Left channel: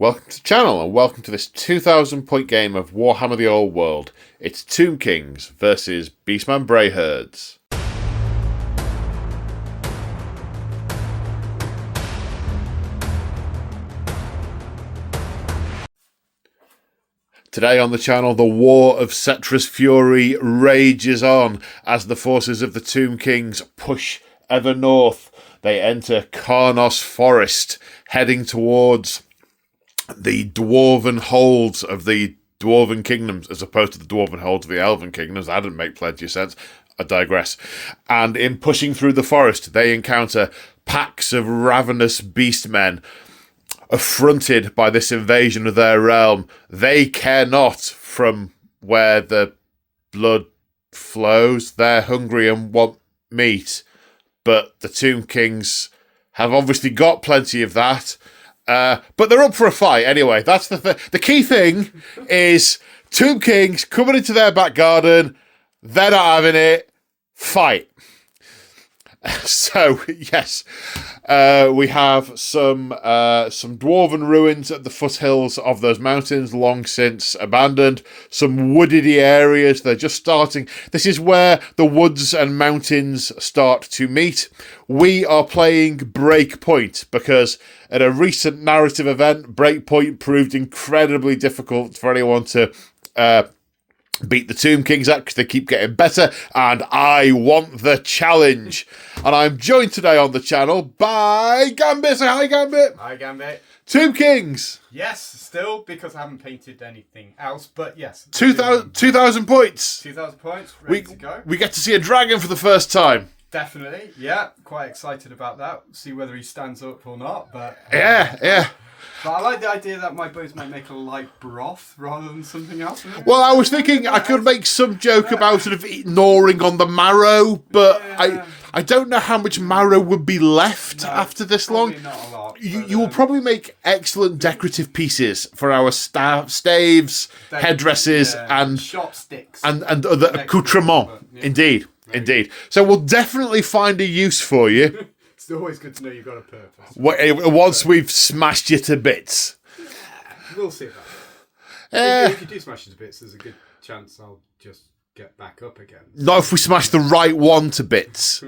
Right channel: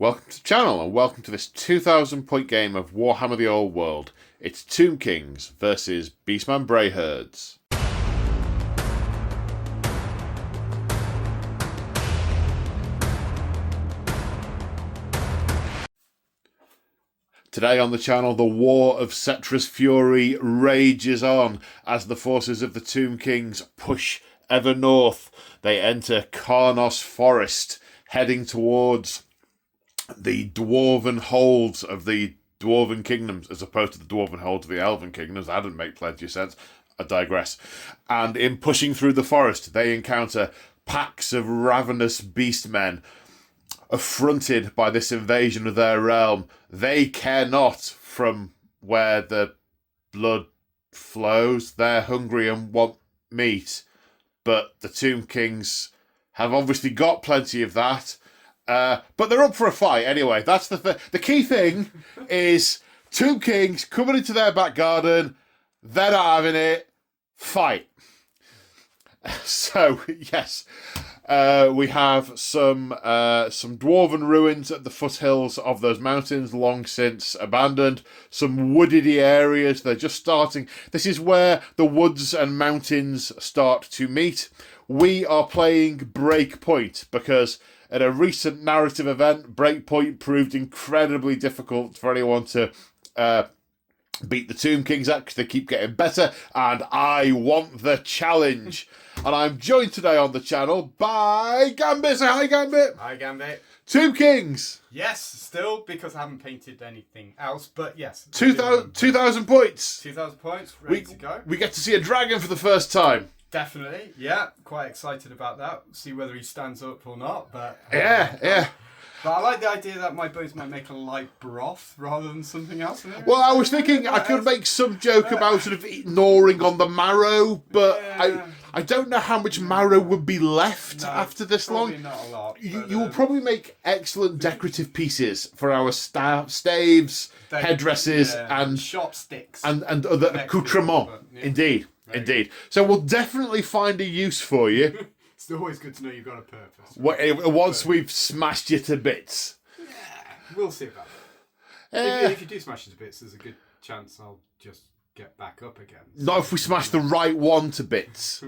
Welcome to the channel and welcome to this 2,000 point game of Warhammer the Old World. It's Tomb Kings versus Beastmen Brayherds. Today on the channel, the War of Cetra's Fury rages on as the forces of the Tomb Kings push ever north. They enter Karnos Forest, heading towards the dwarven holds of the dwarven kingdoms as opposed to the dwarven holds of the elven kingdoms. That didn't make plenty of sense. I digress. And in pushing through the forest, they encounter packs of ravenous beastmen. Affronted by this invasion of their realm, they care not from where the blood flows. They're hungry and want meat. But the Tomb Kings have obviously got plenty of that. But they're up for a fight anyway. That's the key thing is Tomb Kings coming into their back garden. They're not having it. Fight. So yes, we have some dwarven ruins at the foothills of those mountains, long since abandoned. Some woodedy areas. They're just starting. This is where the woods and mountains start to meet. We are playing Breakpoint because at a recent narrative event, Breakpoint proved incredibly difficult for anyone to beat the Tomb Kings at because they keep getting better, and I want the challenge. And I'm joined today on the channel by Gambit. Say hi, Gambit. Hi, Gambit. Tomb Kings. Yes, still, because I haven't painted anything else, but yes. 2,000 points. 2,000 points, ready to go. We get to see a dragon for the first time. Definitely, yeah. Quite excited about that. See whether he stands up or not, but... Yeah. But I like the idea that my bones might make a light broth rather than something else. Well, I was thinking I could make some joke about sort of gnawing on the marrow, but yeah. I don't know how much marrow would be left after this long. Probably not a lot. You will probably make excellent decorative pieces for our staves, headdresses, and chopsticks and other accoutrements. Yeah. Indeed. So we'll definitely find a use for you. It's always good to know you've got a purpose. Once we've smashed you to bits. Yeah, we'll see about that. If you do smash it to bits, there's a good chance I'll just get back up again. Not if we smash the right one to bits.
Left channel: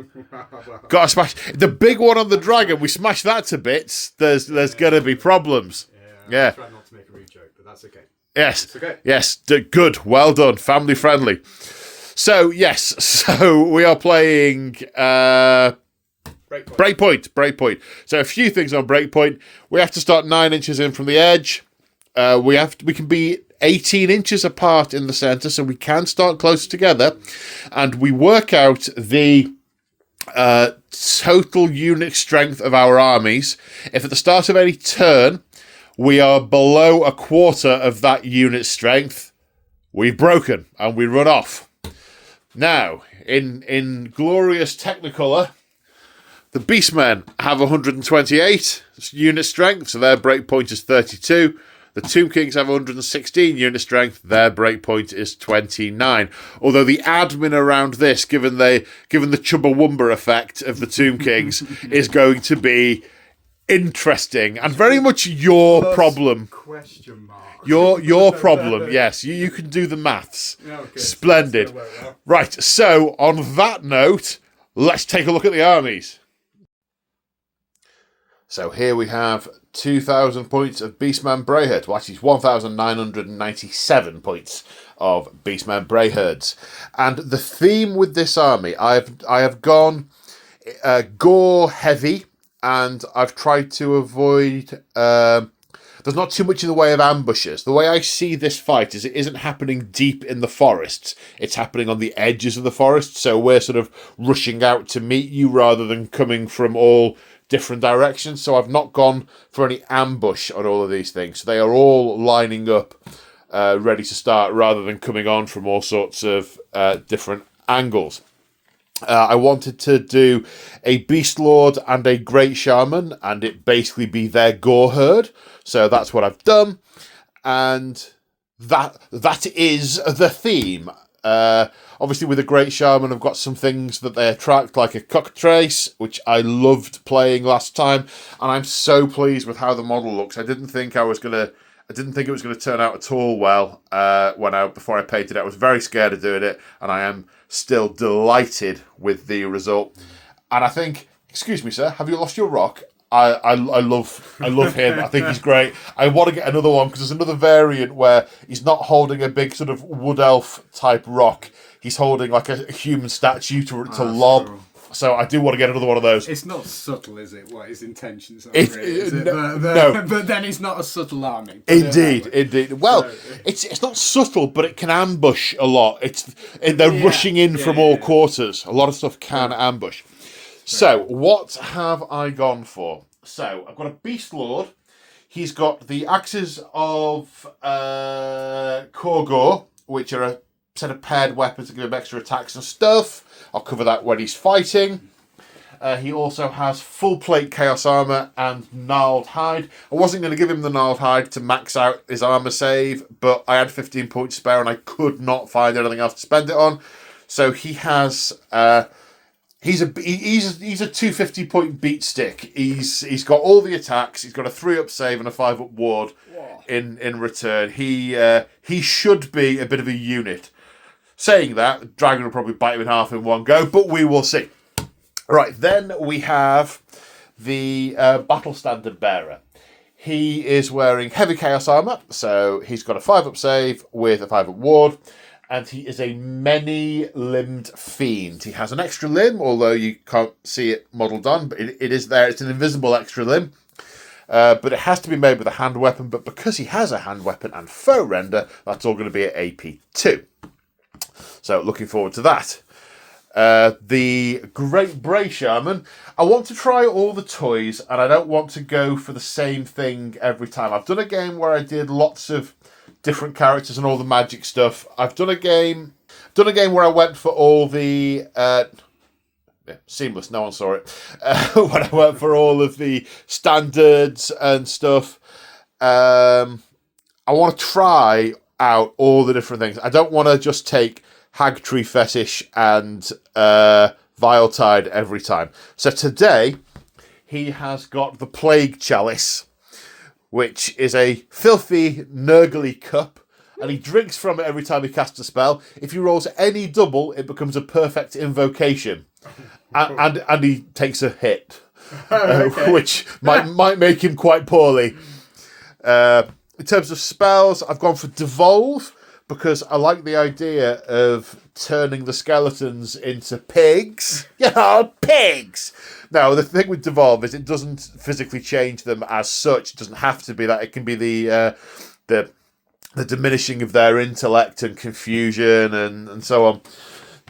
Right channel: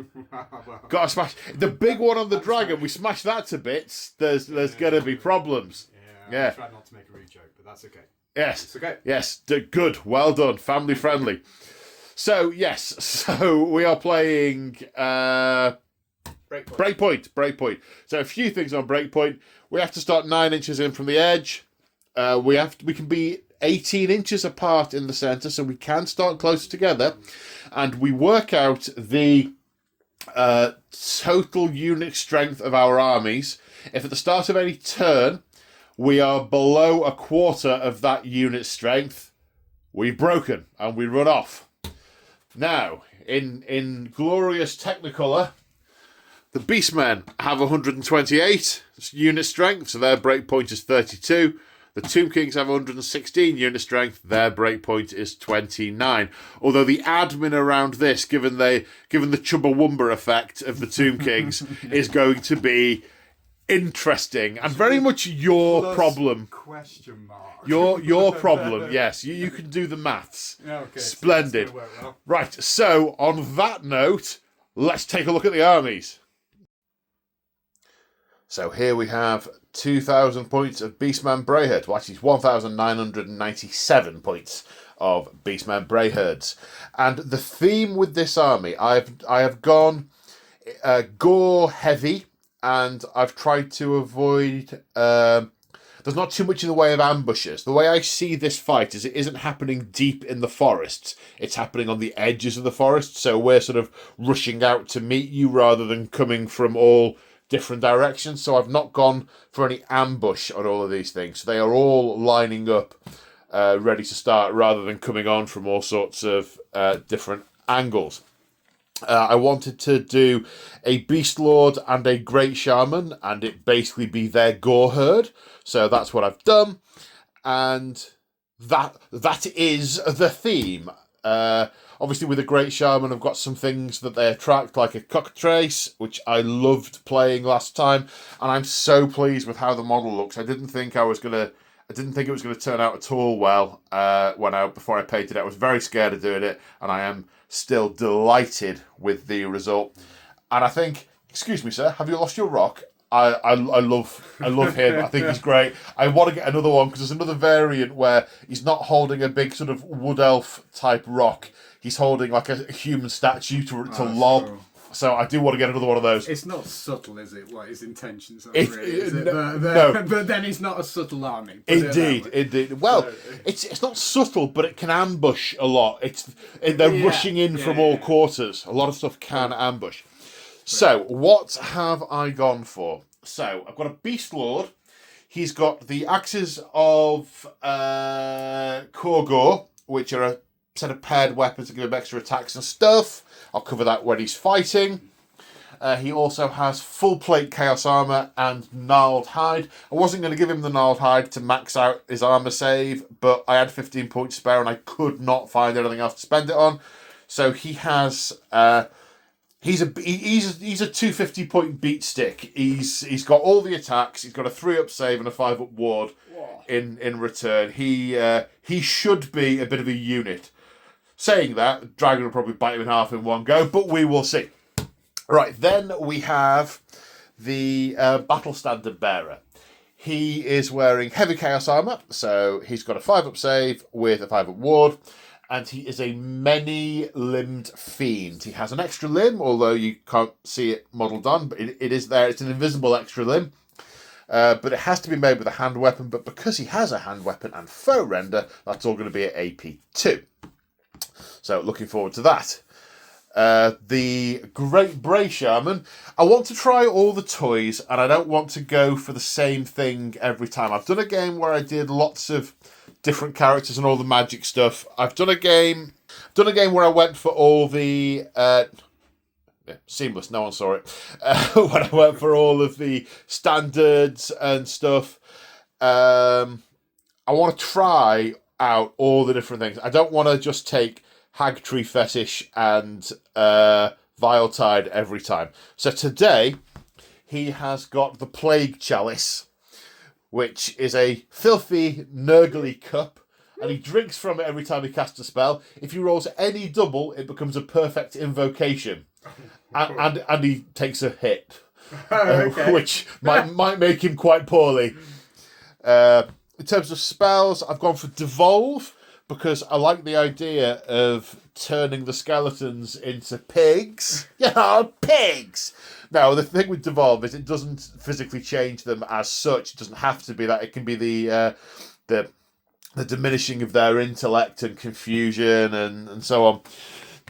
Got to smash the big one on the dragon. We smash that to bits. There's going to be problems. Yeah. I'll try not to make a rude joke, but that's okay. Yes. It's okay. Yes. Good. Well done. Family friendly. So yes. So we are playing. Breakpoint. So a few things on Breakpoint. We have to start 9 inches in from the edge. We can be 18 inches apart in the center, so we can start closer together. And we work out the total unit strength of our armies. If at the start of any turn we are below a quarter of that unit strength, we've broken and we run off. Now, in glorious Technicolor, the Beastmen have 128 unit strength, so their breakpoint is 32. The Tomb Kings have 116 unit strength, their breakpoint is 29. Although the admin around this, given the Chumbawamba effect of the Tomb Kings, is going to be interesting and very much your problem. Question mark. Your problem, yes. You can do the maths. Okay, Splendid. So that's gonna work well. Right, so on that note, let's take a look at the armies. So here we have 2,000 points of Beastmen Brayherds. Well, actually, it's 1,997 points of Beastmen Brayherds. And the theme with this army, I have gone gore heavy, and I've tried to avoid. There's not too much in the way of ambushes. The way I see this fight is it isn't happening deep in the forests. It's happening on the edges of the forest. So we're sort of rushing out to meet you rather than coming from all different directions. So I've not gone for any ambush on all of these things. They are all lining up ready to start rather than coming on from all sorts of different angles. I wanted to do a Beast Lord and a Great Shaman and it basically be their gore herd. So that's what I've done. And that is the theme. Obviously, with a Great Shaman, I've got some things that they attract, like a Cockatrace, which I loved playing last time, and I'm so pleased with how the model looks. I didn't think it was gonna turn out at all well before I painted it. I was very scared of doing it, and I am still delighted with the result. And I think, excuse me, sir, have you lost your rock? I love him. I think he's great. I want to get another one because there's another variant where he's not holding a big sort of wood elf type rock. He's holding like a human statue to lob. Cool. So I do want to get another one of those. It's not subtle, is it? What his intentions are, no. But then it's not a subtle army. Indeed. Well, it's not subtle, but it can ambush a lot. They're rushing in from all quarters. A lot of stuff can ambush. So, what have I gone for? So, I've got a Beast Lord. He's got the Axes of Korgor, which are a set of paired weapons that give him extra attacks and stuff. I'll cover that when he's fighting. He also has full plate Chaos Armor and Gnarled Hide. I wasn't going to give him the Gnarled Hide to max out his armor save, but I had 15 points spare and I could not find anything else to spend it on. So he has... He's a 250 point beat stick. He's got all the attacks. He's got a 3-up save and a 5-up ward in return. He should be a bit of a unit. Saying that, Dragon will probably bite him in half in one go, but we will see. Right, then we have the Battle Standard Bearer. He is wearing heavy Chaos Armor, so he's got a 5-up save with a 5-up ward. And he is a many-limbed fiend. He has an extra limb, although you can't see it modelled on, but it is there. It's an invisible extra limb. But it has to be made with a hand weapon, but because he has a hand weapon and foe render, that's all going to be at AP 2. So, looking forward to that. The Great Bray Shaman. I want to try all the toys, and I don't want to go for the same thing every time. I've done a game where I did lots of different characters and all the magic stuff. I've done a game where I went for all the seamless. No one saw it. When I went for all of the standards and stuff. I want to try out all the different things. I don't want to just take Hag Tree Fetish and Viletide every time. So today he has got the Plague Chalice, which is a filthy, nurgly cup, and he drinks from it every time he casts a spell. If he rolls any double, it becomes a perfect invocation, and he takes a hit, which might make him quite poorly. In terms of spells, I've gone for Devolve, because I like the idea of turning the skeletons into pigs. Yeah, pigs! Now, the thing with Devolve is it doesn't physically change them as such. It doesn't have to be that. It can be the diminishing of their intellect and confusion and so on.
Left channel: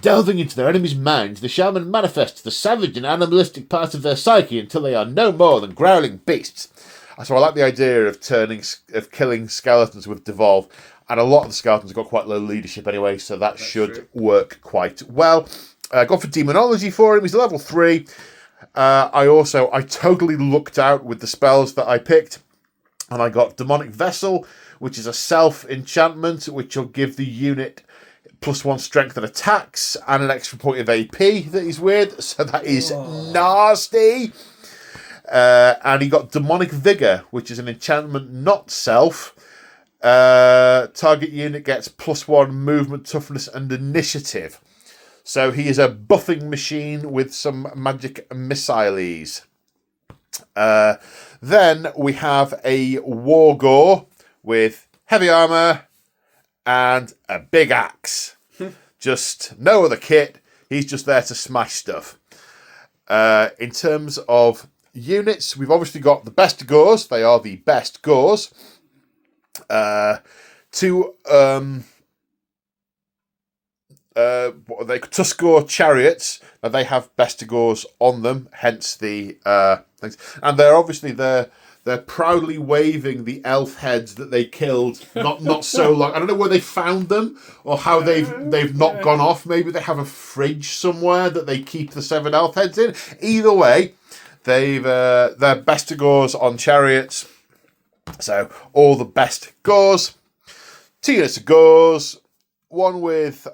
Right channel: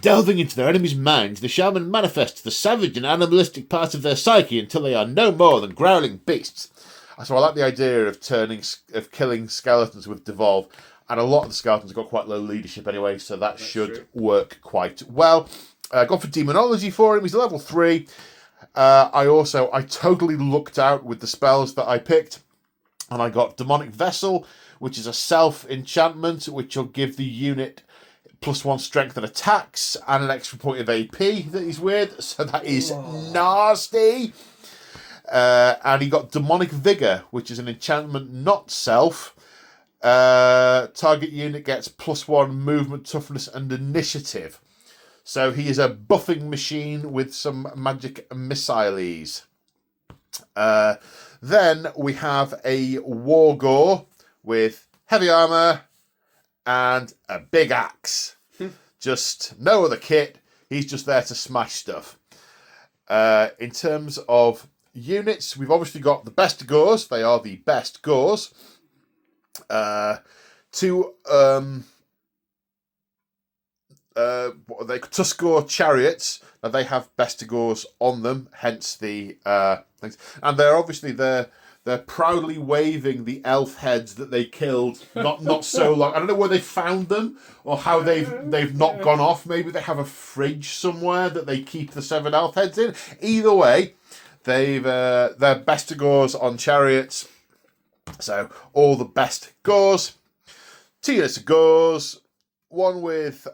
Delving into their enemy's minds, the shaman manifests the savage and animalistic parts of their psyche until they are no more than growling beasts. So I like the idea of killing skeletons with Devolve. And a lot of the skeletons have got quite low leadership anyway, so that should work quite well. Gone for Demonology for him. He's level 3. I totally lucked out with the spells that I picked. And I got Demonic Vessel, which is a self-enchantment, which will give the unit +1 strength and attacks, and an extra point of AP that is weird. So that is nasty. And he got Demonic Vigor, which is an enchantment not self. Target unit gets +1 movement, toughness, and initiative. So he is a buffing machine with some magic missiles. Then we have a Wargore with heavy armor and a big axe. Just no other kit. He's just there to smash stuff. In terms of units, we've obviously got the best Gores. They are the best Gores. 2 what are they? Tuskor chariots. They have Bestigors on them, hence the things. And they're proudly waving the elf heads that they killed not so long. I don't know where they found them or how they've not gone off. Maybe they have a fridge somewhere that they keep the 7 elf heads in. Either way, they're Bestigors on chariots. So all the best Gores. 2 units of Gores. one with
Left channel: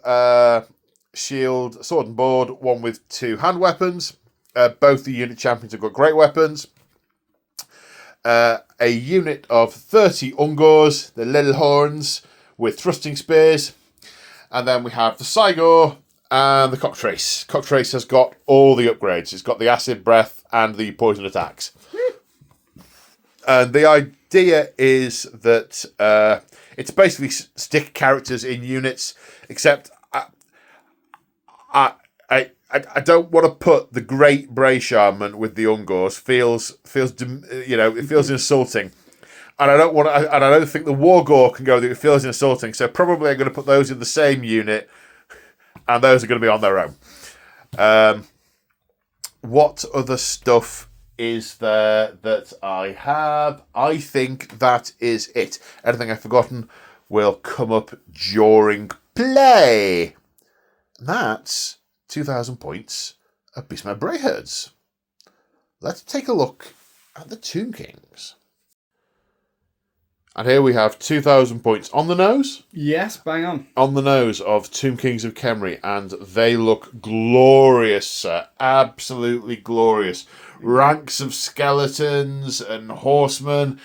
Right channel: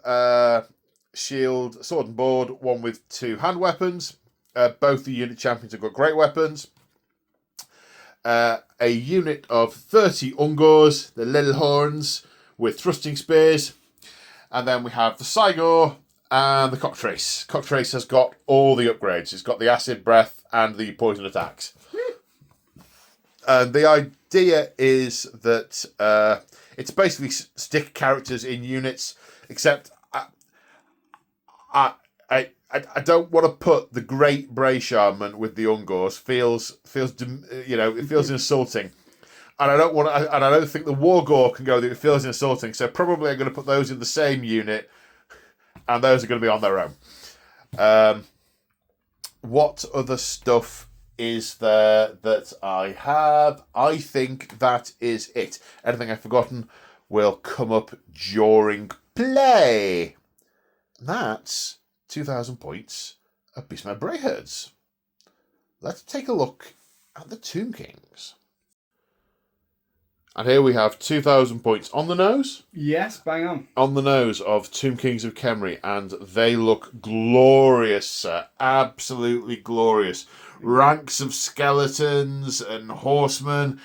shield, sword and board, one with 2 hand weapons. Both the unit champions have got great weapons. A unit of 30 Ungors, the little horns, with thrusting spears. And then we have the Cygor and the Cocktrace. Cocktrace has got all the upgrades. It's got the acid breath and the poison attacks. And the idea is that it's basically stick characters in units, except I don't want to put the Great Bray Shaman with the Ungors. Feels it feels insulting. And I don't think the Wargore can go there. It feels insulting. So probably I'm going to put those in the same unit, and those are going to be on their own. What other stuff is there that I have? I think that is it. Anything I've forgotten will come up during play. That's 2,000 points of Beastmen Brayherds. Let's take a look at the Tomb Kings. And here we have 2,000 points on the nose. Yes, bang on. On the nose of Tomb Kings of Khemri, and they look glorious, sir. Absolutely glorious. Ranks of skeletons and horsemen,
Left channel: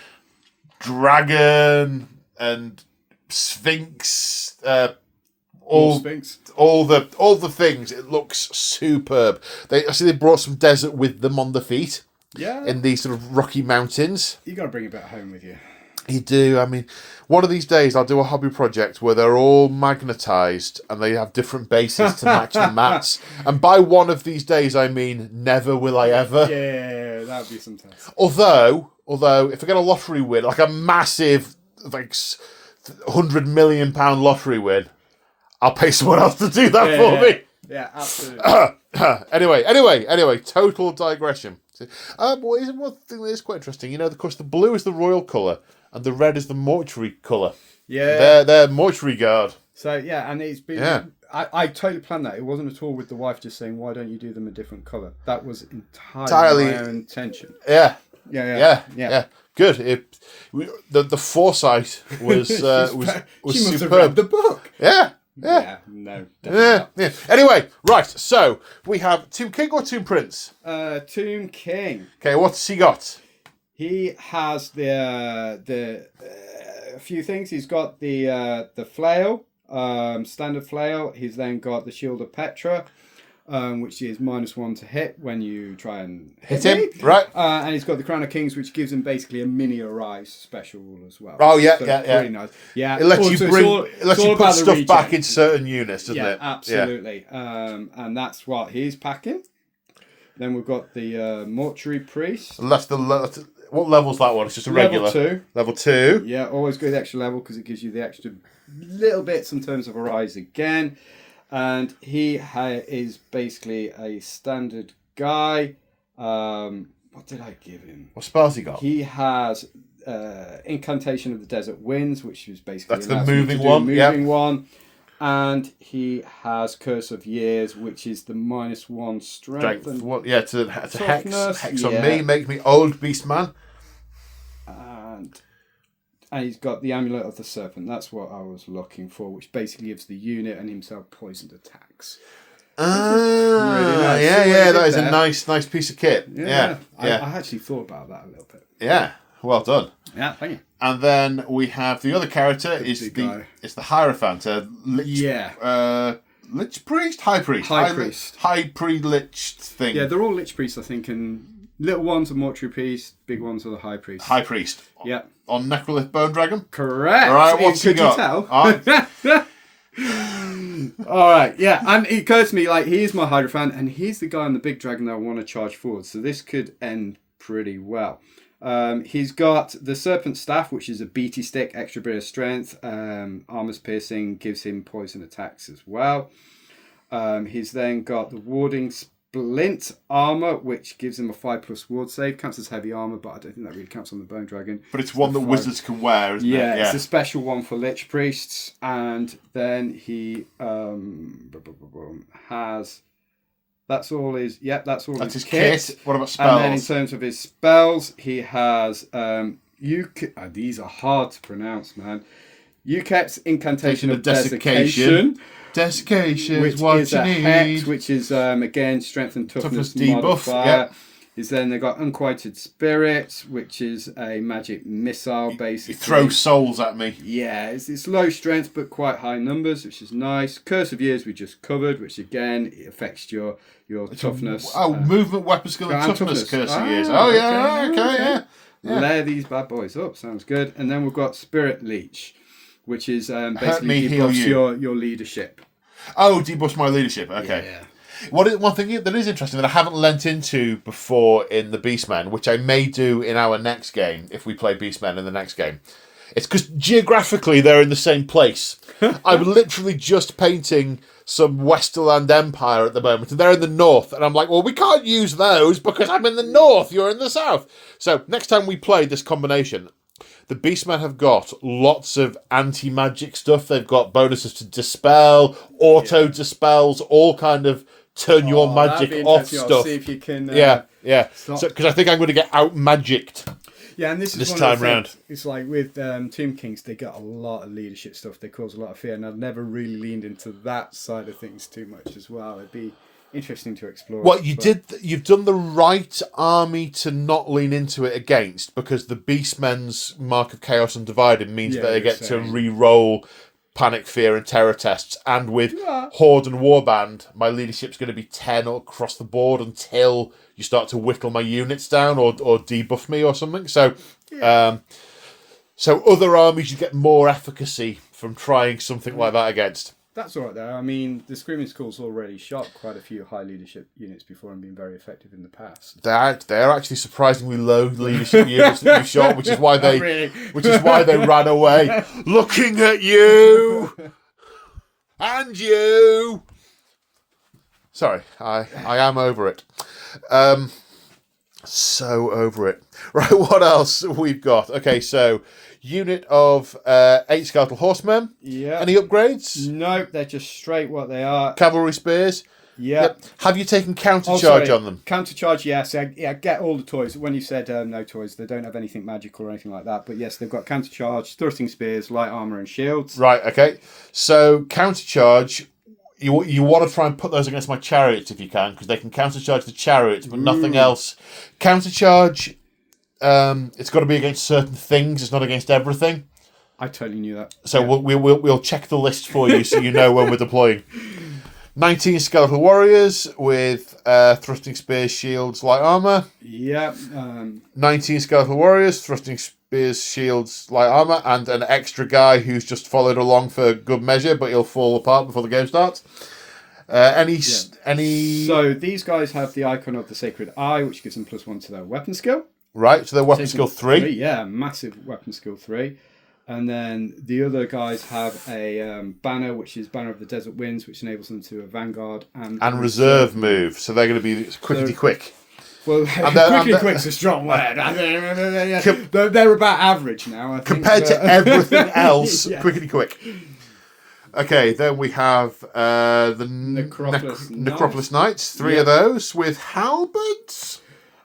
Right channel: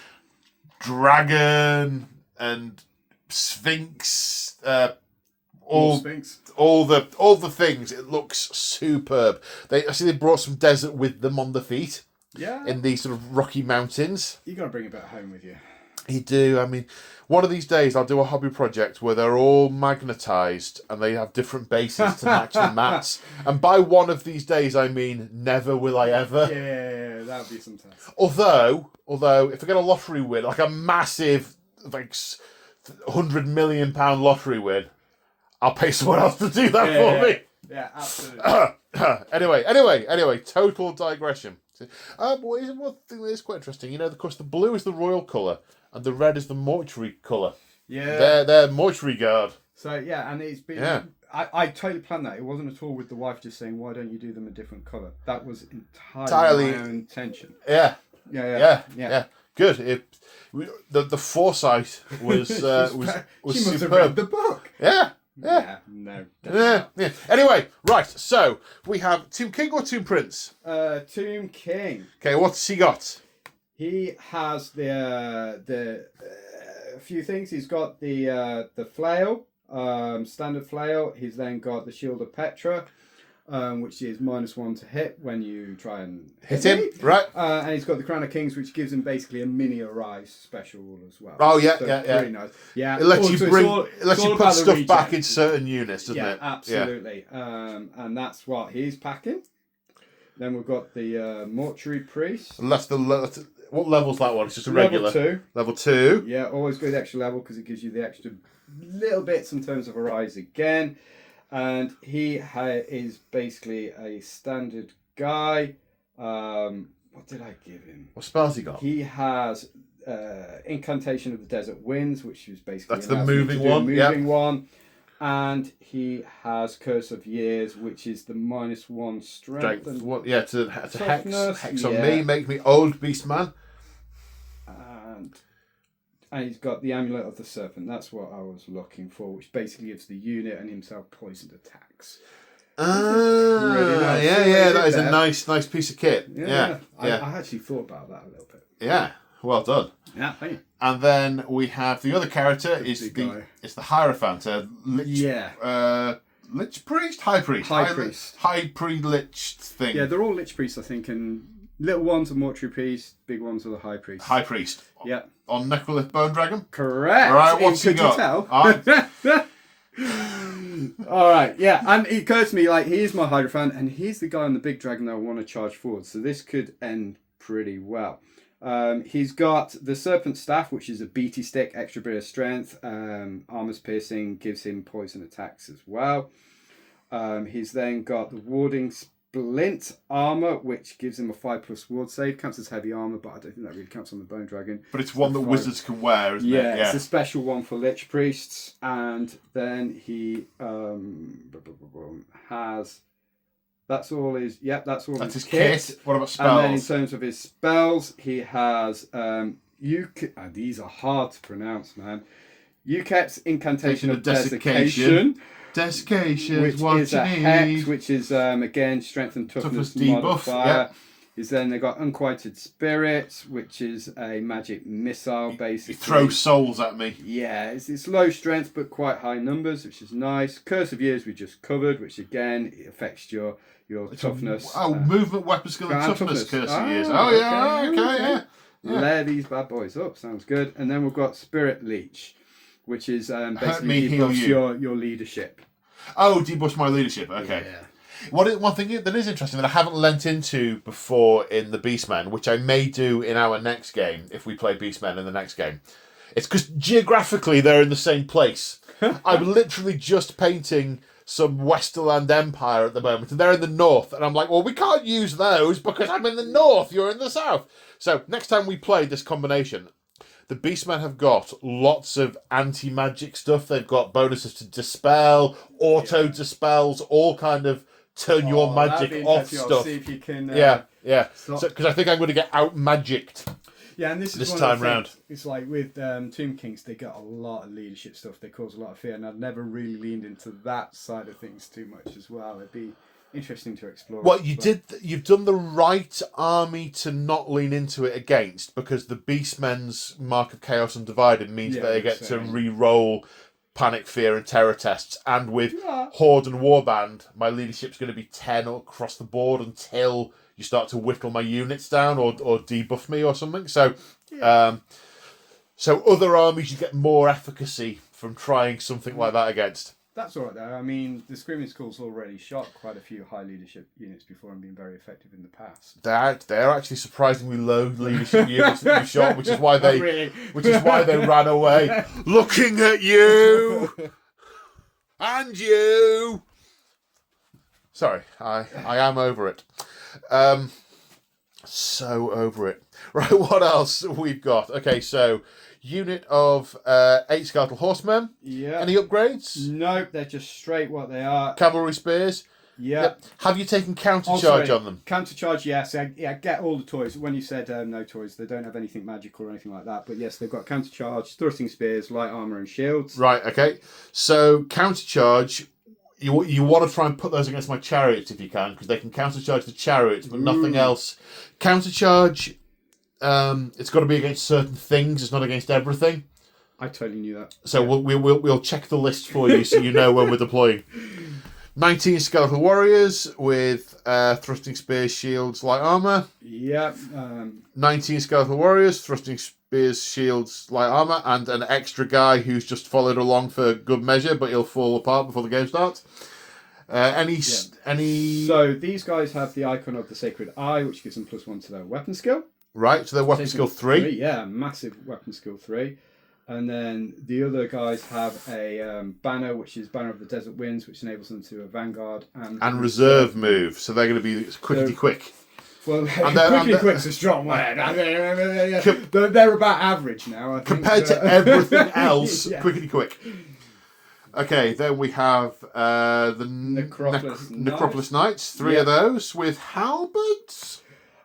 dragon and sphinx. Sphinx. All the things. It looks superb. I see they brought some desert with them on the feet. Yeah. In these sort of rocky mountains. You got to bring a bit home with you. You do. I mean, one of these days I'll do a hobby project where they're all magnetised and they have different bases to match the mats. And by one of these days, I mean never will I ever. Yeah, that would be some test. Although if I get a lottery win, like a massive, like £100 million lottery win, I'll pay someone else to do that for me. Yeah, absolutely. Anyway, total digression. One thing that is quite interesting, of course, the blue is the royal colour and the red is the mortuary colour. Yeah. They're mortuary guard. So, yeah, and it's been... Yeah. I totally planned that. It wasn't at all with the wife just saying, why don't you do them a different colour? That was entirely my own intention. Yeah. Yeah. Good. The foresight was She superb. must have read the book. Yeah. No. Yeah. Anyway, right. So we have Tomb King or Tomb Prince. Tomb King. Okay, what's he got? He has the few things. He's got the flail, standard flail. He's then got the Shield of Petra, which is -1 to hit when you try and hit him. Right. And he's got the Crown of Kings, which gives him basically a mini arise special as well. Oh yeah, so yeah. Pretty nice. Yeah. It lets Also, you put stuff back in certain units, doesn't it? Absolutely. And that's what he's packing. Then we've got the Mortuary Priest. And that's what level's that one? It's just a regular. Level 2. Level 2. Yeah, always go the extra level because it gives you the extra little bits in terms of arise again. And he is basically a standard guy. What did I give him? What spells he got? He has Incantation of the Desert Winds, which is basically... That's the moving one. Moving one. And he has Curse of Years, which is the -1 strength. To hex on yeah. me, make me old beast man. And he's got the Amulet of the Serpent. That's what I was looking for, which basically gives the unit and himself poisoned attacks. Really nice. Yeah, that is a nice piece of kit. Yeah. I actually thought about that a little bit. Yeah, well done. Yeah, thank you. And then we have the other character is the Hierophant, Lich Priest, High Priest, High Pre-Liched thing. Yeah, they're all Lich Priests, I think, and little ones are Mortuary Priest, big ones are the High Priest. High Priest. Yeah. On Necrolith Bone Dragon. Correct. All right, what's he got? All right, yeah, and it occurs to me he is my Hierophant, and he's the guy on the big dragon that I want to charge forward. So this could end pretty well. He's got the Serpent Staff, which is a beaty stick, extra bit of strength. Armor's piercing gives him poison attacks as well. He's then got the Warding Splint armor, which gives him a 5+ ward save. Counts as heavy armor, but I don't think that really counts on the Bone Dragon. But it's one that wizards can wear, isn't it? Yeah, it's a special one for Lich Priests. And then he has... That's all his his kit. What about spells? And then in terms of his spells, he has... these are hard to pronounce, man. UKEP's Incantation of Desiccation. Desiccation, Desiccation which is what is you a need. hex, which is again strength and toughness debuff, modifier. yeah. Is then they got Unquieted Spirits, which is a magic missile basically. Throw souls at me. Yeah, it's low strength but quite high numbers, which is nice. Curse of Years we just covered, which again it affects your toughness. Movement, weapon skill, and toughness. Curse of Years. Oh yeah, okay. Layer these bad boys up. Sounds good. And then we've got Spirit Leech, which is me, basically heal debuffs your leadership. Oh, debuffs my leadership. Okay. Yeah. One thing that is interesting that I haven't lent into before in the Beastmen, which I may do in our next game if we play Beastmen in the next game, it's because geographically they're in the same place. I'm literally just painting some Westerland Empire at the moment, and they're in the north, and I'm like, well, we can't use those because I'm in the north, you're in the south. So next time we play this combination, the Beastmen have got lots of anti-magic stuff. They've got bonuses to dispel, auto-dispels, all kind of turn your magic off stuff. I'll see if you can. Yeah. So because I think I'm going to get out-magicked. Yeah, and this is this one time of the round. things. It's like with Tomb Kings, they got a lot of leadership stuff. They cause a lot of fear, and I've never really leaned into that side of things too much as well. It'd be interesting to explore. Well, you've done the right army to not lean into it against, because the Beastmen's Mark of Chaos Undivided means that they get to re-roll Panic, Fear, and Terror tests. And with Horde and Warband, my leadership's going to be 10 across the board until you start to whittle my units down or debuff me or something. So, so other armies you get more efficacy from trying something like that against. That's all right, though. I mean, the Screaming Skull's already shot quite a few high leadership units before and been very effective in the past. They're actually surprisingly low leadership units that you shot, which is why they ran away. Looking at you and you. Sorry, I am over it. So over it. Right, what else we've got? Okay, so unit of 8 skeletal horsemen. Yeah. Any upgrades? Nope, they're just straight what they are. Cavalry spears. Yep. Have you taken counter charge on them? Counter charge, yes. Yeah, get all the toys. When you said no toys, they don't have anything magical or anything like that. But yes, they've got counter charge, thrusting spears, light armor, and shields. Right. Okay. So counter charge. You want to try and put those against my chariots if you can, because they can counter charge the chariots, but nothing else. Counter charge. It's got to be against certain things. It's not against everything. I totally knew that. So we'll check the list for you so you know when we're deploying. 19 skeletal warriors with thrusting spears, shields, light armor. Yeah. 19 skeletal warriors, thrusting spears, shields, light armor, and an extra guy who's just followed along for good measure, but he'll fall apart before the game starts. Any? So these guys have the icon of the Sacred Eye, which gives them +1 to their weapon skill. Right, so their weapon skill 3. Yeah, massive weapon skill 3. And then the other guys have a banner, which is Banner of the Desert Winds, which enables them to a Vanguard and reserve move. So they're going to be quick. Well, quickly quick's a strong word. They're about average now, I think. Compared to everything else, Yeah. quick. Okay, then we have the Necropolis Knights. 3 of those with halberds.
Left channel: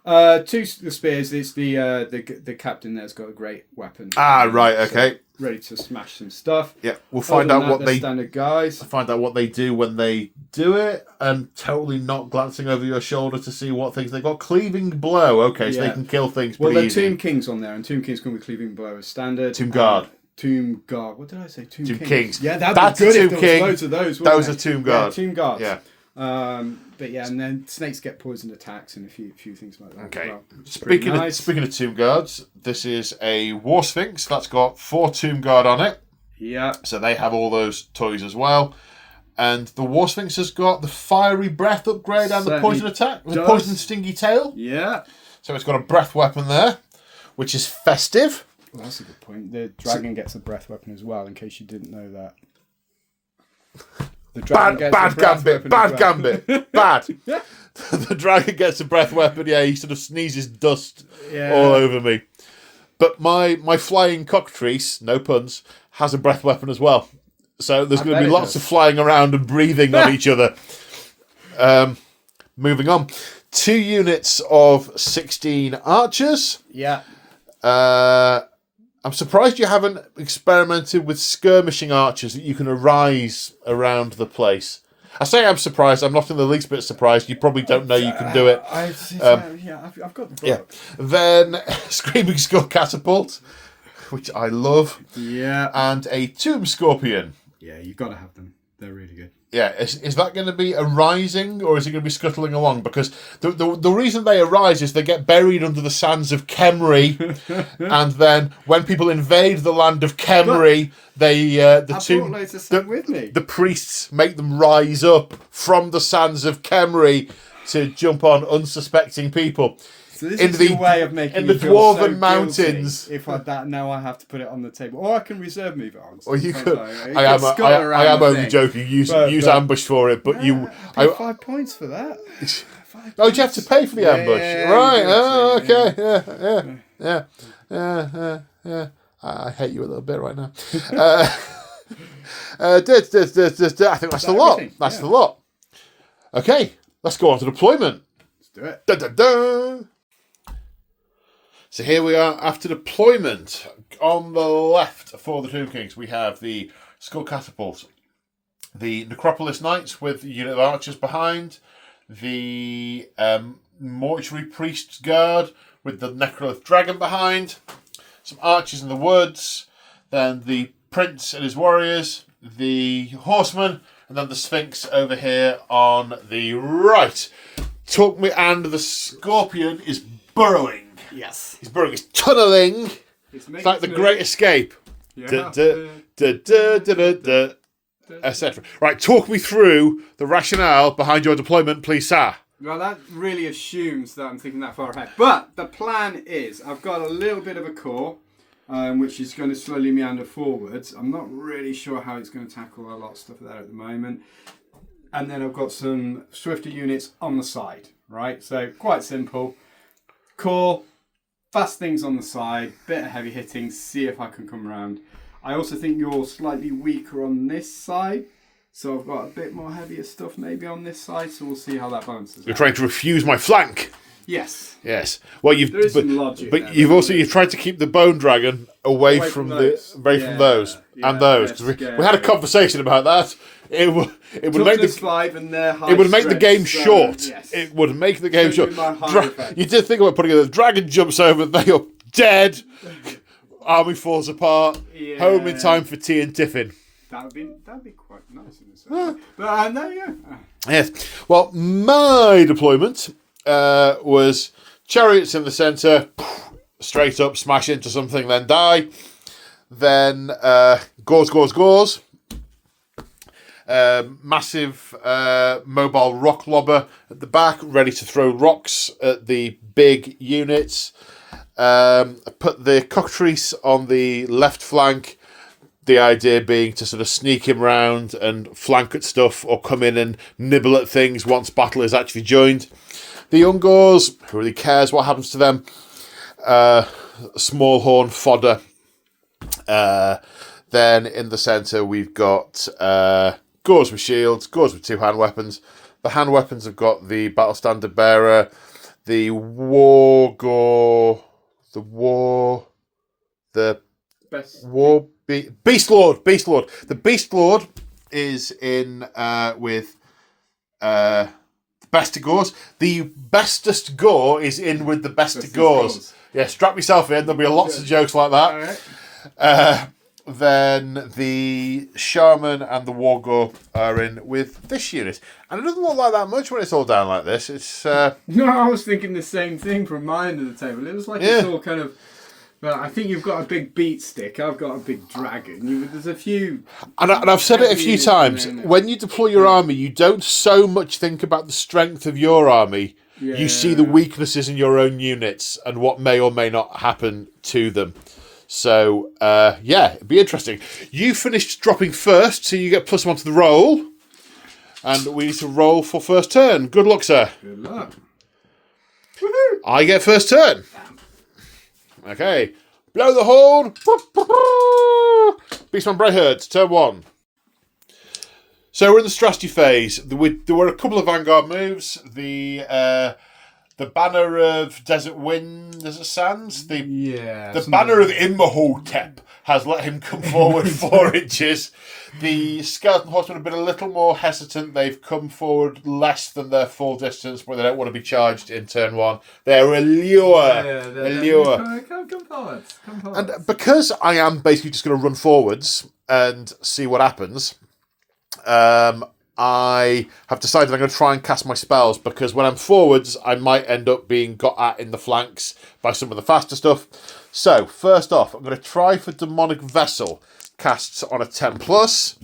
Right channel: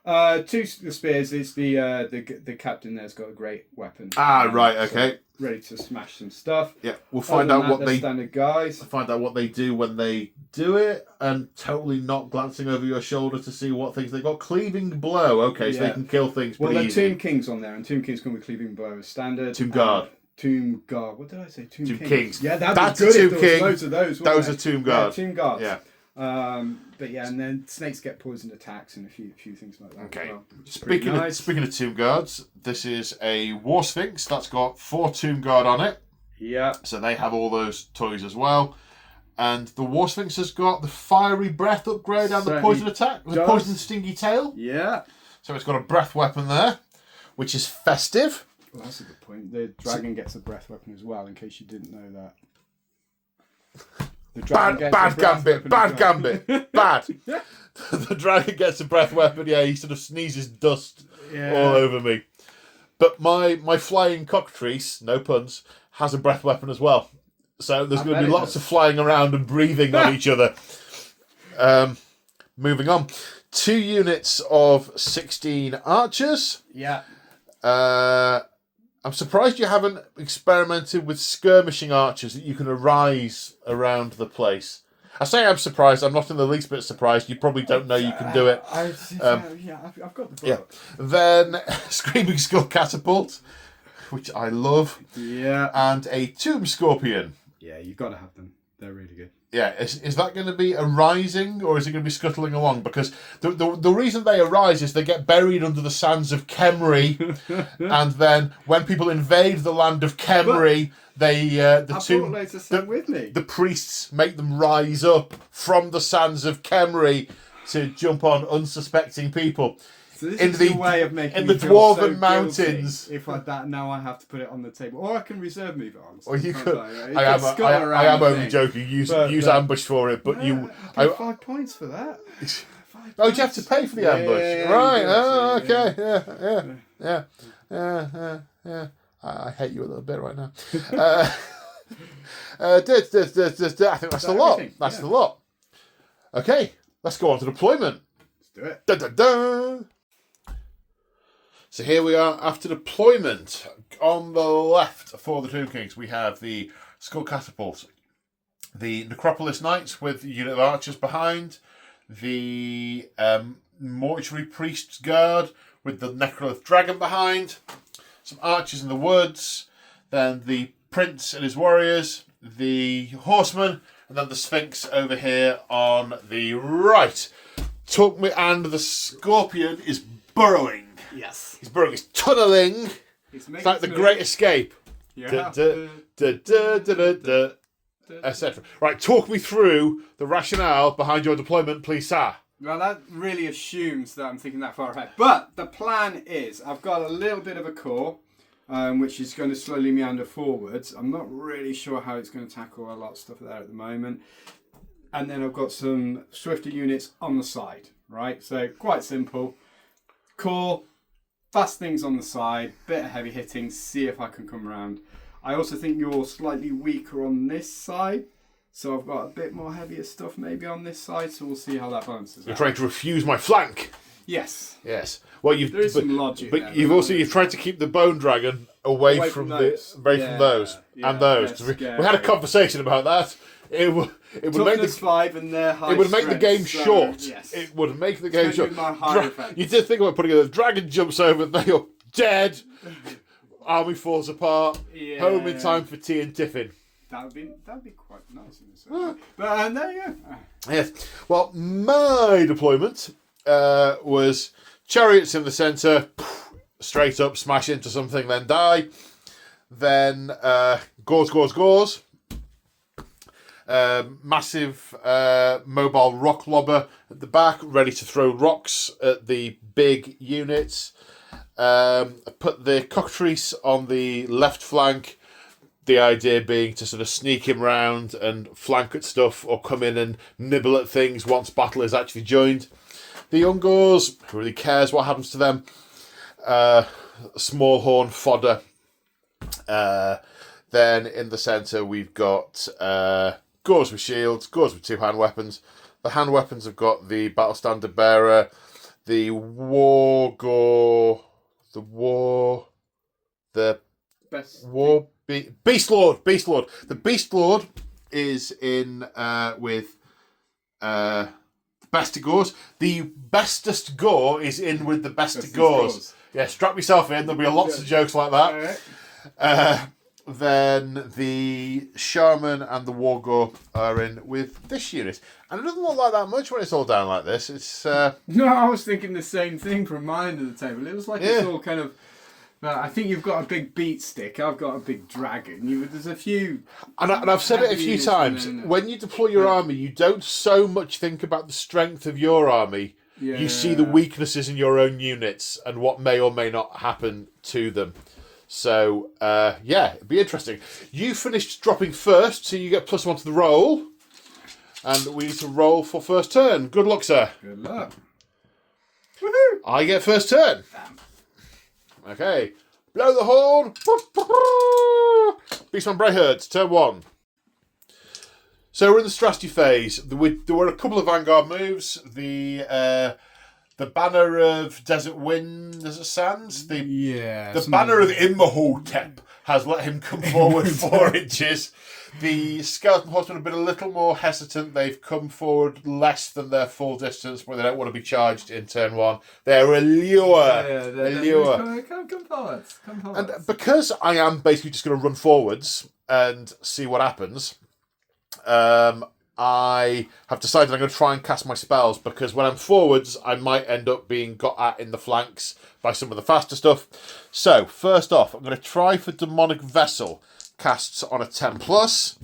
2 spears. It's the captain there's got a great weapon. Right, okay. Ready to smash some stuff. Yeah, we'll find out what they standard guys. Find out what they do when they do it, and totally not glancing over your shoulder to see what things they got. Cleaving blow. Okay, so they can kill things. Well, there Tomb Kings on there, and Tomb Kings come with cleaving blow as standard. Tomb Guard. Tomb Guard. What did I say? Tomb Kings. Yeah, that'd be good if there was loads of those. Those are Tomb Guard. Yeah, Tomb Guards. Yeah. But yeah, and then snakes get poisoned attacks and a few things like that. Okay. Well, speaking of Tomb Guards, this is a War Sphinx that's got 4 Tomb Guard on it. Yeah. So they have all those toys as well. And the War Sphinx has got the fiery breath upgrade and the poison attack, the poison stingy tail. Yeah. So it's got a breath weapon there, which is festive. Well, that's a good point. The dragon gets a breath weapon as well, in case you didn't know that. Bad gambit. Bad. The dragon gets a breath weapon. Yeah, he sort of sneezes dust all over me. But my flying cockatrice, no puns, has a breath weapon as well. So there's going to be lots of flying around and breathing on each other. Moving on. 2 units of 16 archers. Yeah. A I'm surprised you haven't experimented with skirmishing archers that you can arise around the place. I say I'm surprised. I'm not in the least bit surprised. You probably don't know you can do it. I've got the book. Then Screaming Skull Catapult, which I love. Yeah. And a Tomb Scorpion. Yeah, you've got to have them. They're really good. Yeah, is that going to be a rising or is it going to be scuttling along? Because the reason they arise is they get buried under the sands of Khemri, and then when people invade the land of Khemri, the priests make them rise up from the sands of Khemri to jump on unsuspecting people. So this is your way of making the me feel Dwarven so Mountains. If now I have to put it on the table, or I can reserve move it on. Or you could. I am only joking. Use ambush for it, but you. I pay 5 points for that. Oh, do you have to pay for the ambush? Yeah, right. Okay. Yeah. I hate you a little bit right now. I think that's the lot. That's the lot. Okay, let's go on to deployment. Let's do it. Da, da, da. So here we are after deployment. On the left for the Tomb Kings, we have the Skull Catapult, the Necropolis Knights with a unit of archers behind, the Mortuary Priest's Guard with the Necrolith Dragon behind, some archers in the woods, then the Prince and his warriors, the Horsemen, and then the Sphinx over here on the right. And the Scorpion is burrowing. Yes. He's burrowing. He's tunnelling. It's like the Great Escape. Yeah. Etc. Right, talk me through the rationale behind your deployment, please, sir. Well, that really assumes that I'm thinking that far ahead. But the plan is, I've got a little bit of a core, which is going to slowly meander forwards. I'm not really sure how it's going to tackle a lot of stuff there at the moment. And then I've got some swifter units on the side, right? So quite simple. Core, fast things on the side, bit of heavy hitting, see if I can come around. I also think you're slightly weaker on this side. So I've got a bit more heavier stuff maybe on this side, so we'll see how that balances. You're trying to refuse my flank. Yes. Yes. Well, there is some logic but there, you've tried to keep the Bone Dragon away from those and those. Because we had a conversation about that. It would make the 5 and their high. It would make the game short. Yes. It would make the game short. You did think about putting it. The dragon jumps over. They are dead. Army falls apart. Yeah. Home in time for tea and tiffin. That'd be quite nice in this way. But there you go. Yes. Well, my deployment was chariots in the centre, straight up, smash into something, then die. Then gauze. Massive mobile rock lobber at the back, ready to throw rocks at the big units. Put the cockatrice on the left flank. The idea being to sort of sneak him round and flank at stuff or come in and nibble at things once battle is actually joined. The Ungors, who really cares what happens to them? Small horn fodder. Then in the centre we've got Gors with shields, Gors with 2 hand weapons. The hand weapons have got the Battle Standard Bearer, the Wargor, Beast Lord. The Beast Lord is in with the Best of Gors. The Bestest Gore is in with the Best of Gors. Yeah, strap yourself in. There'll be lots of jokes like that. Right. Then the Shaman and the Wargor are in with this unit. And it doesn't look like that much when it's all down like this. It's No, I was thinking the same thing from my end of the table. It was like it's all kind of... I think you've got a big beat stick. I've got a big dragon. There's a few... And I've said it a few times. When you deploy your army, you don't so much think about the strength of your army. Yeah. You see the weaknesses in your own units and what may or may not happen to them. So, it'd be interesting. You finished dropping first, so you get +1 to the roll. And we need to roll for first turn. Good luck, sir. Good luck. Woohoo! I get first turn. Okay. Blow the horn. Beastmen Brayherds, turn 1. So we're in the strategy phase. There were a couple of vanguard moves. The the banner of Desert Wind, Desert Sands, Yeah. the banner of Imhotep has let him come forward 4 inches. The skeleton horsemen have been a little more hesitant. They've come forward less than their full distance, but they don't want to be charged in turn 1. They're a lure. Come forward. And because I am basically just going to run forwards and see what happens, I have decided I'm going to try and cast my spells, because when I'm forwards, I might end up being got at in the flanks by some of the faster stuff. So, first off, I'm going to try for Demonic Vessel. Casts on a 10+.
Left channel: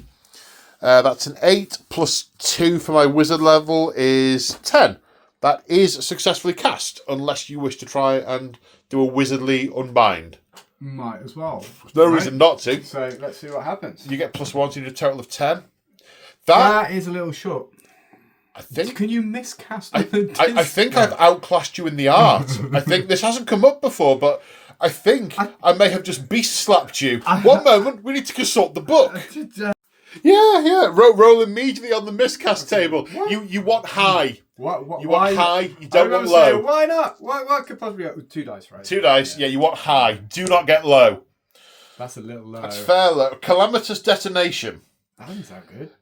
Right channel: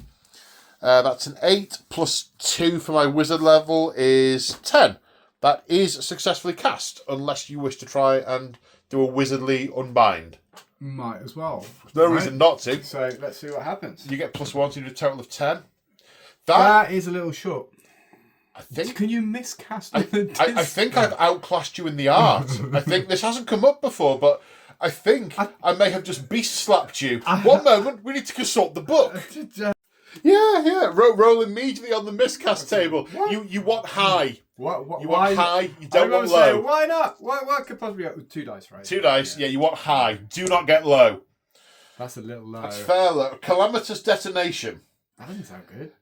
That's an 8 plus 2 for my wizard level is 10. That is successfully cast, unless you wish to try and do a wizardly unbind. Might as well. There's no reason not to. So let's see what happens. You get +1, so you do a total of 10. That is a little short. I think. Can you miscast? I think I've outclassed you in the art. I think this hasn't come up before, but I think I may have just beast slapped you. One moment, we need to consult the book. Yeah. Roll immediately on the miscast table. You want high. What? You want high. You don't want low. Say, why not? What could possibly be 2 dice, right? 2 dice. Yeah, you want high. Do not get low. That's a little low. That's fair low. Calamitous detonation. That doesn't sound good.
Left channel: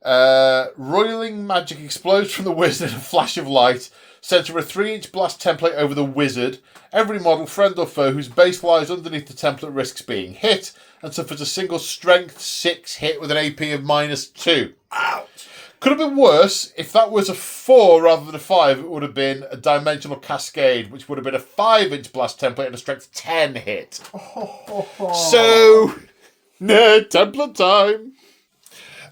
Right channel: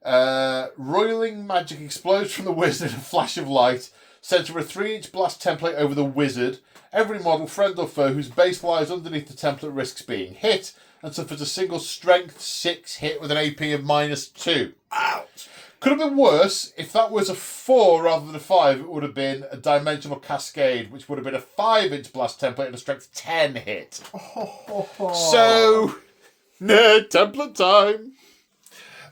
Roiling magic explodes from the wizard in a flash of light. Center a 3-inch blast template over the wizard. Every model, friend or foe, whose base lies underneath the template risks being hit and suffers a single strength 6 hit with an AP of -2. Ouch! Could have been worse. If that was a 4 rather than a 5, it would have been a dimensional cascade, which would have been a 5-inch blast template and a strength 10 hit. So, template time.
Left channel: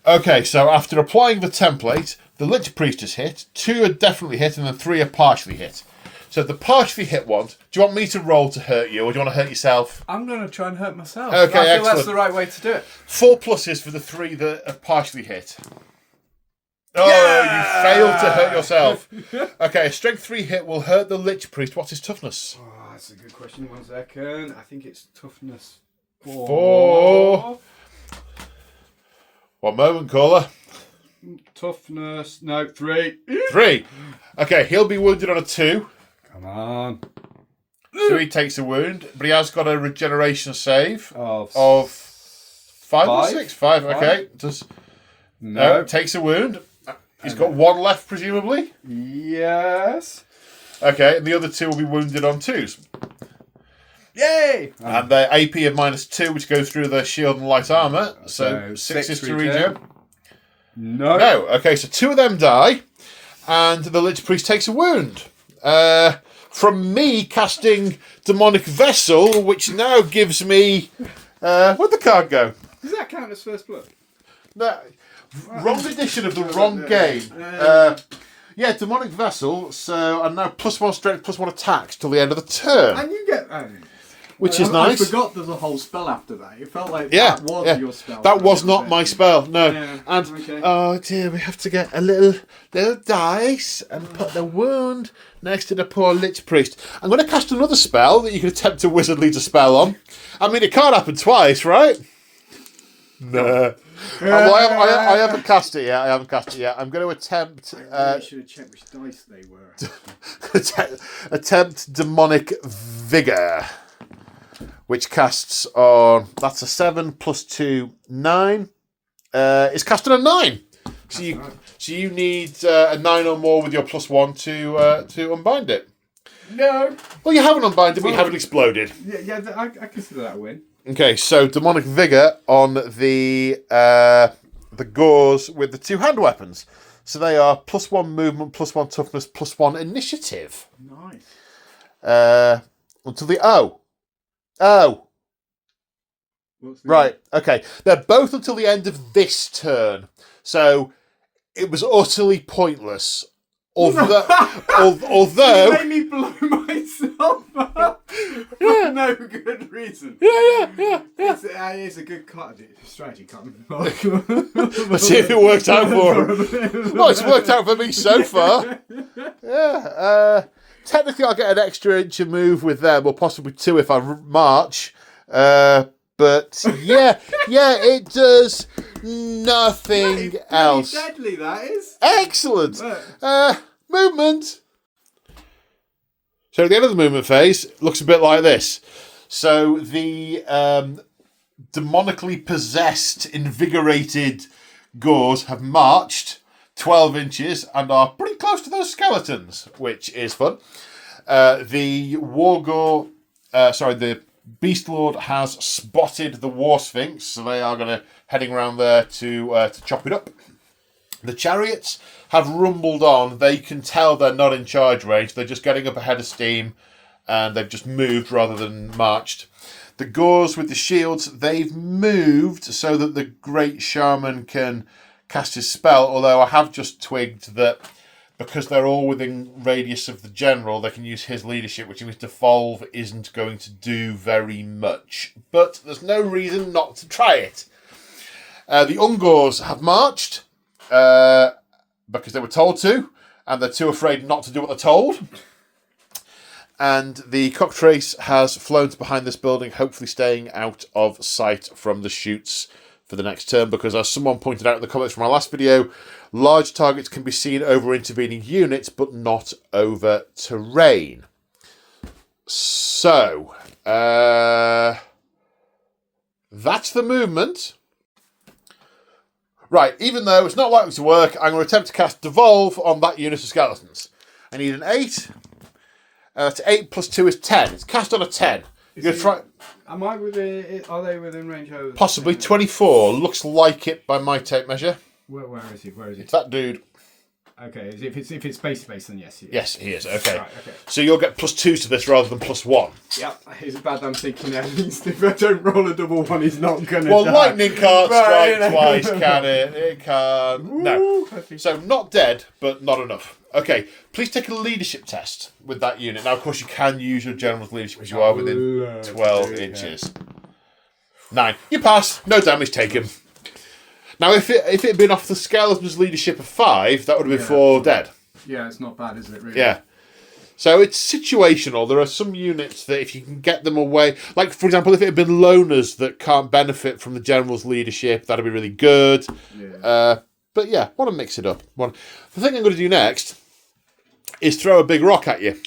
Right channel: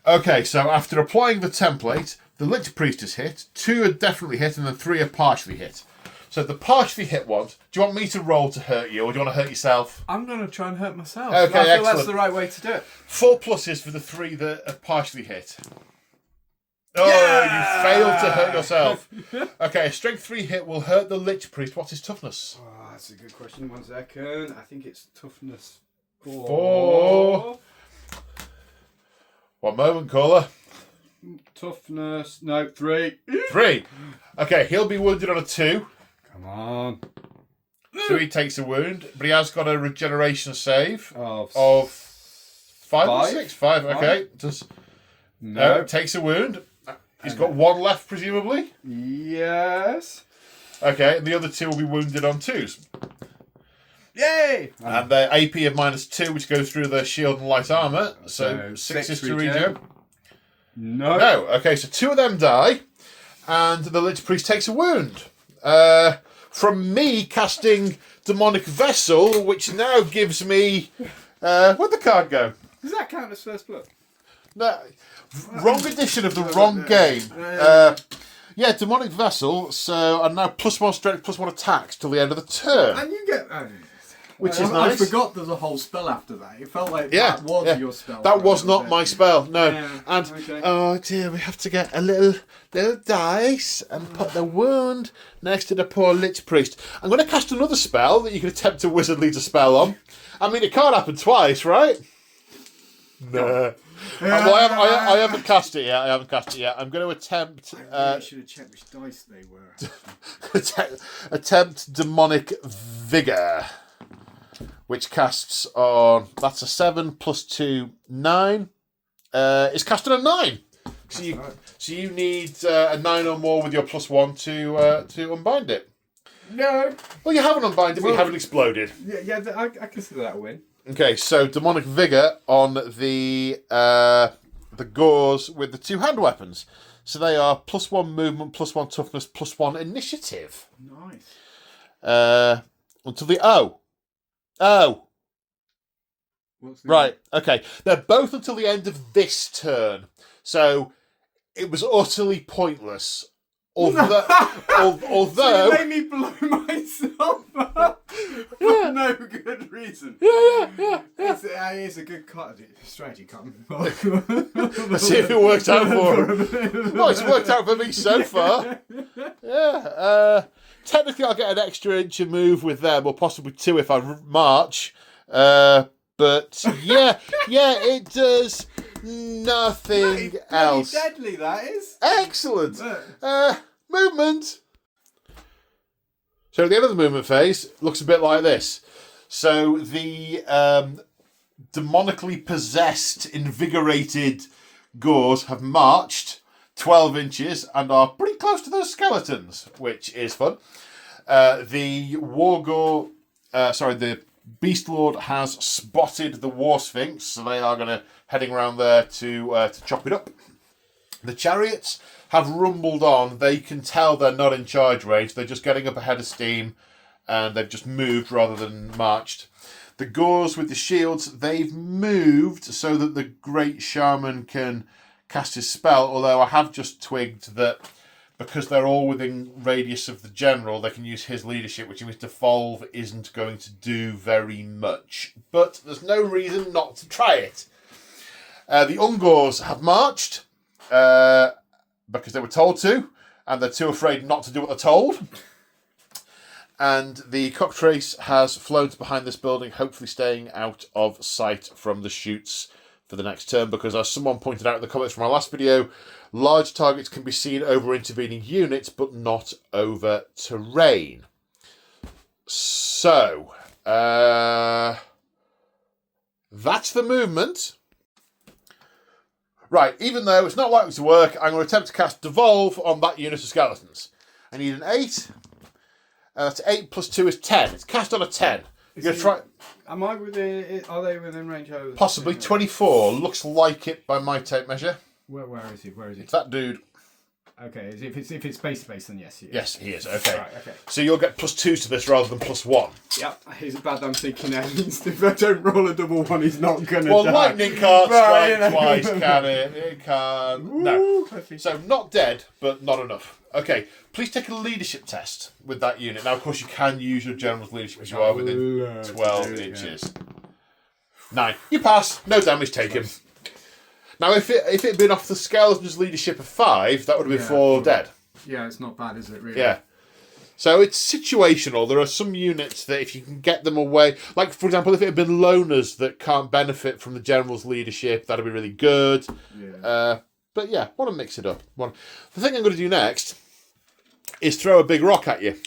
Okay, so after applying the template, the Lich Priest is hit, 2 are definitely hit, and then 3 are partially hit. So the partially hit ones, do you want me to roll to hurt you, or do you want to hurt yourself? I'm going to try and hurt myself. Okay, I feel excellent. that's the right way to do it. 4 pluses for the 3 that are partially hit. Oh, you failed to hurt yourself. Okay, a strength 3 hit will hurt the Lich Priest. What's his toughness? Oh, that's a good question. 1 second. I think it's toughness 4. 4. One moment, caller. Toughness, no, 3. 3. Okay, he'll be wounded on a 2. Come on. So he takes a wound, but he has got a regeneration save Of 5 or five? 6? 5, okay. No, takes a wound. He's got 1 left, presumably. Yes. Okay, and the other 2 will be wounded on 2s. Yay! And their AP of -2, which goes through their shield and light armour. So 6 is to regen. No. No. Okay, so 2 of them die, and the Lich Priest takes a wound. From me casting Demonic Vessel, which now gives me... where'd the card go? Does that count as first blood? No. Wrong edition of the wrong game. Yeah, Demonic Vessel, so I'm now +1 strength, +1 attacks till the end of the turn. And you get... which is nice. I forgot there's a whole spell after that. It felt like that was your spell. That was not my spell, no. Yeah, and, okay. oh dear, we have to get a little dice and put the wound next to the poor Lich Priest. I'm going to cast another spell that you can attempt to wizardly dispel on. I mean, it can't happen twice, right? No. Well, I haven't cast it yet. I'm going to attempt... I should have checked which dice they were. attempt Demonic Vigour, which casts on... That's a 7 plus 2, 9. It's cast on a 9. So you need a 9 or more with your +1 to unbind it. No. Well, you haven't unbind it, but you haven't exploded. Yeah, I consider that a win. Okay, so Demonic Vigour on the Gauze with the 2 hand weapons. So they are +1 movement, +1 toughness, +1 initiative. Nice. Until the O. Right, okay. They're both until the end of this turn. So it was utterly pointless. Although you made me blow myself up for no good reason. Yeah. It's a good strategy. Let's see if it works out for him. Well, it's worked out for me so far. Yeah. Technically, I'll get an extra inch of move with them, or possibly 2 if I march. But yeah, it does nothing else. Deadly, that is. Excellent. Movement. So at the end of the movement phase, it looks a bit like this. So the demonically possessed, invigorated Gors have marched 12 inches and are pretty close to those skeletons, which is fun. The Beast Lord has spotted the War Sphinx, so they are heading around there to chop it up. The chariots have rumbled on. They can tell they're not in charge range. They're just getting up ahead of steam, and they've just moved rather than marched. The Gors with the shields, they've moved so that the Great Shaman can cast his spell, although I have just twigged that because they're all within radius of the general, they can use his leadership, which means devolve isn't going to do very much. But there's no reason not to try it. The Ungors have marched because they were told to, and they're too afraid not to do what they're told. And the cockatrice has flown to behind this building, hopefully staying out of sight from the shoots for the next turn, because as someone pointed out in the comments from our last video, large targets can be seen over intervening units, but not over terrain. So, that's the movement. Right, even though it's not likely to work, I'm going to attempt to cast Devolve on that unit of skeletons. I need an 8. That's 8 plus 2 is 10. It's cast on a 10. You're going to try... Am I within... Are they within range? Possibly. 24. Looks like it by my tape measure. Where is he? It's that dude. Okay, if it's space-based, then yes, he is. Yes, he is. Okay. Right, okay. So you'll get +2 to this rather than +1. Yep. It's bad I'm thinking at least if I don't roll a double one, he's not going to die. Well, lightning can't strike Right, twice, can it? It can't. No. So not dead, but not enough. Okay, please take a leadership test with that unit. Now, of course, you can use your general's leadership as you are within 12 inches. 9. You pass. No damage taken. Now, if it had been off the skeleton's leadership of 5, that would have been 4 dead. Yeah, it's not bad, is it, really? Yeah. So it's situational. There are some units that if you can get them away, like, for example, if it had been loners that can't benefit from the general's leadership, that would be really good. Yeah. But yeah, want to mix it up. The thing I'm going to do next is throw a big rock at you.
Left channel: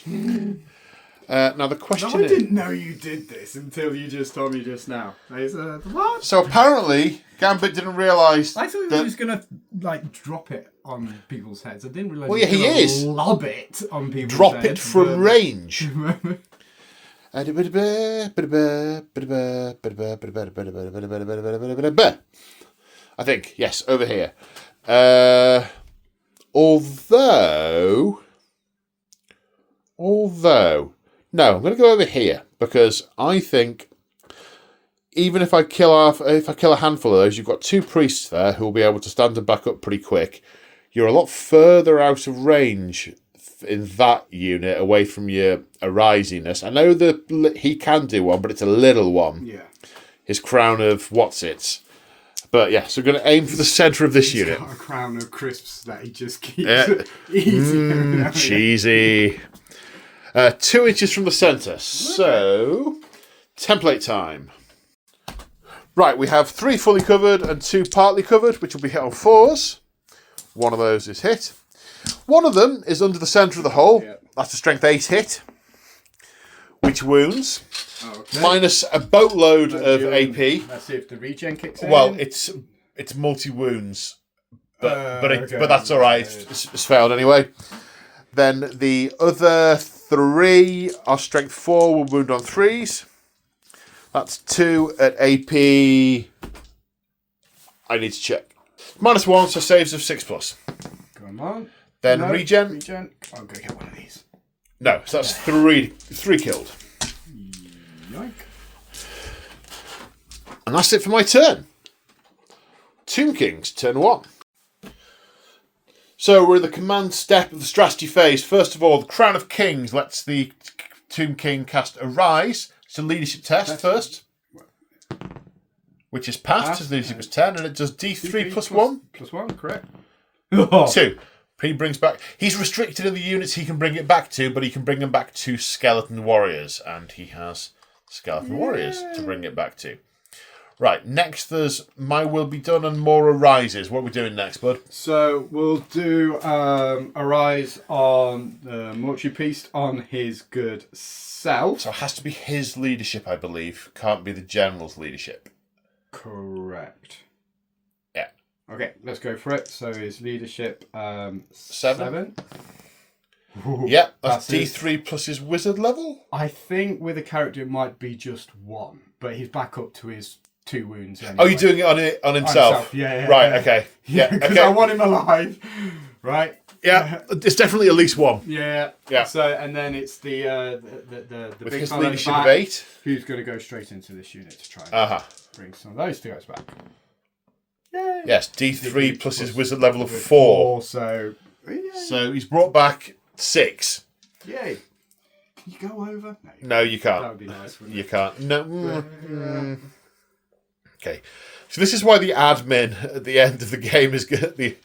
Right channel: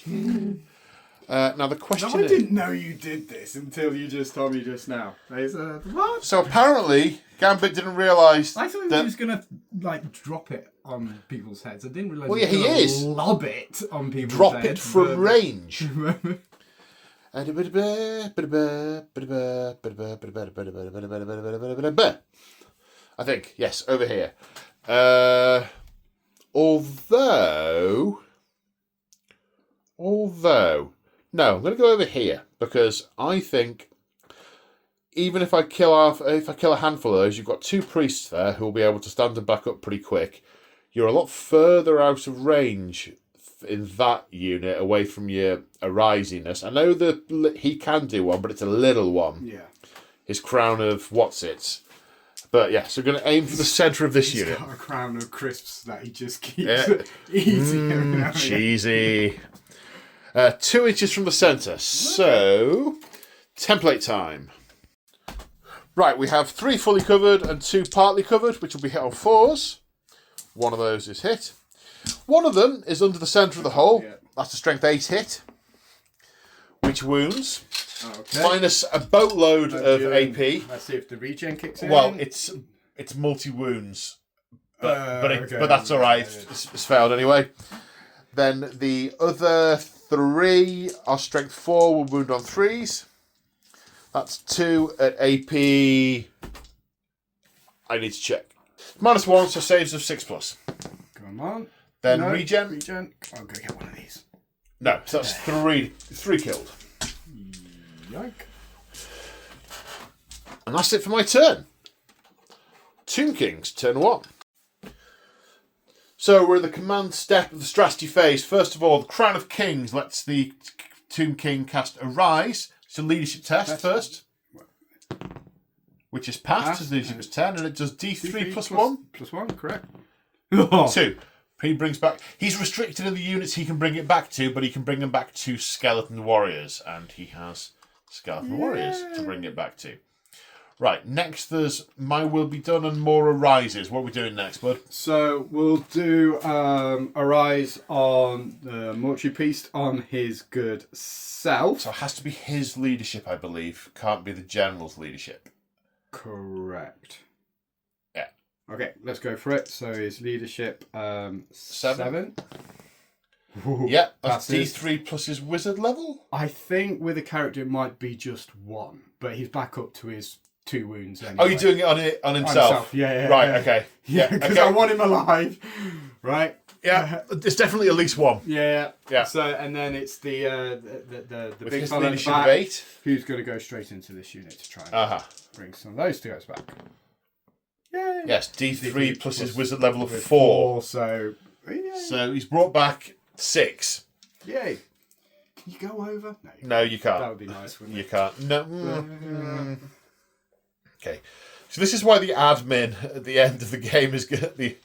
Now the question is... I didn't know you did this until you just told me just now. What? So apparently, Gambit didn't realise I thought he was going to drop it on people's heads. I didn't realise he was going to lob it on people's drop heads. Drop it from range. I think, yes, over here. Although, no, I'm going to go over here because I think even if I kill a handful of those, you've got 2 priests there who will be able to stand them back up pretty quick. You're a lot further out of range in that unit away from your arisiness. I know that he can do one, but it's a little one. Yeah. His crown of what's-its. But yeah, so we're going to aim for the centre of this unit. He's got a crown of crisps that he just keeps easy. Cheesy. 2 inches from the centre. So, template time. Right, we have 3 fully covered and 2 partly covered, which will be hit on 4s. One of those is hit. One of them is under the centre of the hole. Yep. That's a strength 8 hit, which wounds. Oh, okay. Minus a boatload of AP. Let's see if the regen kicks in. Well, it's multi wounds, but that's all right. It's failed anyway. Then the other 3 are strength 4 will wound on 3s. That's 2 at AP. I need to check. -1, so saves of 6+. Come on. Then regen. I'll go get one of these. No, so that's 3 killed. Yike. And that's it for my turn. Tomb Kings, turn 1. So we're in the command step of the strategy phase. First of all, the Crown of Kings lets the Tomb King cast Arise. It's a leadership test first, which is passed. His leadership is 10, and it does D3 plus 1. Plus 1, correct. 2. He brings back... He's restricted in the units he can bring it back to, but he can bring them back to skeleton warriors, and he has skeleton warriors to bring it back to. Right, next there's My Will Be Done and More Arises. What are we doing next, bud? So we'll do Arise on the Mortuary Priest on his good self. So it has to be his leadership, I believe. Can't be the general's leadership. Correct. Yeah. Okay, let's go for it. So his leadership 7. Ooh, Yeah, that's passes. D3 plus his wizard level. I think with a character it might be just 1, but he's back up to his 2 wounds anyway. Oh, you're doing it on himself? Yeah. Right, okay. Yeah, because okay. I want him alive. Right? Yeah, it's definitely at least 1. Yeah. Yeah. So, and then it's the With big his fella at the leadership back of 8. who's going to go straight into this unit to try and Uh-huh. bring some of those two guys back. Yay. Yes, D3 plus his wizard level of 4. 4, so... Yay. So he's brought back 6. Yay. Can you go over? No, you can't. That would be nice, wouldn't You it? can't. No. Okay. So this is why the admin at the end of the game is going to be...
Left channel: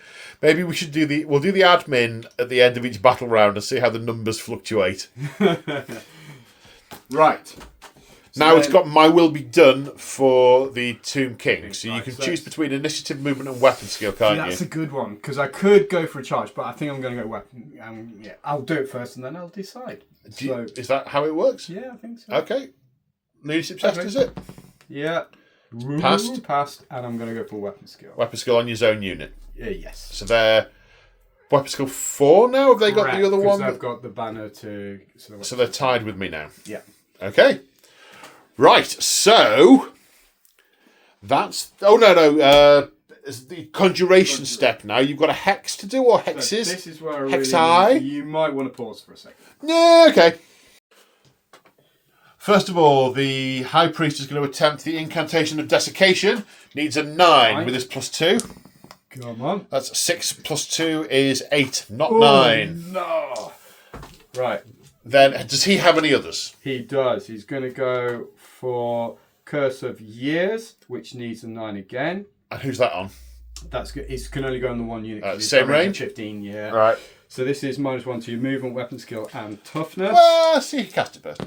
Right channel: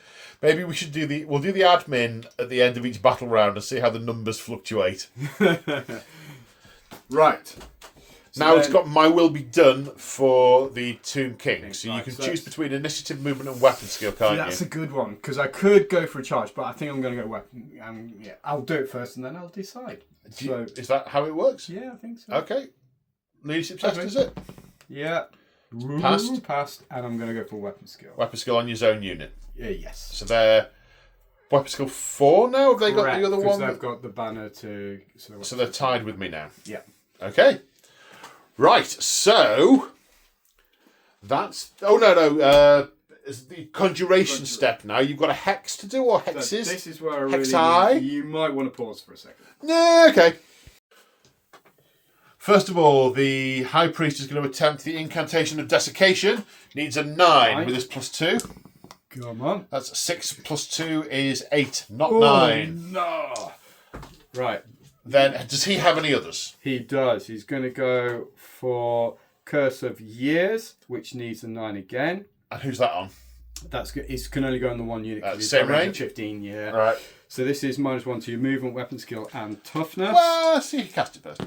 Maybe we should we'll do the admin at the end of each battle round and see how the numbers fluctuate. Right. Now it's got My Will Be Done for the Tomb King. So you Right, can so choose between initiative, movement and weapon skill, can't That's you? a good one, because I could go for a charge, but I think I'm going to go weapon. Yeah, I'll do it first and then I'll decide. Is that how it works? Yeah, I think so. Okay. Leadership test, Okay. is it? Yeah. Passed. Passed, and I'm going to go for weapon skill. Weapon skill on your own unit. Yes. So they're weapon skill 4 now? Have they got the other one? They've got the banner to... So they're tied with me now. Yeah. Okay. Right, so that's... Oh, no. It's the conjuration step now. You've got a hex to do, or hexes? So this is where I Hex really... high? You might want to pause for a second. No, okay. First of all, the High Priest is going to attempt the Incantation of Desiccation. Needs a 9 with his +2. Come on. That's 6 plus 2 is 8, not Oh, 9. No. Right. Then, does he have any others? He does. He's going to go for Curse of Years, which needs a 9 again. And who's that on? That's good. It can only go on the one unit. 'cause it's Same got range range? of 15, yeah. All right. So this is -1 to your movement, weapon skill, and toughness. Well, see, he cast it first.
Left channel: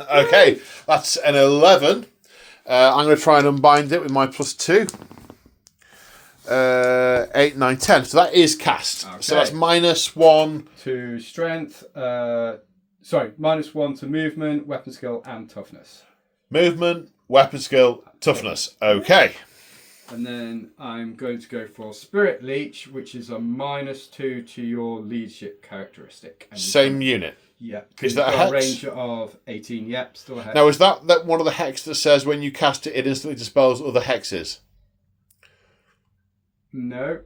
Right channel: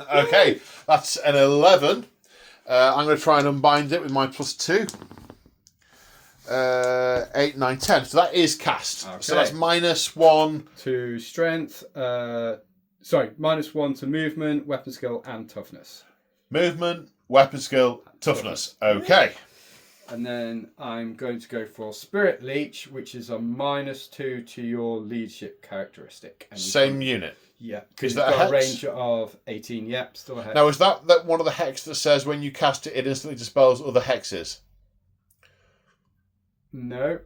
Okay, that's an 11. I'm going to try and unbind it with my +2. 8, 9, 10. So that is cast. Okay. So that's -1. To strength. Sorry, -1 to movement, weapon skill, and toughness. Movement, weapon skill, toughness. Okay. And then I'm going to go for Spirit Leech, which is a -2 to your leadership characteristic. And Same unit. Yeah. Is that a got hex? range of 18. Yep, still a hex. Now, is that one of the hexes that says when you cast it, it instantly dispels other hexes? No.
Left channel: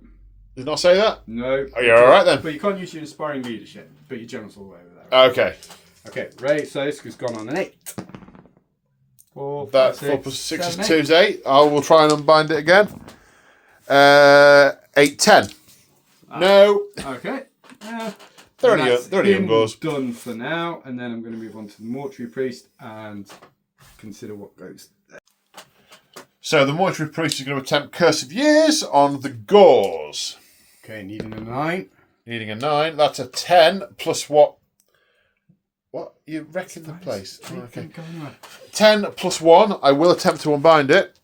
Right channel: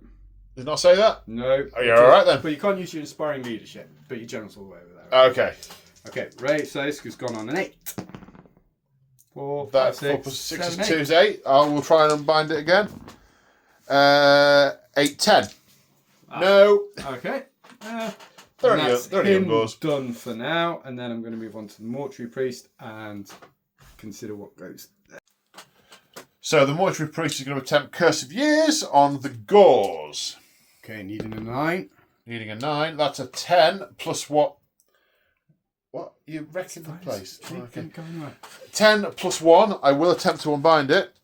Does it not say that? No. Oh, you're all right then. But you can't use your inspiring leadership, but your general's all the way over there. Okay. Okay, Ray, so this has gone on an 8. 4, That 5, 4 plus 6 is 2 8. is 8. I will try and unbind it again. 8, 10. No. Okay. They're only young goals. Done for now, and then I'm going to move on to the Mortuary Priest and consider what goes there. So the Mortuary Priest is going to attempt Curse of Years on the Gauze. Okay, needing a 9. Needing a 9. That's a 10 plus what? What? You're wrecking the place. Keep Okay. going on. 10 plus 1. I will attempt to unbind it.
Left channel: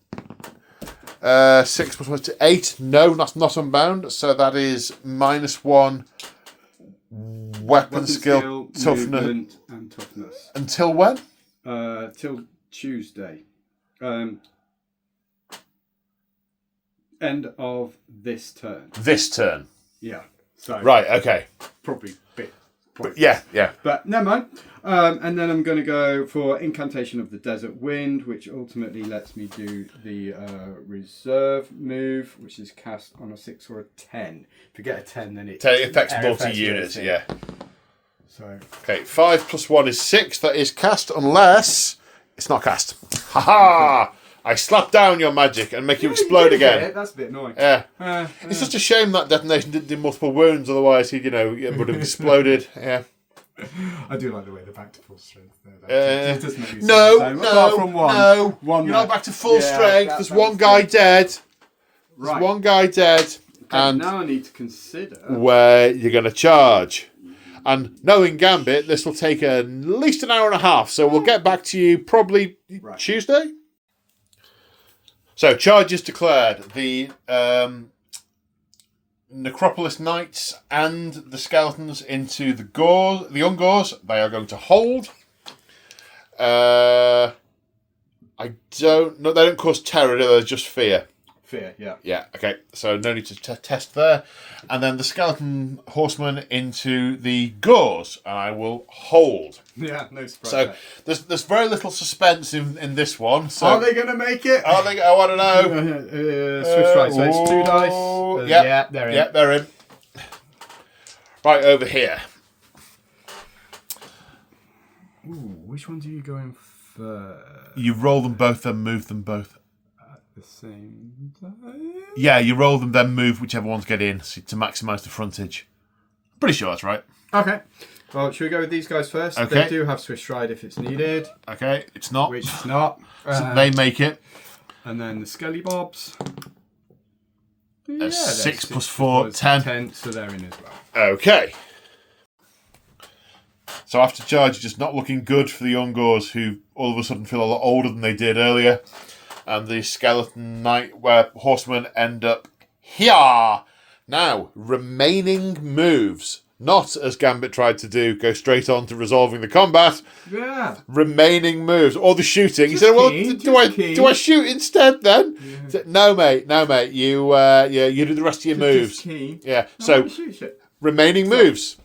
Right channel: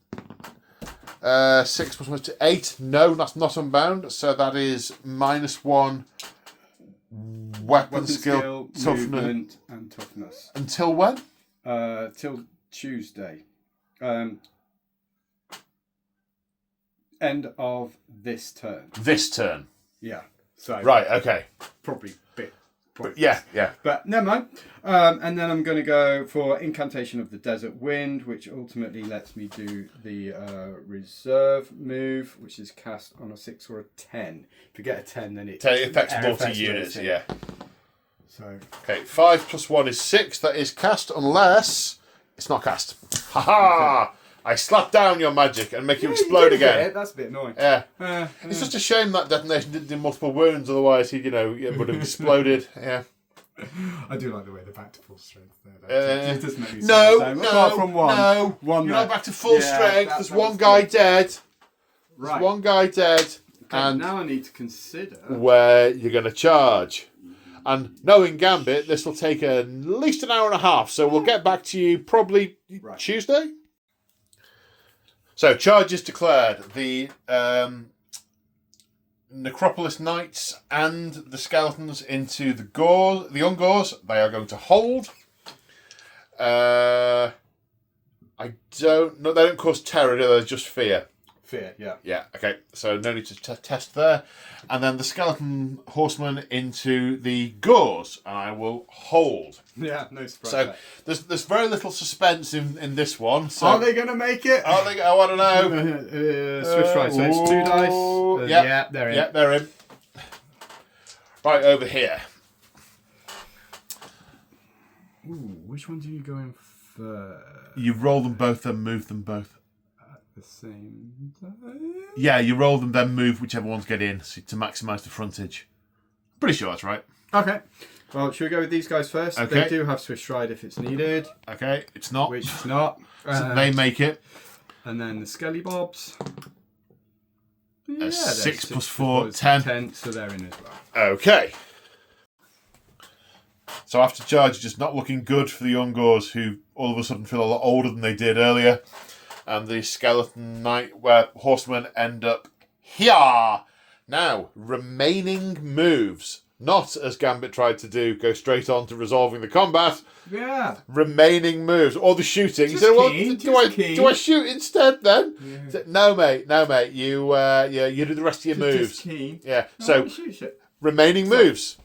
6 plus 1 to 8. No, that's not unbound. So that is -1 weapon skill, toughness. Movement, and toughness. Until when? Till Tuesday. End of this turn. This turn. Yeah. So Right, okay. probably bit. Yeah. But never mind. And then I'm going to go for Incantation of the Desert Wind, which ultimately lets me do the reserve move, which is cast on a 6 or a 10. If you get a 10, then it Affects air multi-units, everything. yeah. So Okay, 5 plus 1 is 6. That is cast unless it's not cast. Ha! I slap down your magic and make you explode again. That's a bit annoying. Yeah. It's just a shame that detonation didn't do multiple wounds, otherwise he, it would have exploded. Yeah. I do like the way they're back to full strength there. Uh, It does make me No, sad. Apart from one. no. One You're there. not back to full Yeah, strength. that There's was one guy good. dead. There's Right. one guy dead. Okay, And now I need to consider. where you're going to charge. And knowing Gambit, this will take at least an hour and a half. So we'll get back to you probably Right. Tuesday. So, charge is declared. The Necropolis Knights and the skeletons into the Ungors. They are going to hold. I don't know. They don't cause terror, they're just fear. Fear, yeah. Yeah, okay. So no need to test there. And then the skeleton horsemen into the Gors, and I will hold. Yeah, no surprise. So there's very little suspense in this one. So are they going to make it? Are they? Oh, I don't know. Switch right, so it's 2 dice. Yeah, they're in. Yeah, they're in. Right, over here. Ooh, which ones are you going first? You roll them both, then move them both. The same time? Yeah, you roll them, then move whichever ones get in to maximise the frontage. Pretty sure that's right. Okay. Well, should we go with these guys first? Okay. They do have Swiss Stride if it's needed. Okay, it's not. Which it's not. So they make it. And then the Skelly Bobs. Yeah, 6 plus 4, 10. So they're in as well. Okay. So after charge, just not looking good for the Ungors, who all of a sudden feel a lot older than they did earlier. And the skeleton knight, where horsemen end up here. Now, remaining moves. Not, as Gambit tried to do, go straight on to resolving the combat. Yeah. Remaining moves. Or the shooting. Just He said, well, keen, do I shoot instead then? Yeah. He said, no, mate. You do the rest of your moves. Just keen. Yeah. No, So, shoot. remaining moves.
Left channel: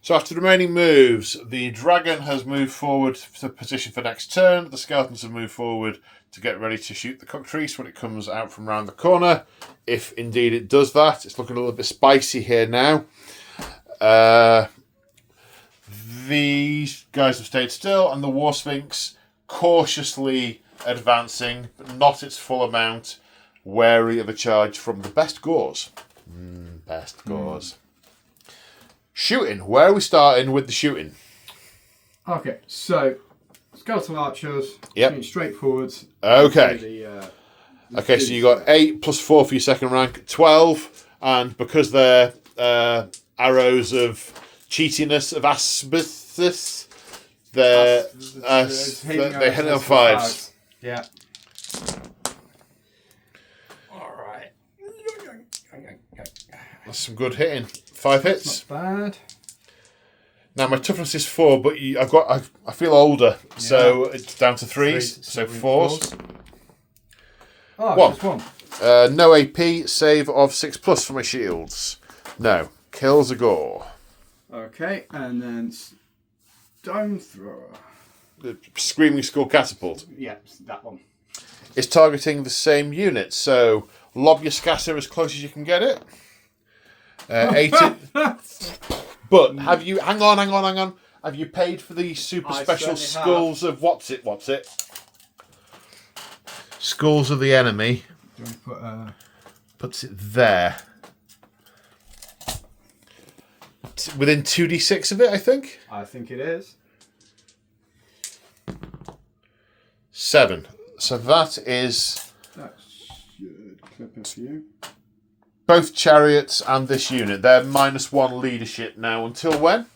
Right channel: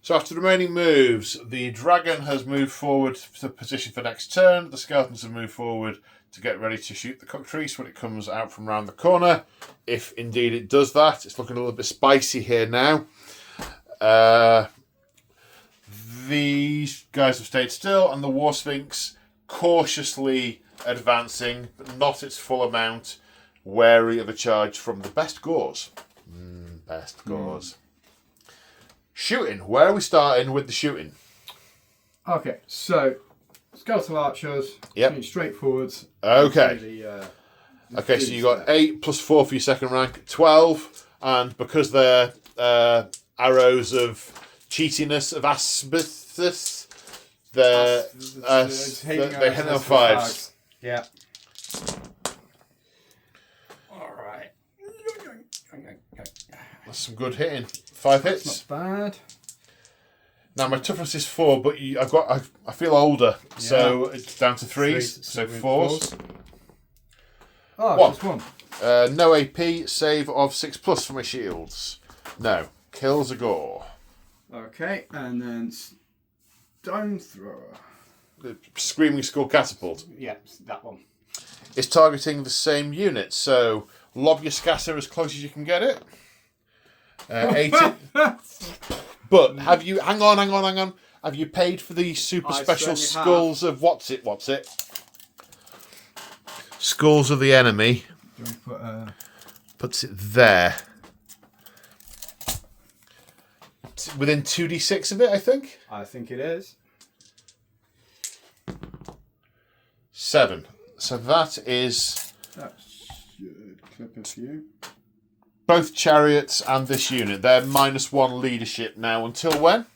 So after the remaining moves, the dragon has moved forward to position for next turn. The skeletons have moved forward to get ready to shoot the cockatrice when it comes out from round the corner. If indeed it does that. It's looking a little bit spicy here now. These guys have stayed still, and the War Sphinx cautiously advancing, but not its full amount, wary of a charge from the best Gors. Best Gors. Shooting. Where are we starting with the shooting? Okay, so skeletal archers. Yep. Shooting straight forwards. Okay. Okay, so you got 8 plus 4 for your second rank, 12, and because they're arrows of cheatiness, of asbestos, they're hitting on 5s. Yeah. Alright. That's some good hitting. 5 hits. Not bad. Now my toughness is 4, but I feel older, so it's down to 3s, so 4s. Oh, One. just one. No AP, save of 6 plus for my shields. No. Kills a gore. Okay, and then stone thrower. The Screaming Skull Catapult. Yeah, that one. Is targeting the same unit, so lob your scasser as close as you can get it. 18. But have you... Hang on. Have you paid for the super special skulls of... What's it? Skulls of the enemy. Do you want to put Puts it there. It's within 2d6 of it, I think. I think it is. 7. So that is That should clip a few. both chariots and this unit. They're -1 leadership now. Until when?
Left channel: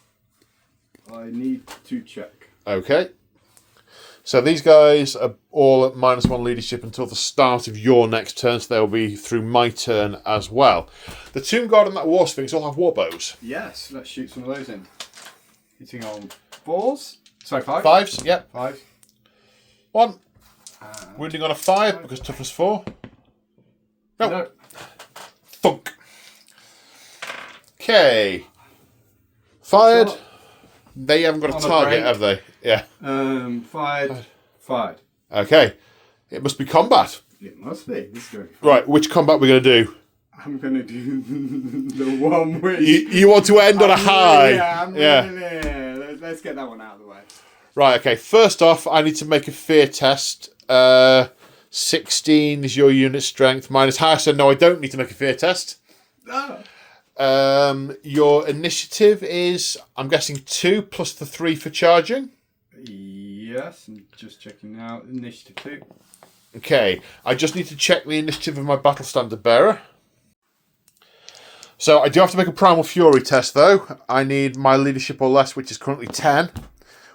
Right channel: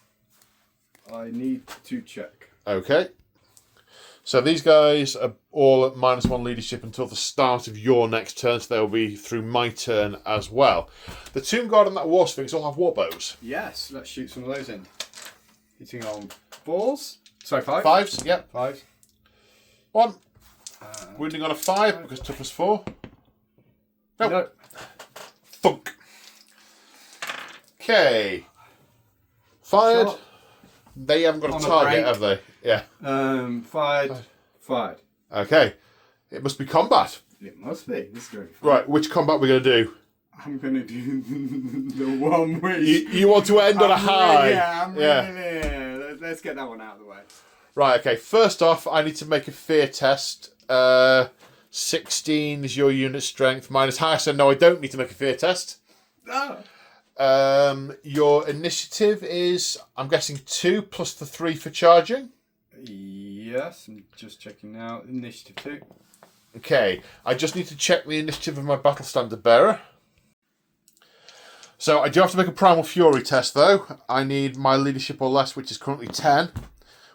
I need to check. Okay. So these guys are all at -1 leadership until the start of your next turn, so they'll be through my turn as well. The Tomb Guard and that War Sphinx all have war bows. Yes, let's shoot some of those in. Hitting on 4s. Sorry, 5. 5s, yep. 5. 1. Wounding on a 5 because toughness 4. No. Thunk. Okay. Fired. Shot. They haven't got a On a target, break. have they? Yeah. Fired. Okay. It must be combat. It must be. This is going to be fun. Right, which combat we're going to do? I'm going to do the one which... You want to end on a high? Yeah, let's get that one out of the way. Right, okay. First off, I need to make a fear test. 16 is your unit strength. Mine is higher, so no, I don't need to make a fear test. Oh. Your initiative is, I'm guessing, 2 plus the 3 for charging. Yes, I'm just checking now. Initiative 2. Okay, I just need to check the initiative of my battle standard bearer. So I do have to make a primal fury test, though. I need my leadership or less, which is currently 10,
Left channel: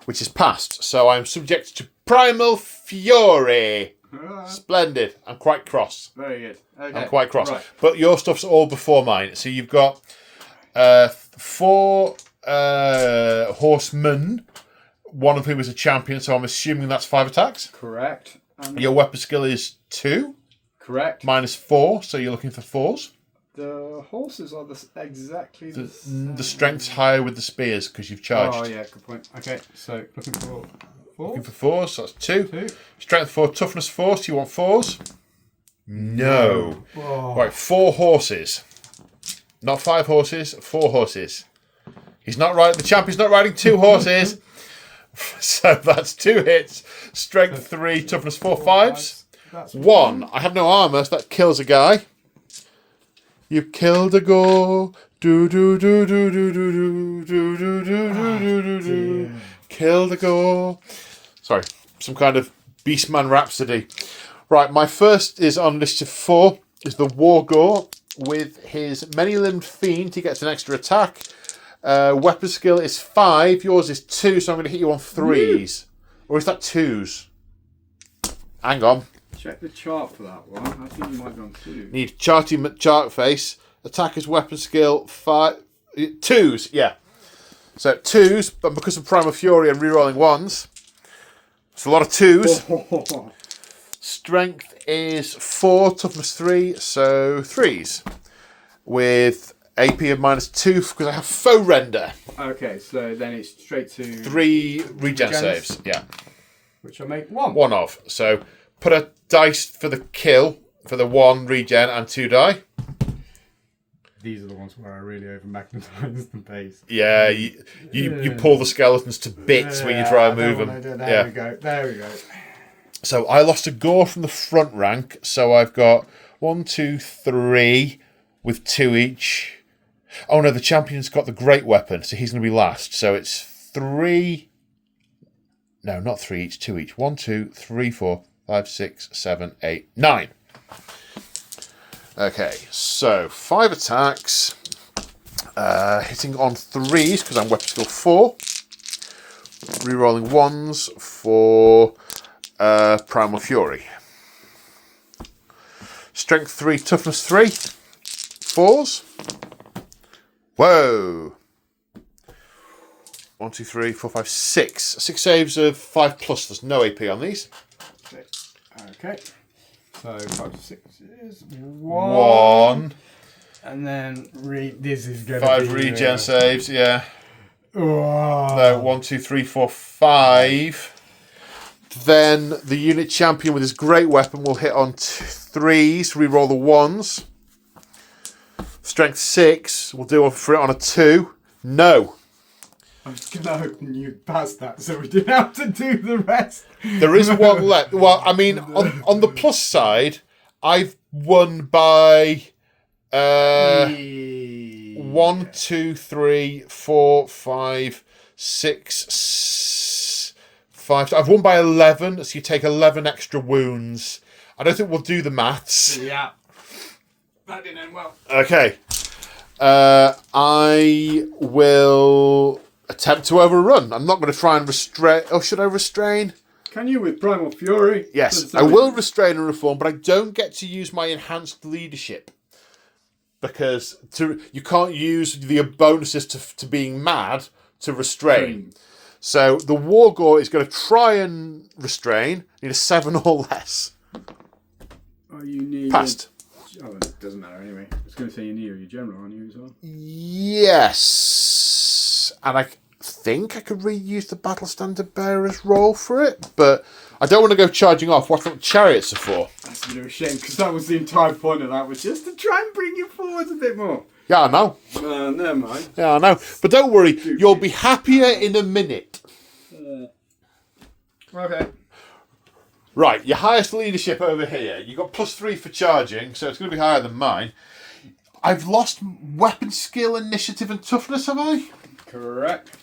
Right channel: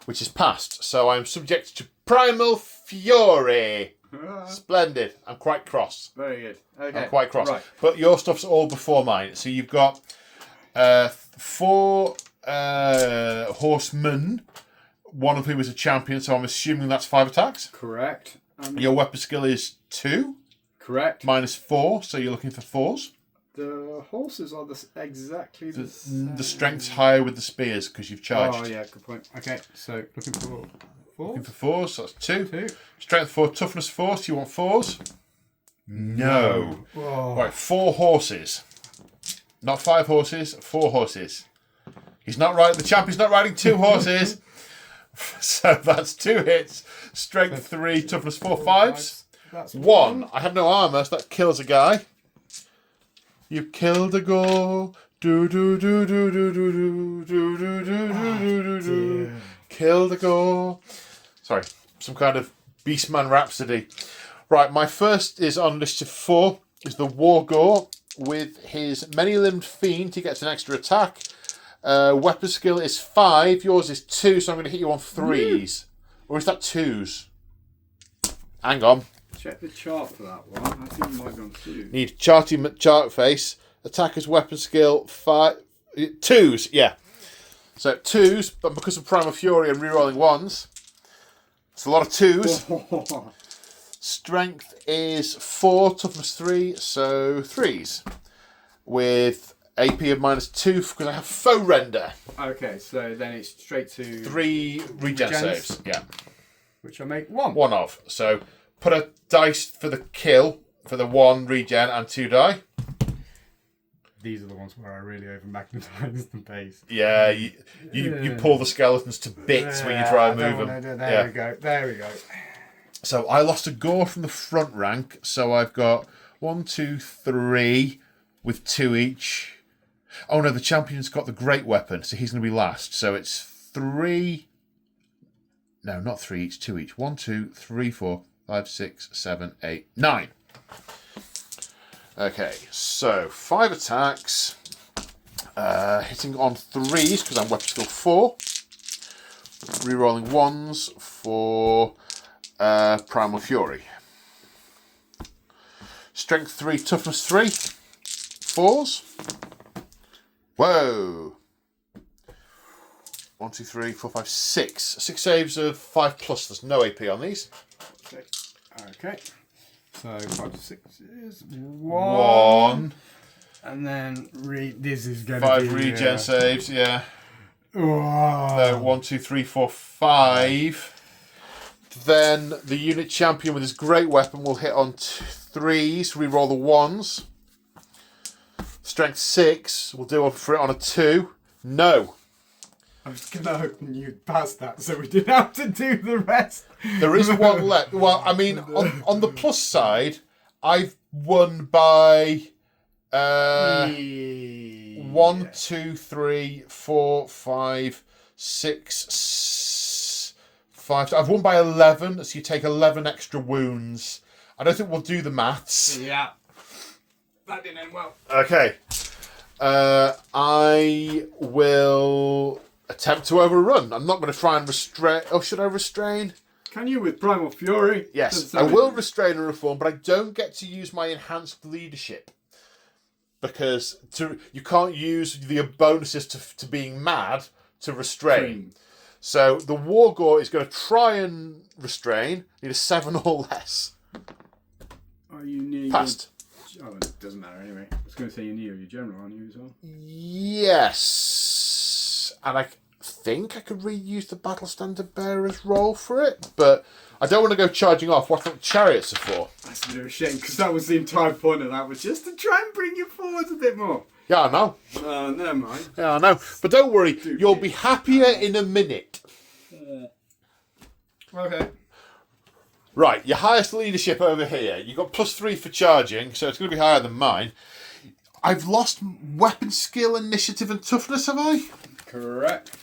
which is passed. So I'm subject to primal fury. Splendid. I'm quite cross. Very good. Okay. I'm quite cross. Right. But your stuff's all before mine. So you've got 4 horsemen, one of whom is a champion, so I'm assuming that's 5 attacks. Correct. Your weapon skill is 2. Correct. Mine is 4, so you're looking for 4s. The horses are exactly the same. The strength's higher with the spears because you've charged. Oh, yeah, good point. Okay, so looking for 4. Looking for 4s, so that's 2. 2. Strength 4, toughness 4, so you want 4s? No. Oh. Right, 4 horses. Not 5 horses, 4 horses. He's not riding, the champion's not riding 2 horses. So that's 2 hits. Strength 3, toughness 4, 5s. That's 1. I have no armour, so that kills a guy. You've killed a go. Do do do do do do do do do do do do do. Killed a go. Sorry, some kind of Beastman rhapsody. Right, my first is on list of 4. Is the Wargore with his many-limbed fiend. He gets an extra attack. Weapon skill is 5. Yours is 2, so I'm going to hit you on 3s. Or is that 2s? Hang on. Check the chart for that one. I think you might be on 2. Need chart face. Attacker's weapon skill 5. 2s, yeah. So 2s, but because of Primal Fury and rerolling 1s, it's a lot of 2s. Strength is 4, toughness 3, so 3s. With AP of -2 because I have foe render. Okay, so then it's straight to 3 regen Regens. saves, yeah. which I make 1. 1 of. So put a dice for the kill for the 1 regen and 2 die. These are the ones where I really over magnetize the base. Yeah, you pull the skeletons to bits when you try and move them. There we go. There we go. So I lost a gore from the front rank, so I've got 1, 2, 3 with 2 each. Oh no, the champion's got the great weapon, so he's going to be last. So it's 3. No, not 3 each, 2 each. 1, 2, 3, 4, 5, 6, 7, 8, 9. Okay, so 5 attacks. Hitting on 3s because I'm weapon skill 4. Rerolling 1s for Primal Fury. Strength 3, toughness 3. 4s. Whoa. 1, 2, 3, 4, 5, 6. 6 saves of 5 plus. There's no AP on these. Okay. So 5 to 6 is 1. And then this is going to 5 be... regen saves, yeah. Oh. No, 1, 2, 3, 4, 5. Then the unit champion with his great weapon will hit on 3s, reroll the 1s. Strength 6 will do for it on a 2. No. I was going to hope you passed that so we didn't have to do the rest. There is 1 left. Well, I mean, on the plus side, I've won by 1, 2, 3, 4, 5, 6, 5. I've won by 11, so you take 11 extra wounds. I don't think we'll do the maths. Yeah. That didn't end well. Okay. I will attempt to overrun. I'm not going to try and restrain. Oh, should I restrain? Can you with Primal Fury? Yes, I will restrain and reform, but I don't get to use my enhanced leadership. Because you can't use the bonuses to being mad to restrain. So the Wargore is going to try and restrain. Need a 7 or less. Oh, you need... Passed. Oh, it doesn't matter anyway. I was going to say you need your general, aren't you, as well? Yes. And I think I could reuse the Battle Standard Bearer's role for it, but I don't want to go charging off. What I think chariots are for. That's a bit of a shame, because that was the entire point of that, was just to try and bring you forwards a bit more. Yeah, I know. Never mind. Yeah, I know. But don't worry, you'll be happier in a minute. Okay. Right, your highest leadership over here. You got +3 for charging, so it's going to be higher than mine. I've lost weapon skill, initiative, and toughness, have I? Correct.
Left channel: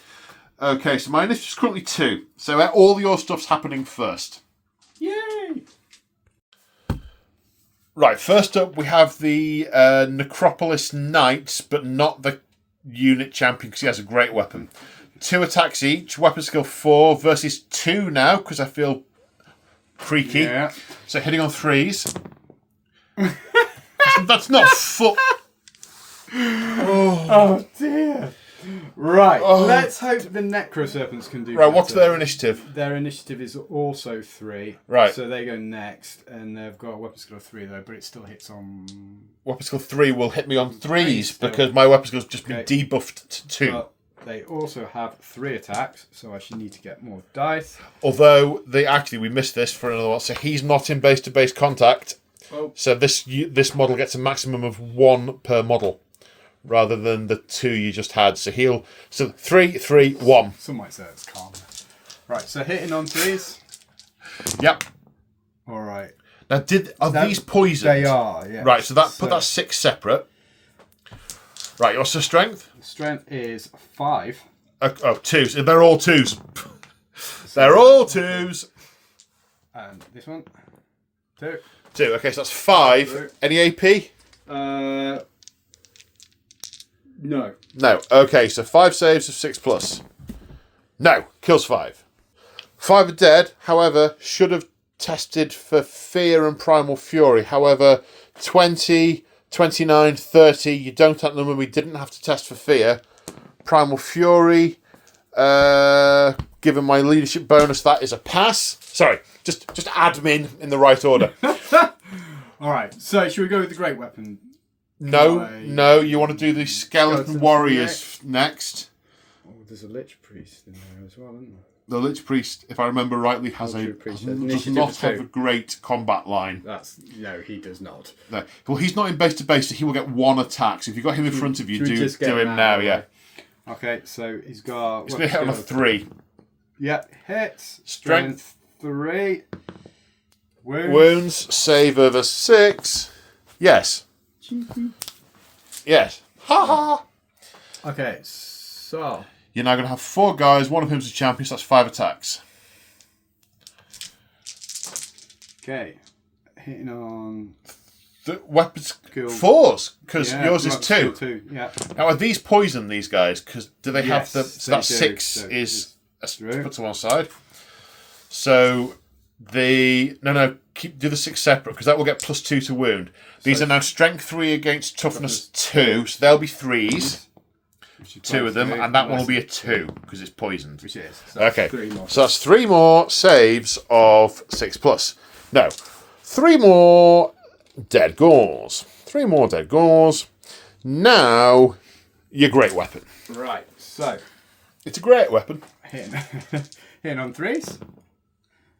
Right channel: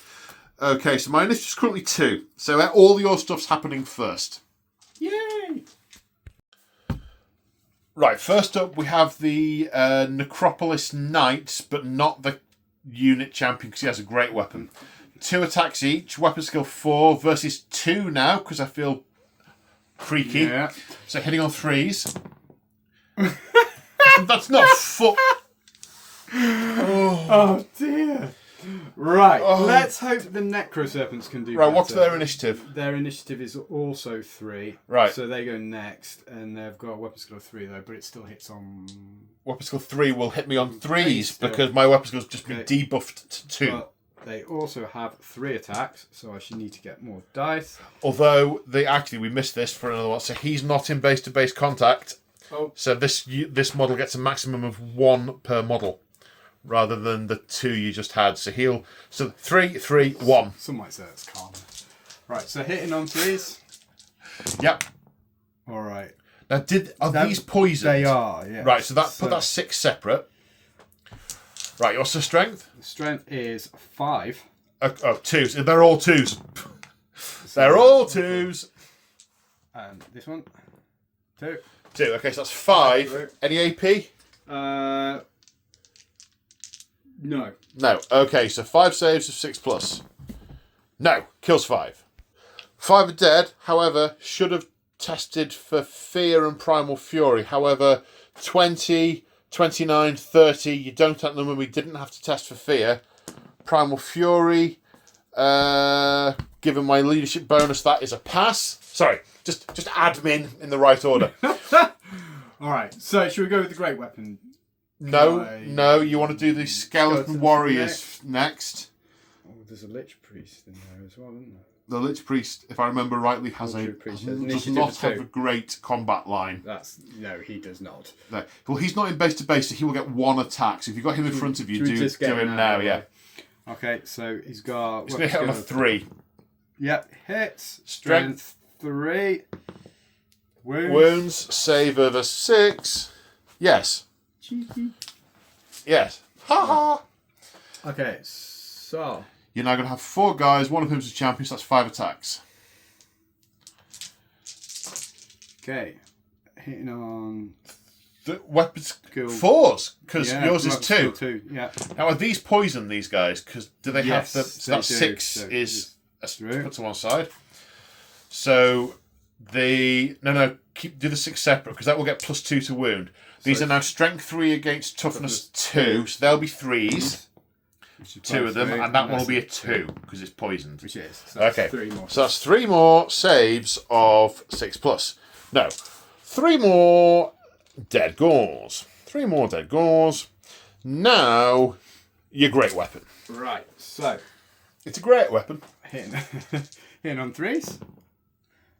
Okay, so my initiative's currently 2. So all your stuff's happening first. Yay! Right, first up we have the Necropolis Knights, but not the unit champion because he has a great weapon. 2 attacks each, weapon skill 4 versus 2 now because I feel creaky. Yeah. So hitting on 3s. That's not full. Oh dear. Right, let's hope the Necro Serpents can do Right, better. what's their initiative? Their initiative is also 3. Right. So they go next, and they've got a weapon skill of 3 though, but it still hits on... Weapon skill 3 will hit me on 3s still. because my weapon skill's just been Okay. debuffed to 2. But they also have 3 attacks, so I should need to get more dice. Although, we missed this for another one. So he's not in base-to-base contact. Oh. So this model gets a maximum of 1 per model, rather than the 2 you just had. So 3, 3, 1. Some might say it's calm. Right, so hitting on 3s. Yep. All right. Now, these poisoned? They are, yeah. Right, so put that 6 separate. Right, what's the strength? The strength is 5. 2s. They're all 2s. They're all 2s. And this one, 2. 2. Okay, so that's 5. Any AP? No. No. Okay, so 5 saves of 6 plus. No, kills 5. 5 are dead, however, should have tested for Fear and Primal Fury. However, 20, 29, 30, you don't have them, and we didn't have to test for Fear. Primal Fury, given my leadership bonus, that is a pass. Sorry, just admin in the right order. Alright, so should we go with the Great Weapon? No, you want to do the Skeleton Warriors next. Oh, there's a Lich Priest in there as well, isn't there? The Lich Priest, if I remember rightly, does not have a great combat line. No, he does not. No. Well, he's not in base to base, so he will get 1 attack. So if you've got him in front of you, do him now, yeah. Okay, so he's got... He's going to hit on a 3. Yep, hits. Strength 3. Wounds, save over 6. Yes. Cheeky. Yes. Ha ha! Okay, so... You're now going to have 4 guys, one of whom's a champion, so that's 5 attacks. Okay, hitting on... The weapons... Skill. 4s, because yours is 2. Skill 2, yeah. Now, are these poison, these guys? Because do they have the... Yes, So that they do, 6 so is... true. Put to one side. So, do the 6 separate, because that will get +2 to wound. These are now strength 3 against toughness 2, so they'll be 3s. 2 of them, and that one will be a 2 because it's poisoned. Which is. So Okay, 3 more. so that's 3 more saves of 6 plus. No, 3 more dead gauls. 3 more dead gauls. Now, your great weapon. Right, so... It's a great weapon. Hitting on 3s.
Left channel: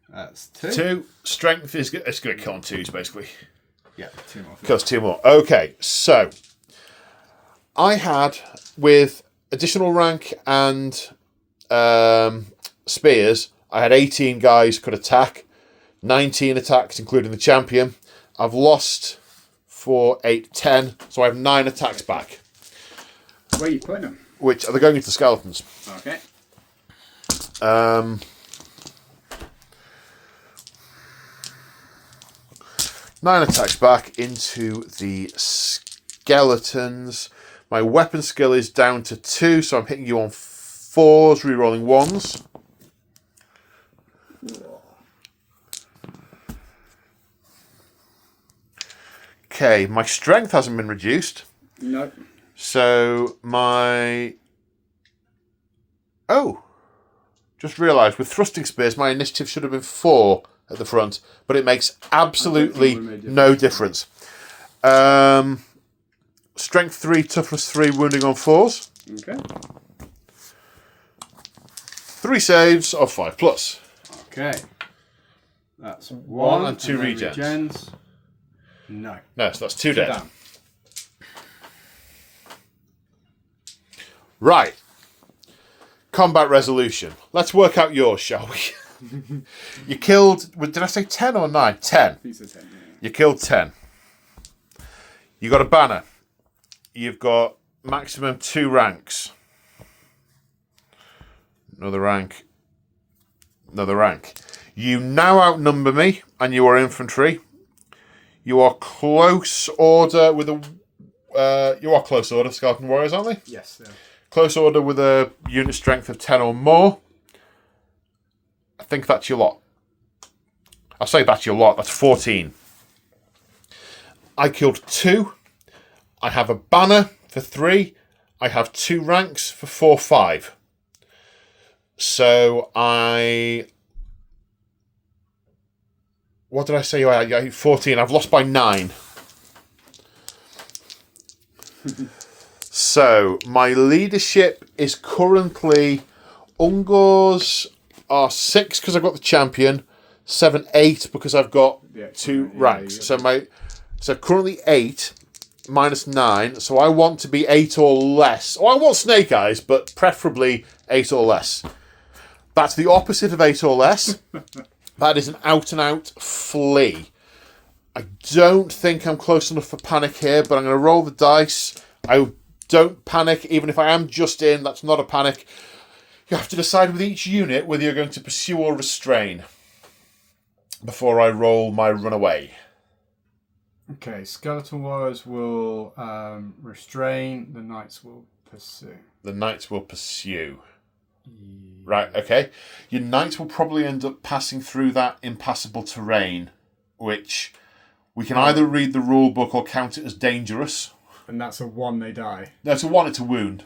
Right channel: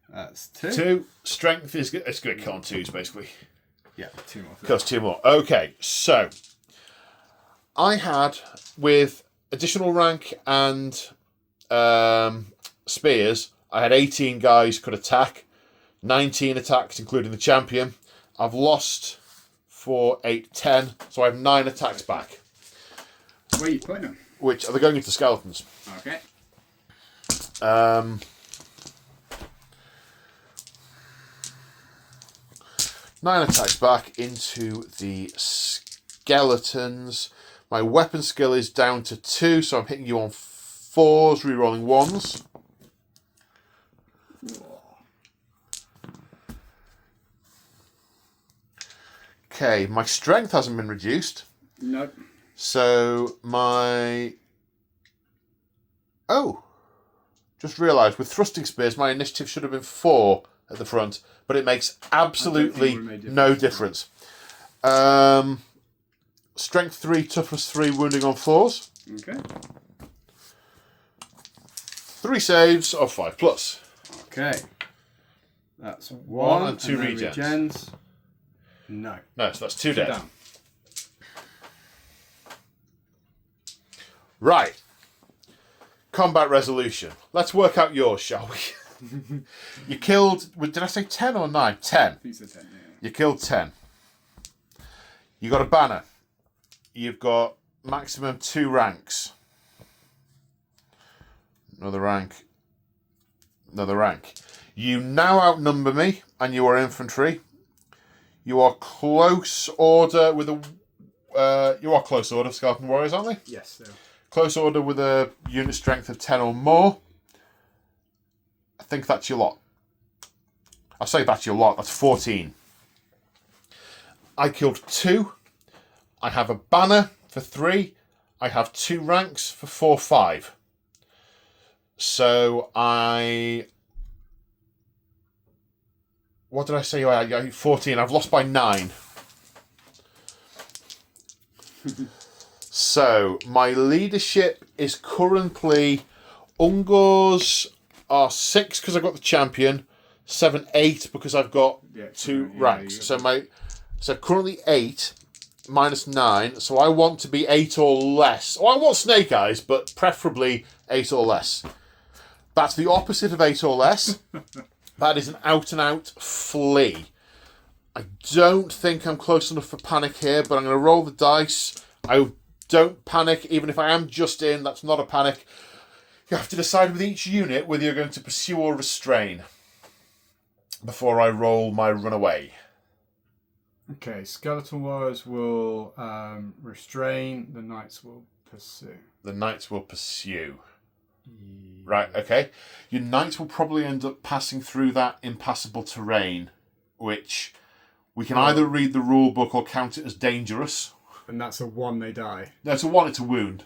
That's 2. 2. Strength is it's going to kill on 2s, basically. Yeah, 2 more. Kills 2 more. Okay, so I had, with additional rank and spears, I had 18 guys could attack, 19 attacks, including the champion. I've lost 4, 8, 10, so I have 9 attacks back. Where are you putting them? Which are they going into skeletons? Okay. 9 attacks back into the skeletons. My weapon skill is down to 2, so I'm hitting you on 4s, rerolling 1s. Okay, my strength hasn't been reduced. Nope. So my... Oh! Just realised, with thrusting spears, my initiative should have been 4 at the front, but it makes absolutely no difference. Strength 3, toughness 3, wounding on 4s. Okay. 3 saves of 5 plus. Okay. That's 1 and 2 then regens. No. No, so that's 2 dead. Down. Right. Combat resolution. Let's work out yours, shall we? You killed... Did I say 10 or 9? 10. You said 10, yeah. You killed 10. You got a banner. You've got maximum 2 ranks. Another rank. Another rank. You now outnumber me, and you are infantry. You are close order with a... you are close order, Skeleton Warriors, aren't they? Yes, yeah. Close order with a unit strength of 10 or more. I think that's your lot. I'll say that's your lot. That's 14. I killed 2. I have a banner for 3. I have 2 ranks for 4, 5. So what did I say? I had 14. I've lost by 9. So my leadership is currently Ungors are 6 because I've got the champion, 7, 8 because I've got 2 ranks. So currently 8 minus 9. So I want to be 8 or less. Oh, I want Snake Eyes, but preferably 8 or less. That's the opposite of 8 or less. That is an out-and-out flee. I don't think I'm close enough for panic here, but I'm going to roll the dice. I don't panic, even if I am just in. That's not a panic. You have to decide with each unit whether you're going to pursue or restrain before I roll my runaway. Okay, Skeleton Warriors will restrain, the Knights will pursue. The Knights will pursue. Right, okay. Your Knights will probably end up passing through that impassable terrain, which we can either read the rule book or count it as dangerous. And that's a 1, they die. No, it's a 1, it's a wound.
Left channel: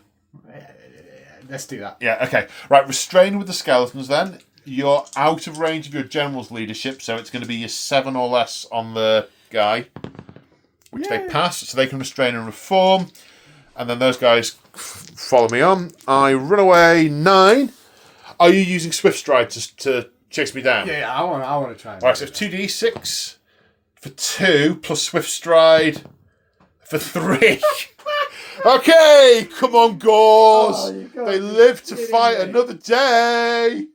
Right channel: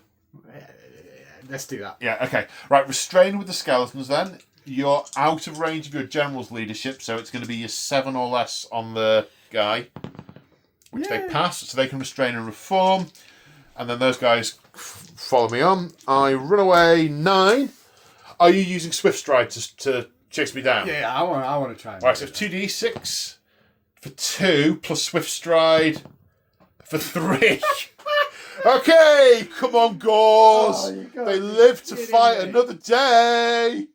Let's do that. Yeah, okay. Right, restrain with the skeletons then. You're out of range of your general's leadership, so it's going to be your 7 or less on the guy, which they pass, so they can restrain and reform. And then those guys follow me on. I run away 9. Are you using Swift Stride to chase me down? Yeah, I want to try. All right, so 2d6 for 2 plus Swift Stride for 3. Okay, come on, Gauls. They live to fight another day.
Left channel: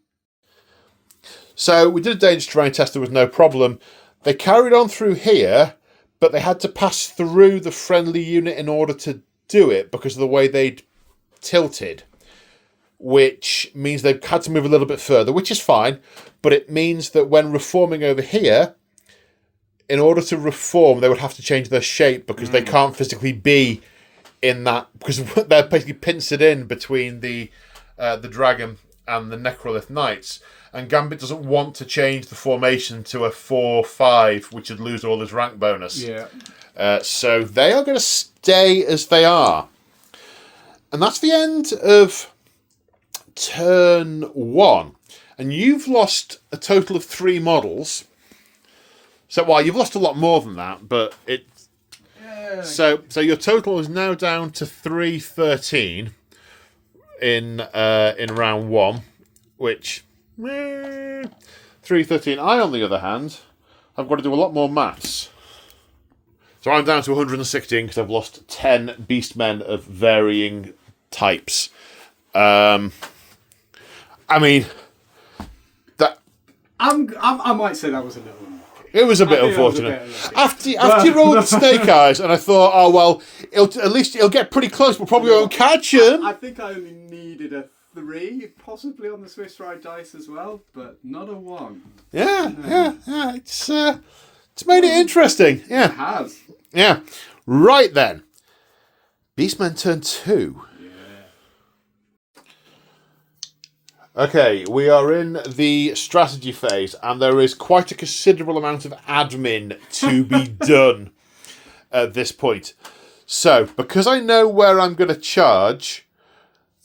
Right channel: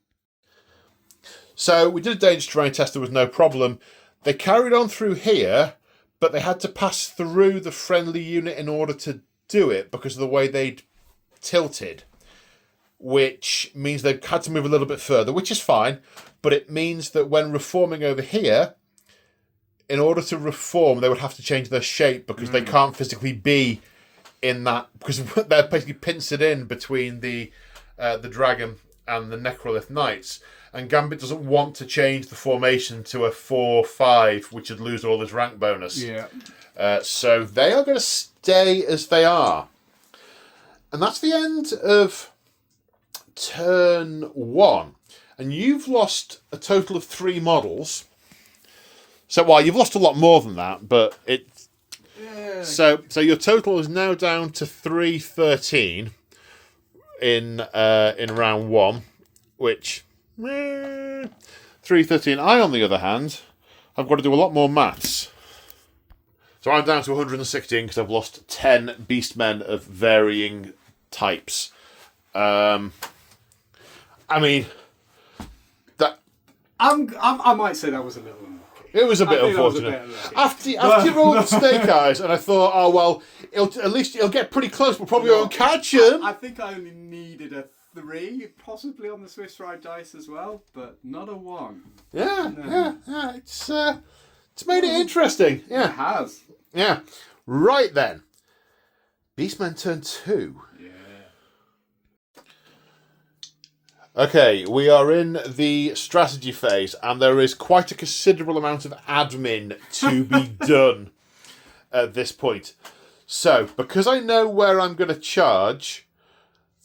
So we did a danger terrain test. There was no problem. They carried on through here, but they had to pass through the friendly unit in order to do it because of the way they'd tilted, which means they had to move a little bit further, which is fine, but it means that when reforming over here, in order to reform, they would have to change their shape because they can't physically be in that, because they're basically pincered in between the dragon and the Necrolith Knights. And Gambit doesn't want to change the formation to a 4-5, which would lose all his rank bonus. Yeah. So they are going to stay as they are. And that's the end of turn 1. And you've lost a total of 3 models. So, well, you've lost a lot more than that, but it's... So your total is now down to 313 in round 1, which... 313. I, on the other hand, I've got to do a lot more maths. So I'm down to 116 because I've lost 10 Beastmen of varying types. I mean, that I might say that was a little unlucky. it was a bit unfortunate. After you rolled the Snake Eyes, and I thought, oh well, it'll get pretty close, but probably won't catch him. I think I only needed a 3, possibly on the Swiss Ride dice as well, but not a 1. Yeah. It's made it interesting. Yeah, It has. yeah. Right then, Beastmen turn 2. Okay, we are in the strategy phase, and there is quite a considerable amount of admin to be done at this point. So, because I know where I'm going to charge,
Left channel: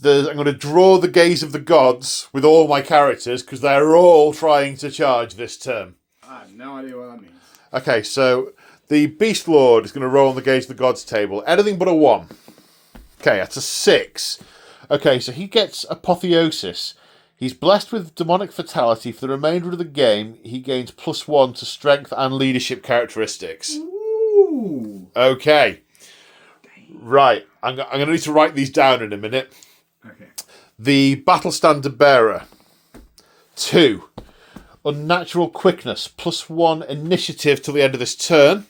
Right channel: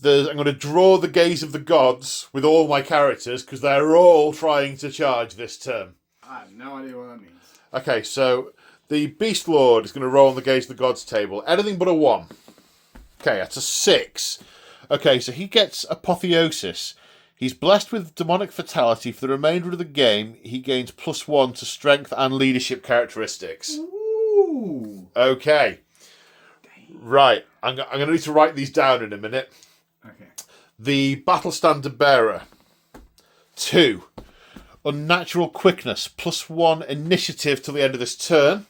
I'm going to draw the gaze of the gods with all my characters, because they're all trying to charge this turn. I have no idea what that means. Okay, so the Beast Lord is going to roll on the gaze of the gods table. Anything but a 1. Okay, that's a 6. Okay, so he gets Apotheosis. He's blessed with demonic fatality. For the remainder of the game, he gains +1 to strength and leadership characteristics. Ooh. Okay. Right. I'm going to need to write these down in a minute. Okay. The Battle Standard Bearer. 2. Unnatural Quickness. +1 initiative till the end of this turn.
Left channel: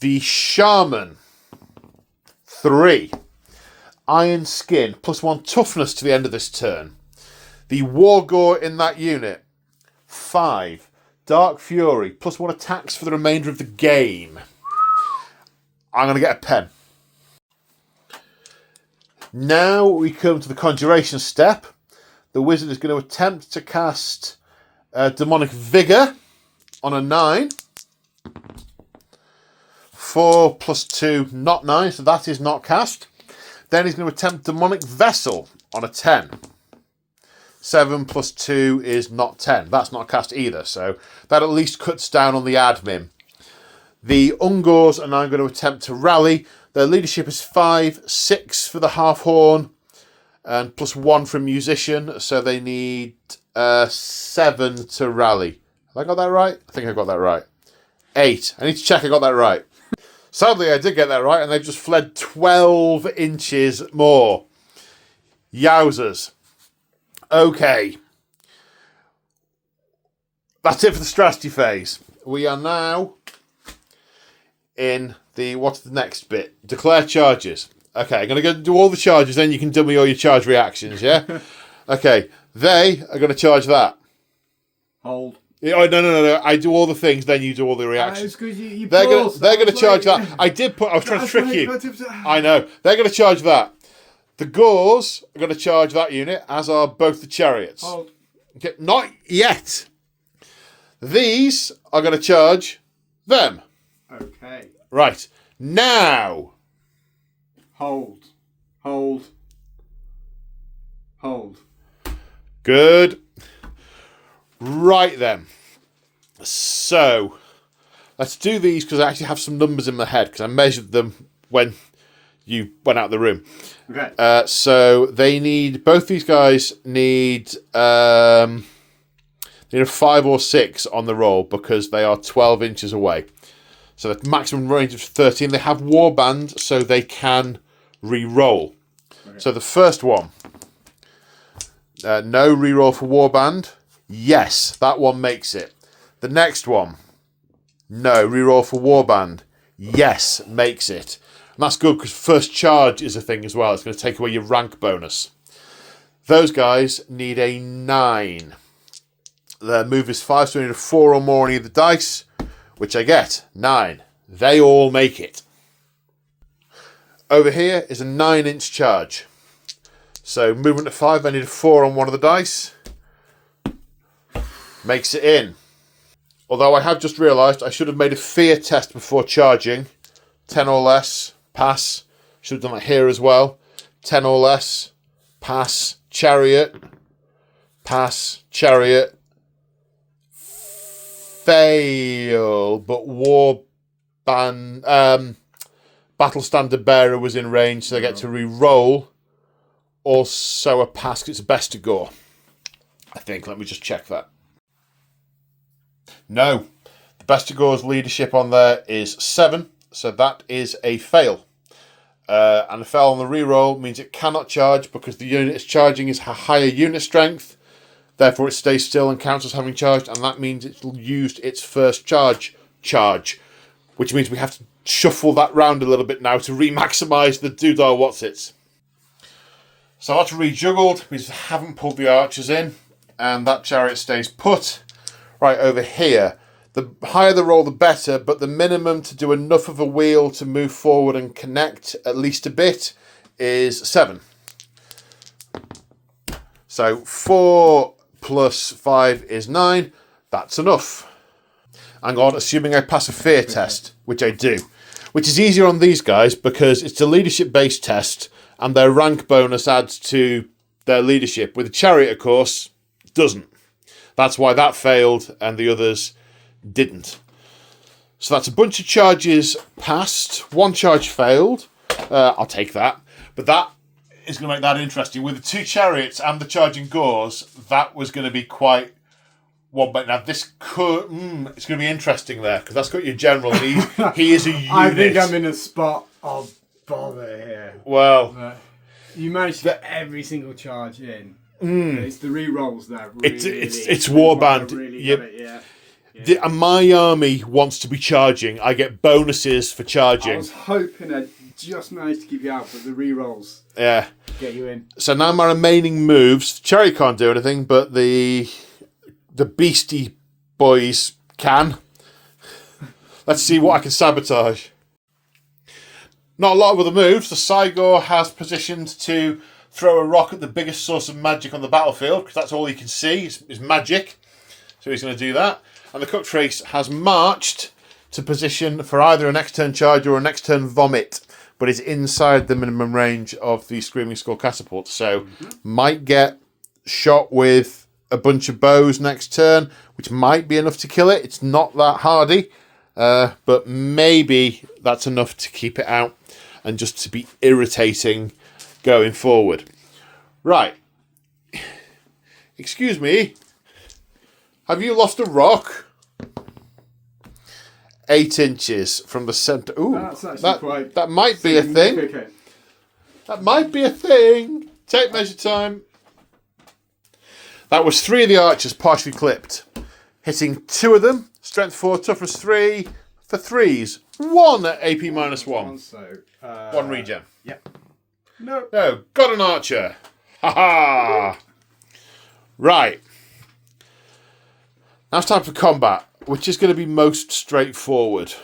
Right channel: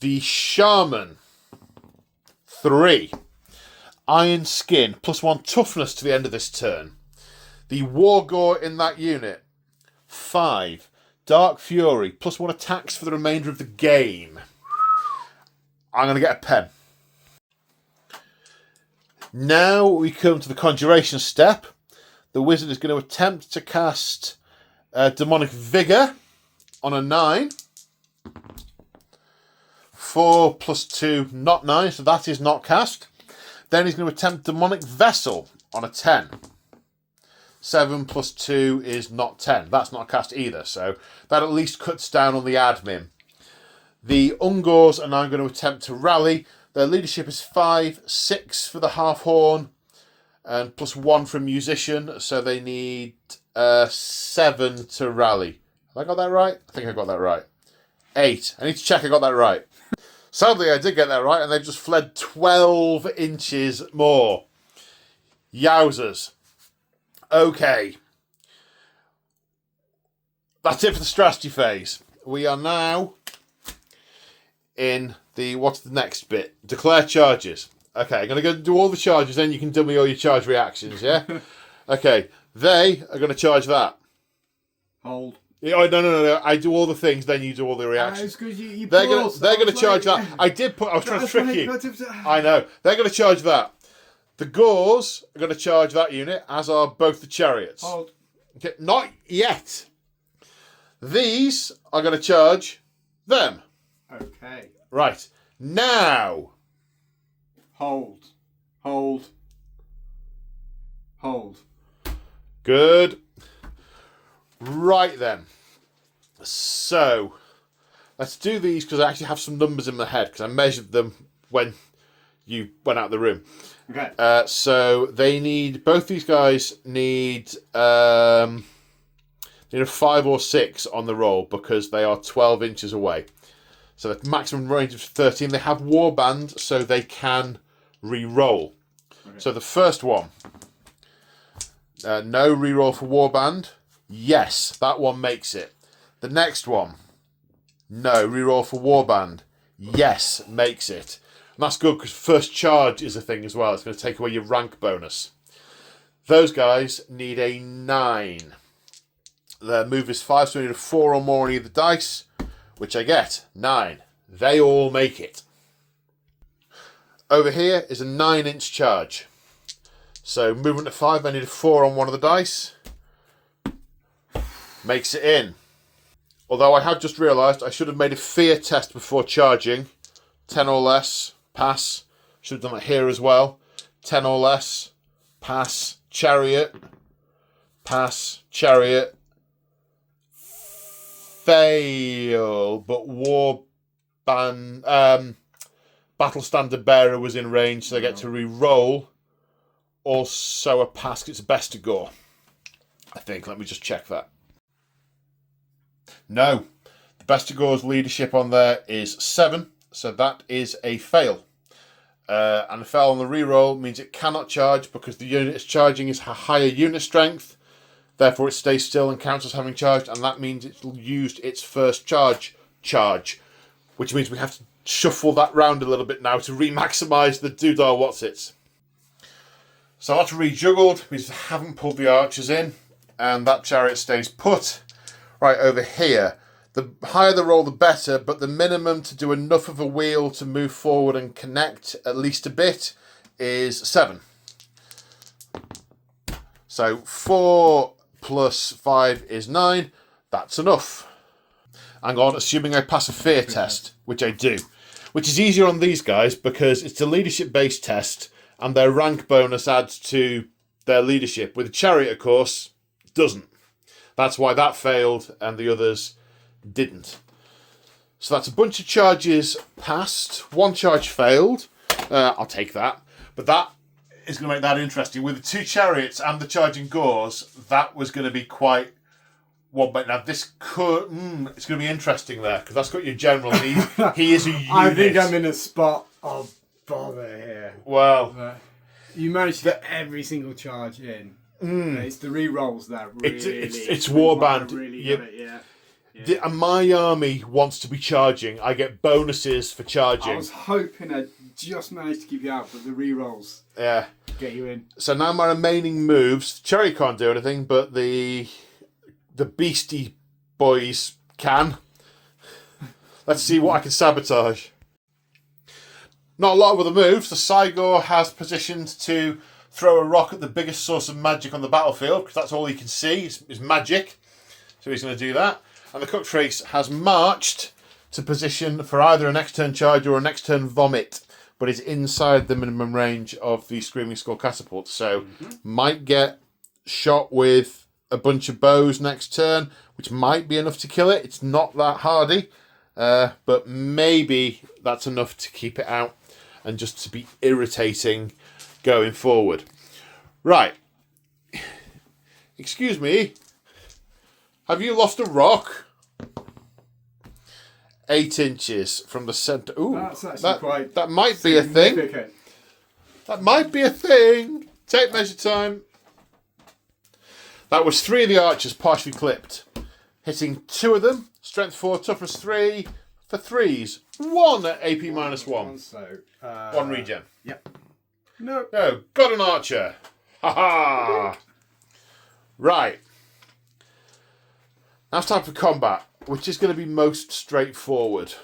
The Shaman. 3. Iron Skin. +1 toughness to the end of this turn. The Wargore in that unit. 5. Dark Fury. +1 attacks for the remainder of the game. I'm going to get a pen. Now we come to the Conjuration step. The wizard is going to attempt to cast Demonic Vigour on a 9. 4 plus 2, not 9, so that is not cast. Then he's going to attempt Demonic Vessel on a 10. 7 plus 2 is not 10. That's not cast either, so that at least cuts down on the admin. The Ungors are now going to attempt to rally. Their leadership is 5, 6 for the Half Horn, and plus 1 for Musician, so they need 7 to rally. Have I got that right? I think I got that right. 8. I need to check I got that right. Sadly, I did get that right, and they've just fled 12 inches more. Yowzers. Okay. That's it for the strategy phase. We are now in the, what's the next bit? Declare charges. Okay, I'm going to go do all the charges, then you can do me all your charge reactions, yeah? Okay, they are going to charge that. Hold. Oh, no. I do all the things, then you do all the reactions. They're going to charge that. I was trying to trick you. I know. They're going to charge that. The Gors are going to charge that unit, as are both the chariots. Hold. Okay, not yet. These are going to charge them. Okay. Right. Now. Hold. Hold. Hold. Good. Right then. So, let's do these because I actually have some numbers in my head because I measured them when you went out of the room. Okay. So they need, both these guys need a 5 or 6 on the roll because they are 12 inches away. So the maximum range is 13. They have Warband, so they can re-roll. Okay. So the first one, no re-roll for Warband. Yes, that one makes it. The next one, no re-roll for Warband. Yes, makes it. And that's good because first charge is a thing as well. It's going to take away your rank bonus. Those guys need a 9. Their move is 5, so we need a 4 or more on either dice, which I get. 9. They all make it. Over here is a 9-inch charge. So movement to 5, I need a 4 on one of the dice. Makes it in. Although I have just realised I should have made a fear test before charging. 10 or less, pass. Should have done that here as well. 10 or less, pass. Chariot, pass. Chariot, fail. But Battle Standard Bearer was in range, so they get to re-roll. Also a pass, 'cause it's a best to go. I think. Let me just check that. No. The best to go's leadership on there is 7, so that is a fail. And a fail on the reroll means it cannot charge because the unit it's charging is a higher unit strength. Therefore, it stays still and counts as having charged, and that means it's used its first charge, which means we have to shuffle that round a little bit now to re-maximise the Doodar Whatsits. So that's rejuggled because I haven't pulled the archers in, and that chariot stays put. Right over here, the higher the roll, the better, but the minimum to do enough of a wheel to move forward and connect at least a bit is 7. So 4 plus 5 is 9. That's enough. Hang on, assuming I pass a fear test, which I do. Which is easier on these guys because it's a leadership-based test and their rank bonus adds to their leadership. With the chariot, of course, doesn't. That's why that failed and the others didn't. So that's a bunch of charges passed. 1 charge failed. I'll take that. But that is going to make that interesting. With the 2 chariots and the charging Gors, that was going to be quite one. But now this could... it's going to be interesting there because that's got your general. He is a unit. I think I'm in a spot of bother here. Well... you managed to get every single charge in. It's the re-rolls that really... It's Warband. Yeah. And my army wants to be charging. I get bonuses for charging. I was hoping I just managed to keep you out, but the re-rolls get you in. So now my remaining moves, Chariot can't do anything, but the Beastie Boys can. Let's see what I can sabotage. Not a lot of other moves. The Cygor has positioned to throw a rock at the biggest source of magic on the battlefield, because that's all he can see is magic. So he's going to do that. And the cooked trace has marched to position for either a next turn charge or a next turn vomit, but is inside the minimum range of the Screaming Skull catapult. So might get shot with a bunch of bows next turn, which might be enough to kill it. It's not that hardy, but maybe that's enough to keep it out and just to be irritating going forward. Right. Excuse me. Have you lost a rock? 8 inches from the centre. Ooh, That's actually quite that might be a thing. significant. That might be a thing. Tape measure time. That was 3 of the archers partially clipped. Hitting 2 of them. Strength 4, toughness 3 for 3s. 1 AP -1. So, 1 regen. Yep. No. Oh, got an archer. Ha ha. Right. Now it's time for combat, which is going to be most straightforward.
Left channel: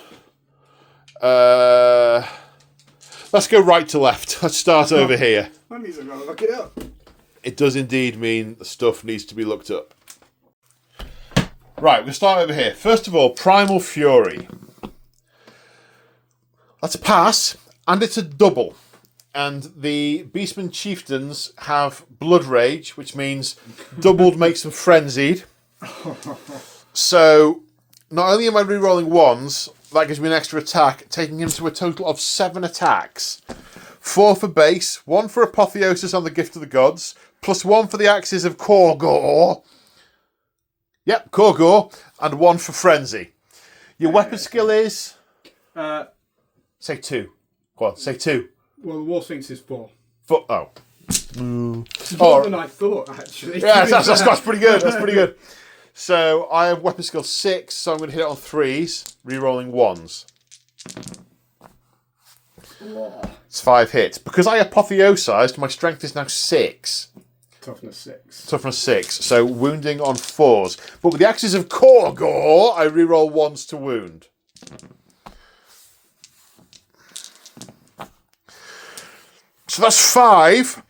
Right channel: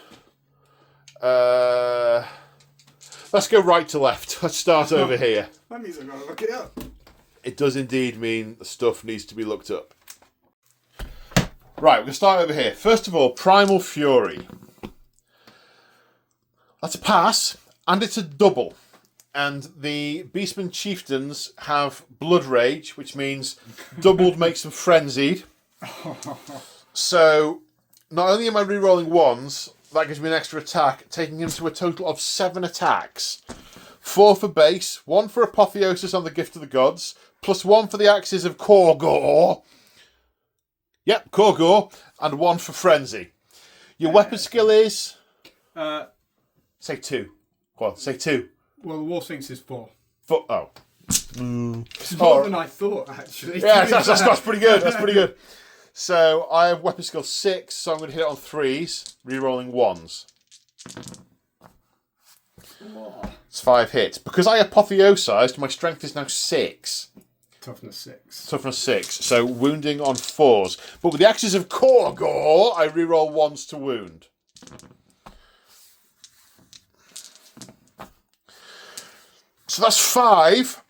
Let's go right to left. Let's start over here. That means I've got to look it up. It does indeed mean the stuff needs to be looked up. Right, we'll start over here. First of all, Primal Fury. That's a pass, and it's a double. And the Beastmen chieftains have Blood Rage, which means doubled makes them frenzied. So, not only am I re-rolling 1s, that gives me an extra attack, taking him to a total of 7 attacks. 4 for base, 1 for Apotheosis on the Gift of the Gods, plus 1 for the Axes of Korgor. Yep, Korgor, and 1 for Frenzy. Your weapon skill is... say 2. Go on, say 2. Well, the War Sphinx is 4. Oh. It's more than I thought, actually. Yeah, that's pretty good. That's pretty good. So I have weapon skill 6, so I'm going to hit it on 3s, re-rolling 1s. It's 5 hits. Because I apotheosized, my strength is now 6. Toughness 6. Toughness 6, so wounding on 4s. But with the Axes of Korgor, I re-roll 1s to wound. So that's 5.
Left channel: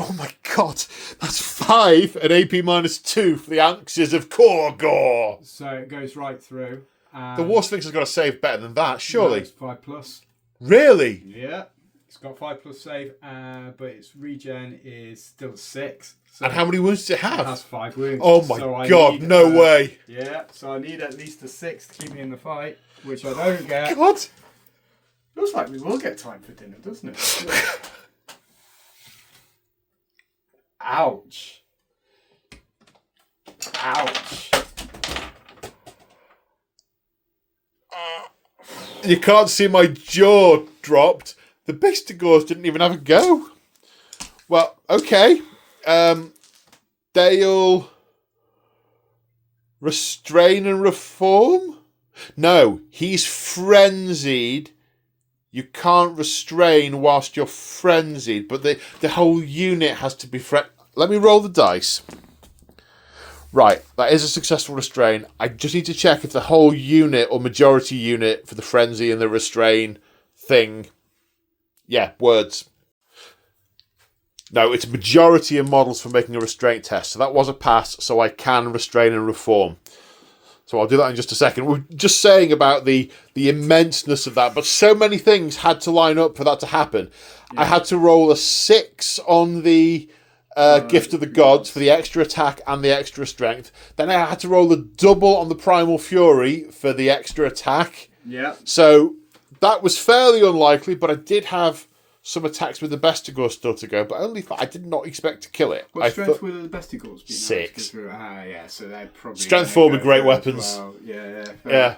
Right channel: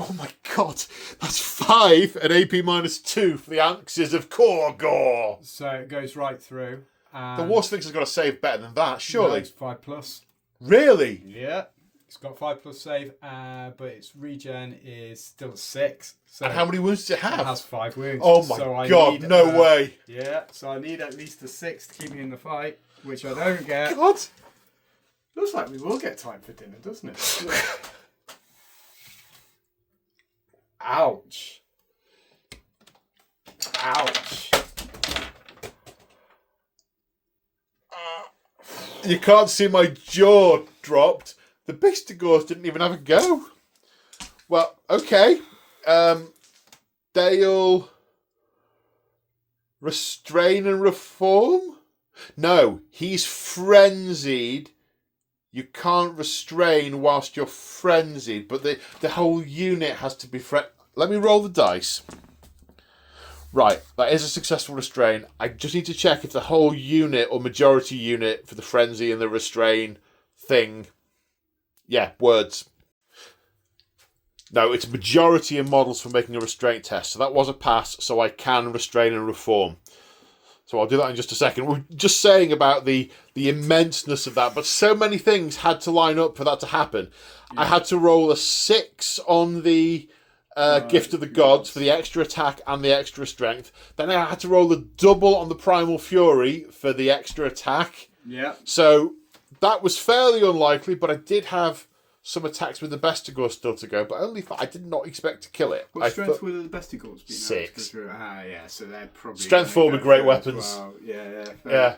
Oh my god, that's 5 at AP -2 for the Axes of Korgor. So it goes right through. The War Sphinx has got to save better than that, surely. No, it's 5+. Really? Yeah. It's got 5+ save, but its regen is still 6. So And how many wounds does it have? It has 5 wounds. Oh my so god, no way. Yeah, so I need at least a 6 to keep me in the fight, which I don't get. God. Looks like we will get time for dinner, doesn't it? Ouch. Ouch. You can't see my jaw dropped. The Bistigors didn't even have a go. Well, okay. They'll restrain and reform? No, he's frenzied. You can't restrain whilst you're frenzied, but the whole unit has to be Let me roll the dice. Right, that is a successful restrain. I just need to check if the whole unit or majority unit for the frenzy and the restrain thing... Yeah, words. No, it's majority of models for making a restraint test. So that was a pass, so I can restrain and reform. So I'll do that in just a second. We're just saying about the immenseness of that, but so many things had to line up for that to happen. Yeah. I had to roll a 6 on the Gift of the Gods for the extra attack and the extra strength. Then I had to roll a double on the Primal Fury for the extra attack. Yeah. So that was fairly unlikely, but I did have some attacks with the Bestigor still to go, but only I did not expect to kill it. What strength were the Bestigors? 6. Yeah, so they're probably... Strength 4 with great weapons. Well. Yeah. Yeah.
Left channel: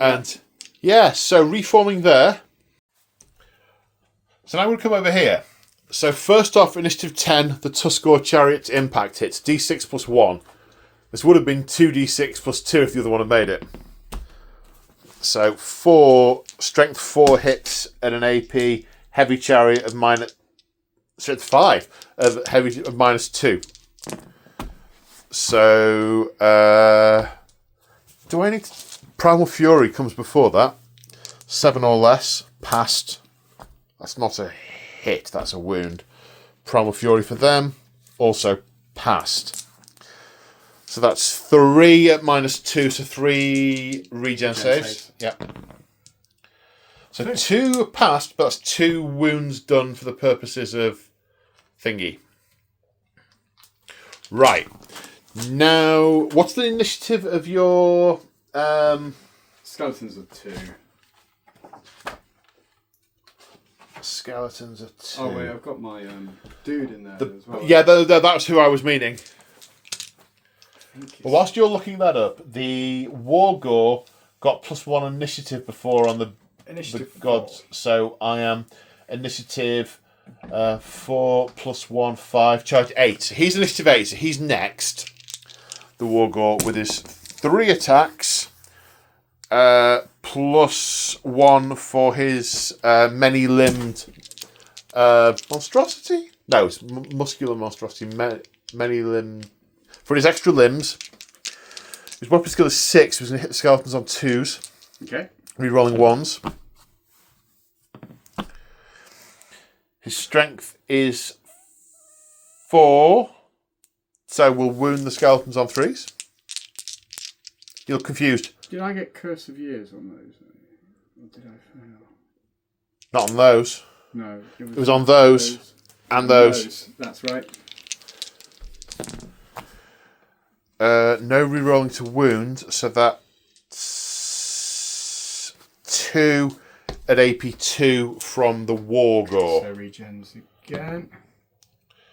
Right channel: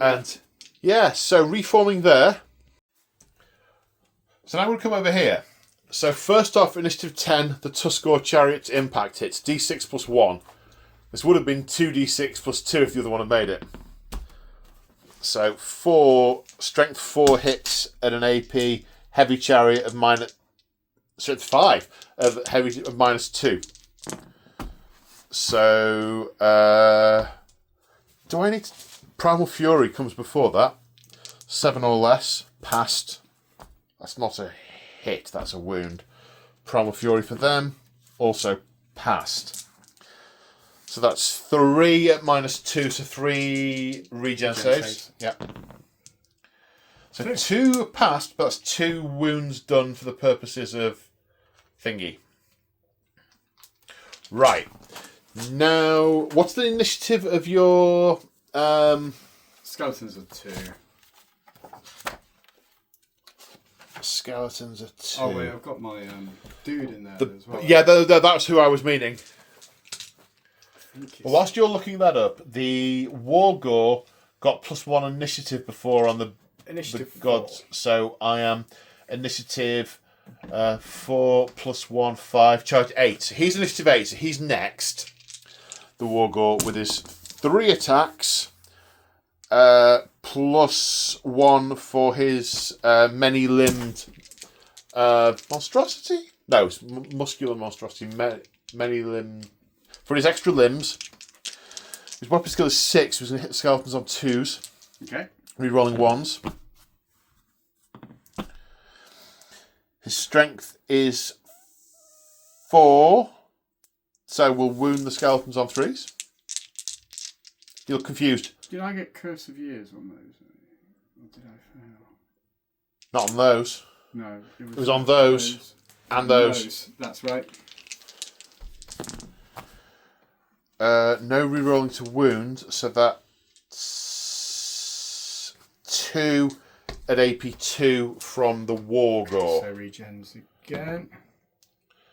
And, yeah, so reforming there. So now I'm going to come over here. So first off, Initiative 10, the Tuskor Chariot's impact hits. D6 plus 1. This would have been 2d6 plus 2 if the other one had made it. So 4, Strength 4 hits at an AP... Heavy Chariot of strength 5 of heavy of -2. So do I need Primal Fury comes before that. 7 or less passed. That's not a hit. That's a wound. Primal Fury for them also passed. So that's 3 at -2, so 3 regen saves. Yeah. So 2 passed, but that's 2 wounds done for the purposes of thingy. Right. Now, what's the initiative of your... Skeletons are 2. Skeletons are 2. Oh wait, I've got my dude in there as well. Yeah, that's who I was meaning. Well, whilst you're looking that up, the Wargore got +1 initiative before on the gods, so I am initiative 4 + 1, 5, charge 8. So he's initiative 8, so he's next. The Wargore with his 3 attacks, +1 for his many-limbed monstrosity? No, it's muscular monstrosity, many-limbed. For his extra limbs, his weapon skill is 6, he's going to hit the skeletons on 2s. Okay. Rerolling 1s. His strength is 4, so we'll wound the skeletons on 3s. You look confused. Did I get Curse of Years on those? Or did I fail? Not on those. No. It was on those. And those. That's right. No rerolling to wound, so that's 2 at AP2 from the Wargore. So regens again.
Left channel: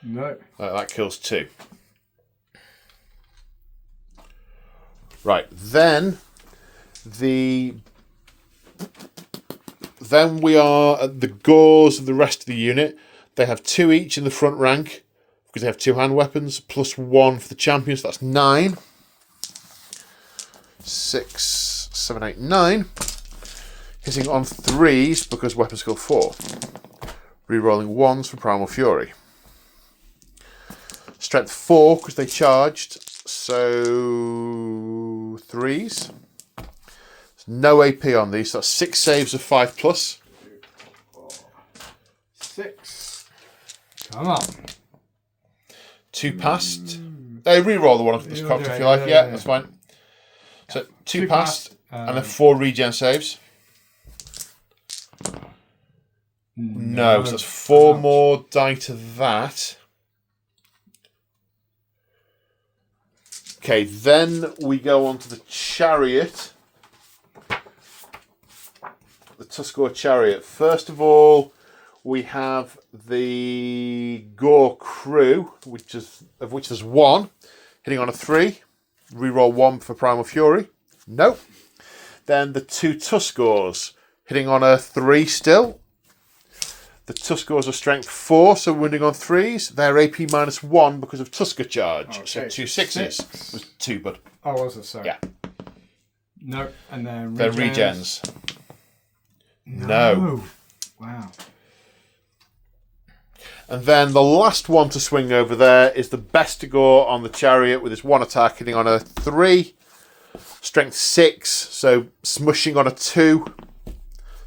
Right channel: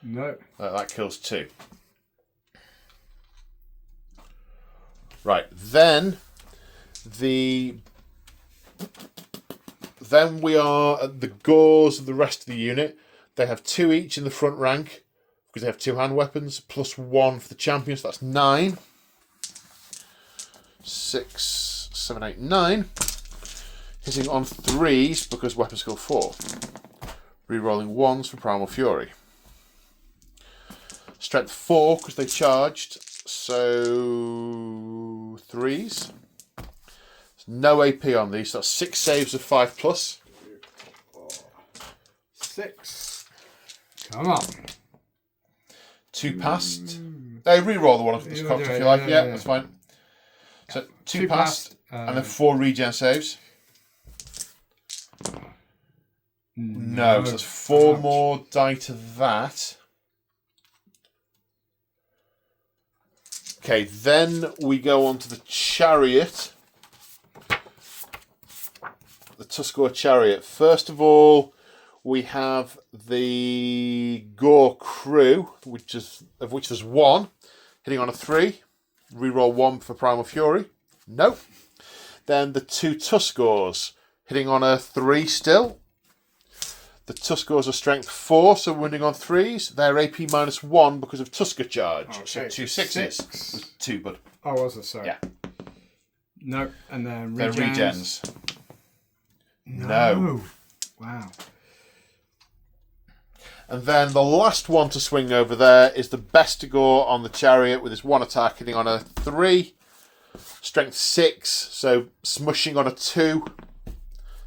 No. That kills 2. Right, then we are at the Gores of the rest of the unit. They have 2 each in the front rank because they have 2 hand weapons, +1 for the champions. So that's 9. 6, 7, 8, 9. Hitting on 3s because weapon skill 4. Rerolling 1s for Primal Fury. Strength 4 because they charged. So 3s. No AP on these. So that's 6 saves of 5+. 2, 4, 6. Come on. 2 passed. They re-roll the one of this cocked if you like. Yeah, that's fine. So 2 passed, and then 4 regen saves. No, so that's 4 more die to that. Okay, then we go on to the chariot. The Tuskor chariot. First of all, we have the Gore crew, of which there's 1, hitting on a 3. Reroll 1 for Primal Fury. Nope. Then the 2 Tuskors, hitting on a 3 still. The Tuskors are strength 4, so wounding on 3s. They're AP -1 because of Tusker charge. Okay, so 2 6s. It was 2, bud. Oh, was it? Sorry. Yeah. No. And then They're regens. No. Wow. And then the last one to swing over there is the Bestigor on the chariot with his 1 attack hitting on a 3. Strength 6, so smushing on a 2.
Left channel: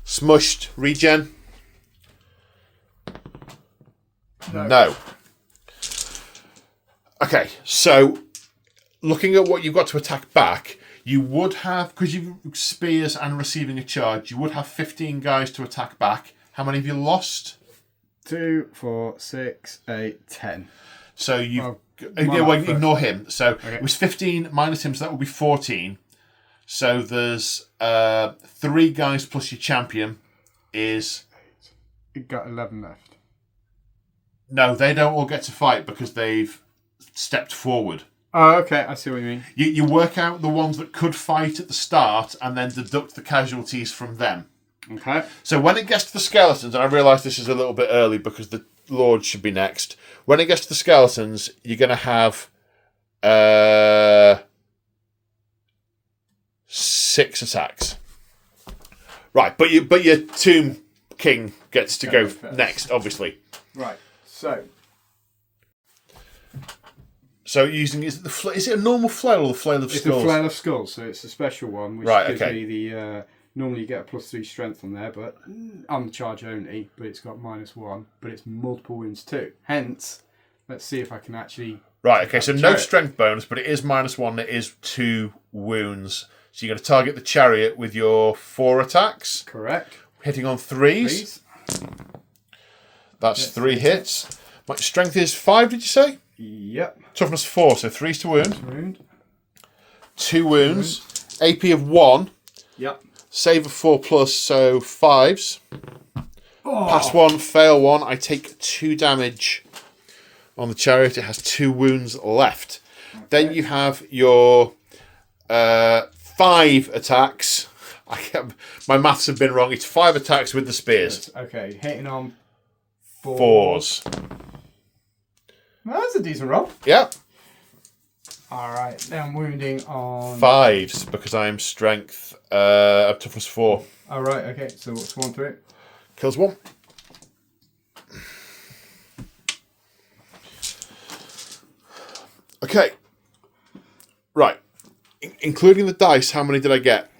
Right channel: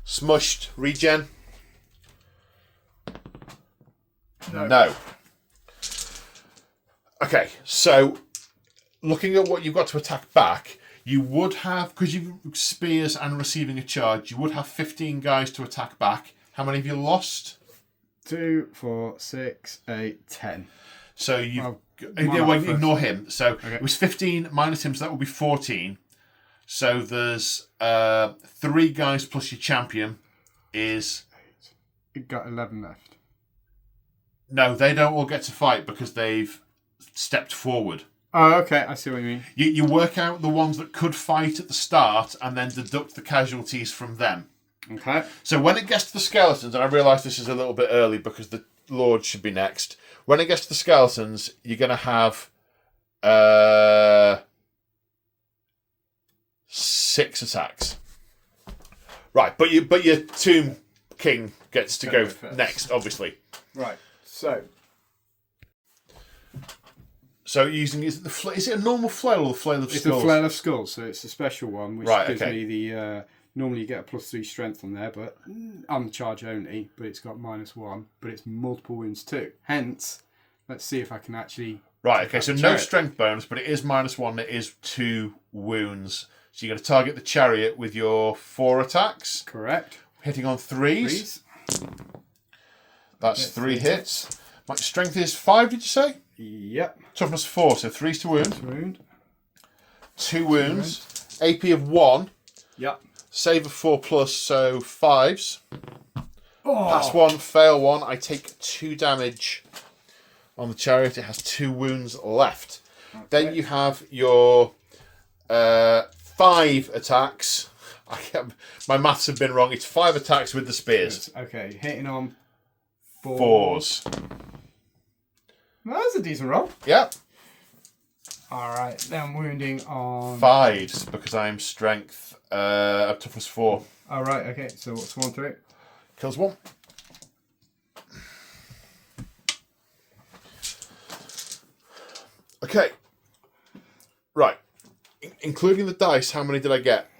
Smushed, regen. No. Okay, so looking at what you've got to attack back, you would have, because you've spears and receiving a charge, you would have 15 guys to attack back. How many have you lost? 2, 4, 6, 8, 10. So you ignore him. So it was 15 minus him, so that would be 14. So there's 3 guys plus your champion is... You got 11 left. No, they don't all get to fight because they've stepped forward. Oh, okay. I see what you mean. You work out the ones that could fight at the start and then deduct the casualties from them. Okay. So when it gets to the skeletons, and I realise this is a little bit early because the Lord should be next. When it gets to the skeletons, you're going to have 6 attacks. Right, but your Tomb King gets to go next, obviously. Right. So using is it a normal flail or the flail of skulls? It's a flail of skulls, so it's a special one, which gives okay. me the. Normally you get a +3 strength on there, but on charge only. But it's got -1, but it's multiple wounds too. Hence, let's see if I can actually Right, okay, so no Chariot. strength bonus, but it is -1. It is 2 wounds. So you're going to target the chariot with your 4 attacks. Correct. Hitting on 3s. Please. That's Yes, 3 hit hits. My strength is 5, did you say? Yep. Toughness 4, so 3s to wound. Wound. 2 wounds. AP of 1. Yep. Save of 4+, so 5s. Oh. Pass 1, fail 1. I take 2 damage on the chariot. It has 2 wounds left. Okay. Then you have your 5 attacks. My maths have been wrong. It's 5 attacks with the spears. Okay, hitting on 4s. Well, that's a decent roll. Yep. Alright, then wounding on 5s because I'm strength toughness 4. Alright, okay, so what's 1 through it? Kills 1. Okay. Right. Including the dice, how many did I get?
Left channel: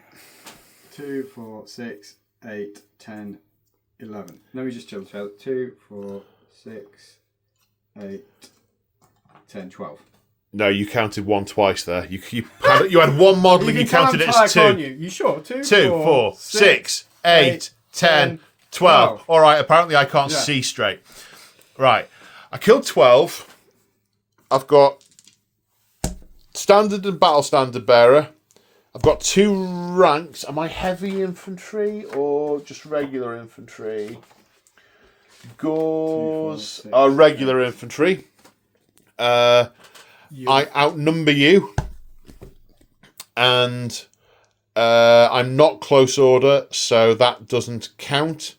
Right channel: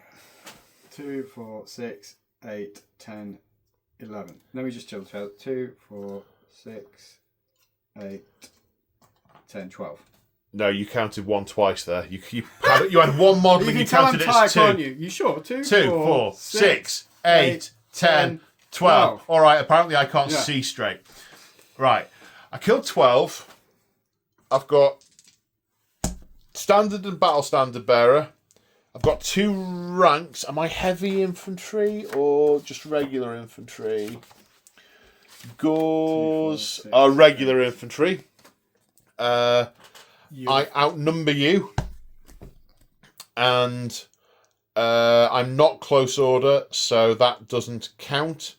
2, 4, 6, 8, 10, 11. Let me just double check. 2, 4, 6, 8, 10, 12. No, you counted 1 twice there. You had 1 model and you counted it as 2. Can't you? You sure? 2, 2, 4, 6, 8, 10, 12. All right, apparently I can't see straight. Right. I killed 12. I've got standard and battle standard bearer. I've got 2 ranks. Am I heavy infantry or just regular infantry? Gauze are regular infantry. I outnumber you. And I'm not close order, so that doesn't count.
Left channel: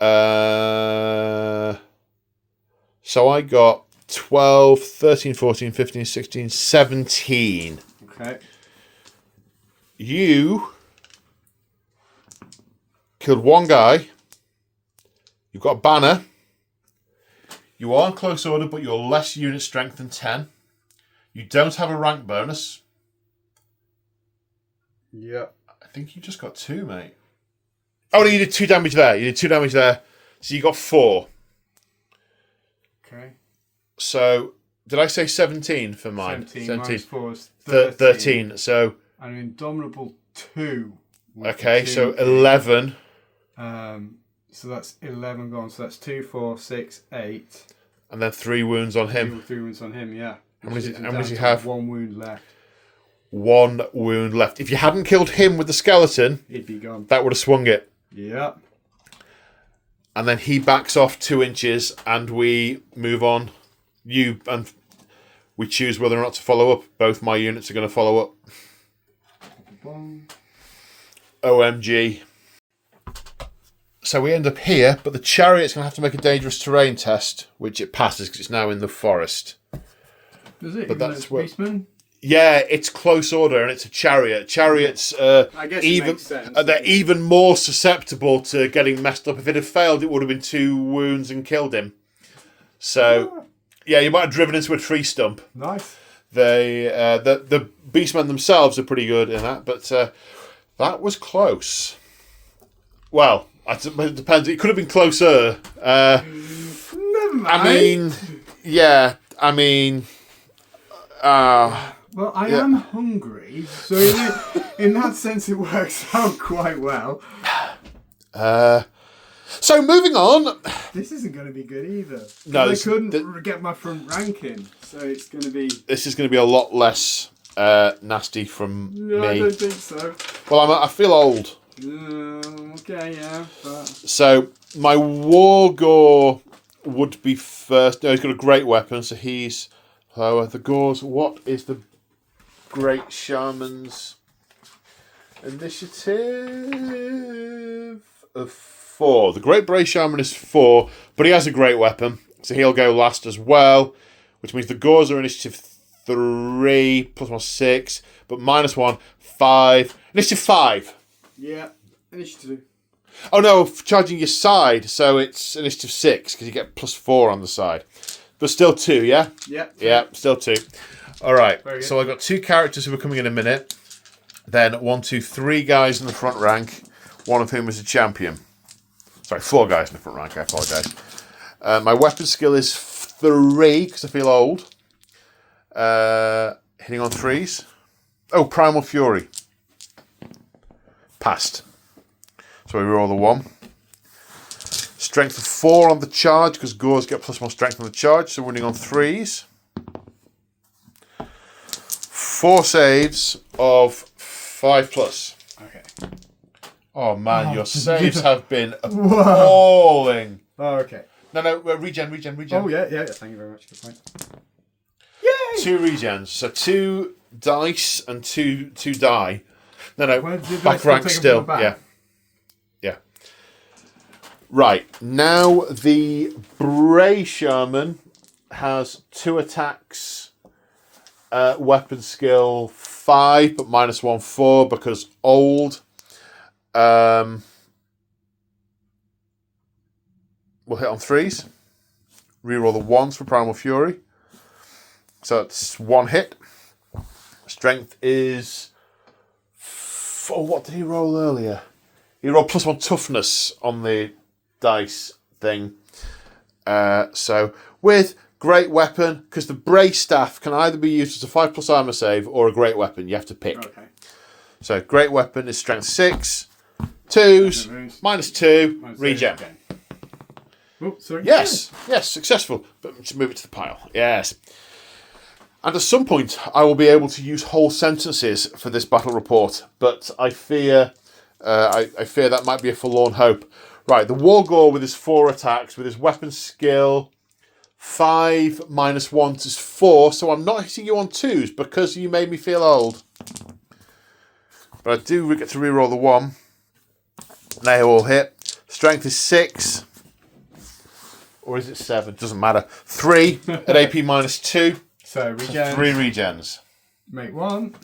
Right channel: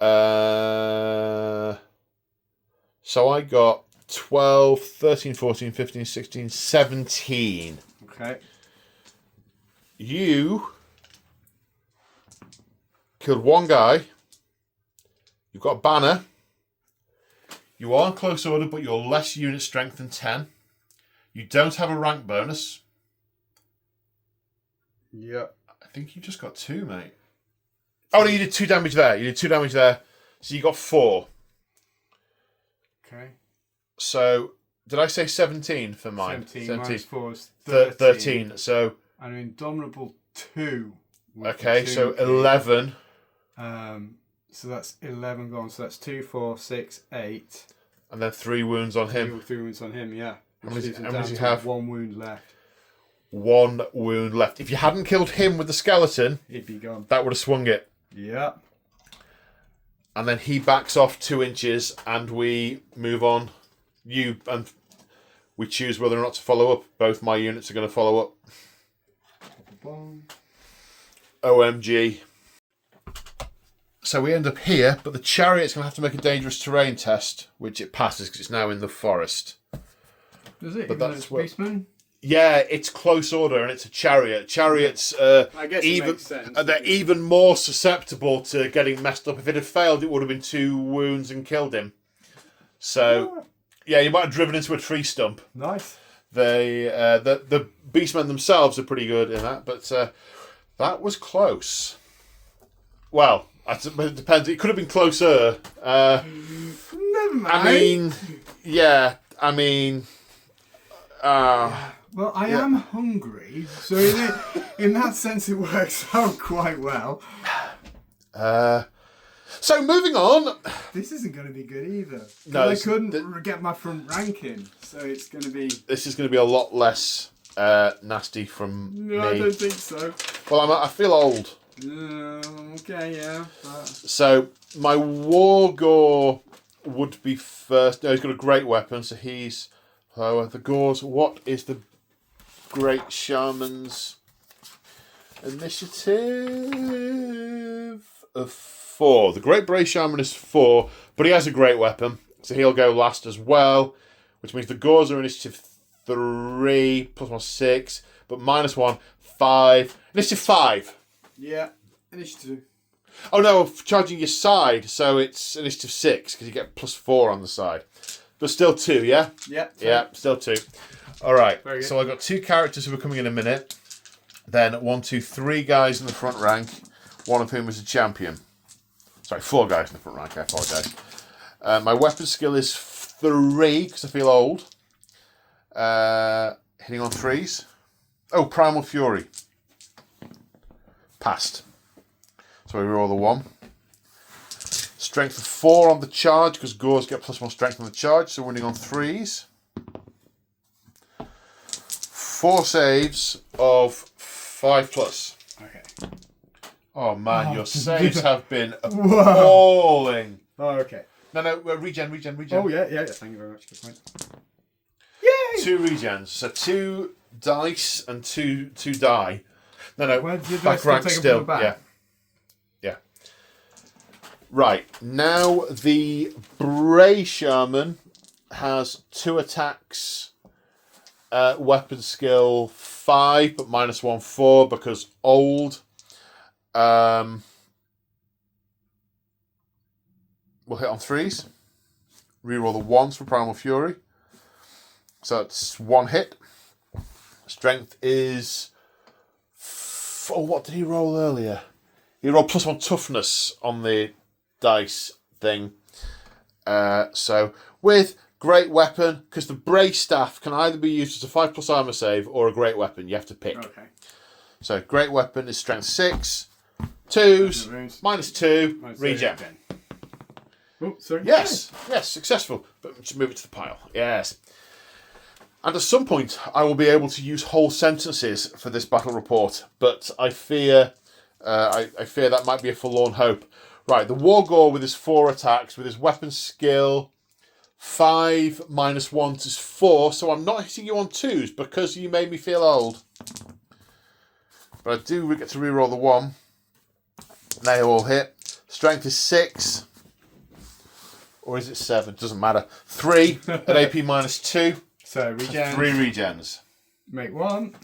So I got 12, 13, 14, 15, 16, 17. Okay. You killed 1 guy. You've got a banner. You are in close order, but you're less unit strength than 10. You don't have a rank bonus. Yep. I think you just got 2, mate. Oh, no, you did 2 damage there. You did 2 damage there. So you got 4. Okay. So, did I say 17 for mine? 17 minus 4 is 13. 13. So, And an Indomitable 2. okay, so 11. So that's 11 gone. So that's 2, 4, 6, 8. And then 3 wounds on him. 3 wounds on him, yeah. How many Which does he is have? 1 wound left. 1 wound left. If you hadn't killed him with the skeleton, He'd be gone. that would have swung it. Yep. And then he backs off 2 inches and we move on. And we choose whether or not to follow up. Both my units are going to follow up. OMG. So we end up here, but the chariot's going to have to make a dangerous terrain test, which it passes because it's now in the forest. Does it? But that's what. Beastmen? Yeah, it's close order and it's a chariot. Chariots, I guess it makes sense. they're even more susceptible to getting messed up. If it had failed, it would have been 2 wounds and killed him. So, yeah, you might have driven into a tree stump. Nice. The Beastmen themselves are pretty good in that, but that was close. Well, it depends. It could have been closer. Never mind. I mean, yeah. I mean, well, I am hungry, so in that sense, it works out quite well. So moving on. This isn't going to be good either. No, I couldn't get my front ranking, so it's going to be. This is going to be a lot less nasty from No, me. I don't think so. Well, I feel old. Okay, yeah. But... So my war gore would be first. No, he's got a great weapon, so he's lower. The gores. What is the great shaman's initiative of 4? The great Bray shaman is 4, but he has a great weapon, so he'll go last as well, which means the gores are initiative 3 plus 1 6, but minus 1 5. Initiative 5. Yeah, initiative. Oh no, charging your side, so it's initiative 6 because you get plus 4 on the side, but still 2. Yeah. Yeah. Yeah, still 2. All right. Very good. So I got 2 characters who are coming in a minute. Then 1, 2, 3 guys in the front rank. One of whom is a champion. Sorry, 4 guys in the front rank. I apologise. My weapon skill is 3 because I feel old. Hitting on 3s. Oh, Primal Fury. Passed. So we roll the 1. Strength of 4 on the charge, because Gores get +1 strength on the charge, so running on 3s. 4 saves of 5+. Okay. Oh man, your saves have been appalling. Oh, okay. No, regen. Oh, yeah. Thank you very much. Good point. Yay! 2 regens. So 2 dice and 2 die. No. Well, did I back still rank take 'em still. from the back? Yeah. Right. Now the Bray Shaman has 2 attacks. Weapon skill 5, but -1 4 because old. We'll hit on 3s. Reroll the 1s for Primal Fury. So it's 1 hit. Strength is... what did he roll earlier? He rolled +1 toughness on the dice thing. So with great weapon, because the Bray Staff can either be used as a 5+ armor save or a great weapon. You have to pick. Okay. So great weapon is strength 6. 2s, -2, regen. Oh, sorry. Yes, successful. But let's move it to the pile. Yes. And at some point, I will be able to use whole sentences for this battle report, but I fear, I fear that might be a forlorn hope. Right, the Wargore with his 4 attacks, with his weapon skill, 5 -1 is 4, so I'm not hitting you on 2s because you made me feel old. But I do get to reroll the 1. They all hit. Strength is 6. Or is it 7? Doesn't matter. 3 at AP -2. So regen. 3 regens. Make 1.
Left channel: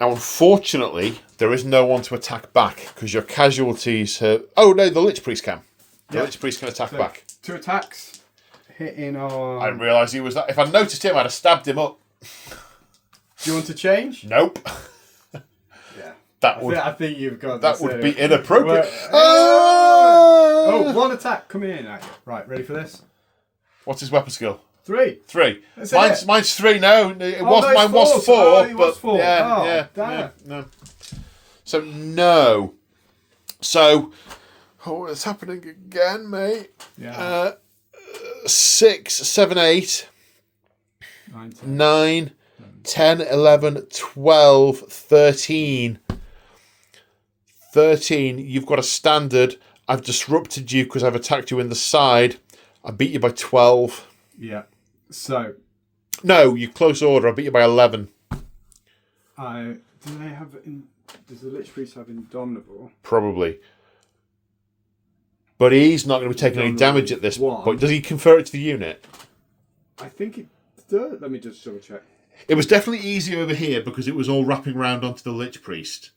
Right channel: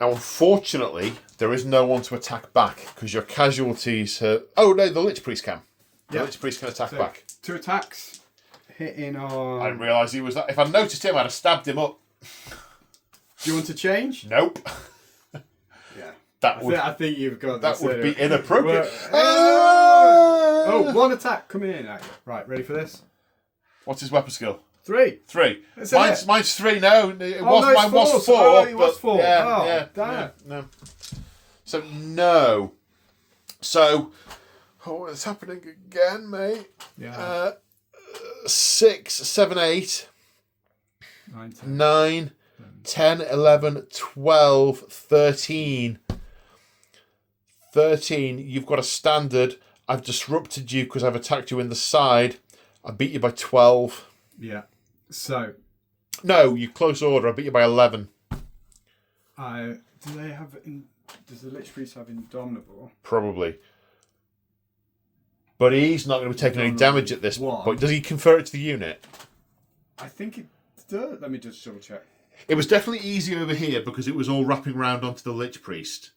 Now, unfortunately, there is no one to attack back because your casualties have... Oh, no, the Lich Priest can. The Lich Priest can attack back. 2 attacks. Hitting on... I didn't realise he was that. If I'd noticed him, I'd have stabbed him up. Do you want to change? Nope. Yeah. I think you've got that would be inappropriate. Oh, 1 attack coming in at you. Right, ready for this? What's his weapon skill? 3. 3. That's Mine's 3 now. Mine no, was 4. Oh, it was 4. Yeah, damn. No. So, no. So, it's happening again, mate. Yeah. 6, 7, 8, 9, 10, 11, 12, 13. 13, you've got a standard. I've disrupted you because I've attacked you in the side. I beat you by 12. Yeah. So. No, you close order. I beat you by 11. Do they have... Does the Lich Priest have Indomitable? Probably. But he's not going to be taking any damage at this point. Does he convert it to the unit? I think it does. Let me just double check. It was definitely easy over here because it was all wrapping around onto the Lich Priest.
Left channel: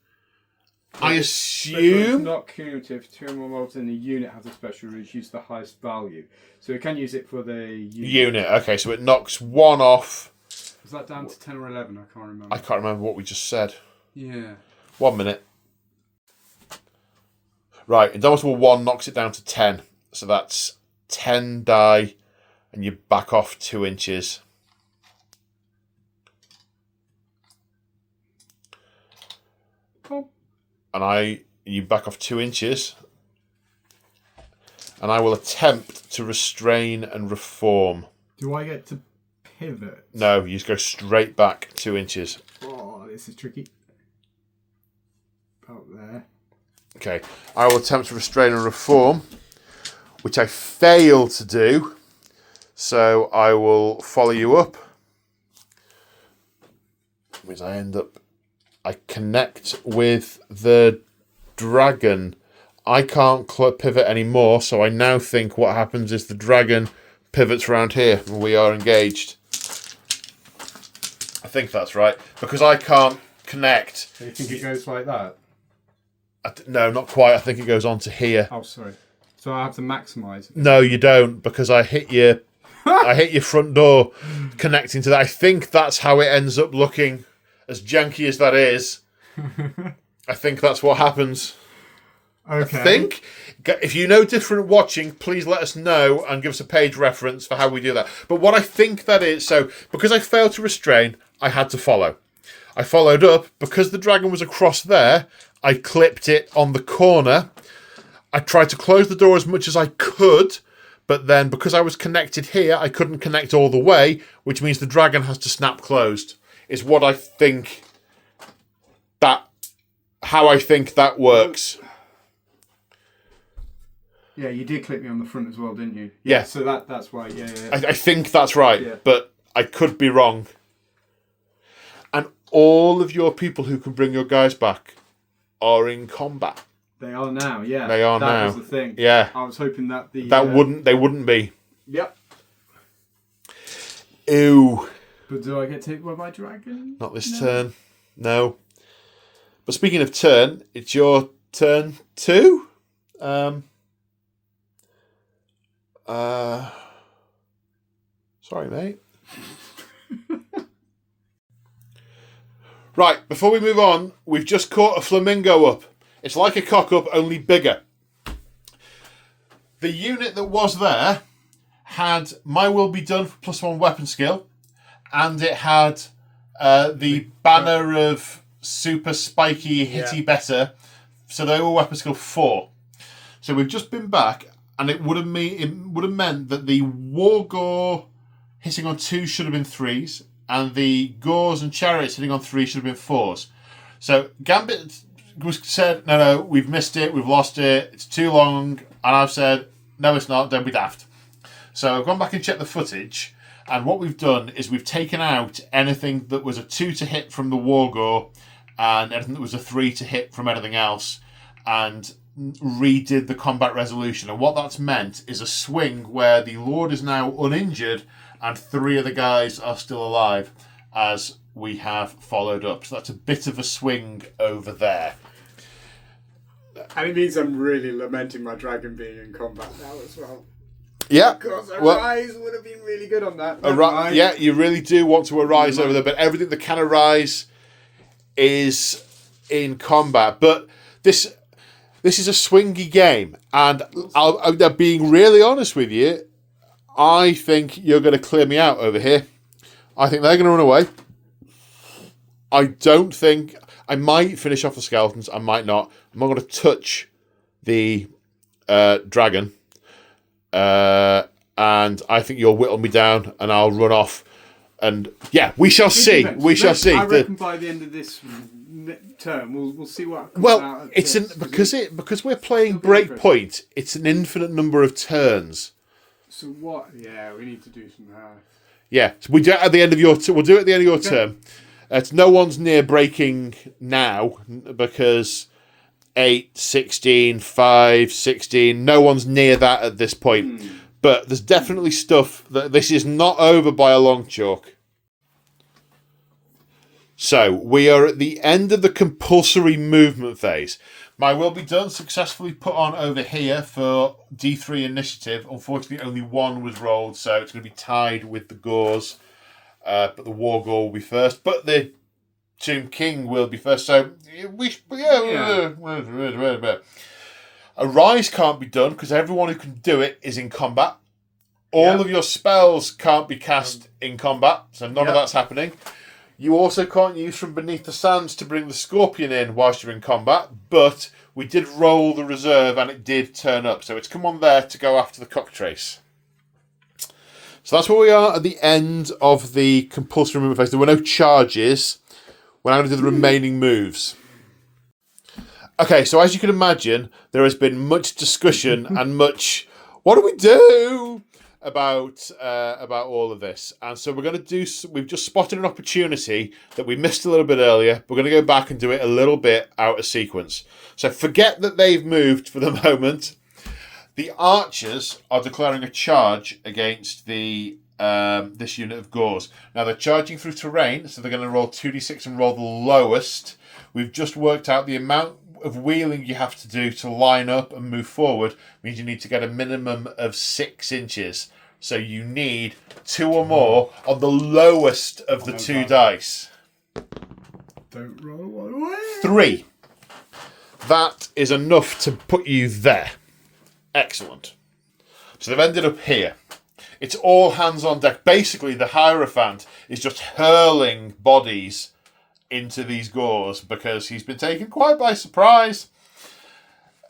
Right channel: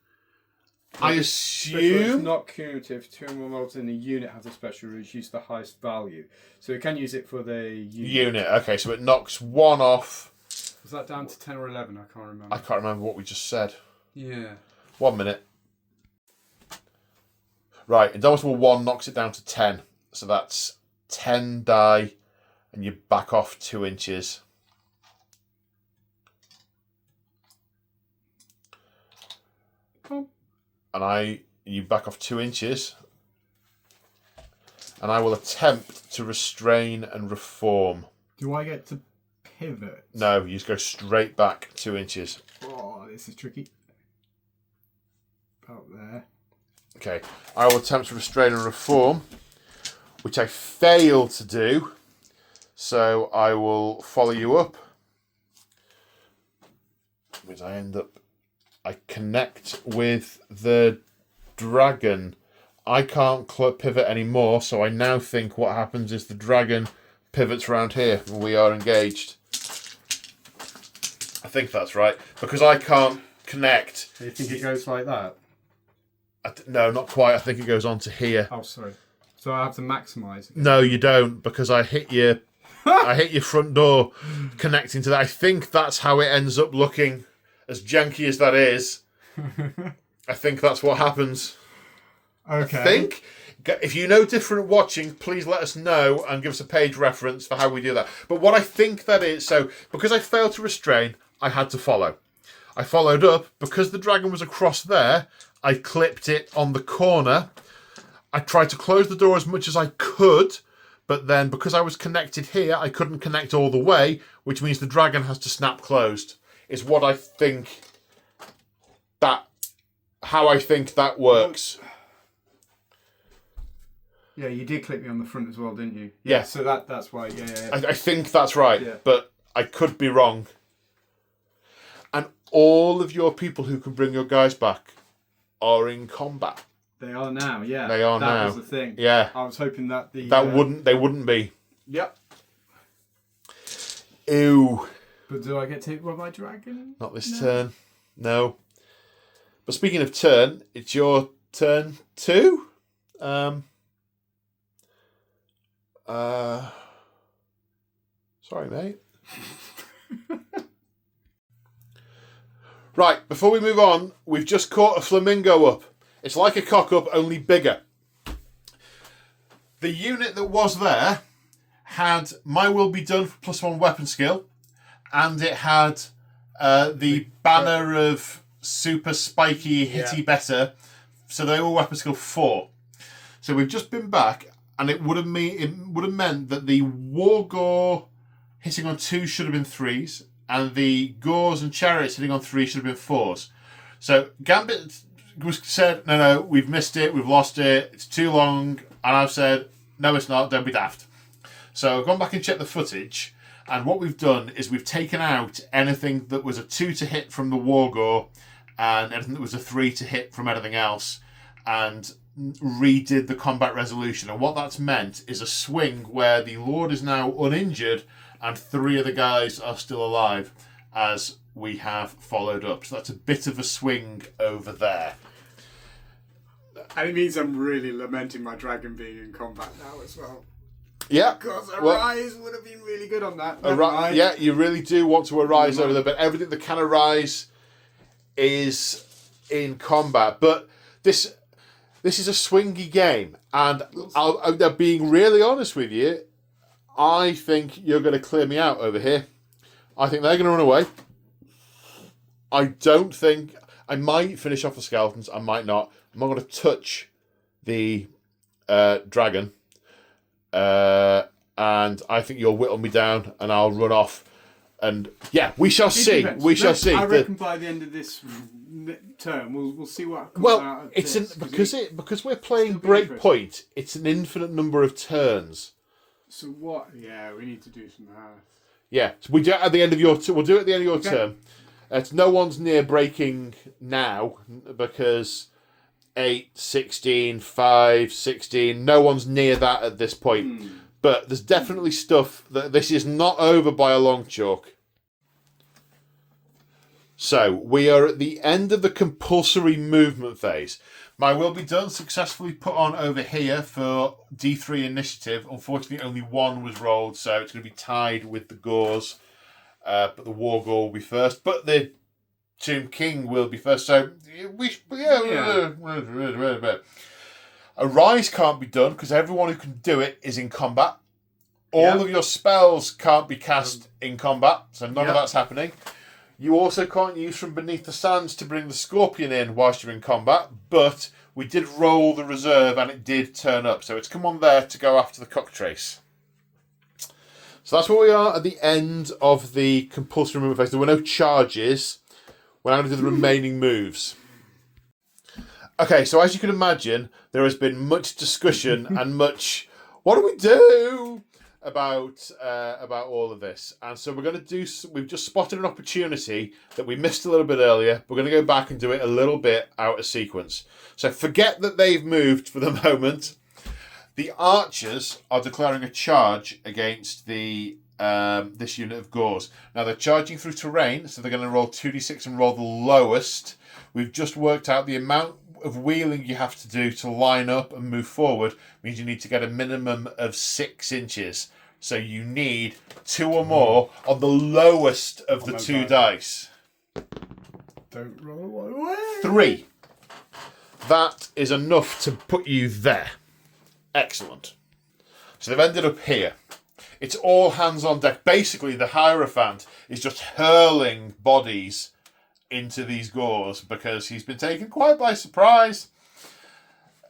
I assume... It's not cumulative. 2 or more models in the unit has a special reduce the highest value. So it can use it for the unit. Okay, so it knocks 1 off. Was that down to 10 or 11? I can't remember. I can't remember what we just said. Yeah. 1 minute. Right, Indomitable 1 knocks it down to 10. So that's 10 die, and you back off 2 inches. Oh. And you back off 2 inches. And I will attempt to restrain and reform. Do I get to pivot? No, you just go straight back 2 inches. Oh, this is tricky. About there. Okay, I will attempt to restrain and reform, which I fail to do. So I will follow you up. Which I connect with the dragon. I can't pivot anymore, so I now think what happens is the dragon pivots around here and we are engaged. I think that's right, because I can't connect. Do you think it goes like that? No, not quite. I think it goes on to here. Oh, sorry. So I have to maximise. No, you don't, because I hit your front door connecting to that. I think that's how it ends up looking, as janky as that is. I think that's what happens. Okay. I think. If you know different watching, please let us know and give us a page reference for how we do that. But what I think that is, so because I failed to restrain, I had to follow. I followed up. Because the dragon was across there, I clipped it on the corner. I tried to close the door as much as I could, but then because I was connected here, I couldn't connect all the way, which means the dragon has to snap closed. Is what I think how I think that works. Yeah, you did clip me on the front as well, didn't you? Yeah. So that's why. Yeah. I think that's right, Yeah. but I could be wrong. And all of your people who can bring your guys back are in combat. They are now. Yeah. They are now. That was the thing. Yeah. I was hoping that they wouldn't be. Yep. Ew. But do I get to hit by my dragon? Not this turn. No. But speaking of turn, it's your turn too. Sorry, mate. Right, before we move on, we've just caught a flamingo up. It's like a cock up, only bigger. The unit that was there had My Will Be Done for +1 weapon skill, and it had the banner of super spiky, hitty better, so they were weapon skill 4. So we've just been back, and it would have meant that the Wargore hitting on 2 should have been 3s, and the Gores and Chariots hitting on 3 should have been 4s. So Gambit was said, no, we've missed it, we've lost it, it's too long, and I've said, no, it's not, don't be daft. So I've gone back and checked the footage, and what we've done is we've taken out anything that was a 2 to hit from the Wargore, and anything that was a 3 to hit from anything else, and redid the combat resolution. And what that's meant is a swing where the Lord is now uninjured and 3 of the guys are still alive as we have followed up. So that's a bit of a swing over there. And it means I'm really lamenting my dragon being in combat now as well. Yeah. Because Arise would have been really good on that. Yeah, you really do want to Arise over there, but everything that can Arise is in combat. But this is a swingy game, and I'm being really honest with you. I think you're going to clear me out over here. I think they're going to run away. I don't think... I might finish off the skeletons. I might not. I'm not going to touch the dragon. And I think you'll whittle me down, and I'll run off. And yeah, we shall see. We shall see. I reckon by the end of this term, we'll see what comes out of this. Because we're playing Breakpoint. It's an infinite number of turns. So what? Yeah, we need to do some. Yeah, so we do it at the end of your. We'll do it at the end of your term. It's no one's near breaking now because 8, 16, 5, 16. No one's near that at this point. But there's definitely stuff that this is not over by a long chalk. So we are at the end of the compulsory movement phase. My Will Be Done successfully put on over here for D3 initiative. Unfortunately, only 1 was rolled, so it's going to be tied with the Gores. But the Wargore will be first. But the Tomb King will be first. So Arise can't be done because everyone who can do it is in combat. All of your spells can't be cast in combat, so none of that's happening. You also can't use From Beneath the Sands to bring the Scorpion in whilst you're in combat, but we did roll the reserve and it did turn up, so it's come on there to go after the Cocktrace. So that's where we are at the end of the compulsory movement phase. There were no charges. We're now going to do the remaining moves. Okay, so as you can imagine, there has been much discussion and much, what do we do about all of this? And so we're going to do, we've just spotted an opportunity that we missed a little bit earlier. We're going to go back and do it a little bit out of sequence. So forget that they've moved for the moment. The archers are declaring a charge against the this unit of Gores. Now they're charging through terrain, so they're going to roll 2d6 and roll the lowest. We've just worked out the amount of wheeling you have to do to line up and move forward means you need to get a minimum of 6 inches. So you need 2 or more on the lowest of the 2 dice. Don't roll away. 3. That is enough to put you there. Excellent. So they've ended up here. It's all hands on deck. Basically, the Hierophant is just hurling bodies into these gores because he's been taken quite by surprise.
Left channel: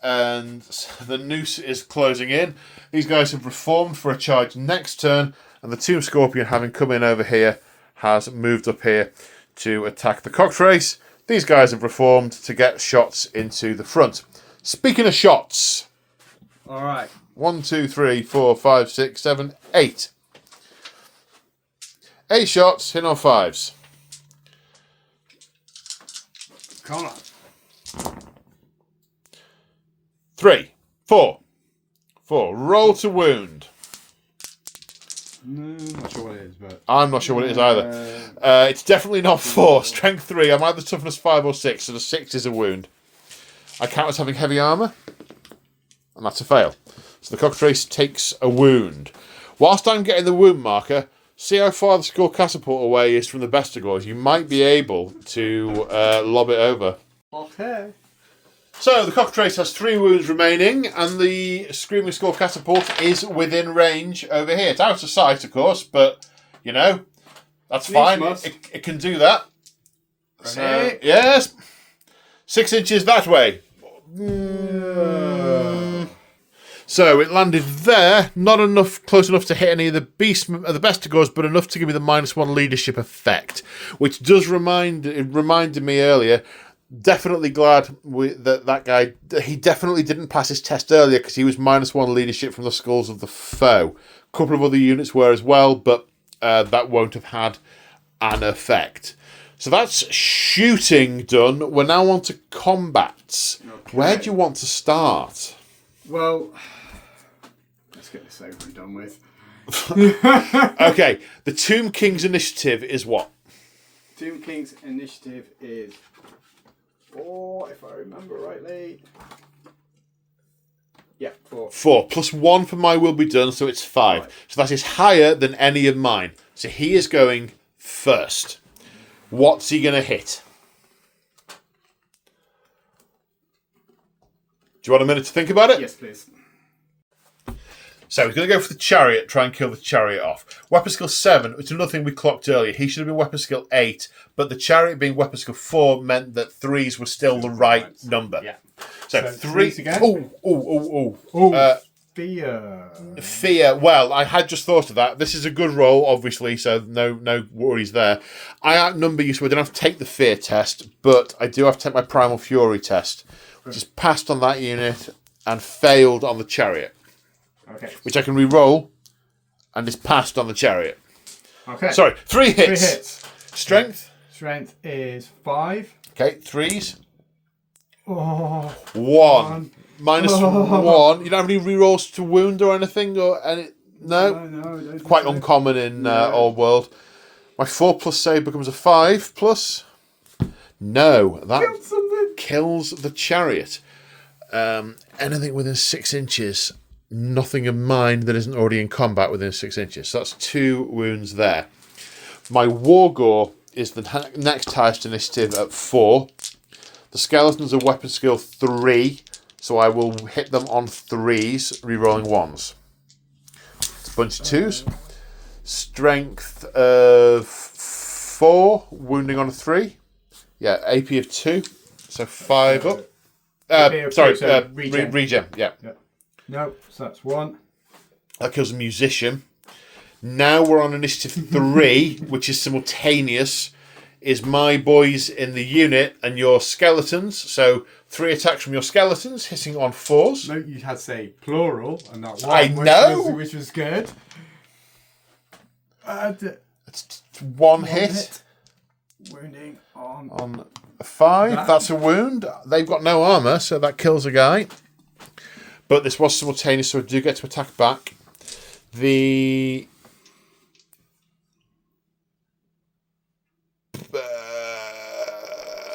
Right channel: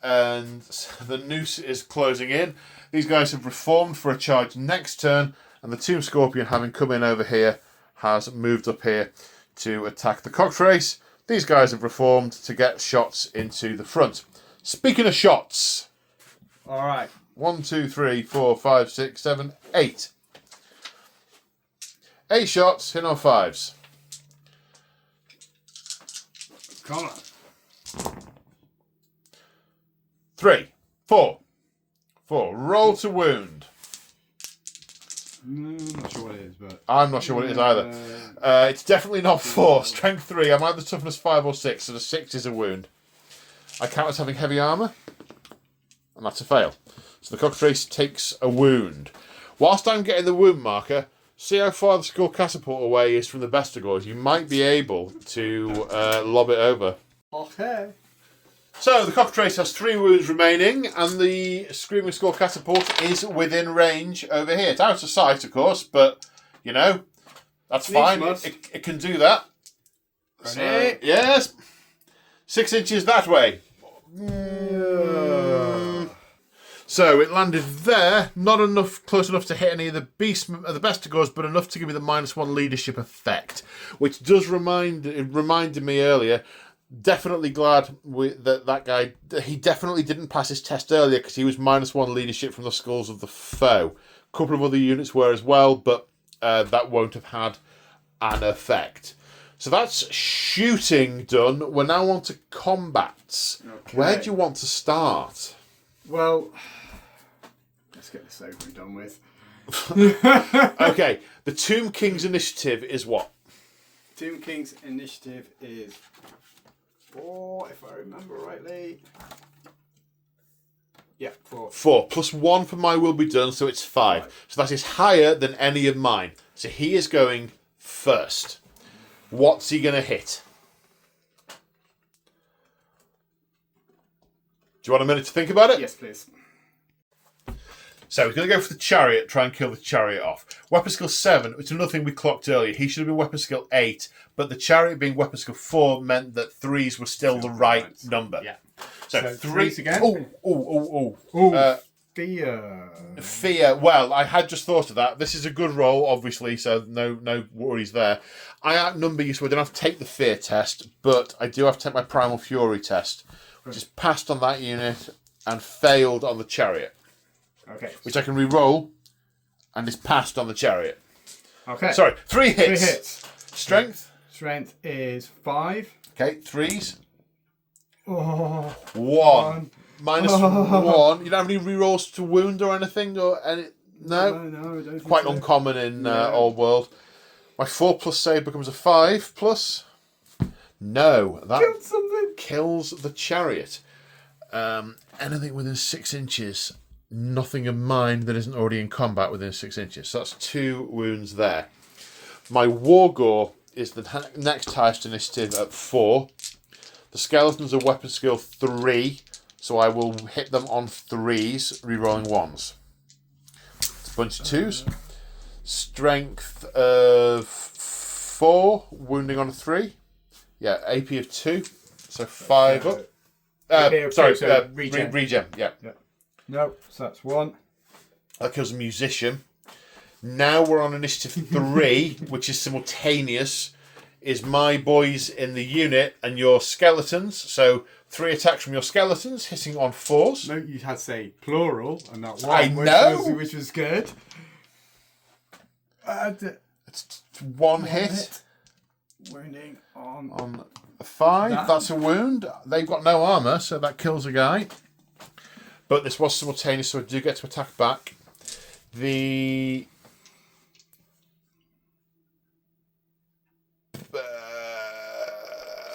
And the noose is closing in. These guys have reformed for a charge next turn, and the Tomb Scorpion, having come in over here, has moved up here to attack the Cockatrice. These guys have reformed to get shots into the front. Speaking of shots. All right. 1, 2, 3, 4, 5, 6, 7, 8. 8 shots, hit on 5s. Come on. 3, 4. 4. Roll to wound. No, I'm not sure what it is, but I'm not sure what it is either. It's definitely not 4. Strength 3. I'm either toughness 5 or 6, so the 6 is a wound. I count as having heavy armour, and that's a fail. So the Cockatrice takes a wound. Whilst I'm getting the wound marker, see how far the skull catapult away is from the Bestigors. You might be able to lob it over. Okay. So the Cockatrice has 3 wounds remaining, and the Screaming Skull catapult is within range over here. It's out of sight, of course, but you know that's fine. It can do that. So, yes, 6 inches that way. So it landed there, not enough, close enough to hit any of the Beastmen, the Bestigors, but enough to give me the -1 leadership effect, which does reminded me earlier. Definitely glad that guy. He definitely didn't pass his test earlier because he was -1 leadership from the skulls of the foe. A couple of other units were as well, but that won't have had an effect. So that's shooting done. We're now on to combats. Okay. Where do you want to start? Well, let's get this over and done with. Okay, the Tomb King's initiative is what? Tomb King's initiative is 4, if I remember rightly. Yeah, 4. 4 plus 1 for my will be done, so it's 5. Right. So that is higher than any of mine. So he is going first. What's he going to hit? Do you want a minute to think about it? Yes, please. So he's going to go for the chariot, try and kill the chariot off. Weapon skill 7, which is another thing we clocked earlier. He should have been weapon skill 8, but the chariot being weapon skill 4 meant that 3s were still the right number. Yeah. So 3s again. Fear. Fear. Well, I had just thought of that. This is a good roll, obviously, so no worries there. I outnumber you, so I don't have to take the fear test, but I do have to take my primal fury test, which is passed on that unit and failed on the chariot. Okay. Which I can re-roll, and is passed on the chariot. Okay. Sorry, 3 hits. 3 hits. Strength? Strength is 5. Okay, 3s. Oh. 1. -1. You don't have any re-rolls to wound or anything? Or any? No? No, quite uncommon in Old World. My 4 plus save becomes a 5 plus. No, that kills the chariot. Anything within 6 inches. Nothing of mine that isn't already in combat within 6 inches. So that's 2 wounds there. My Wargore is the next highest initiative at 4. The skeletons are weapon skill 3, so I will hit them on 3s, re-rolling 1s. Bunch of 2s. Strength of 4, wounding on a 3. Yeah, AP of 2, so 5 up. Regen, yeah. No, so that's 1. That kills a musician. Now we're on initiative 3, which is simultaneous. Is my boys in the unit and your skeletons. So 3 attacks from your skeletons, hitting on 4s. No, you had to say plural and not one. I know. Which was good. It's 1 hit. Wounding on a 5. That's a wound. They've got no armour, so that kills a guy. But this was simultaneous, so I do get to attack back. The...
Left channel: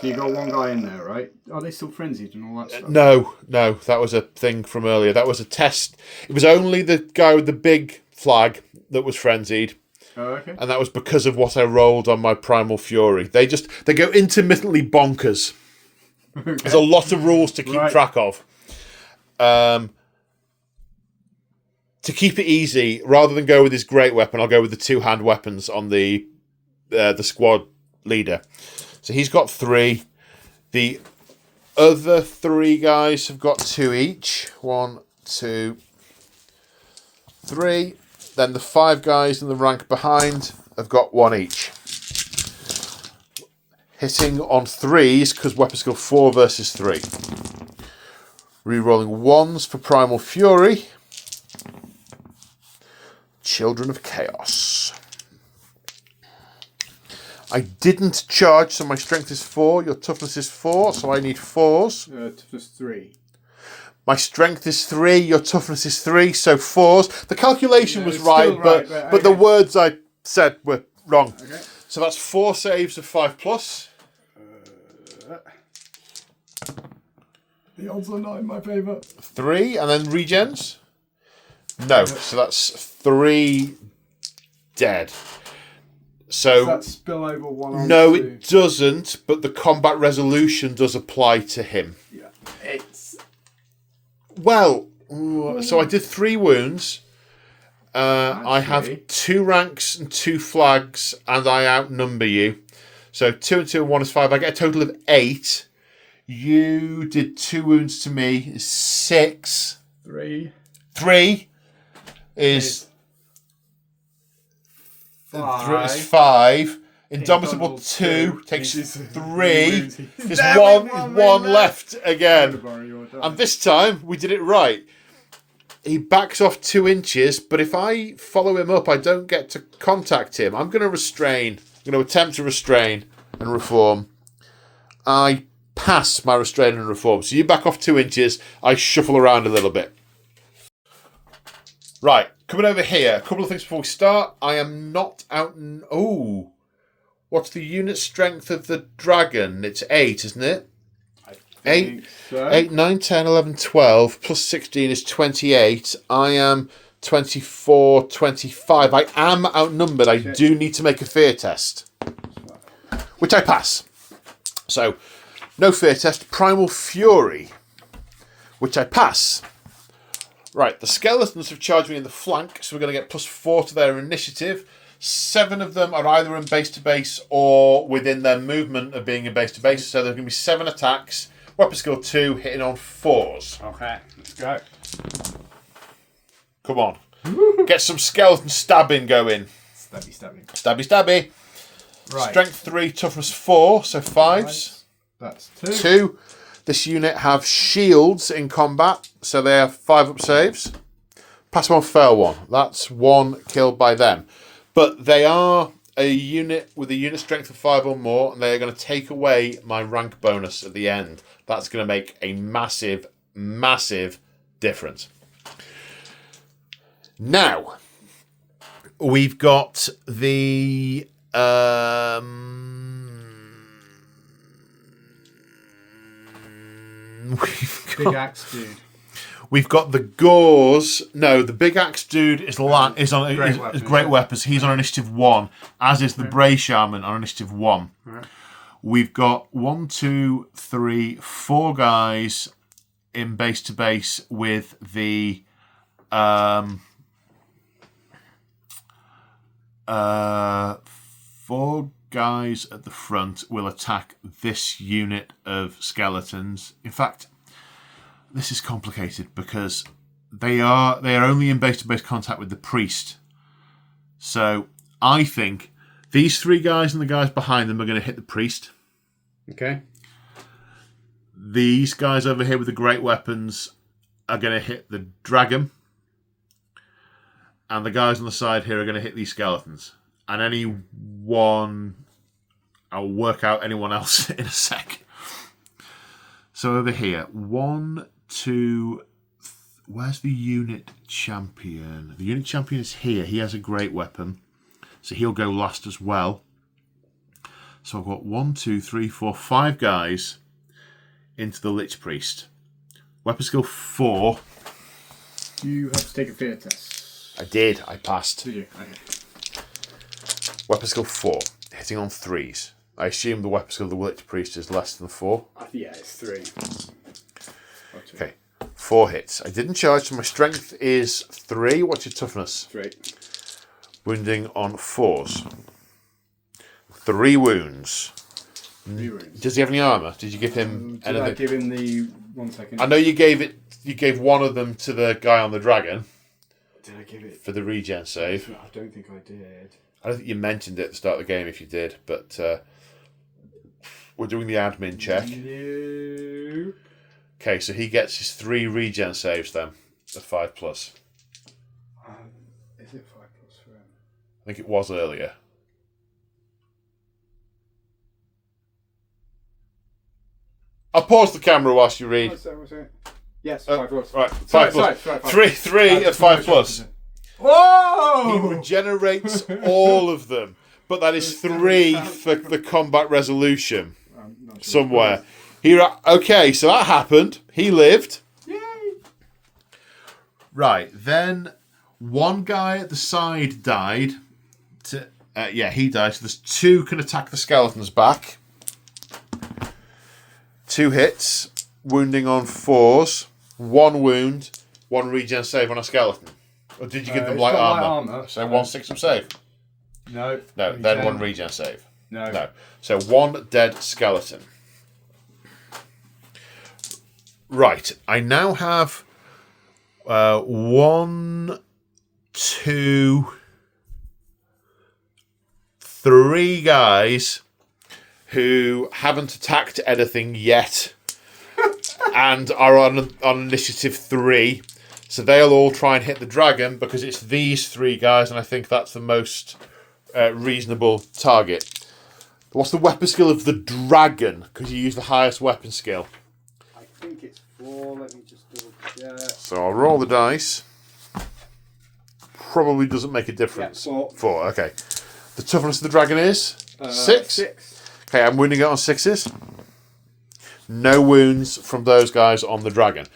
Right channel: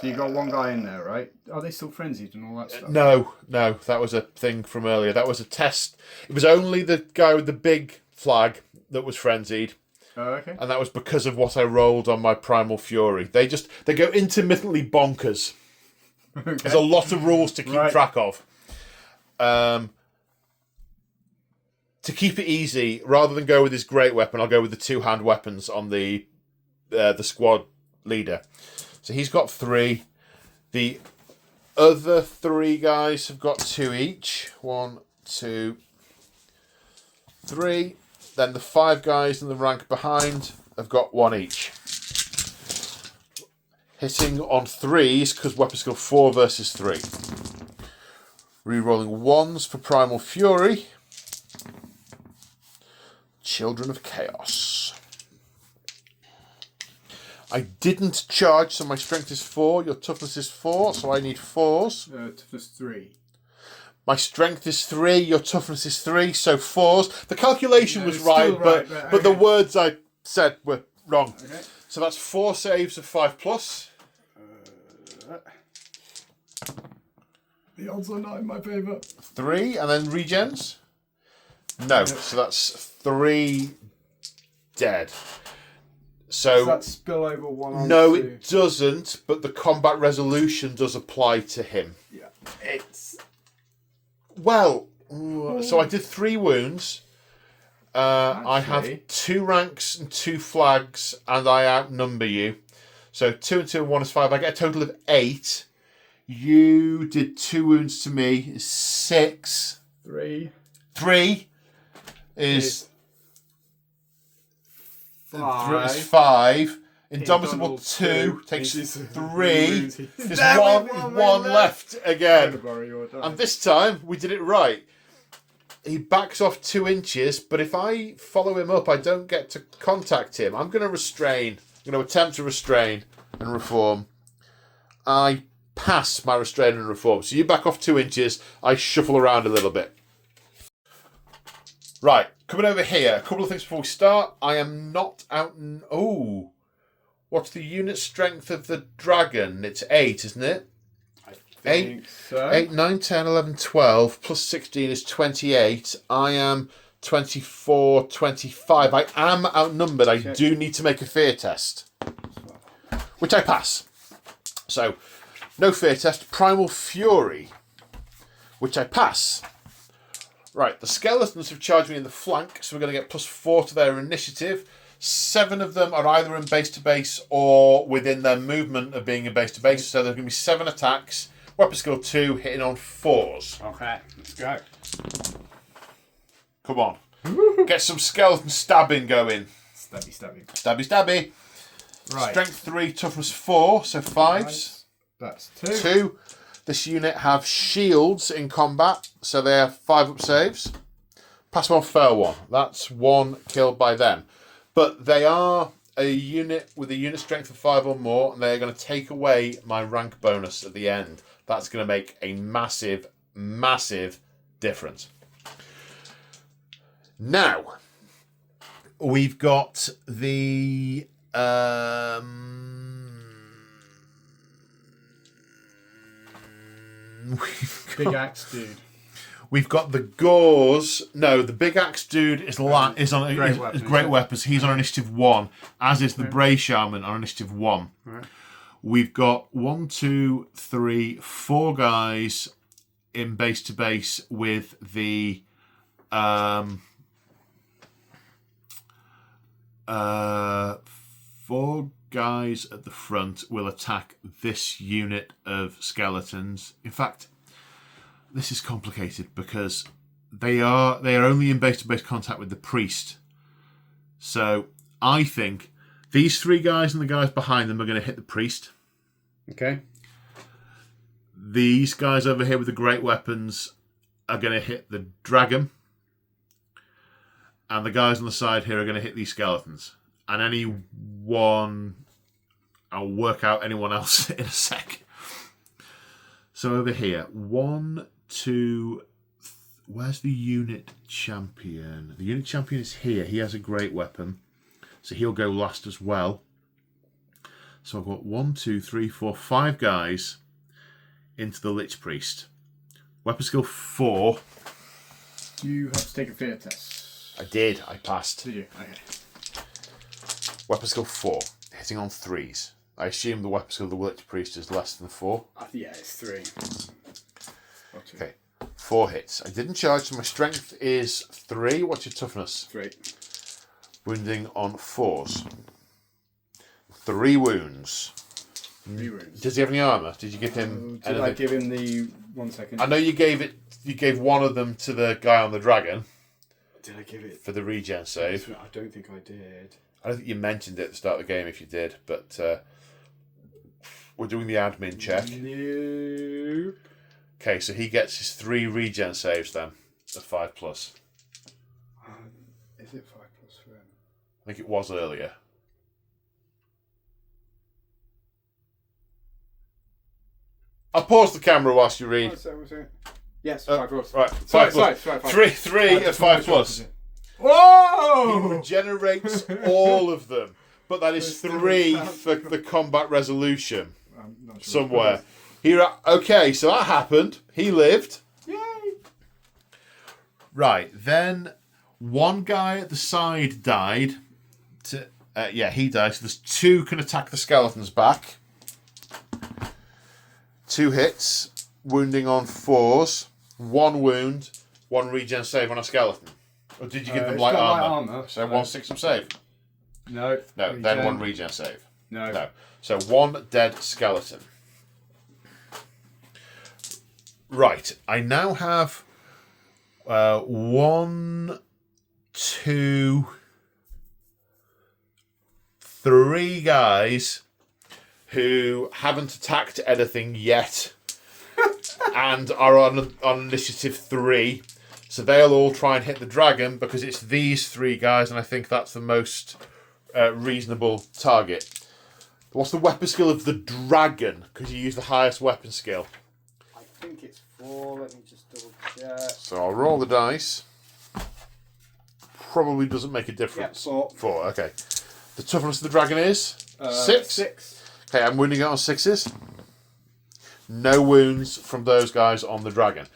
So you got one guy in there, right? Are they still frenzied and all that stuff? No, that was a thing from earlier. That was a test. It was only the guy with the big flag that was frenzied. Oh, okay. And that was because of what I rolled on my primal fury. They go intermittently bonkers. There's a lot of rules to keep track of. To keep it easy, rather than go with his great weapon, I'll go with the 2-hand weapons on the squad leader. So he's got 3. The other 3 guys have got 2 each. 1, 2, 3. Then the 5 guys in the rank behind have got 1 each. Hitting on 3s because weapon skill 4 versus 3. Rerolling 1s for Primal Fury. Children of Chaos. I didn't charge, so my strength is 4. Your toughness is 4, so I need 4s. Toughness 3. My strength is 3. Your toughness is 3, so 4s. The calculation was right, but the words I said were wrong. Okay. So that's 4 saves of 5+. The odds are not in my favour. 3, and then regens. No, so that's 3 dead. So does that spill over 1 on no, 2? it doesn't. But the combat resolution does apply to him. Yeah, it's Well, so I did 3 wounds. I have 2 ranks and 2 flags, and I outnumber you. So 2 and 2 and 1 is 5. I get a total of 8. You did 2 wounds to me. 6. 3. 3 is 5. 5. Indomitable 2 takes 3. There's one left again. And this time we did it right. He backs off 2 inches, but if I follow him up, I don't get to contact him. I'm going to restrain. I'm going to attempt to restrain and reform. I pass my restrain and reform. So you back off 2 inches. I shuffle around a little bit. Right, coming over here. A couple of things before we start. I am not out... Oh, what's the unit strength of the dragon? It's 8, isn't it? I think 8, so. 8, 9, 10, 11, 12, plus 16 is 28. I am 24, 25. I am outnumbered. I do need to make a fear test, which I pass. So, no fear test. Primal Fury, which I pass. Right, the skeletons have charged me in the flank, so we're going to get +4 to their initiative. 7 of them are either in base to base or within their movement of being in base to base. So there's going to be 7 attacks. Weapon skill 2, hitting on 4s. okay. Let's go. Come on. Get some skeleton stabbing going. Stabby. Stabby, stabby. Right. Strength 3, toughness 4, so 5s. That's 2. 2. This unit have shields in combat, so they have 5 up saves. Pass 1, fail 1. That's 1 killed by them. But they are a unit with a unit strength of 5 or more, and they are going to take away my rank bonus at the end. That's going to make a massive, massive difference. Now, we've got the... Big axe dude. We've got the Gauze. No, the Big Axe dude is on great weapons. He's on initiative 1, as is the Bray Shaman on initiative 1. Right. We've got 1, 2, 3, 4 guys in base to base with the 4 guys at the front will attack this unit of skeletons. In fact, this is complicated because they are only in base-to-base contact with the priest. So I think these 3 guys and the guys behind them are going to hit the priest. Okay. These guys over here with the great weapons are going to hit the dragon. And the guys on the side here are going to hit these skeletons. And anyone... I'll work out anyone else in a sec. So over here, 1, 2... Where's the unit champion? The unit champion is here. He has a great weapon. So he'll go last as well. So I've got 1, 2, 3, 4, 5 guys into the Lich Priest. Weapon skill 4. You have to take a fear test. I did. I passed. Did you? Okay. Weapon skill 4. Hitting on 3s. I assume the weapon skill of the Lich Priest is less than 4. Yeah, it's 3. Okay, 4 hits. I didn't charge, so my strength is 3. What's your toughness? 3. Wounding on 4s. 3 wounds. 3 wounds. Does he have any armour? Did you give him Did I give him the... 1 second. I know you gave one of them to the guy on the dragon. Did I give it? For the regen save. I don't think I did. I don't think you mentioned it at the start of the game if you did, but we're doing the admin check. No. Okay, so he gets his 3 regen saves then, at 5+. Is it 5+ for him? I think it was earlier. I'll pause the camera whilst you read. What's that? Yes, 5+. Right, 5+. Sorry, 3 at 5+. Whoa! He regenerates all of them, but that is 3 for the combat resolution I'm not sure somewhere. Okay, so that happened. He lived. Yay! Right, then one guy at the side died. He died. So there's 2 can attack the skeleton's back. 2 hits, wounding on 4s, 1 wound, 1 regen save on a skeleton. Or did you give them light armor? So 1 6 save. No. No, Regen. then 1 regen save. No. So 1 dead skeleton. Right, I now have 1, 2, 3 guys who haven't attacked anything yet and are on initiative 3. So they'll all try and hit the dragon because it's these 3 guys, and I think that's the most reasonable target. What's the weapon skill of the dragon? Because you use the highest weapon skill. I think it's 4. Let me just double check. So I'll roll the dice. Probably doesn't make a difference. Yeah, 4. 4, okay. The toughness of the dragon is? 6? 6. Okay, I'm wounding it on 6s. No wounds from those guys on the dragon.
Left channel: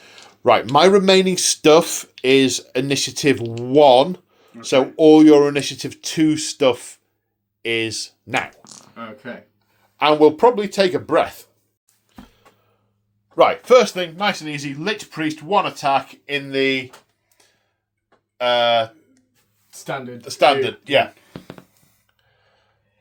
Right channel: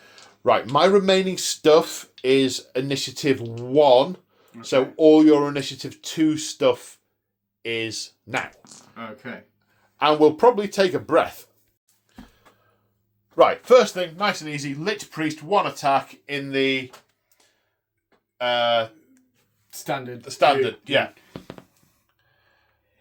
Right, my remaining stuff is initiative 1. Okay. So all your initiative 2 stuff is now. Okay. And we'll probably take a breath. Right, first thing, nice and easy. Lich Priest, 1 attack in the... Standard, yeah.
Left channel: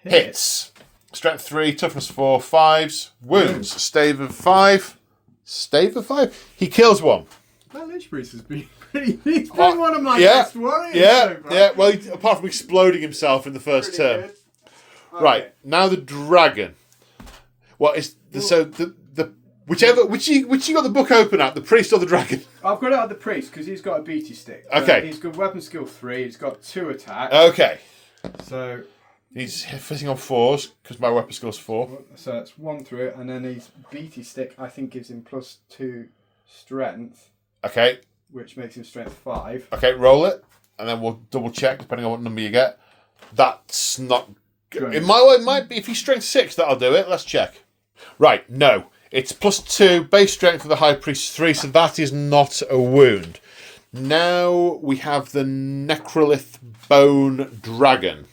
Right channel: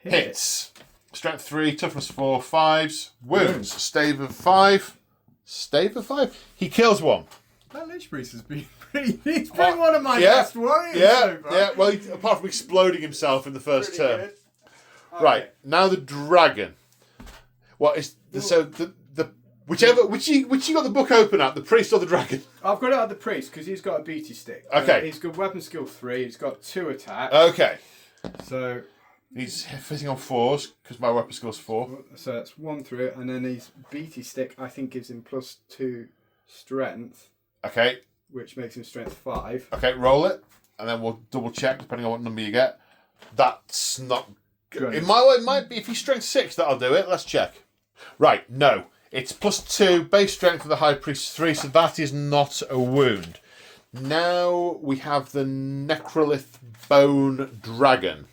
Hits. Strength 3, toughness 4, 5s. Wounds. Stave of 5. Stave of 5? He kills 1. That Lich Priest has been pretty... He's been one of my best warriors. Yeah. Well, apart from exploding himself in the first turn. Okay. Right, now the dragon. What is... which you got the book open at? The priest or the dragon? I've got it at the priest because he's got a beaty stick. Okay. He's got weapon skill 3. He's got 2 attacks. Okay. So... He's hitting on 4s because my weapon skill's 4. So that's 1 through it, and then his beaty stick I think gives him +2 strength. Okay. Which makes him strength 5. Okay, roll it, and then we'll double check depending on what number you get. That's not good. It might be if he's strength 6 that'll do it. Let's check. Right, no. It's +2 base strength of the high priest 3, so that is not a wound. Now we have the Necrolith Bone Dragon.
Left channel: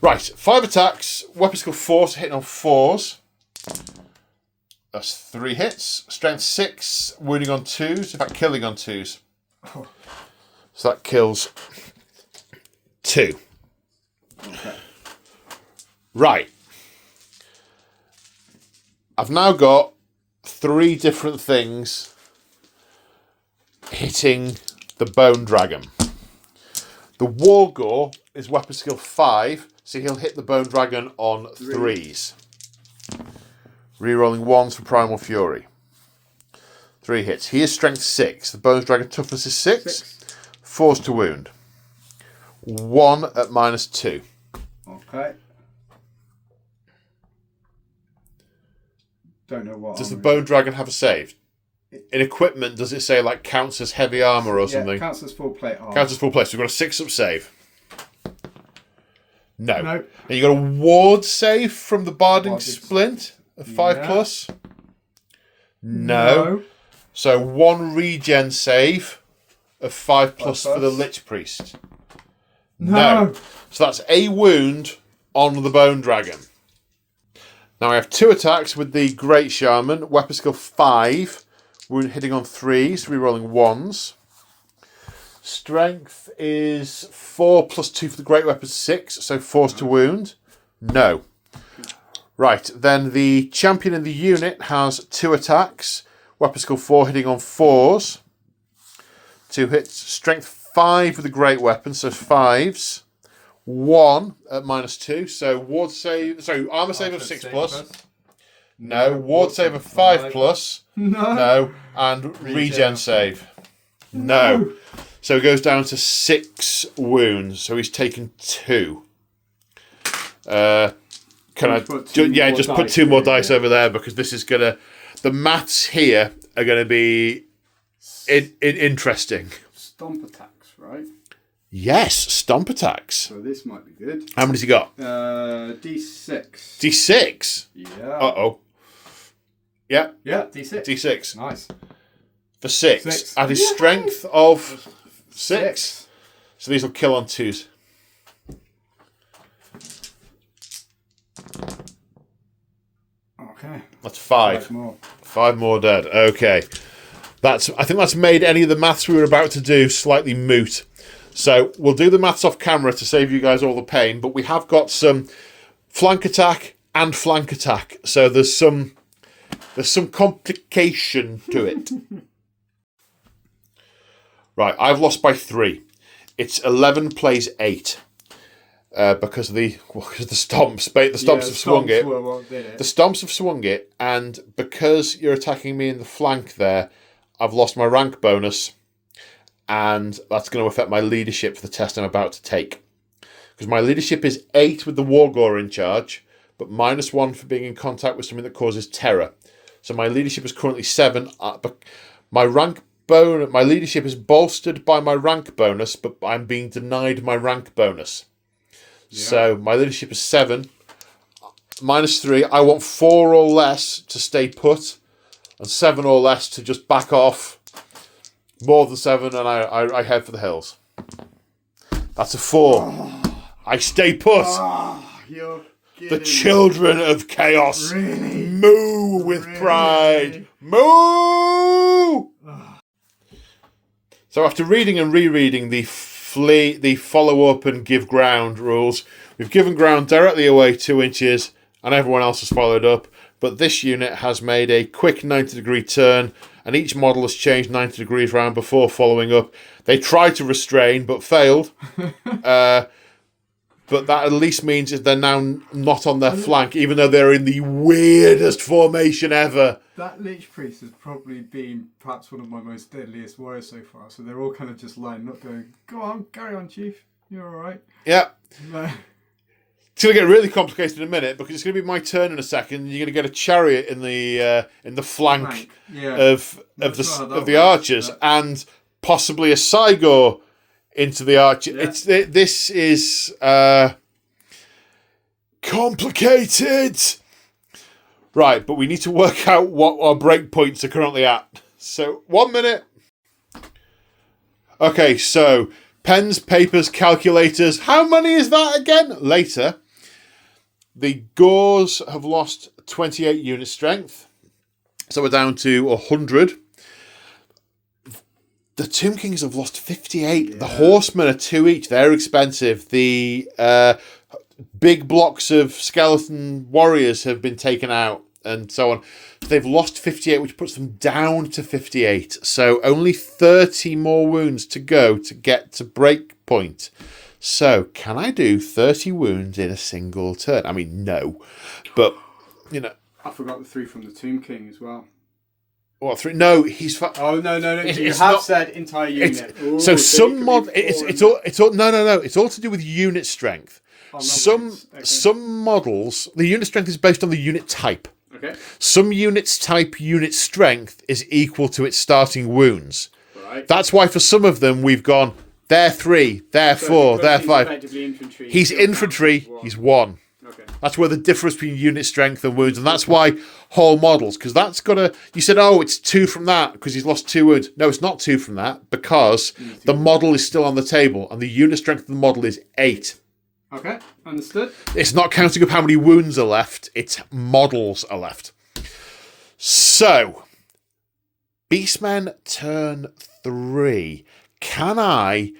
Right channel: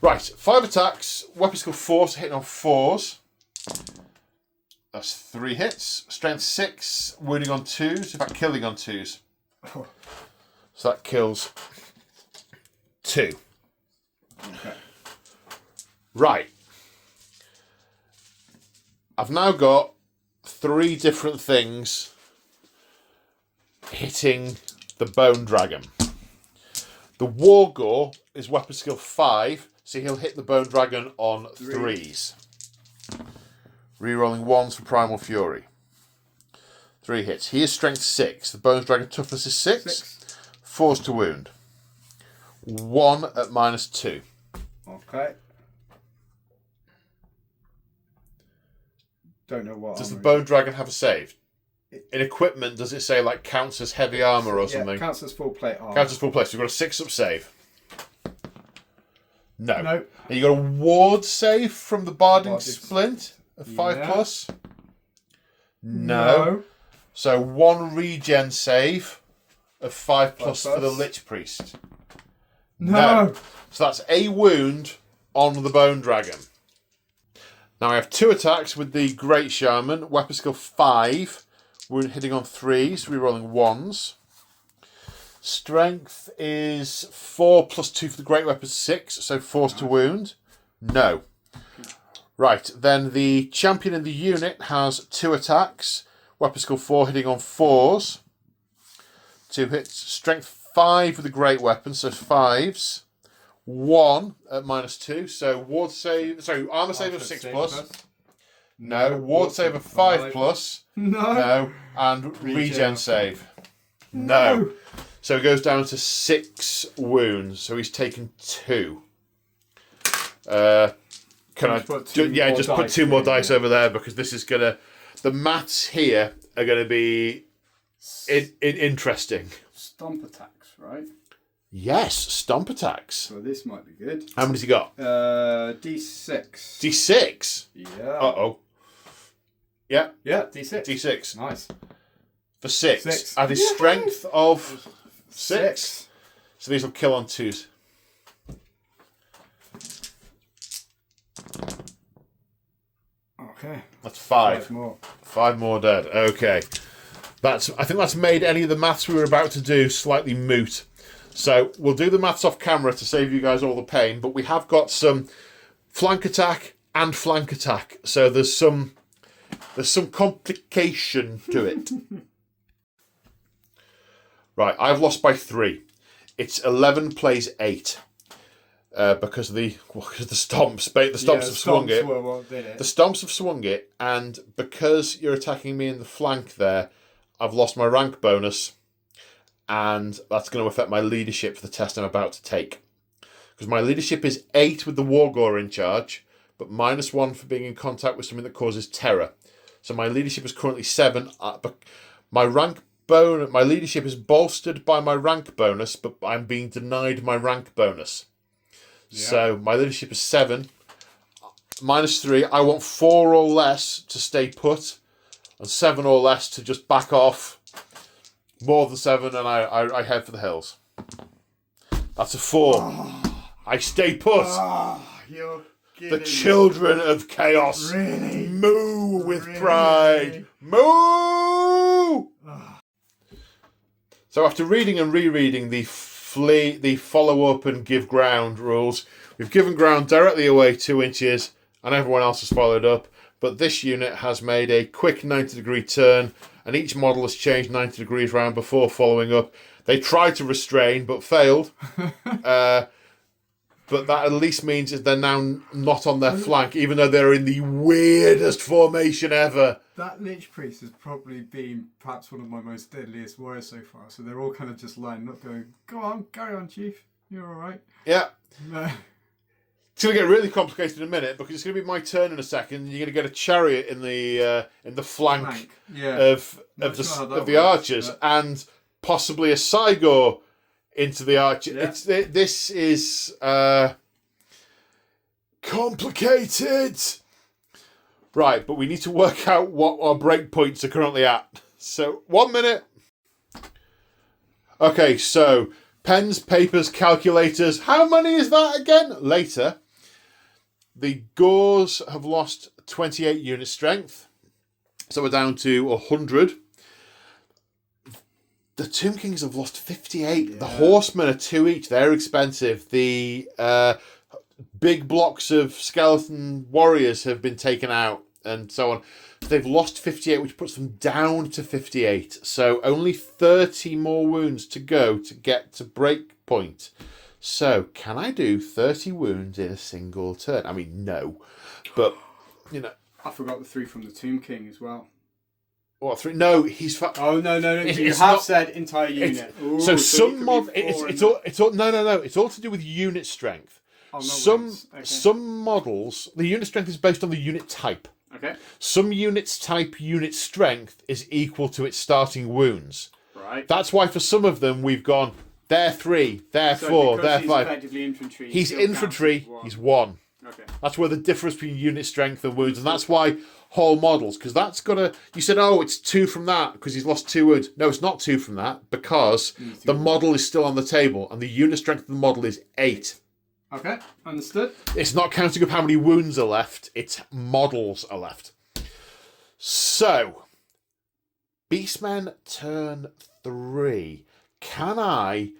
Right, 5 attacks, weapon skill 4, so hitting on 4s. That's 3 hits. Strength 6, wounding on 2s, in fact killing on 2s. Oh. So that kills 2. Okay. Right. I've now got 3 different things hitting the Bone Dragon. The Wargore is weapon skill 5, so he'll hit the Bone Dragon on 3s. Rerolling 1s for Primal Fury. 3 hits. He is strength 6. The Bone Dragon toughness is 6. 4s to wound. 1 at -2. Okay. Don't know what. Does the Bone Dragon have a save? In equipment, does it say like counts as heavy armor or something? Counts as full plate armor. Counts as full plate. So we've got a 6-up save. No. No. And you got a ward save from the Barding Barding Splint of 5+. No. So 1 regen save of 5+ for the Lich Priest. No. So that's a wound on the Bone Dragon. Now I have 2 attacks with the Great Shaman. Weapon skill 5. Wound hitting on 3s, rerolling 1s. Strength is 4 plus 2 for the Great Weapon, 6. So force to wound. No. Right, then the champion in the unit has 2 attacks. Weapon skill 4 hitting on 4s. 2 hits. Strength 5 with the Great Weapon, so 5s. 1 at -2, so ward save. Sorry, armor save of 6 plus. No, ward save of 5 plus. No, and regen save. No. So it goes down to 6 wounds. So he's taken 2. Can I? Just put 2 more dice over there because this is gonna. The maths here are gonna be interesting. Stomp attacks, right? Yes, stomp attacks. So this might be good. How many's he got? D6. D6? Yeah. Uh-oh. Yeah. Yeah, D6. D6. Nice. For 6. 6. At his strength of 6. So these will kill on 2s. Okay. That's 5. 5 more. 5 more dead. Okay. I think that's made any of the maths we were about to do slightly moot. So we'll do the maths off camera to save you guys all the pain, but we have got some flank attack and flank attack. So there's some complication to it. Right, I've lost by 3. It's 11 plays 8. Because of the stomps. The stomps have swung it. The stomps have swung it, and because you're attacking me in the flank there, I've lost my rank bonus, and that's going to affect my leadership for the test I'm about to take. Because my leadership is 8 with the Wargore in charge, but -1 for being in contact with something that causes terror. So my leadership is currently 7. But my leadership is bolstered by my rank bonus, but I'm being denied my rank bonus. Yeah. So my leadership is 7. -3. I want 4 or less to stay put, and 7 or less to just back off. More than 7, and I head for the hills. That's a 4. I stay put. You're the children of chaos really? Moo with pride. Moo! So after reading and rereading the follow up and give ground rules, we've given ground directly away 2 inches, and everyone else has followed up. But this unit has made a quick 90-degree turn, and each model has changed 90 degrees round before following up. They tried to restrain, but failed. But that at least means that they're now not on their flank, even though they're in the weirdest formation ever. That Lich Priest has probably been perhaps one of my most deadliest warriors so far. So they're all kind of just lined up going, go on, carry on, Chief. You're all right. Yeah. It's going to get really complicated in a minute because it's going to be my turn in a second. And you're going to get a chariot in the flank of the archers, and possibly a Cygor into the archer. Yeah. This is complicated. Right, but we need to work out what our breakpoints are currently at. So 1 minute. Okay, so pens, papers, calculators. How many is that again? Later. The Gores have lost 28 unit strength. So we're down to 100. The Tomb Kings have lost 58. Yeah. The Horsemen are 2 each. They're expensive. The big blocks of skeleton warriors have been taken out and so on. They've lost 58, which puts them down to 58. So only 30 more wounds to go to get to break point. So, can I do 30 wounds in a single turn? I mean, no. But, you know... I forgot the 3 from the Tomb King as well. What, 3? No, he's... Oh, no. You have said entire unit. Ooh, so some mod... It's all... No. It's all to do with unit strength. Oh, Some models... The unit strength is based on the unit type. Okay. Some units type unit strength is equal to its starting wounds. Right. That's why for some of them we've gone... They're 3, they're 4, they're 5. He's infantry, he's 1. Okay. That's where the difference between unit strength and wounds, and that's why whole models, because that's got to... You said, oh, it's 2 from that, because he's lost 2 wounds. No, it's not 2 from that, because the model is still on the table, and the unit strength of the model is 8. Okay, understood. It's not counting up how many wounds are left, it's models are left. So, Beastmen turn 3. Can I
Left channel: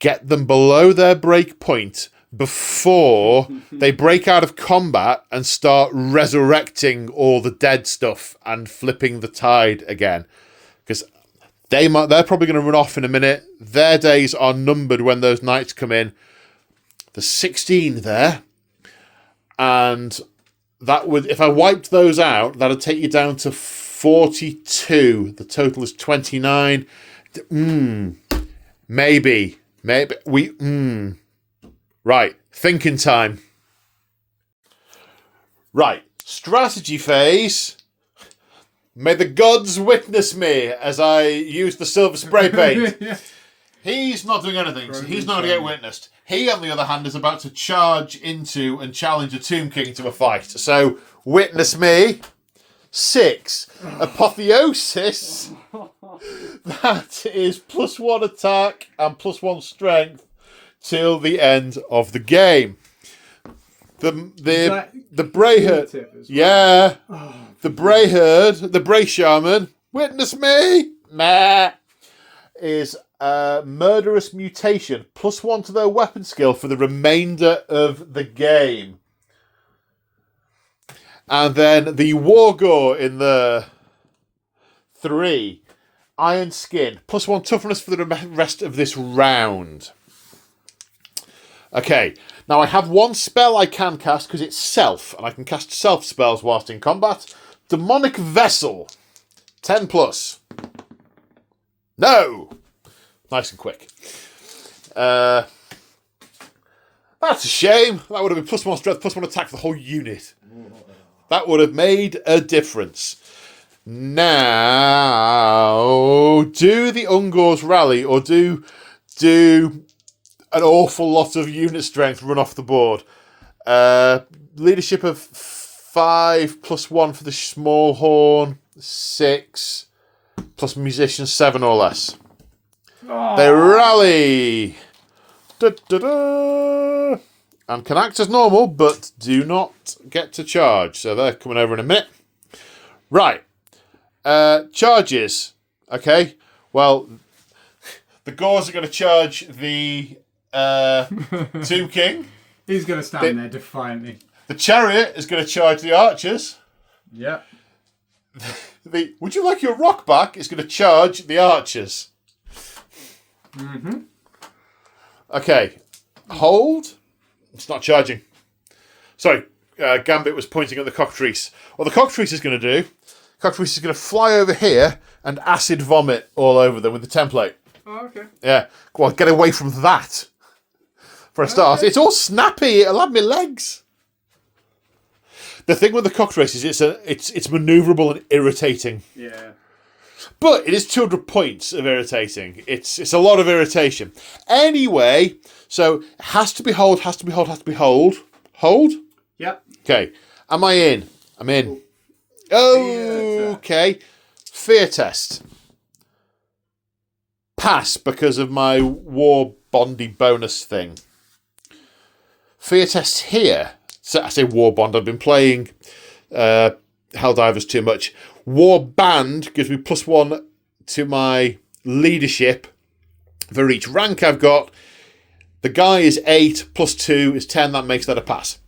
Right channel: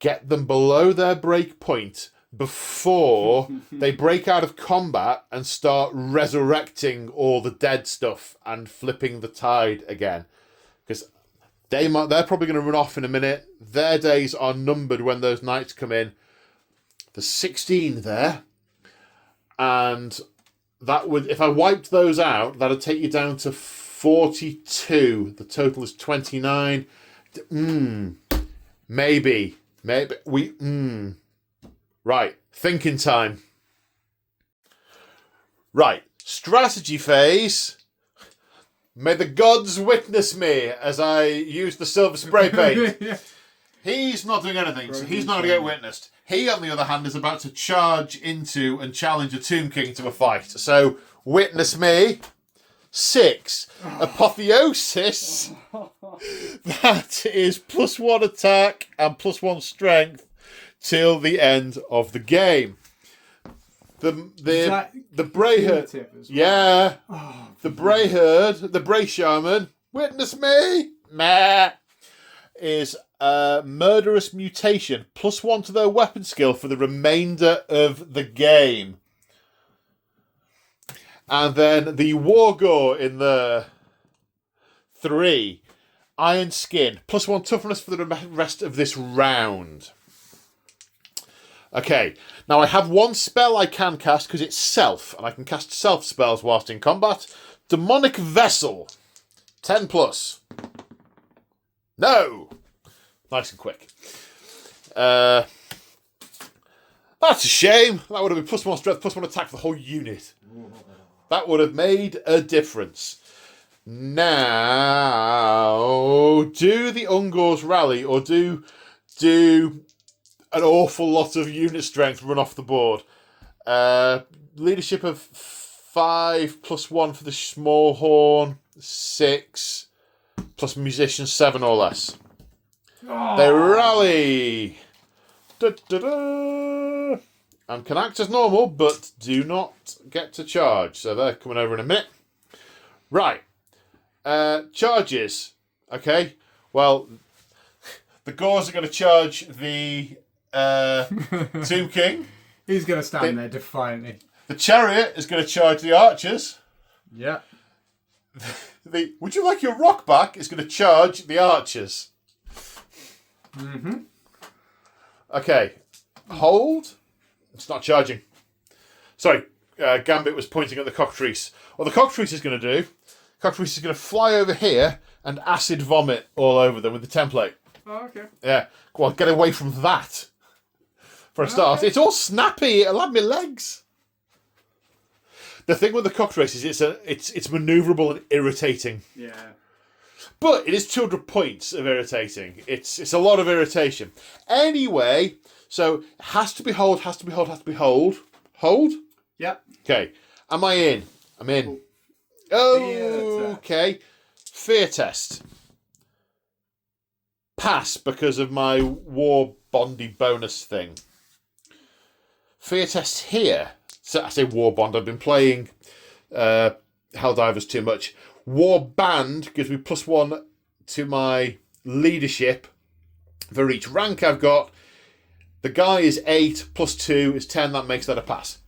get them below their break point before they break out of combat and start resurrecting all the dead stuff and flipping the tide again? Because they're probably going to run off in a minute. Their days are numbered when those knights come in. There's 16 there. And that would, if I wiped those out, that'd take you down to 42. The total is 29. Maybe we. Right, thinking time. Right, strategy phase. May the gods witness me as I use the silver spray paint. Yeah. He's not doing anything, so he's not going to get witnessed. He, on the other hand, is about to charge into and challenge a Tomb King to a fight. So, witness me. 6. Apotheosis. That is +1 attack and +1 strength till the end of the game. The Brayherd. Well? Yeah. The Brayherd, the Bray Shaman, witness me. Meh. Is murderous mutation, +1 to their weapon skill for the remainder of the game. And then the Wargore in the 3, Iron Skin, +1 toughness for the rest of this round. Okay, now I have one spell I can cast because it's self, and I can cast self spells whilst in combat. Demonic Vessel, 10+. No! Nice and quick. That's a shame. That would have been +1 strength, +1 attack for the whole unit. That would have made a difference. Now, do the Ungors rally or do an awful lot of unit strength run off the board? Leadership of 5 +1 for the small horn, 6 plus musician 7 or less. Oh. They rally. Da-da-da. And can act as normal, but do not get to charge. So they're coming over in a minute. Right. Charges. Okay. Well, the Gores are going to charge the Tomb King. He's going to stand there defiantly. The Chariot is going to charge the Archers. Yeah. Would you like your rock back? Is going to charge the Archers. Mm-hmm. Okay. Hold. It's not charging. Sorry, Gambit was pointing at the cockatrice. What the cockatrice is going to do, cockatrice is going to fly over here and acid vomit all over them with the template. Oh, okay. Yeah. Go on, get away from that. For a start. Okay. It's all snappy. It'll have my legs. The thing with the cockatrice is it's manoeuvrable and irritating. Yeah. But it is 200 points of irritating. It's a lot of irritation. Anyway, so it has to be hold. Hold? Yep. Okay. Am I in? I'm in. Oh, okay. Fear test. Pass because of my war bondy bonus thing. Fear test here. So I say war bond. I've been playing Helldivers too much. War band gives me +1 to my leadership for each rank I've got. The guy is 8, +2 is 10. That makes that a pass.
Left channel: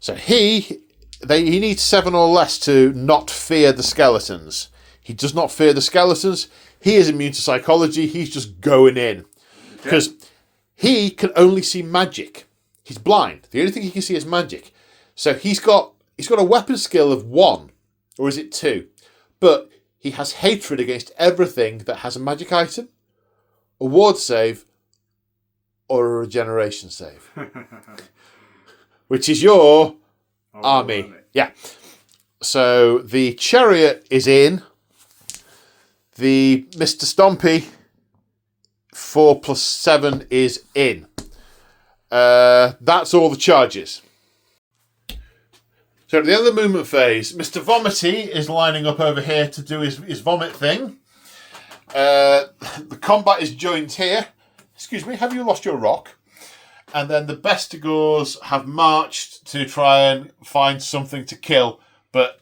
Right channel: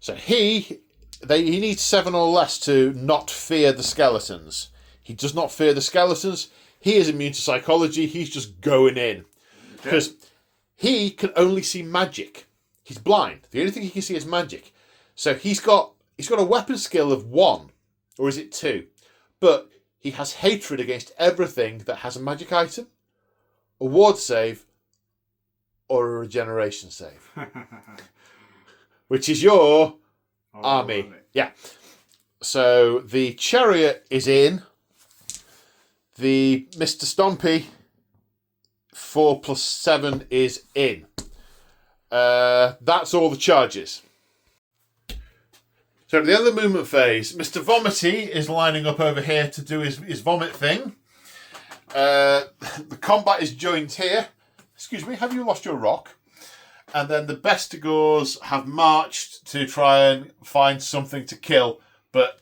So he needs 7 or less to not fear the skeletons. He does not fear the skeletons. He is immune to psychology. He's just going in. Because he can only see magic. He's blind. The only thing he can see is magic. So he's got a weapon skill of 1. Or is it 2? But he has hatred against everything that has a magic item, a ward save, or a regeneration save. Which is your army. Yeah. So the Chariot is in. The Mr. Stompy, 4 + 7 is in. That's all the charges. So at the end of the movement phase, Mr. Vomity is lining up over here to do his vomit thing. The combat is joined here. Excuse me, have you lost your rock? And then the Bestigors have marched to try and find something to kill, but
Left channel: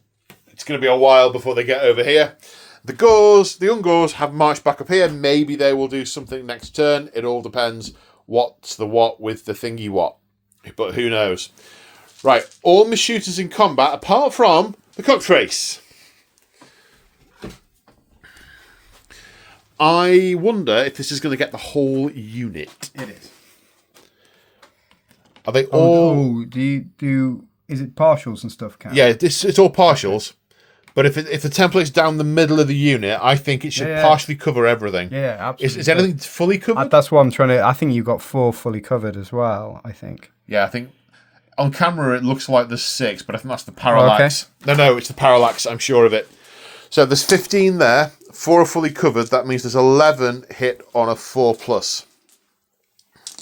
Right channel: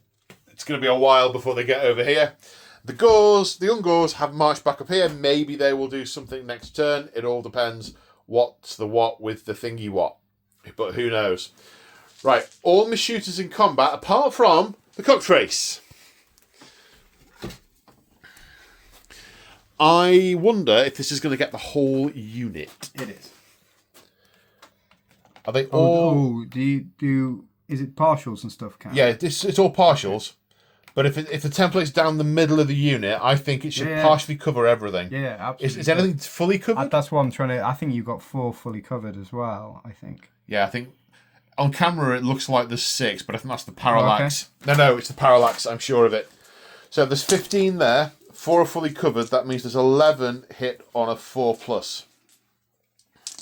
it's going to be a while before they get over here. The Ungors have marched back up here. Maybe they will do something next turn. It all depends what's the what with the thingy what. But who knows? Right, all my shooters in combat, apart from the Cocktrace. I wonder if this is going to get the whole unit. It is. Are they all... Is it partials and stuff, Cam? Yeah, it's all partials. But if the template's down the middle of the unit, I think it should partially cover everything. Yeah, absolutely. Is anything fully covered? That's what I'm trying to... I think you've got 4 fully covered as well, I think. Yeah, I think... On camera, it looks like there's 6, but I think that's the parallax. Okay. No, it's the parallax, I'm sure of it. So there's 15 there. 4 are fully covered. That means there's 11 hit on a 4+.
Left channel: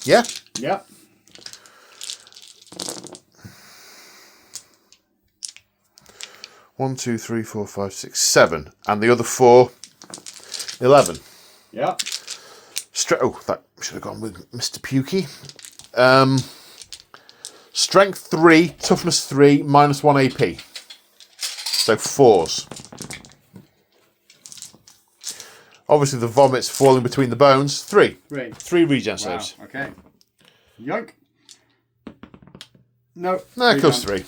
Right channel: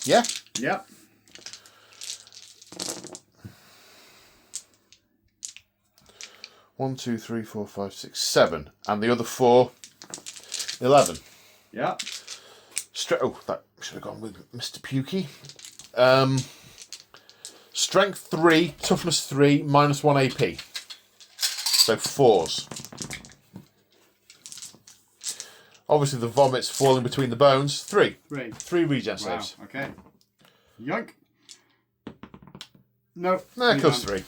Yeah? Yep. One, 2, 3, 4, 5, 6, 7. And the other 4, 11. Yeah. That should have gone with Mr. Pukey. Strength 3, toughness 3, -1 AP. So 4s. Obviously the vomits falling between the bones. 3. 3 regen saves. Okay. Yoink. No. No, it goes 3.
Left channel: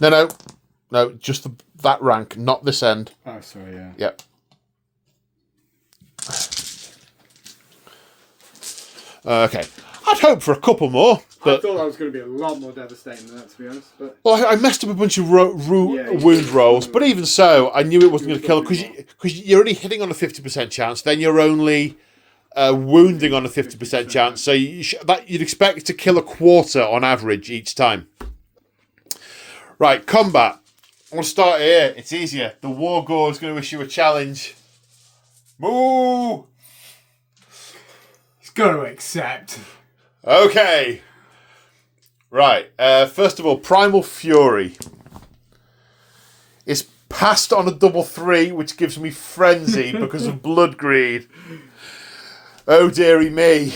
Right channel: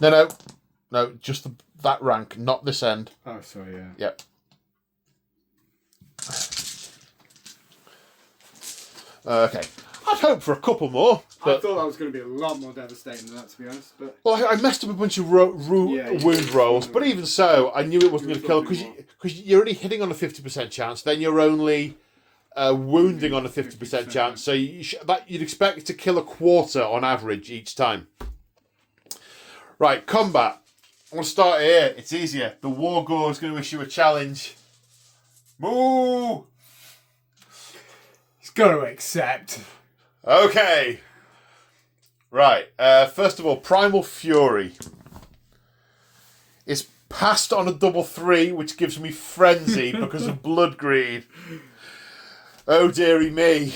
No, just that rank, not this end. Oh, sorry, yeah. Yep. Okay. I'd hope for a couple more. But... I thought that was going to be a lot more devastating than that, to be honest. But... Well, I messed up a bunch of wound rolls, but even so, I knew it wasn't going to kill because you're only hitting on a 50% chance. Then you're only wounding on a 50% chance. So you'd expect to kill a quarter on average each time. Right, combat. I'm going to start here. It's easier. The Wargore is going to issue a challenge. Moo! He's got to accept. Okay. Right. First of all, Primal Fury is passed on a double 3, which gives me frenzy because of blood greed. Oh dearie me.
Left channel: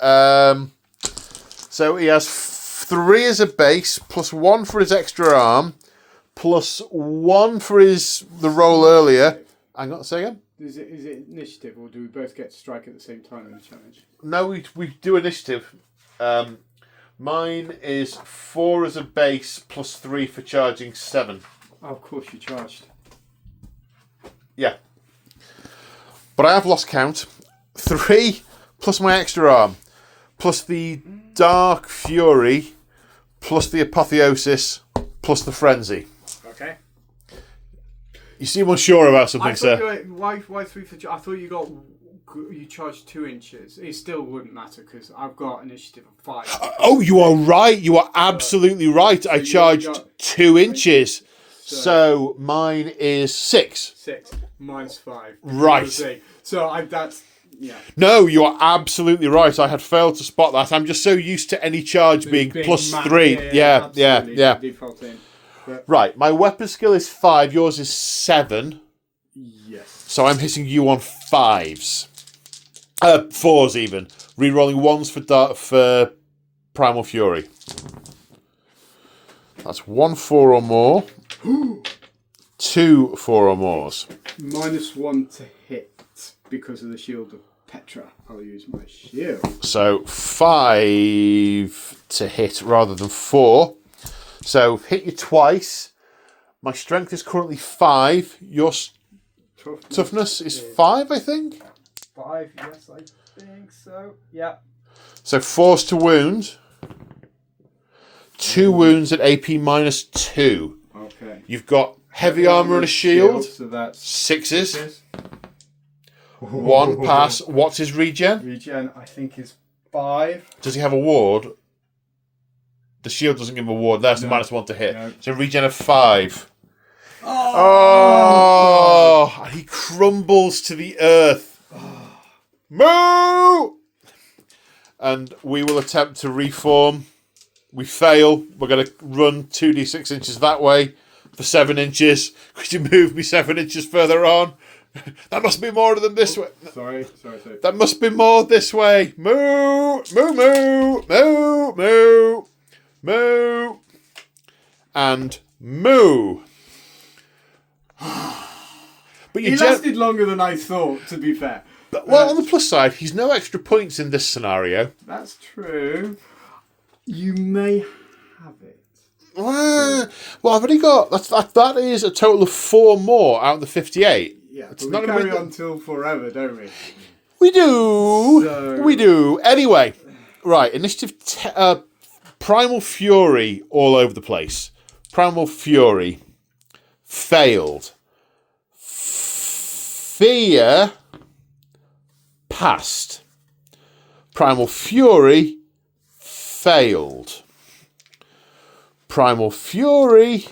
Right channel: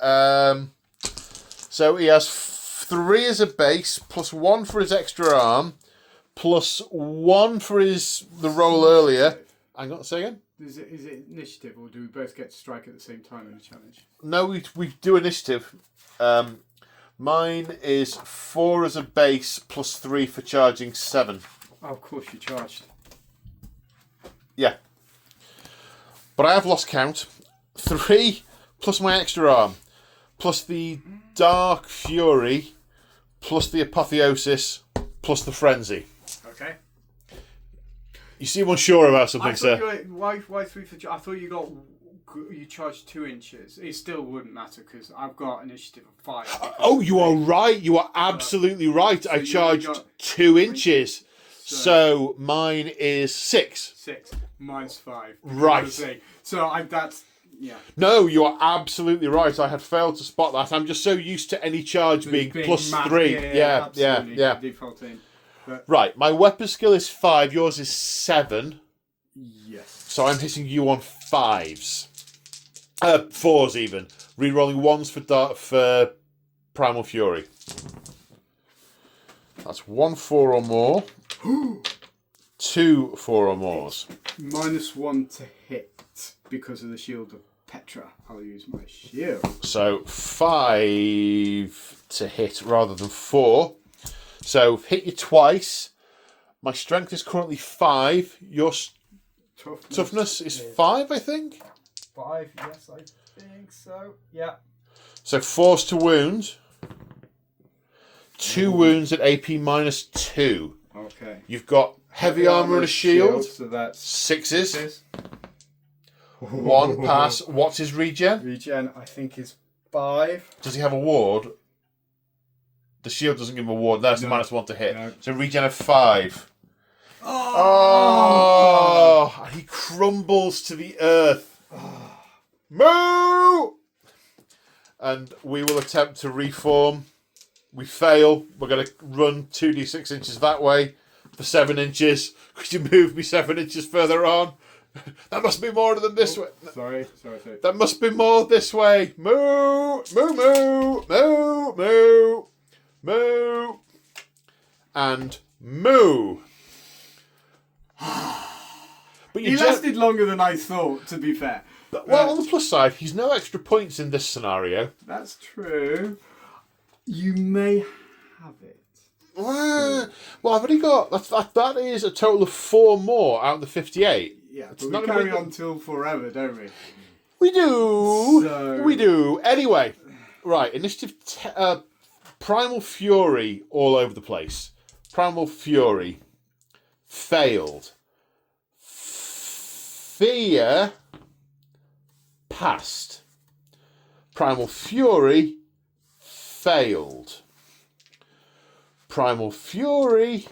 So he has 3 as a base, +1 for his extra arm, +1 for the roll earlier. Hang on a second. Is it initiative, or do we both get to strike at the same time in the challenge? No, we do initiative. Mine is 4 as a base, +3 for charging 7. Oh, of course you charged. Yeah. But I have lost count. 3 plus my extra arm, plus the Dark Fury, plus the Apotheosis, plus the Frenzy. Okay. You seem unsure about something, sir. Why 3 for... I thought you charged 2 inches. It still wouldn't matter because I've got initiative of 5. Oh, you are right. You are absolutely right. I charged 2 inches. So mine is 6. 6 minus 5. Right. So that's... Yeah. No, you are absolutely right. I had failed to spot that. I'm just so used to any charge being +3. Yeah. Default in. But... Right, my weapon skill is 5. Yours is 7. Yes. So I'm hitting you on 5s. 4s even. Rerolling 1s for Primal Fury. That's 1 4 or more. 2 4 or mores. -1 to hit because of the Shield of Petra. I'll use my shield. So 5 to hit rather than 4. So hit you twice. My strength is currently 5. Your toughness is 5, I think. 5, yes, I think so. Yeah. So force to wound. 2 wounds at AP -2. Okay. You've got heavy armor and a shield. So that's 6s. 1 pass. What's his regen? Regen, I think, is 5. Does he have a ward? The shield doesn't give him a ward. That's the -1 to hit. No. So regen of 5. Oh! And he crumbles to the earth. Moo! And we will attempt to reform. We fail. We're going to run 2d6 inches that way for 7 inches. Could you move me 7 inches further on? That must be more than this way. Sorry. That must be more this way. Moo, moo, moo, moo, moo, moo, and moo. But He lasted longer than I thought, to be fair. Well, on the plus side, he's no extra points in this scenario. That's true. You may have it. Well, I've only got that is a total of 4 more out of the 58. Yeah, It's but not we a carry big- on till forever, don't we? We do. So- We do. Anyway, right. Initiative Primal Fury all over the place. Primal Fury failed. Fear passed. Primal Fury failed. Primal Fury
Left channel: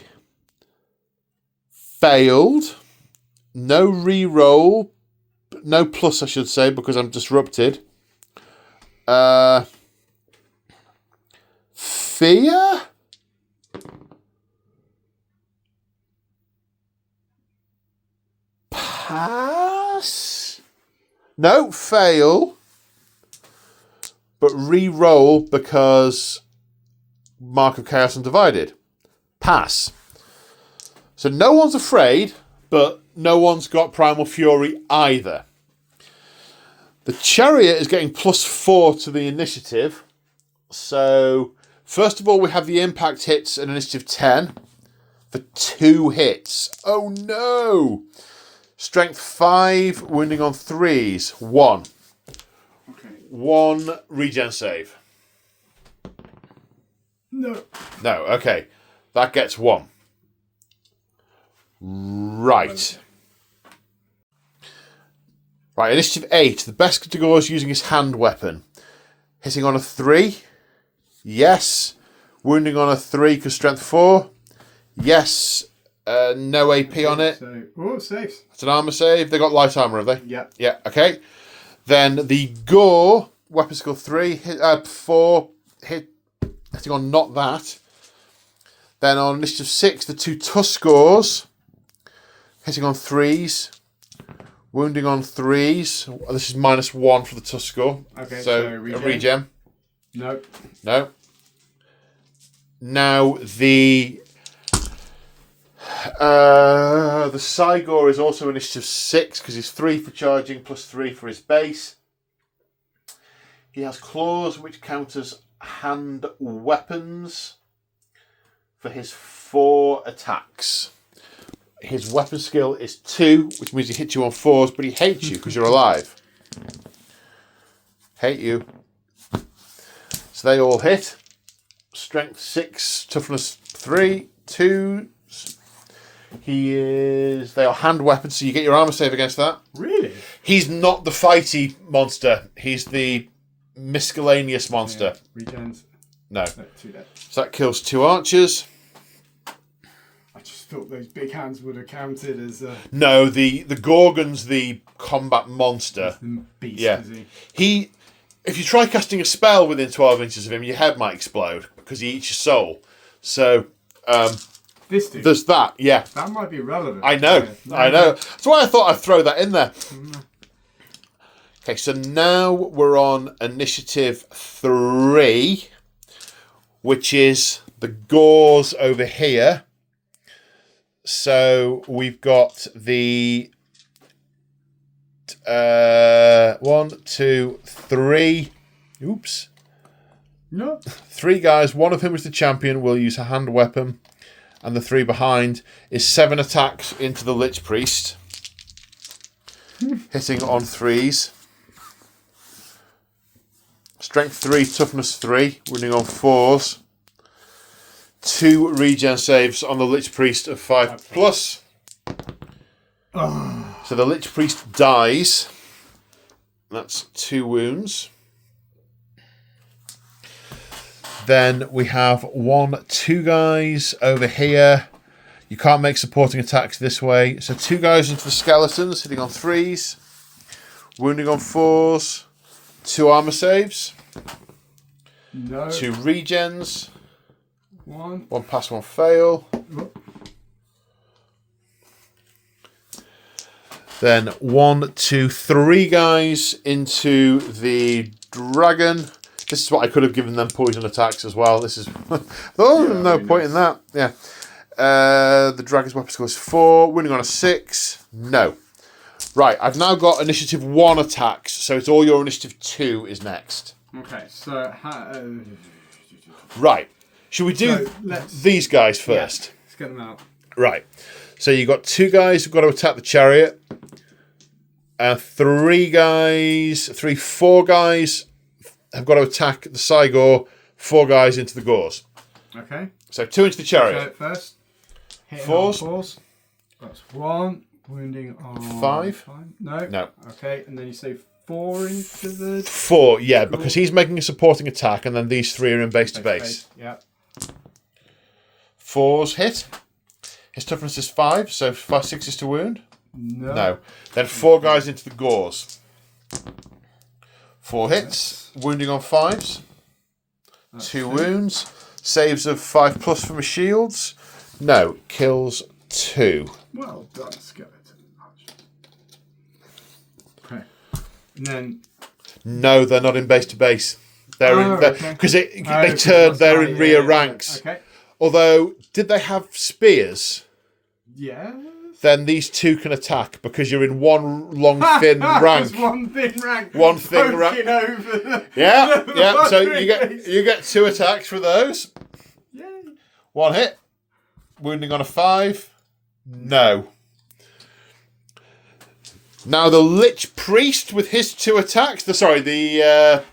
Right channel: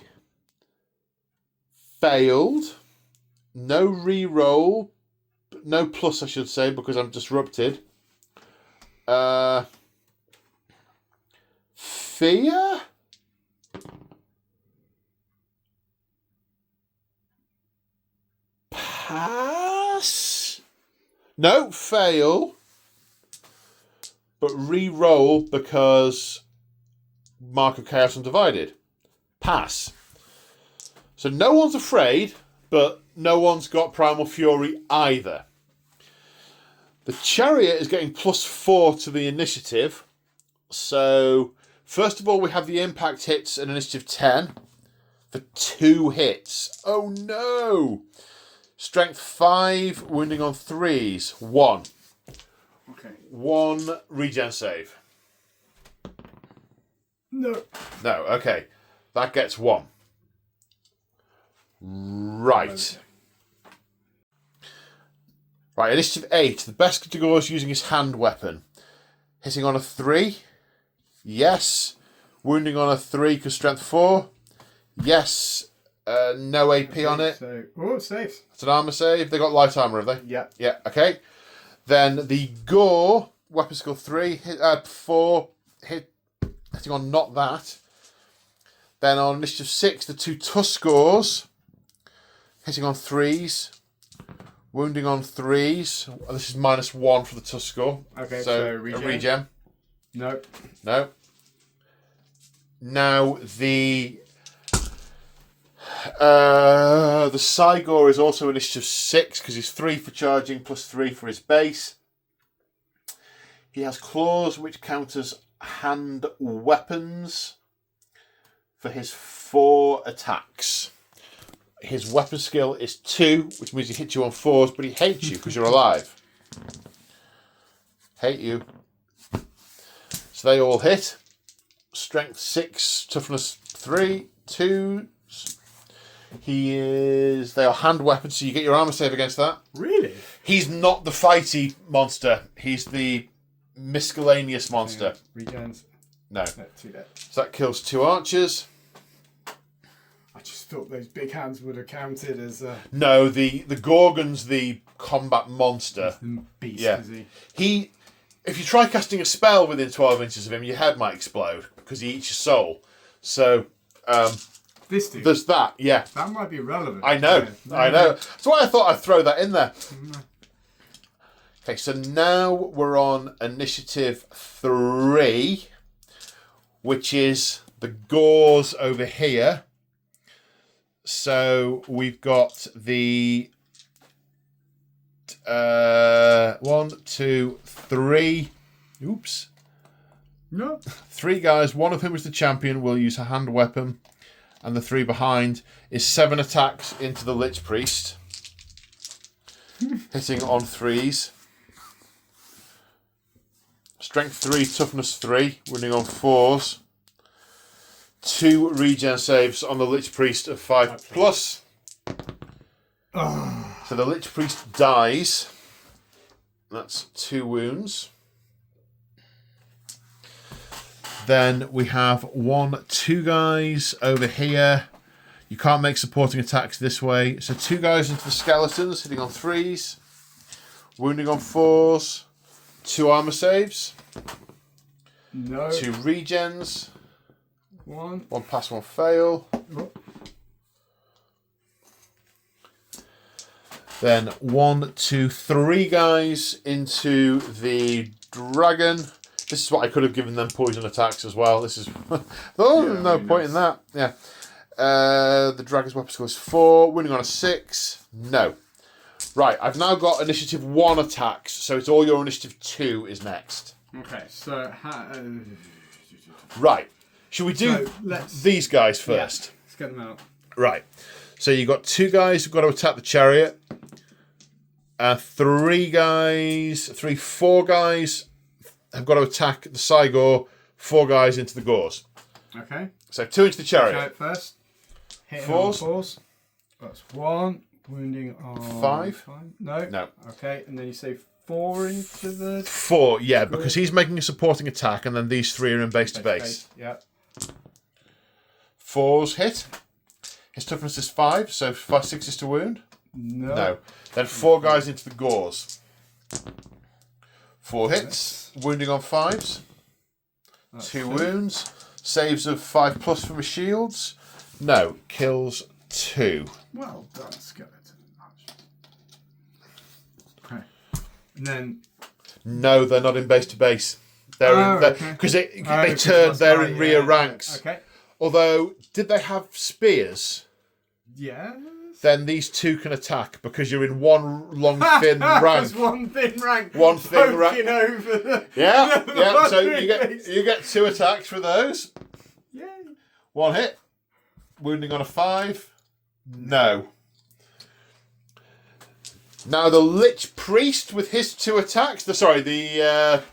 failed. No re-roll. No plus, I should say, because I'm disrupted. Fear? Pass? No, fail. But re-roll because Mark of Chaos Undivided. Pass. So no one's afraid, but no one's got Primal Fury either. The Chariot is getting +4 to the initiative. So, first of all, we have the impact hits at initiative 10 for 2 hits. Oh no! Strength 5, wounding on 3s. 1. Okay. 1 regen save. No. No, okay. That gets 1. Right. Right, initiative 8. The best category is using his hand weapon. Hitting on a 3. Yes. Wounding on a 3 because strength 4. Yes. No AP on it. So, oh, safe. It's an armor save. They got light armor, have they? Yeah. Yeah, okay. Then the Gore, weapon skill 3, 4, hitting on not that. Then on initiative 6, the 2 Tuskors, hitting on 3s, wounding on 3s. This is -1 for the Tuskor. Okay, so so a regen. regen. No. No. Now the Cygor is also initiative 6 because he's 3 for charging plus 3 for his base. He has claws which count as hand weapons for his 4 attacks. His weapon skill is 2, which means he hits you on 4s, but he hates you because you're alive. Hate you. So they all hit. Strength 6, toughness 3, 2. They are hand weapons, so you get your armor save against that. Really? He's not the fighty monster. He's the miscellaneous monster. Regens. No. 2 dead. So that kills 2 archers. I just thought those big hands would have counted as No, the Gorgon's the combat monster. beast. Yeah. Is he? If you try casting a spell within 12 inches of him, your head might explode because he eats your soul. So This dude. there's that. Yeah, That might be relevant. I know. Yeah. I know. That's why I thought I'd throw that in there. Okay, so now we're on initiative 3, which is the Gores over here. So we've got the 1, 2, 3. Oops. No. 3 guys. One of whom is the champion. Will use a hand weapon, and the 3 behind is 7 attacks into the Lich Priest, hitting on 3s. Strength 3, toughness 3, winning on 4s. 2 regen saves on the Lich Priest of 5 plus. So the Lich Priest dies. That's 2 wounds. Then we have 1, 2 guys over here. You can't make supporting attacks this way. So 2 guys into the skeletons, hitting on 3s. Wounding on 4s. 2 armor saves. No. 2 regens. 1. 1 pass, 1 fail. Then 1, 2, 3 guys into the dragon. This is what I could have given them poison attacks as well. This is no point in that. Yeah. The dragon's weapon score is 4. Winning on a 6. No. Right, I've now got initiative 1 attacks, so it's all your initiative 2 is next. Okay, so Right. Should we do these guys first? Yeah, let's get them out. Right. So you got 2 guys who've got to attack the chariot. 4 guys have got to attack the Cygor. 4 guys into the Gors. Okay. So 2 into the chariot. Chariot first. Hitting 4s. on 4s. That's 1. Wounding on 5. No. No. Okay, and then you say 4 into the 4, yeah, because he's making a supporting attack, and then these 3 are in base to base. Yeah. 4s hit. His toughness is 5, so 5, 6 is to wound. No. Then 4 guys into the Gors. 4 hits. Wounding on 5s. 2 wounds. Saves of 5+ from his shields. No. Kills 2. Well done, skeleton. Okay. And then No, they're not in base to base. They're because they turn. They're in rear ranks. Okay. Although, did they have spears? Yeah. Then these 2 can attack because you're in one long thin rank. One thin rank. One thin rank. Poking over the. Yeah. So you get 2 attacks for those. Yay. 1 hit. Wounding on a 5. No. Now the Lich Priest with his 2 attacks. The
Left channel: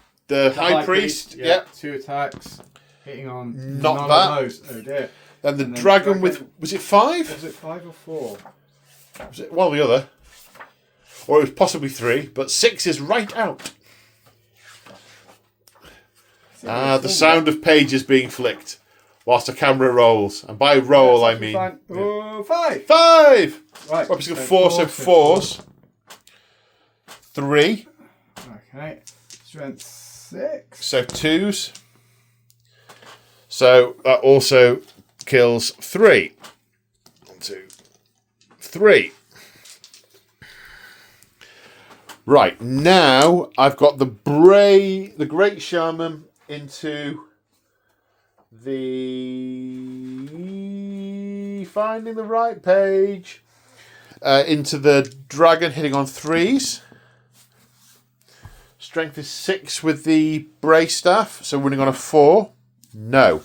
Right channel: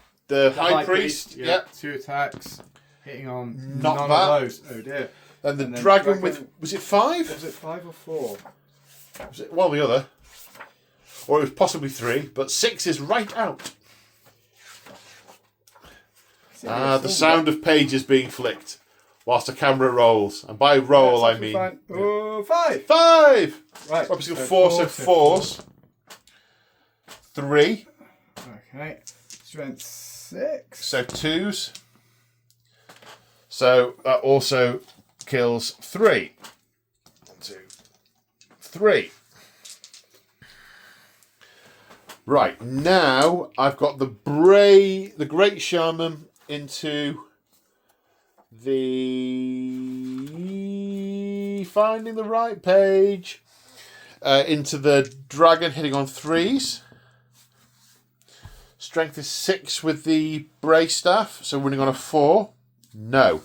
High Priest. Yeah. 2 attacks. Hitting on Not none that. of those. Oh dear. Then the dragon with, was it 5? Was it 5 or 4? Was it the other? Or it was possibly 3, but 6 is right out. The sound of pages being flicked whilst the camera rolls. And by roll, I mean... 5. 5! 5! Right. Obviously, 4, so 4s. 3. Okay. Strength 6. So 2s. So that also kills 3. 1, 2, 3. Right, now I've got the Great Shaman into the... Finding the right page. Into the dragon, hitting on 3s. Strength is 6 with the Bray Staff, so winning on a 4. No.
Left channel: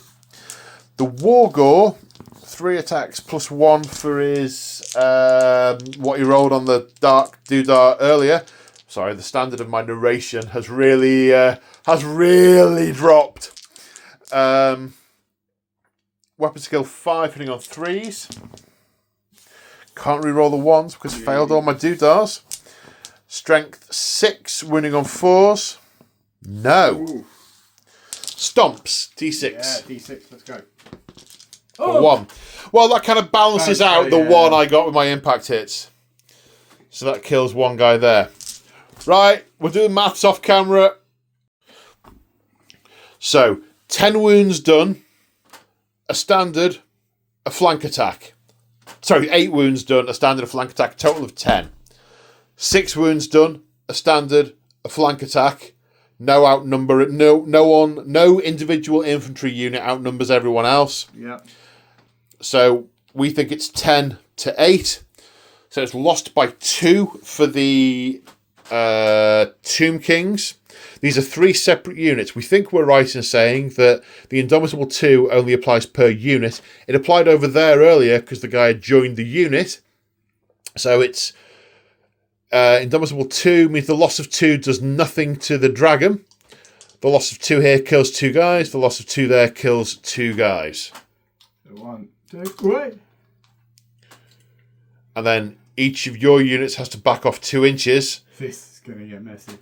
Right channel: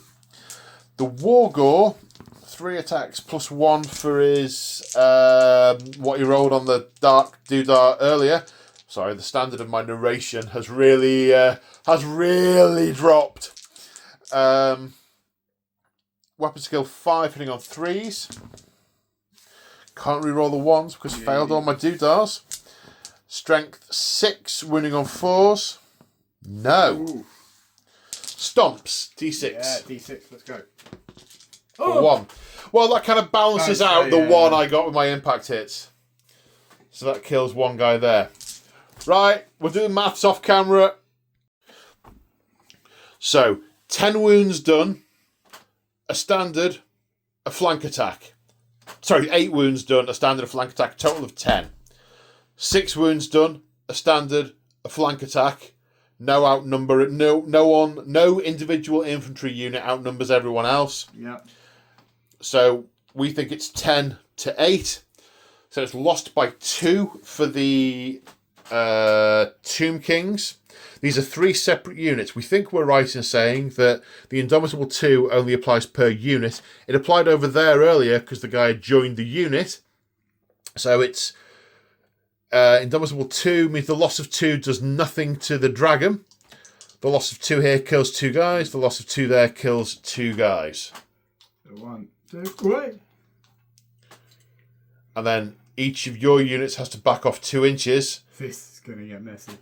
The Wargore, 3 attacks plus 1 for his what he rolled on the Dark Doodar earlier. Sorry, the standard of my narration has really dropped. Weapon skill 5, hitting on 3s. Can't re-roll the 1s because I failed all my Doodars. Strength 6, winning on 4s. No. Ooh. Stomps, D6. Yeah, D6, let's go. For 1. Well, that kind of balances out the 1 I got with my impact hits. So that kills 1 guy there. Right, we're doing maths off camera. So, 10 wounds done. A standard, a flank attack. Sorry, 8 wounds done, a standard, a flank attack. Total of 10. 6 wounds done, a standard, a flank attack. No outnumber, no individual infantry unit outnumbers everyone else. Yeah. So we think it's 10 to 8. So it's lost by 2 for the Tomb Kings. These are 3 separate units. We think we're right in saying that the Indomitable 2 only applies per unit. It applied over there earlier because the guy had joined the unit. So it's Indomitable 2 means the loss of 2 does nothing to the dragon. The loss of 2 here kills 2 guys. The loss of 2 there kills 2 guys. So 1, 2, wait. And then each of your units has to back off 2 inches. This is going to get messy.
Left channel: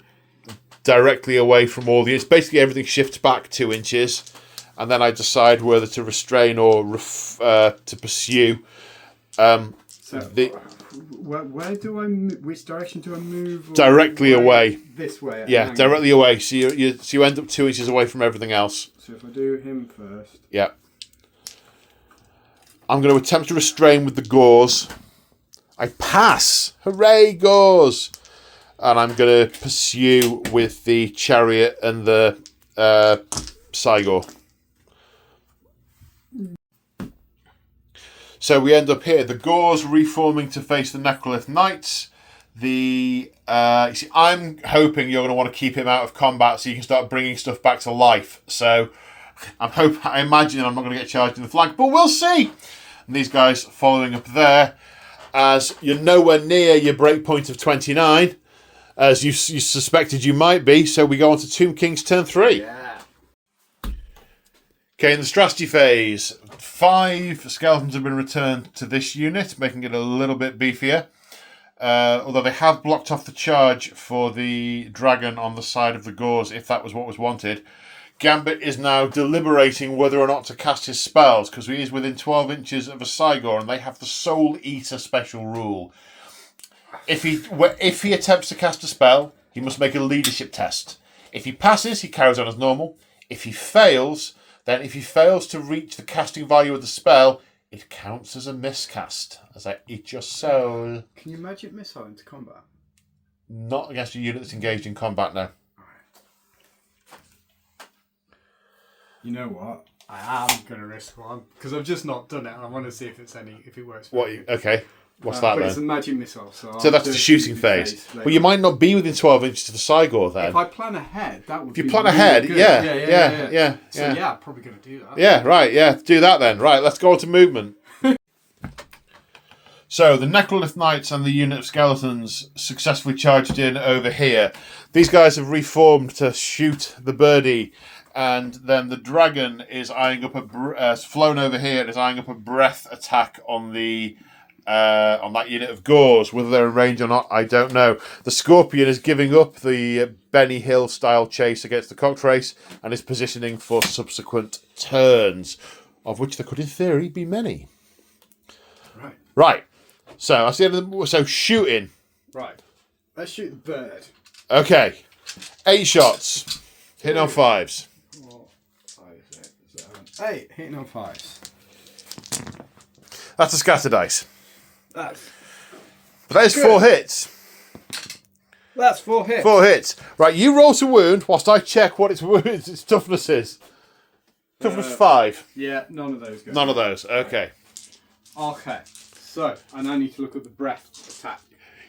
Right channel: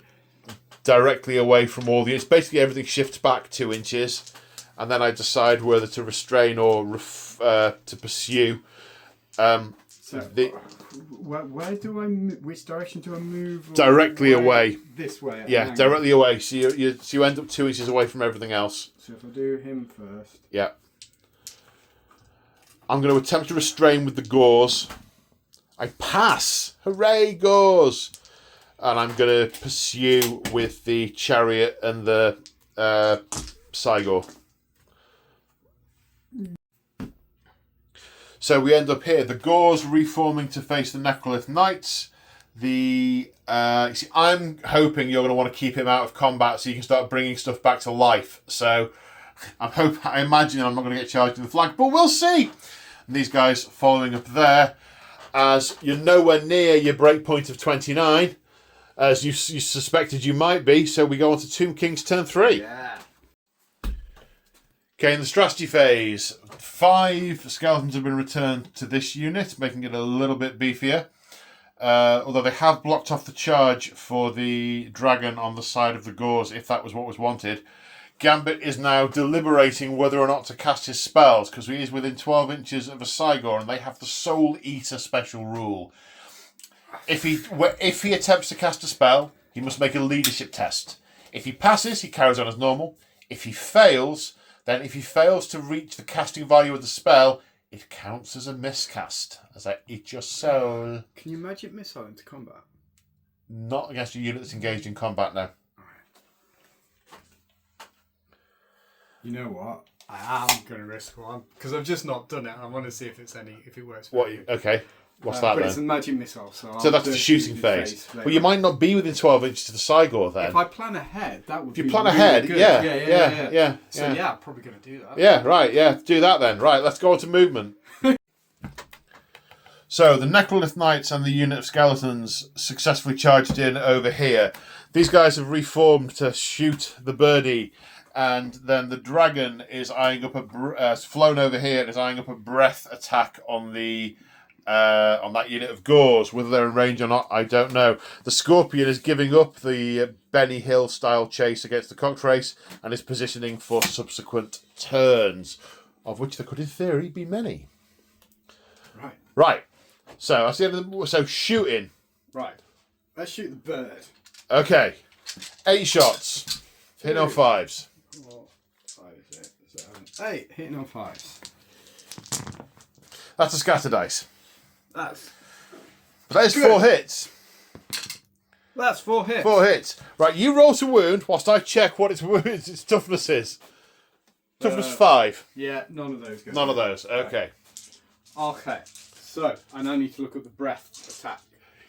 Directly away from all the units. Basically everything shifts back 2 inches. And then I decide whether to restrain or to pursue. Where do I? Which direction do I move? Directly away. This way. Yeah, directly away. So you end up 2 inches away from everything else. So if I do him first. Yeah. I'm going to attempt to restrain with the Gors. I pass. Hooray, Gauls! And I'm going to pursue with the chariot and the Cygor. So we end up here. The Gauls reforming to face the Necrolith Knights. You see, I'm hoping you're going to want to keep him out of combat so you can start bringing stuff back to life. So I imagine I'm not going to get charged in the flank, but we'll see. And these guys following up there, as you're nowhere near your breakpoint of 29, as you suspected you might be. So we go on to Tomb King's turn 3. Yeah. Okay, in the strategy phase, 5 skeletons have been returned to this unit, making it a little bit beefier. Although they have blocked off the charge for the dragon on the side of the Gauls, if that was what was wanted. Gambit is now deliberating whether or not to cast his spells, because he is within 12 inches of a Cygor, and they have the Soul Eater special rule. If he attempts to cast a spell, he must make a leadership test. If he passes, he carries on as normal. If he fails to reach the casting value of the spell, it counts as a miscast, as I eat your soul. Can you magic missile into combat? Not against a unit that's engaged in combat now. You know what? I am going to risk one because I've just not done it. I want to see if it works. What? Okay. What's that but then? It's a magic missile, so So that's the shooting phase. Well, you might not be within 12 inches to the Cygor then. If I plan ahead, that would be If you plan really ahead, good. yeah. So yeah, I'm probably going to do that. Yeah, right, yeah. Do that then. Right, let's go on to movement. So the Necrolith Knights and the unit of skeletons successfully charged in over here. These guys have reformed to shoot the birdie, and then the dragon is eyeing up flown over here and is eyeing up a breath attack on on that unit of Gauls. Whether they're in range or not, I don't know. The Scorpion is giving up the Benny Hill style chase against the Cocktrace and is positioning for subsequent turns, of which there could in theory be many. Right. So I see. So shooting. Right. Let's shoot the bird. Okay. 8 shots. Hitting on 5s. 4, 5, 6, 7, 8. Hitting on 5s. That's a scatter dice. But that is good. 4 hits. That's 4 hits. 4 hits. Right, you roll to wound whilst I check what its toughness is. Toughness 5. Yeah, none of those. None of those. Okay. Okay. So, and I need to look at the breath attack.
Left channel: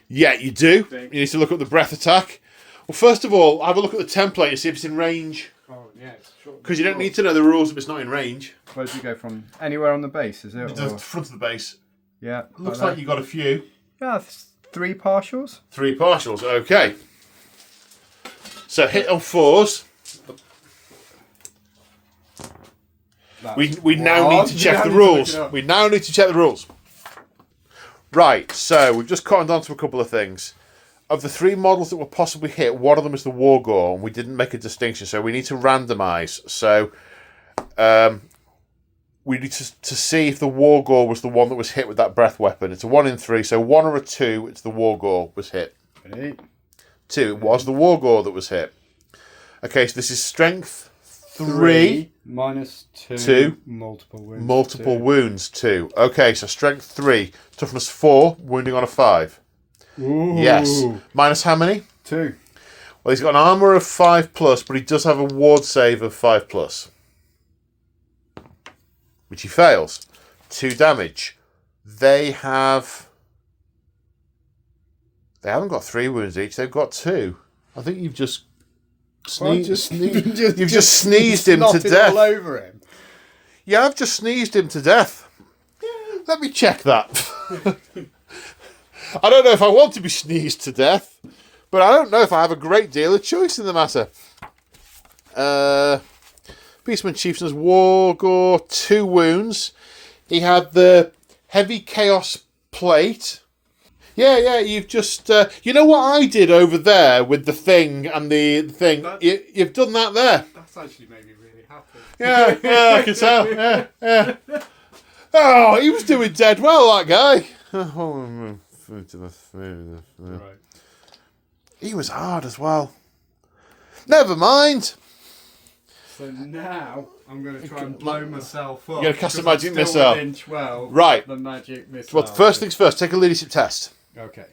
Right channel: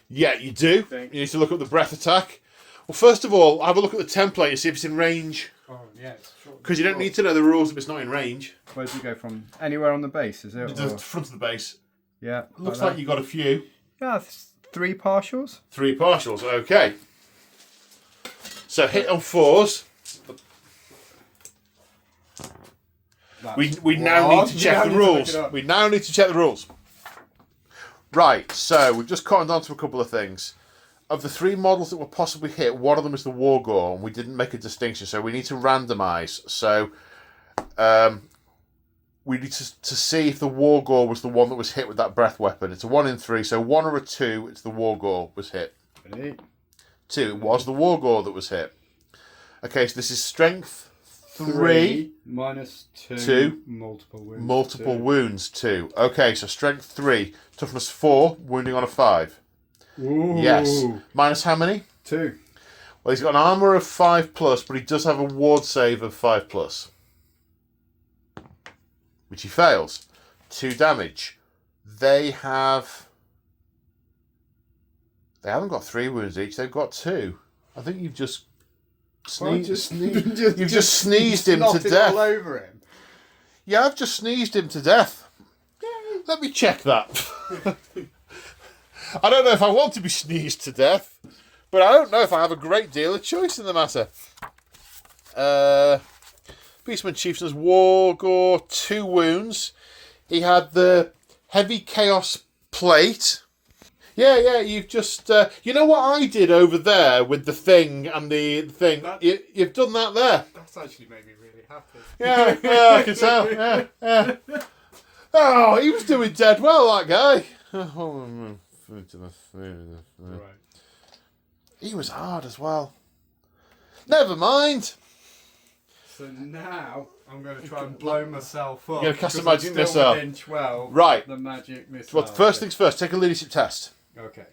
Yeah, you do. You need to look at the breath attack. Well, first of all, have a look at the template and see if it's in range. Oh, yeah. It's short. Because you don't need to know the rules if it's not in range. Where does it go from? Anywhere on the base, is it? The front of the base. Yeah. Looks like you got a few. Yeah, 3 partials. 3 partials, okay. So hit on 4s. We now need to check the rules. We now need to check the rules. Right, so we've just cottoned on to a couple of things. Of the 3 models that were possibly hit, one of them is the Wargore, and we didn't make a distinction, so we need to randomise. So we need to see if the Wargore was the one that was hit with that breath weapon. It's a 1 in 3, so 1 or a 2, it's the Wargore was hit. 2, it was the Wargore that was hit. Okay, so this is strength 3 minus 2. 2. Multiple wounds. Multiple wounds 2. Okay, so strength 3. Toughness 4. Wounding on a 5. Ooh. Yes. Minus how many? 2. Well, he's got an armour of 5+, but he does have a ward save of 5+. Which he fails. 2 damage. They haven't got 3 wounds each, they've got 2. I think you've just sneezed him to death. All over him. Yeah, I've just sneezed him to death. Let me check that. I don't know if I want to be sneezed to death, but I don't know if I have a great deal of choice in the matter. Beastmen Chieftain's Wargore, 2 wounds. He had the heavy chaos plate. Yeah, you've just... you know what I did over there with the thing and the thing? You've done that there. That's actually made me really happy. Yeah, I can tell. Yeah. Oh, he was doing dead well, that guy. Right. He was hard as well. Never mind. So now I'm going to try and blow myself up. You're going to cast a because magic I'm still missile. within 12. Right. The magic missile. Well, first things first, take a leadership test. Okay.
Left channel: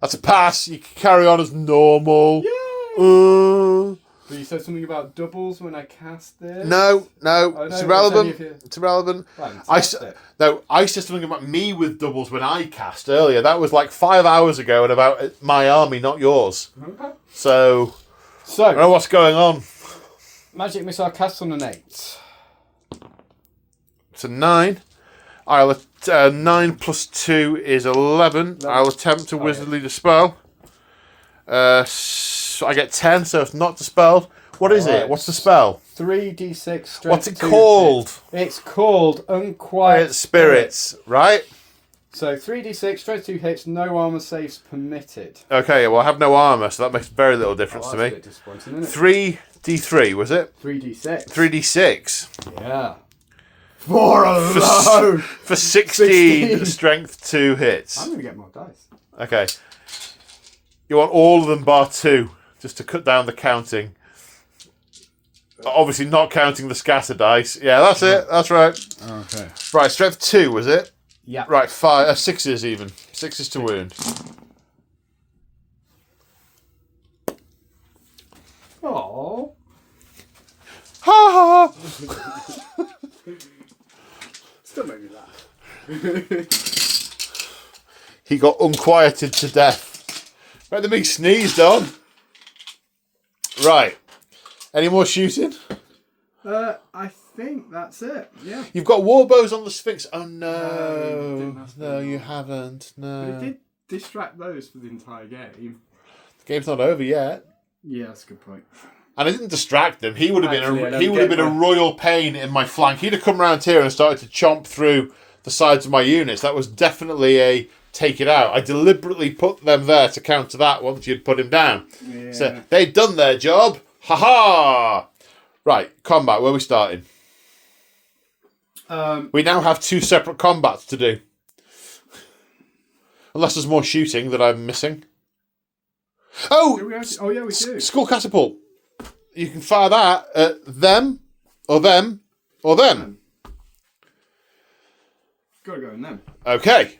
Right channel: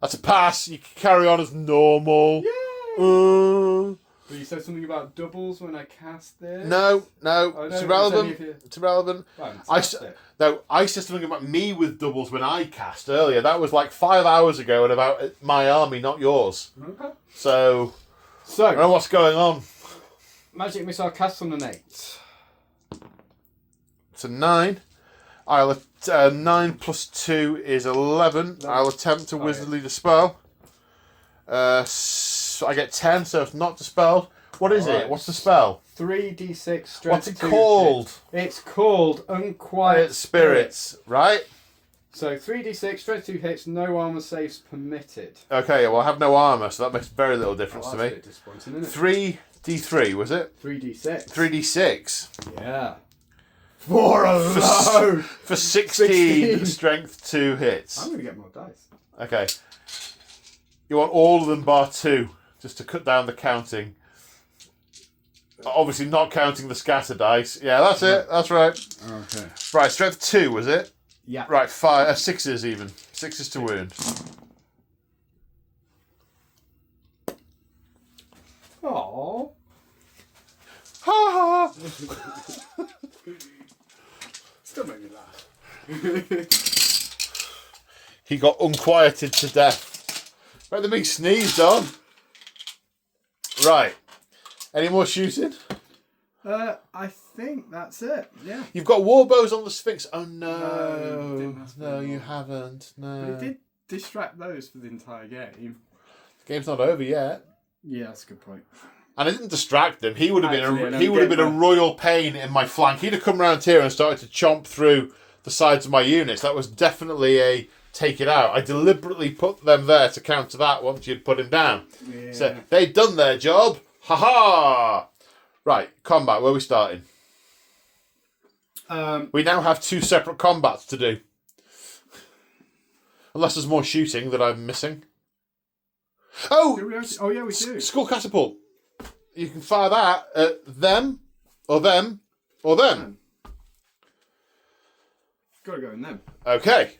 That's a pass. You can carry on as normal. So you said something about doubles when I cast this? No, Oh, no, it's irrelevant. it's only if It's irrelevant. Fantastic. I said something about me with doubles when I cast earlier. That was like 5 hours ago and about my army, not yours. Okay. So, I don't know what's going on. Magic missile cast on an 8. It's a 9. 9 plus 2 is 11. I'll attempt to wizardly dispel. So I get 10, so it's not dispelled. What is it? What's the spell? 3d6 strength. What's it 2 called? hit. It's called Unquiet Spirits, right? So 3d6 strength 2 hits, no armor saves permitted. Okay, well I have no armor, so that makes very little difference to That's a me. bit disappointing, isn't it? 3d3, was it? 3d6. 3d6. Yeah. For a load! For 16 strength 2 hits. I'm going to get more dice. Okay. You want all of them bar 2, just to cut down the counting. Obviously not counting the scatter dice. Yeah, that's it. That's right. Okay. Right, strength 2, was it? Yeah. Right, 5, 6s even. 6s to wound. Oh. Ha ha! Still made me laugh. He got unquieted to death. Right, the big sneezed on. Right. Any more shooting? I think that's it. Yeah. You've got warbows on the Sphinx. Oh No, no. ask No, me you more. haven't. We No. did distract those for the entire game. The game's not over yet. Yeah, that's a good point. And I didn't distract them. He would have Actually, I been don't he would have get been a that. royal pain in my flank. He'd have come around here and started to chomp through the sides of my units. That was definitely a take it out. I deliberately put them there to counter that once you'd put him down. Yeah. So they'd done their job. Ha ha! Right, combat. Where are we starting? We now have 2 separate combats to do. Unless there's more shooting that I'm missing. Oh! Do we actually, oh yeah, we do. Skull catapult. You can fire that at them, or them, or them. Gotta go in them. Okay.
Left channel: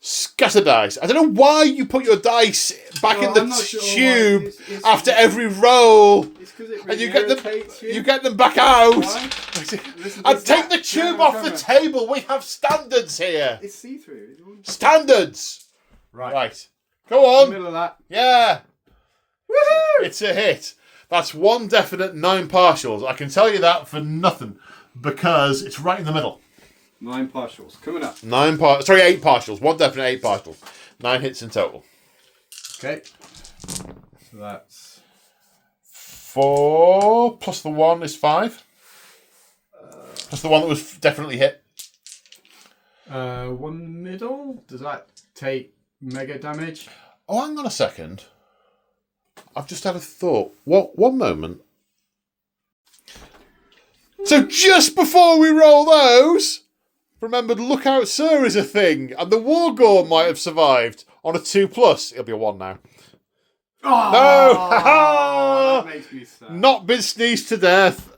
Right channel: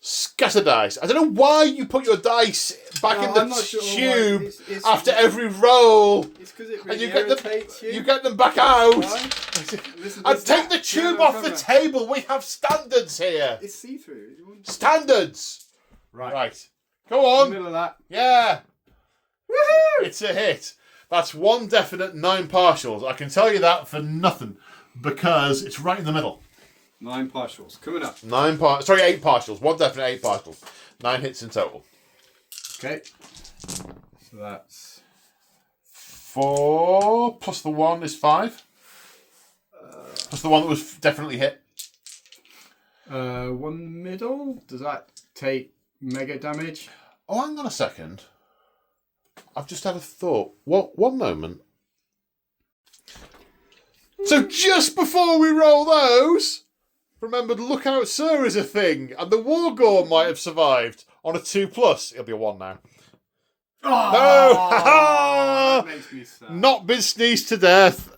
Scatter dice. I don't know why you put your dice back in the I'm not sure why. tube It's- after every roll, It's because it and really you get them. irritates you. You get them back out. Why? Listen, And it's take that- the tube no, off the no. table. We have standards here. It's see-through. Standards. Right. Go In the on. middle of that. Yeah. Woohoo! It's a hit. That's one definite 9 partials. I can tell you that for nothing because it's right in the middle. 9 partials coming up. 8 partials. One definite 8 partials. 9 hits in total. Okay. So that's 4 plus the 1 is 5. Plus the one that was definitely hit. 1 middle. Does that take mega damage? Oh, hang on a second. I've just had a thought. What? One moment. So just before we roll those, remembered Lookout Sir is a thing, and the War Gore might have survived on a 2+. It'll be a 1 now. Oh, that makes me sad. Not been sneezed to death.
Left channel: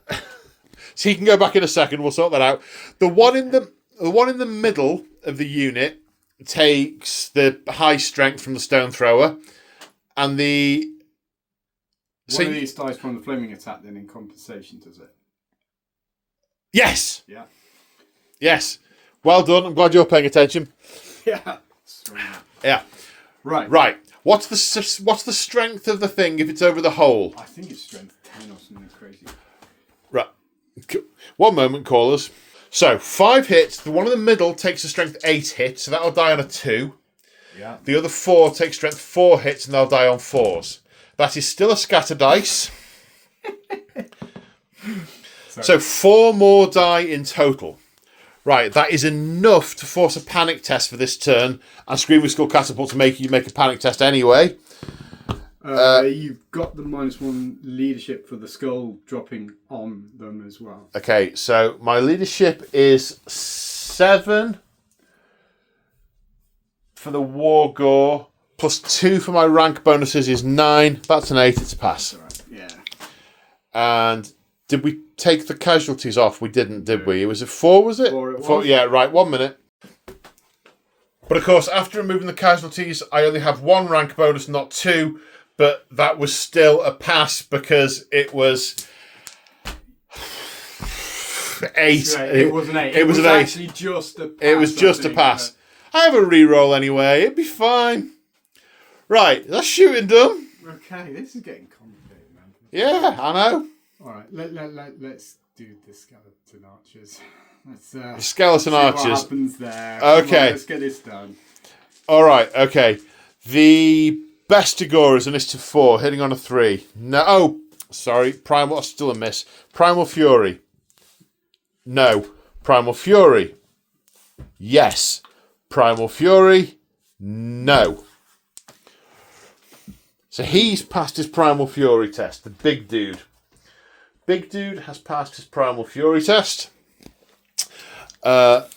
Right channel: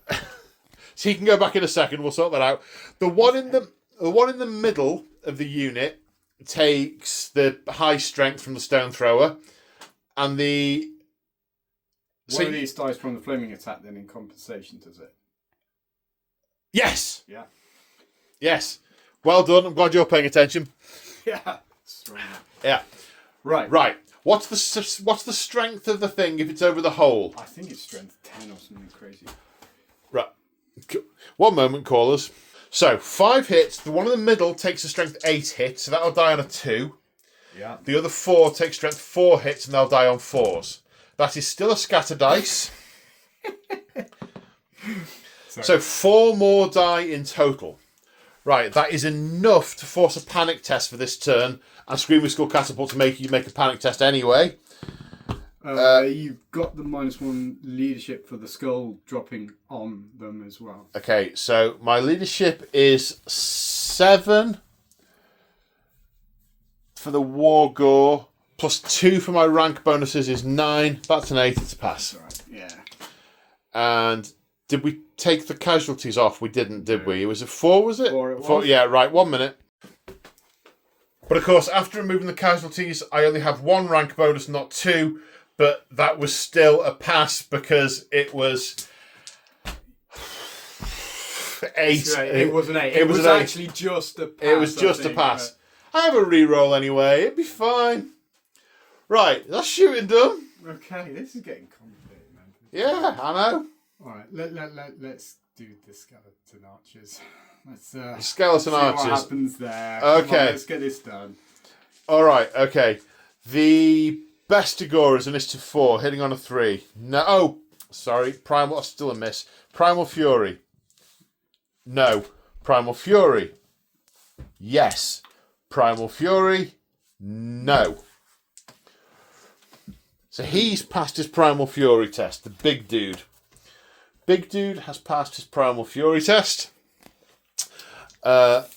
So he can go back in a second. We'll sort that out. The one in the middle of the unit takes the high strength from the stone thrower, and the One of these dies from the flaming attack then in compensation, does it? Yes. Yeah. Yes. Well done. I'm glad you're paying attention. Yeah. Strong. Yeah. Right. Right. What's the strength of the thing if it's over the hole? I think it's strength 10 or something crazy. Right. 1 moment, callers. So 5 hits. The one in the middle takes a strength 8 hit, so that'll die on a 2. Yeah. The other 4 take strength 4 hits, and they'll die on 4s. That is still a scatter dice. So 4 more die in total. Right, that is enough to force a panic test for this turn, and Screaming Skull Catapult to make you make a panic test anyway. You've got the -1 leadership for the skull dropping on them as well. Okay, so my leadership is 7 for the War Gore, plus 2 for my rank bonuses is 9. That's an 8, it's a pass. All right. Yeah. And did we take the casualties off? We didn't, did we? It was a 4, was it? 4 it was. 4, yeah, right, 1 minute. But of course, after removing the casualties, I only have 1 rank bonus, not 2. But that was still a pass because it was 8. It was an 8. It was actually just a pass. It was just a pass. I have a reroll anyway. It'd be fine. Right, that's shooting done. Okay, this is getting complicated, man. Yeah, I know. All right, let's do the skeleton archers. Let's Skeleton see archers. what happens there. Okay. Come on, let's get this done. All right, okay. The Bestigor is an IS to 4, hitting on a 3. No, oh, sorry. Primal, still a miss. Primal Fury. No. Primal Fury. Yes. Primal Fury. No. So he's passed his Primal Fury test, the big dude. Big dude has passed his Primal Fury test. Fear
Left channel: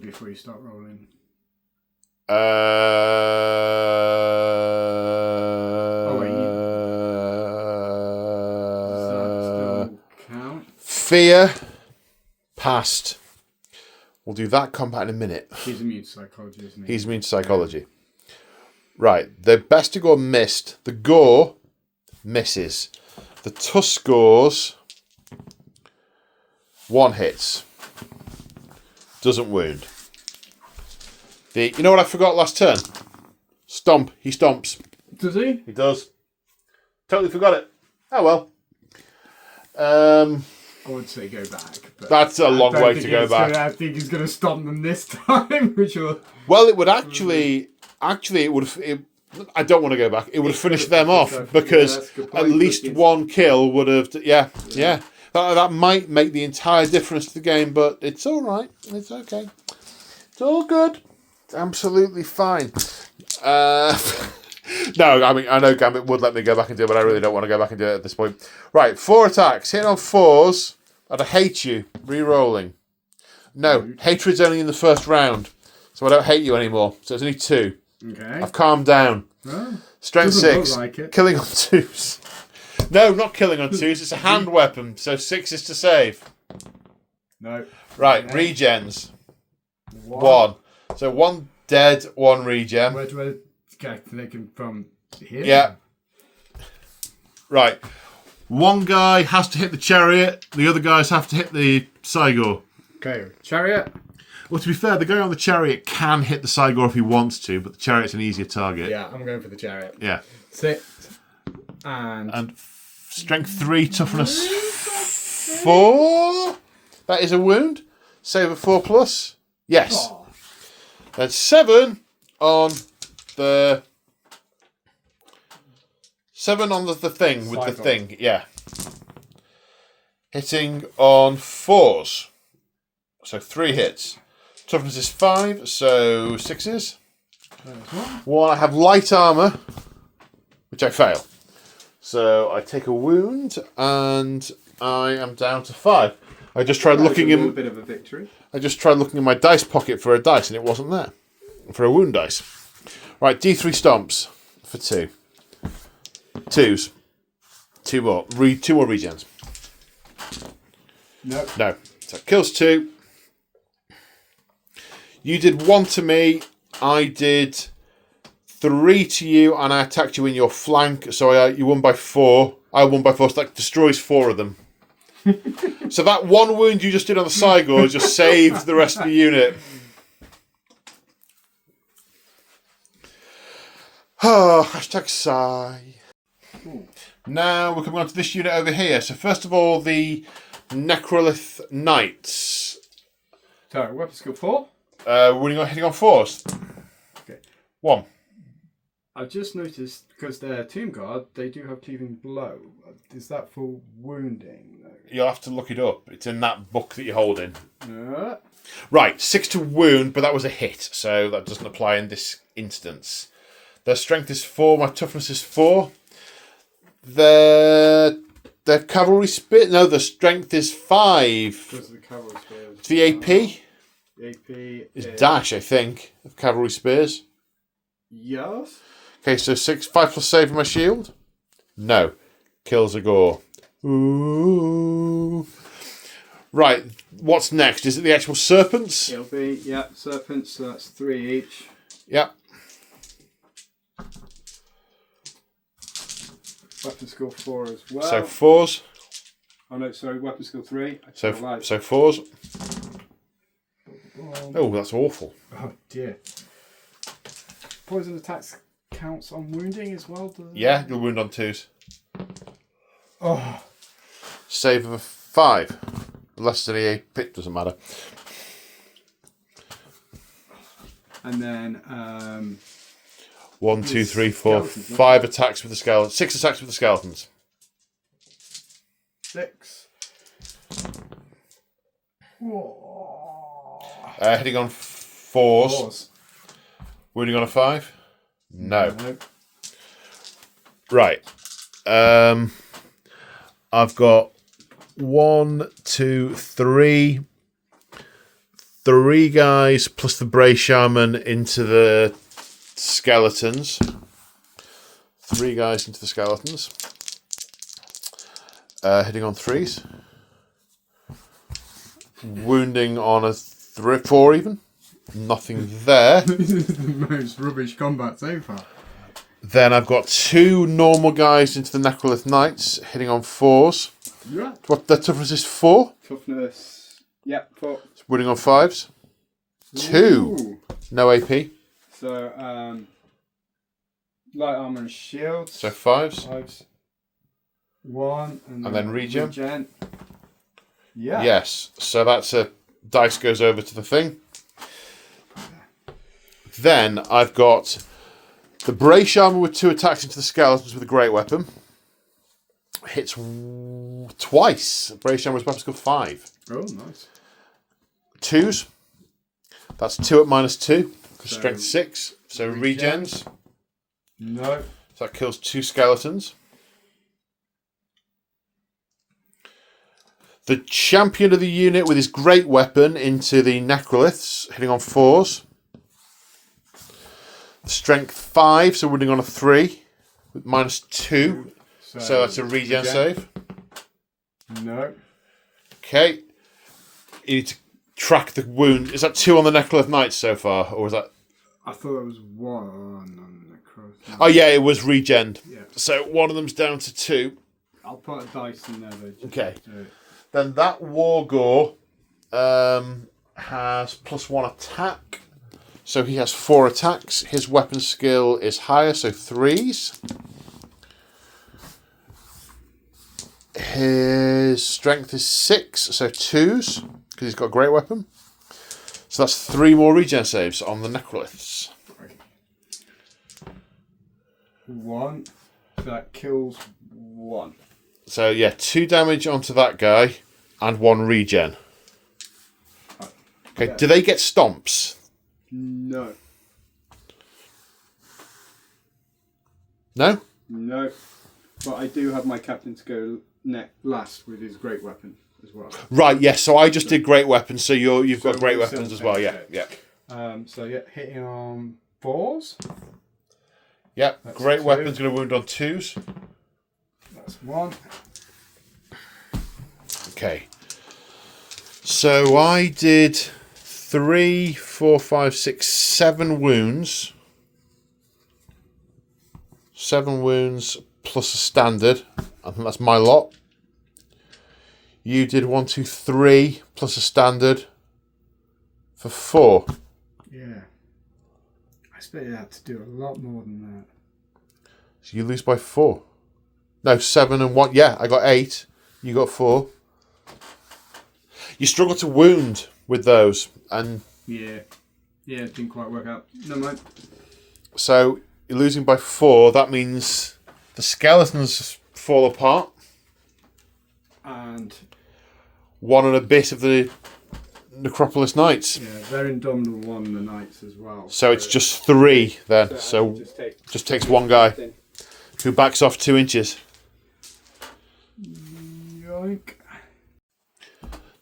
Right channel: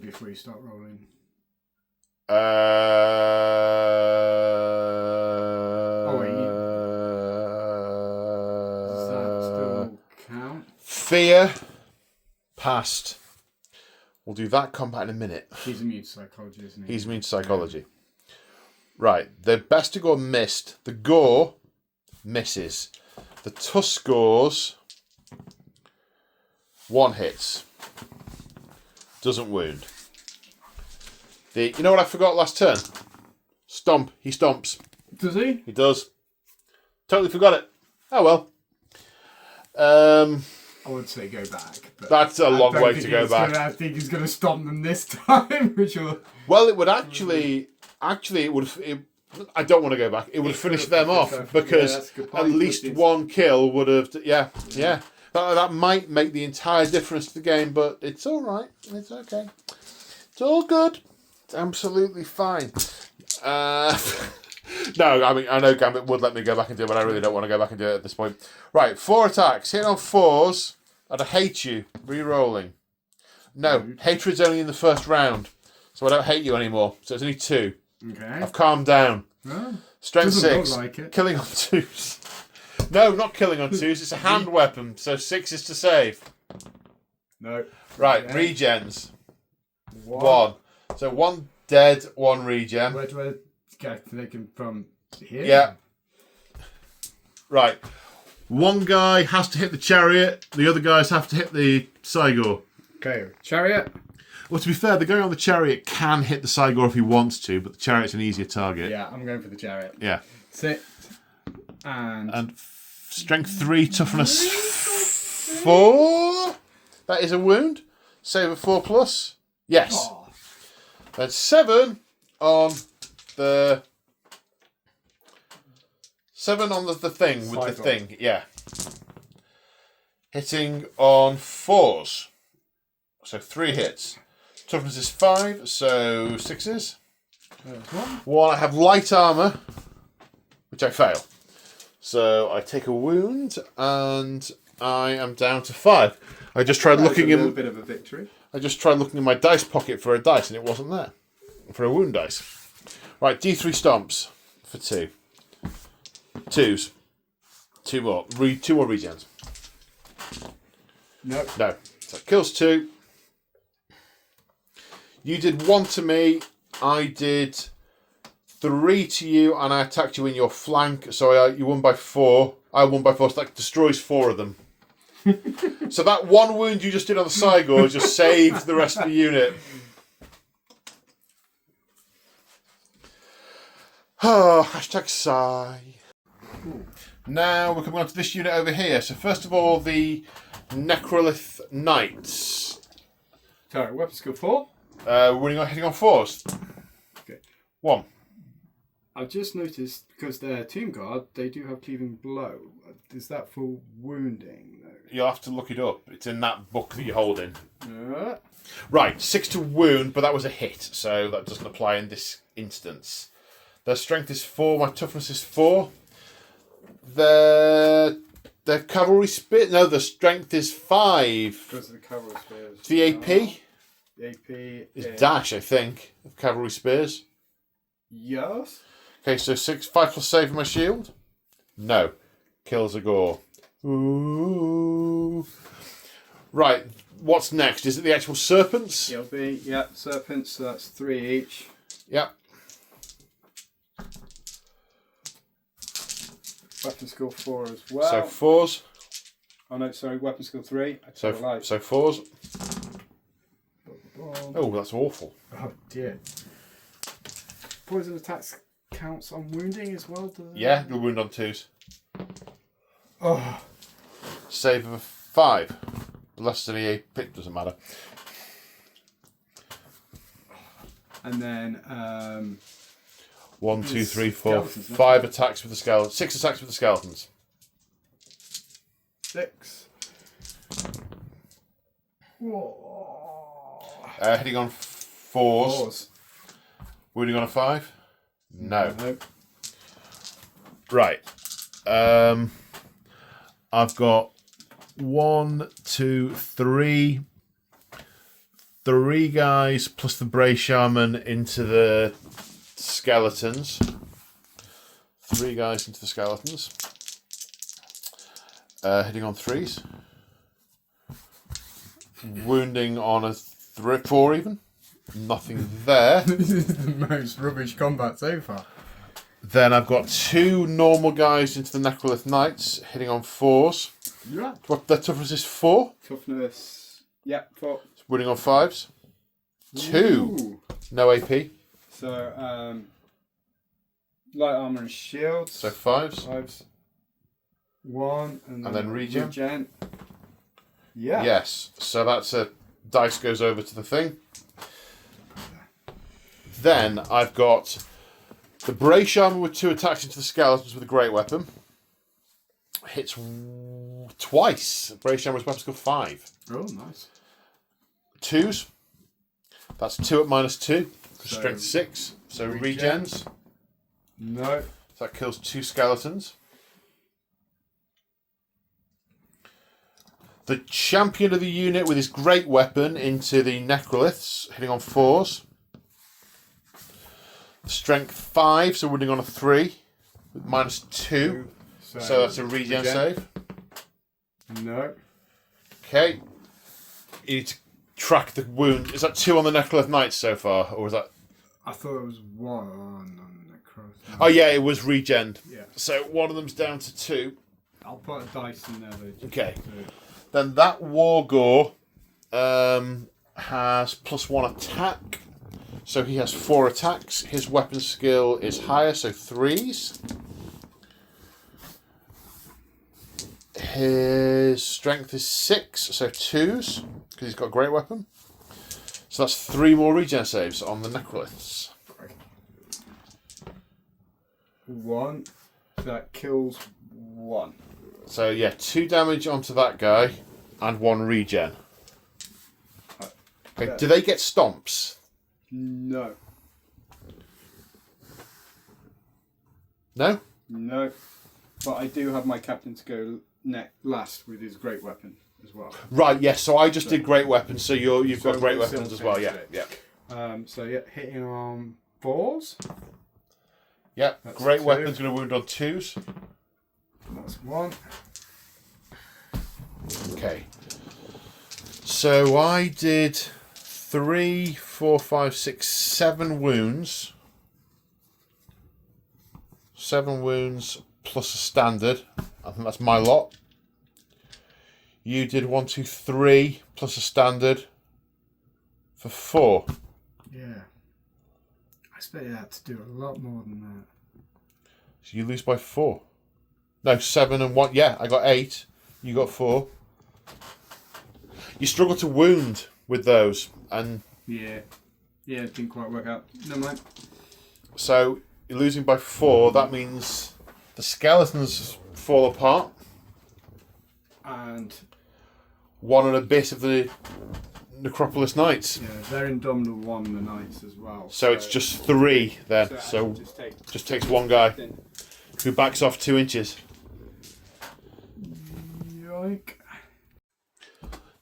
before you start rolling. Does that still count? Fear passed. We'll do that combat in a minute. He's immune to psychology, isn't he? He's immune to psychology. Right, the Bestigor missed. The Gore misses. The Tuskors 1 hits. Doesn't wound. You know what I forgot last turn? Stomp. He stomps. Does he? He does. Totally forgot it. Oh well. I would say go back. But That's a long way to go back. I think he's going to stomp them this time, which will... Well, it would actually, it would. I don't want to go back. It would have finished them off because at least 1 kill would have. Yeah. That might make the entire difference to the game, but it's all right. It's okay. It's all good. It's absolutely fine. No, I mean I know Gambit would let me go back and do it, but I really don't want to go back and do it at this point. Right, 4 attacks, hitting on 4s. I'd hate you. Re-rolling. No, hatred's only in the first round, so I don't hate you anymore. So it's only 2. Okay. I've calmed down. Oh, Strength 6. look like it. Killing on 2s. No, not killing on 2s. It's a hand weapon, so 6 is to save. No. Right, Okay. regens. 1. So 1 dead, 1 regen. Where do I get taken from here? Yeah. Right. 1 guy has to hit the chariot. The other guys have to hit the Cygor. Okay, chariot. Well, to be fair, the guy on the chariot can hit the Cygor if he wants to, but the chariot's an easier target. Yeah, I'm going for the chariot. Yeah. 6. And strength 3, toughness 4. That is a wound. Save a 4 plus. Yes. Oh. That's 7 on the... 7 on the thing with the thing. Yeah. Hitting on 4s. So 3 hits. Toughness is 5, so 6s. 1, I have light armour, which I fail. So I take a wound, and I am down to 5. I just tried looking in. A little bit of a victory. I just tried looking in my dice pocket for a dice, and it wasn't there. For a wound dice. Right, D3 stomps for 2. 2s. 2 more. 2 more regens. No. No. So it kills 2. You did 1 to me. I did 3 to you, and I attacked you in your flank. So you won by 4. I won by 4. So that destroys 4 of them. So that 1 wound you just did on the Cygor just saved the rest of the unit. Oh, hashtag sigh. Now we're coming on to this unit over here. So first of all, the Necrolith Knights. Sorry, weapon skill 4. Hitting on 4s. Okay. 1. I've just noticed, because they're Tomb Guard, they do have cleaving blow. Is that for wounding, though? You'll have to look it up. It's in that book that you're holding. Uh, Right, 6 to wound, but that was a hit, so that doesn't apply in this instance. Their strength is 4, my toughness is 4. Their cavalry spear... No, the strength is 5. because of the cavalry spears. It's the AP. The AP It's dash, I think, of cavalry spears. Yes. Okay, so 5 plus save my shield? No. Kills a gore. Ooh. Right, what's next? Is it the actual serpents? It'll be, yeah, serpents, so that's 3 each. Yep. Weapon skill 4 as well. So 4s. Oh no, sorry, weapon skill 3. So 4s. Oh, that's awful. Oh dear. Poison attacks counts on wounding as well, does it? Yeah, you'll wound on 2s. Oh. Save of a 5. Less than a pit, doesn't matter. And then 1, 2, 3, 4, skeletons, 5 attacks with the skeletons. 6 attacks with the skeletons. 6. Hitting on 4s. 4s. Wounding on a 5? No. Nope. Right. I've got 1, 2, 3. 3 guys plus the Bray Shaman into the skeletons. 3 guys into the skeletons. Hitting on 3s. Wounding on a 4 even. Nothing there. This is the most rubbish combat so far. Then I've got 2 normal guys into the Necrolith Knights, hitting on 4s. Yeah. What their toughness is 4. Toughness. Yep, 4. Wounding on 5s. 2. Ooh. No AP. So, light armor and shields. So 5s. 5s. 1. And then regen. Yeah. Yes. So that's a dice goes over to the thing. Then I've got the Bray Shaman with 2 attacks into the skeletons with a great weapon. Hits twice. Bray Shaman's weapon skill 5. Oh, nice. 2s. That's 2 at -2. So, Strength 6. So regens. No. So that kills 2 skeletons. The champion of the unit with his great weapon into the Necroliths, hitting on 4s. Strength 5, so wounding on a 3 with -2. So that's a regen save. No. Okay. You need to track the wound. Is that 2 on the Necrolith Knights so far, or was that? I thought it was 1 on the cross. Oh yeah, it was regen. Yeah. So one of them's down to 2. I'll put a dice in there though. Okay. Then that Wargore has +1 attack. So he has 4 attacks. His weapon skill is higher, so 3s. His strength is 6, so 2s, because he's got a great weapon. So that's 3 more regen saves on the Necroliths. 1. That kills 1. So yeah, 2 damage onto that guy and 1 regen. Okay, do they get stomps? No. No? No. But I do have my captain to go last with his great weapon as well. Right, yes. So I just did great weapons, so you've got So great we're weapons still as well. Yeah, same yeah. So yeah, hitting on 4s. Yeah, That's great 2. weapons going to wound on 2s. That's 1. Okay. So I did 3, 4, 5, 6, 7 wounds. 7 wounds plus a standard. I think that's my lot. You did 1, 2, 3 plus a standard for 4. Yeah. I expected that to do a lot more than that. So you lose by 4. No, 7 and 1. Yeah, I got 8. You got 4. You struggle to wound with those, and Yeah. Yeah, it didn't quite work out. Never mind. so you're losing by 4. That means the skeletons fall apart. And 1 and a bit of the Necropolis Knights. yeah, they're indomitable 1 in the Knights as well. So it's just 3 then. So just take just takes 1 guy who backs off 2 inches. yoink.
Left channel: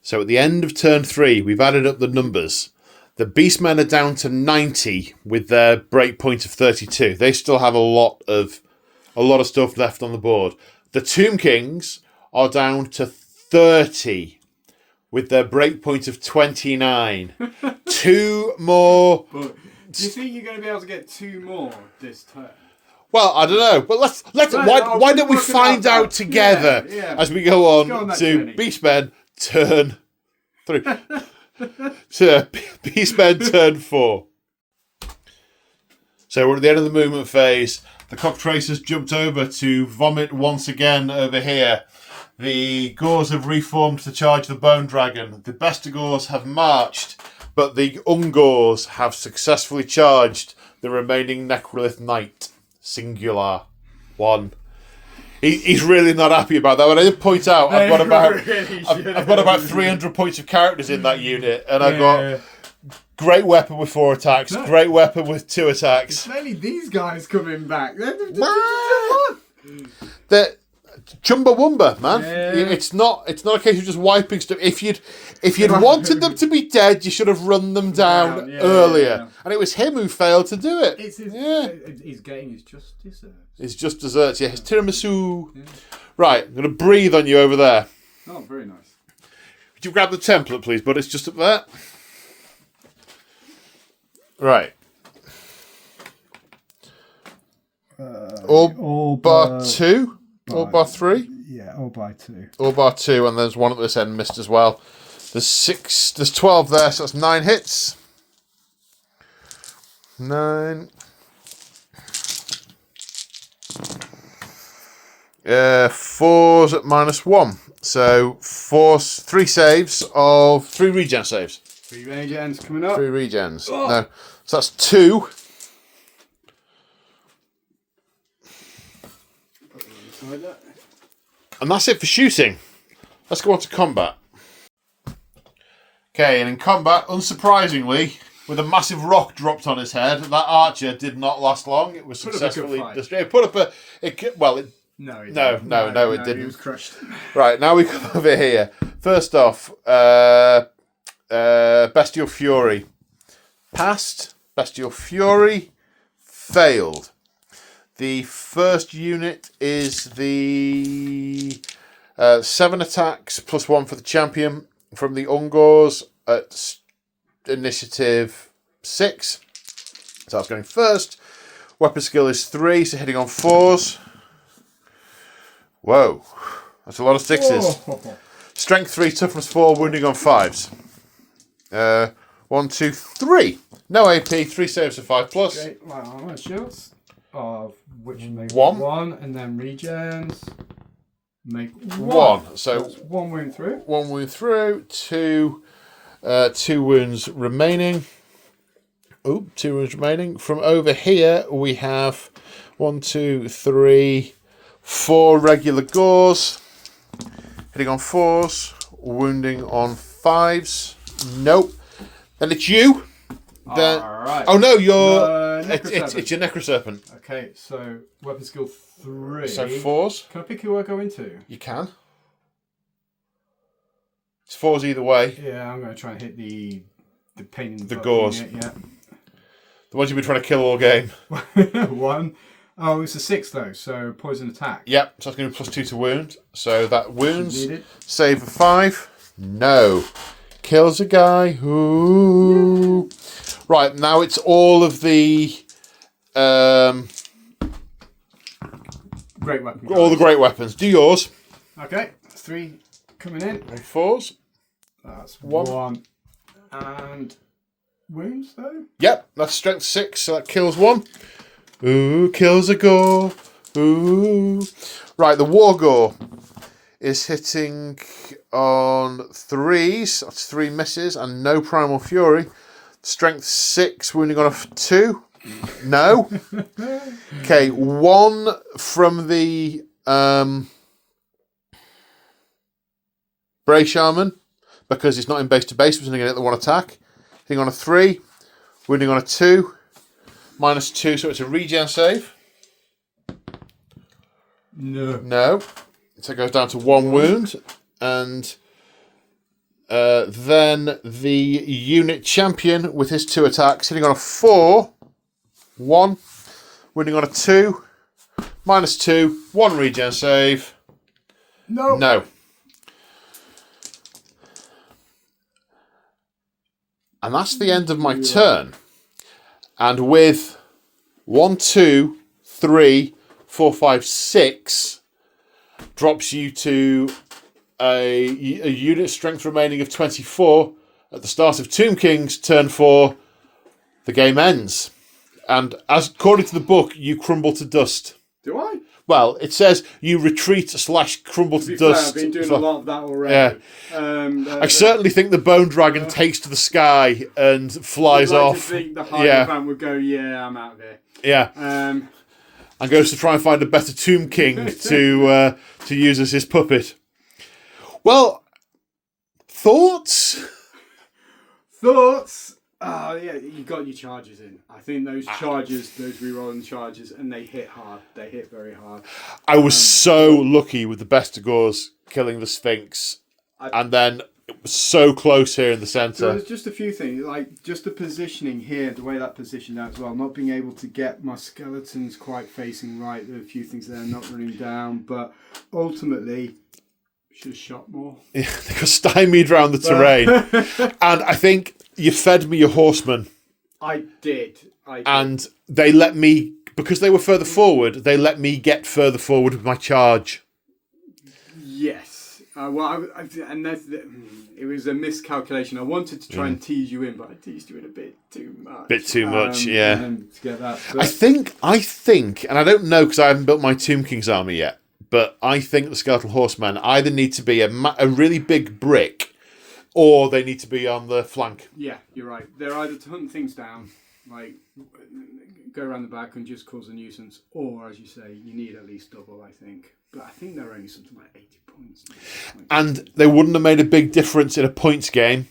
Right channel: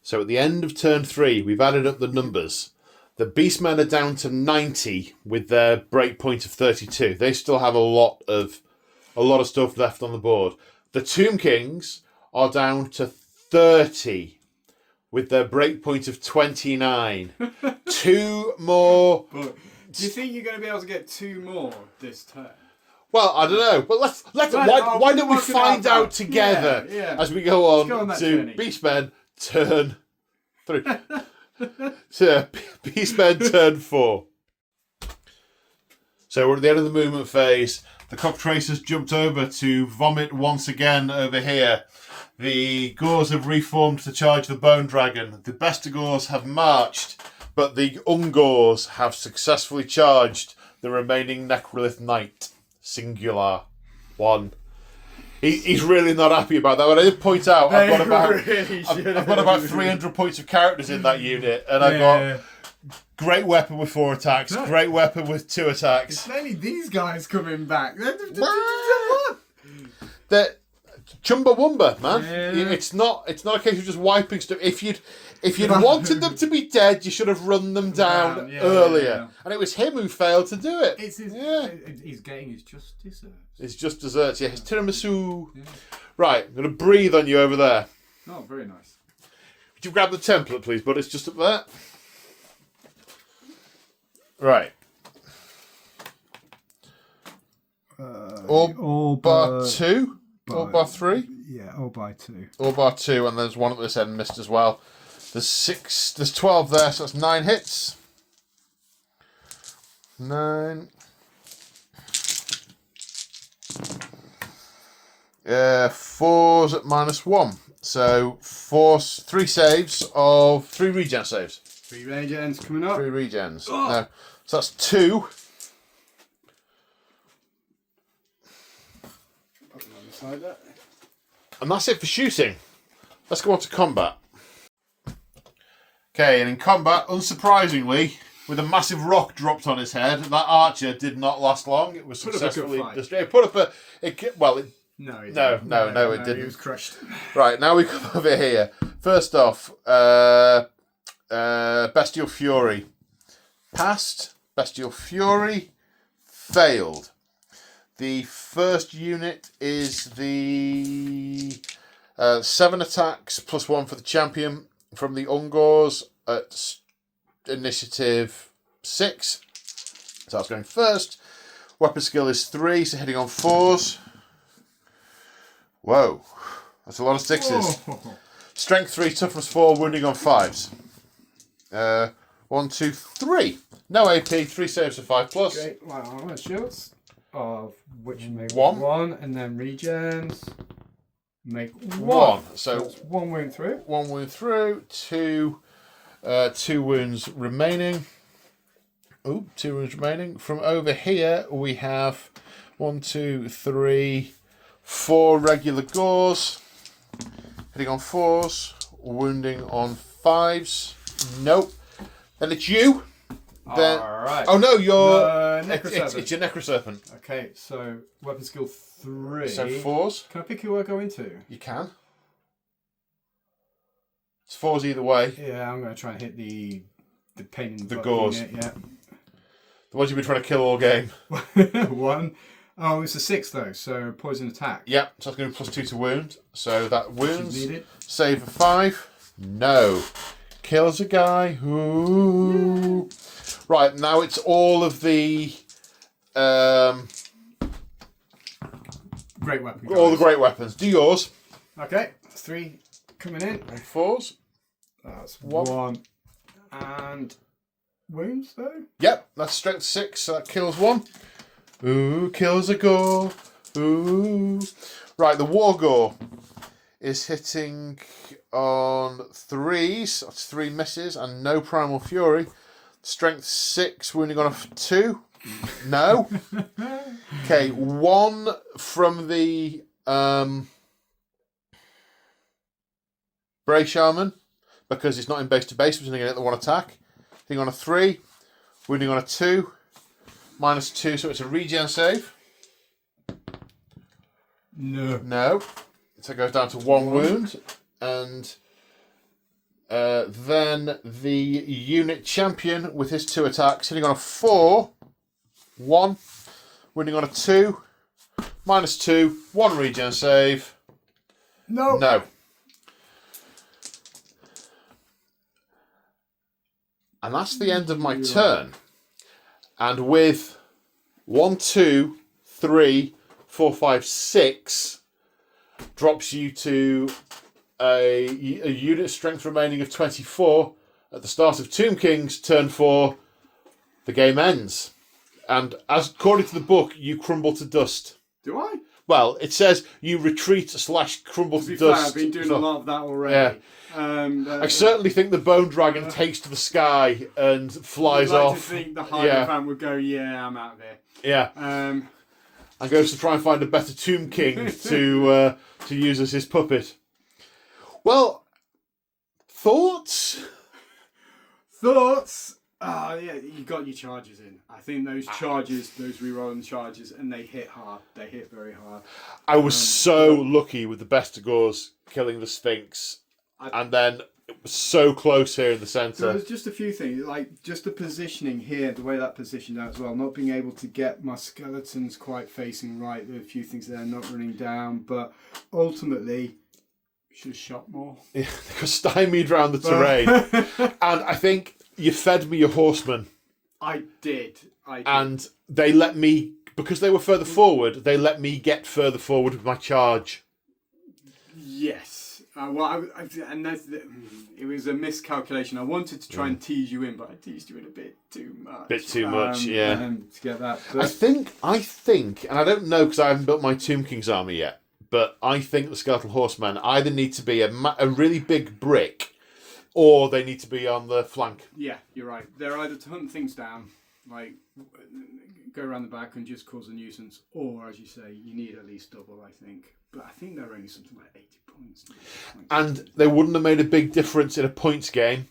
So at the end of turn 3, we've added up the numbers. The Beastmen are down to 90 with their break point of 32. They still have a lot of stuff left on the board. The Tomb Kings are down to 30 with their breakpoint of 29. 2 more. But do you think you're going to be able to get 2 more this turn? Well, I don't know, but let's why don't we find out together as we go on to journey. Beastmen turn 3. So Beastmen turn 4. So we're at the end of the movement phase. The Cocktracers jumped over to vomit once again over here. The Gors have reformed to charge the Bone Dragon. The Bestigors have marched, but the Ungors have successfully charged the remaining Necrolith Knight. Singular. 1. He's really not happy about that. When I did point out, I've got about 300 points of characters in that unit, and I've got great weapon with 4 attacks, great weapon with 2 attacks. It's mainly these guys coming back. They're Chumbawamba, man. It's not a case of just wiping stuff. If you'd wanted them to be dead, you should have run them down earlier. And it was him who failed to do it. He's getting his just desserts. It's just desserts, yeah. His tiramisu. Yeah. Right, I'm going to breathe on you over there. Oh, very nice. Could you grab the template, please, bud? It's just up there. Right. All bar 2? All bar 3? Yeah, all by 2. All bar 2, and there's one at this end missed as well. There's 12 there, so that's 9 hits. 9. 4's at -1. So 3 saves of 3 regen saves. 3 regens coming up. 3 regens. Oh. No. So that's 2. And that's it for shooting. Let's go on to combat. Okay, and in combat, unsurprisingly, with a massive rock dropped on his head, that archer did not last long. It was successfully destroyed. No, it didn't. He was crushed. Right, now we come over here. First off, Bestial Fury. Passed. Bestial Fury. Failed. The first unit is the 7 attacks plus 1 for the champion from the Ungors at initiative 6. So that's going first. Weapon skill is 3, so hitting on 4s. Whoa, that's a lot of 6s. Oh. Strength 3, toughness 4, wounding on 5s. 1, 2, 3. No AP, 3 saves of 5 plus. Okay, well, shields. Of which make 1, and then regens make 1. So that's 1 wound through. 1 wound through. 2 wounds remaining. Oh, 2 wounds remaining. From over here we have 1, 2, 3, 4 regular gores. Hitting on 4s, wounding on 5s. Nope. Then it's you. Then, right. Oh no, it's your Necroserpent. Okay, so weapon skill 3. So 4s. Can I pick who I go into? You can. It's 4s either way. Yeah, I'm going to try and hit the pain in the gores. Unit, yeah. The ones you've been trying to kill all game. 1. Oh, it's a 6 though, so poison attack. Yep, so that's going to be +2 to wound. So that wounds. Save of 5. No. Kills a guy. Ooh. Right, now it's all of the great weapons. All the great weapons. Do yours. Okay, 3 coming in. 4s. That's 1. And wounds though? Yep, that's strength 6, so that kills 1. Ooh, kills a gore. Ooh. Right, the War Gore is hitting on 3s. That's 3 misses and no Primal Fury. Strength 6, wounding on a 2. No. Okay, 1 from the Bray Shaman, because it's not in base to base, was only going to get the 1 attack. Hitting on a 3, wounding on a 2. -2, so it's a regen save. No. So it goes down to 1 wound. And then the unit champion with his 2 attacks, hitting on a 4, 1, wounding on a 2, -2, 1 regen save. No. No. And that's the end of my turn. And with 1, 2, 3, 4, 5, 6 drops you to a unit strength remaining of 24 at the start of Tomb King's turn 4. The game ends. And as according to the book, you crumble to dust. Do I? Well, it says you retreat / crumble to dust. I've been doing a lot of that already. Yeah. I certainly think the bone dragon takes to the sky and flies off. I think the Hierophant would go, yeah, I'm out of here. Yeah. And goes to try and find a better Tomb King to use as his puppet. Well, thoughts? Thoughts? Oh, yeah, you got your charges in. I think those charges, those rerolling charges, and they hit hard. They hit very hard. I was so lucky with the Bestigors killing the Sphinx. And then it was so close here in the centre. There was just a few things, like just the positioning here, the way that positioned out as well. Not being able to get my skeletons quite facing right. There are a few things there not running down. But ultimately, should have shot more. Yeah, they got stymied around the terrain. And I think you fed me your horsemen. I did. And they let me, because they were further forward, they let me get further forward with my charge. Yes. And it was a miscalculation. I wanted to try and tease you in, but I teased you in a bit too much. Bit too much, yeah. To get that. But I think, and I don't know because I haven't built my Tomb King's army yet, but I think the Skeletal Horsemen either need to be a really big brick, or they need to be on the flank. Yeah, you're right. They're either to hunt things down, like go around the back and just cause a nuisance, or, as you say, you need at least double, I think. But I think they're only something like 80 points. And they wouldn't have made a big difference in a points game,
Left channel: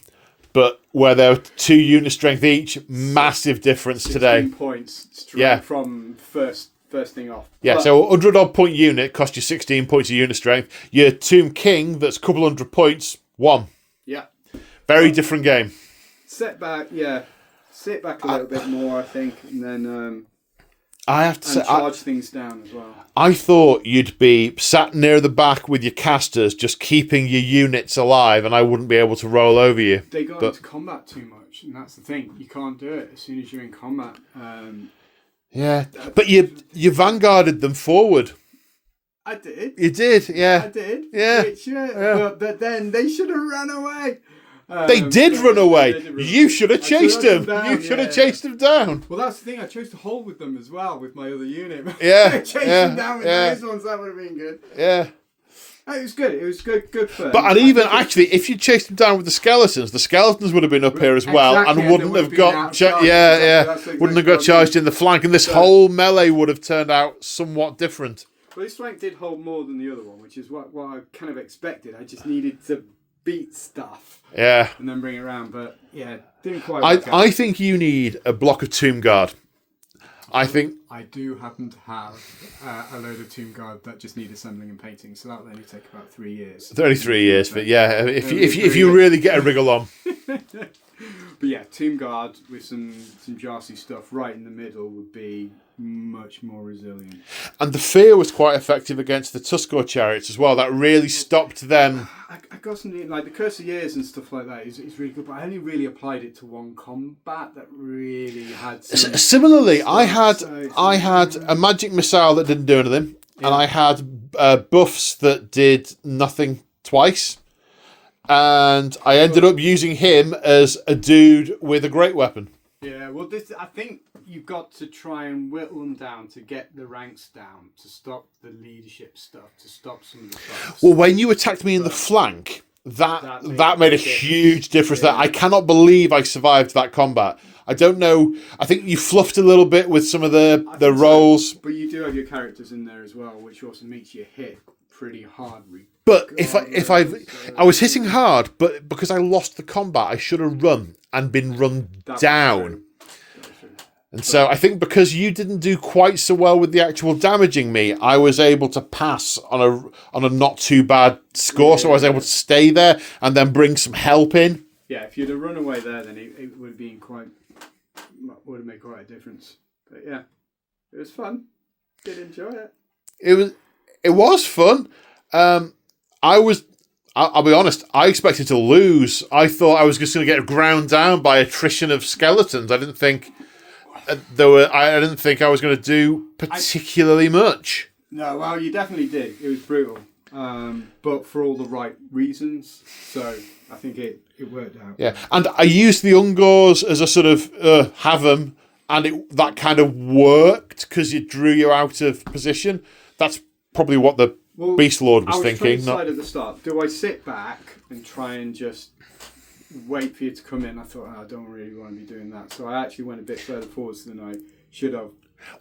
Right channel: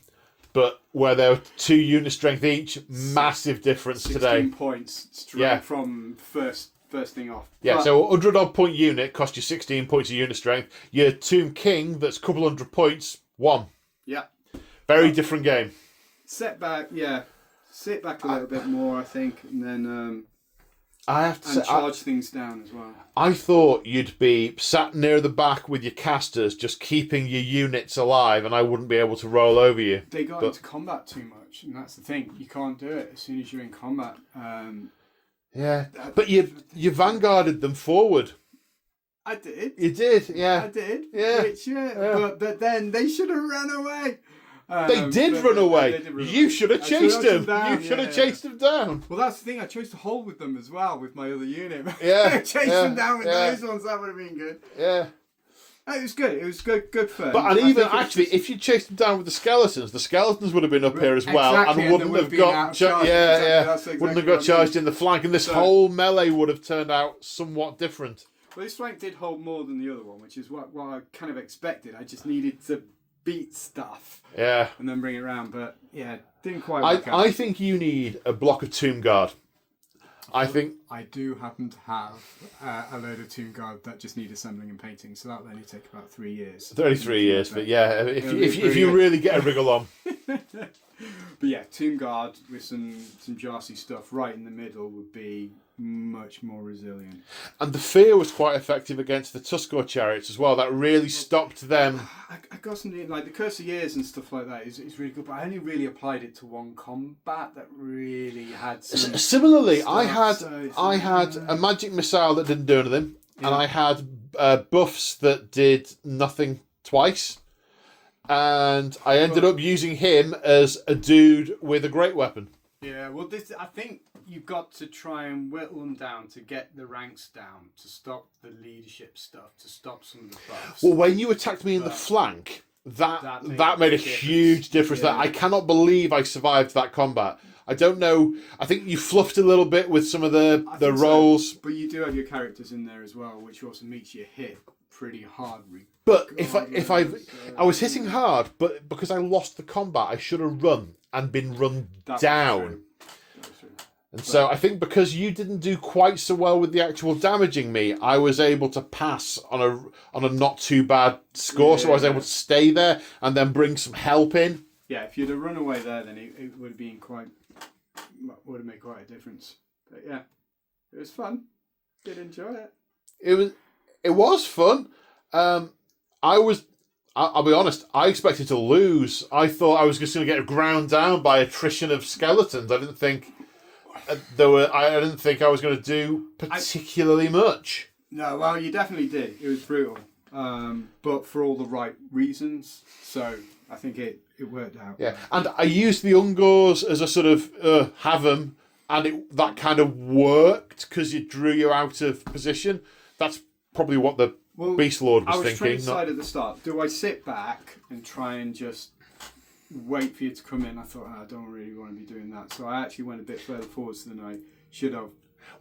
but where there were 2 unit strength each, massive difference 16 today. Points straight from first thing off. Yeah, but, so a 100 odd point unit cost you 16 points of unit strength. Your Tomb King, that's a couple hundred points, 1. Yeah. Very different game. Sit back a little bit more, I think, and then I have to say, charge things down as well. I thought you'd be sat near the back with your casters, just keeping your units alive, and I wouldn't be able to roll over you. They got into combat too much, and that's the thing. You can't do it as soon as you're in combat. Yeah, but you vanguarded them forward. I did. You did, yeah. I did. Yeah. But then they should have run away. They did run away. You should have chased them. Down, You should have chased them down. Well, that's the thing. I chose to hold with them as well with my other unit. Yeah. Chase them down with those ones. That would have been good. Yeah. It was good. It was good fun. But even actually, if you chased them down with the skeletons would have been up here as well, exactly, and wouldn't have got wouldn't have got charged in the flank, and this whole melee would have turned out somewhat different. Well, this flank did hold more than the other one, which is what I kind of expected. I just needed to beat stuff, and then bring it around. But yeah, didn't quite. I think you need a block of Tomb Guard. I think I do happen to have a load of Tomb Guard that just need assembling and painting, so that will only take about 3 years. Only 3 years, but yeah, if you really get a wriggle on. But yeah, Tomb Guard with some Jarsy stuff right in the middle would be much more resilient. And the fear was quite effective against the Tuskor chariots as well. That really stopped them. I got something like the Curse of Years and stuff like that is really good, but I only really applied it to one combat that really had some Similarly, stuff, I had a magic missile that didn't do anything, and I had buffs that did nothing twice. And I ended up using him as a dude with a great weapon. Yeah, well, I think you've got to try and whittle them down to get the ranks down, to stop the leadership stuff, to stop some of the buffs. Well, when you attacked me in the flank, that made a huge difference. That I cannot believe I survived that combat. I don't know. I think you fluffed a little bit with some of the rolls. So. But you do have your characters in there as well, which also makes you hit pretty hard. But I was hitting hard, but because I lost the combat, I should have run and been run down. And so I think because you didn't do quite so well with the actual damaging me, I was able to pass on a not too bad score. So I was able to stay there and then bring some help in. Yeah, if you'd have run away there, then it would have been would have made quite a difference. But yeah, it was fun. Did enjoy it. It was fun. I'll be honest, I expected to lose. I thought I was just going to get ground down by attrition of skeletons. I didn't think I didn't think I was going to do particularly much. No, well, you definitely did. It was brutal, but for all the right reasons. So I think it worked out. Yeah, and I used the Ungors as a sort of have them, and that kind of worked because it drew you out of position. That's probably what the Beast Lord was thinking. I was trying to decide at the start, do I sit back and try and just wait for you to come in? I thought, I don't really want to be doing that. So I actually went a bit further forwards than I should have.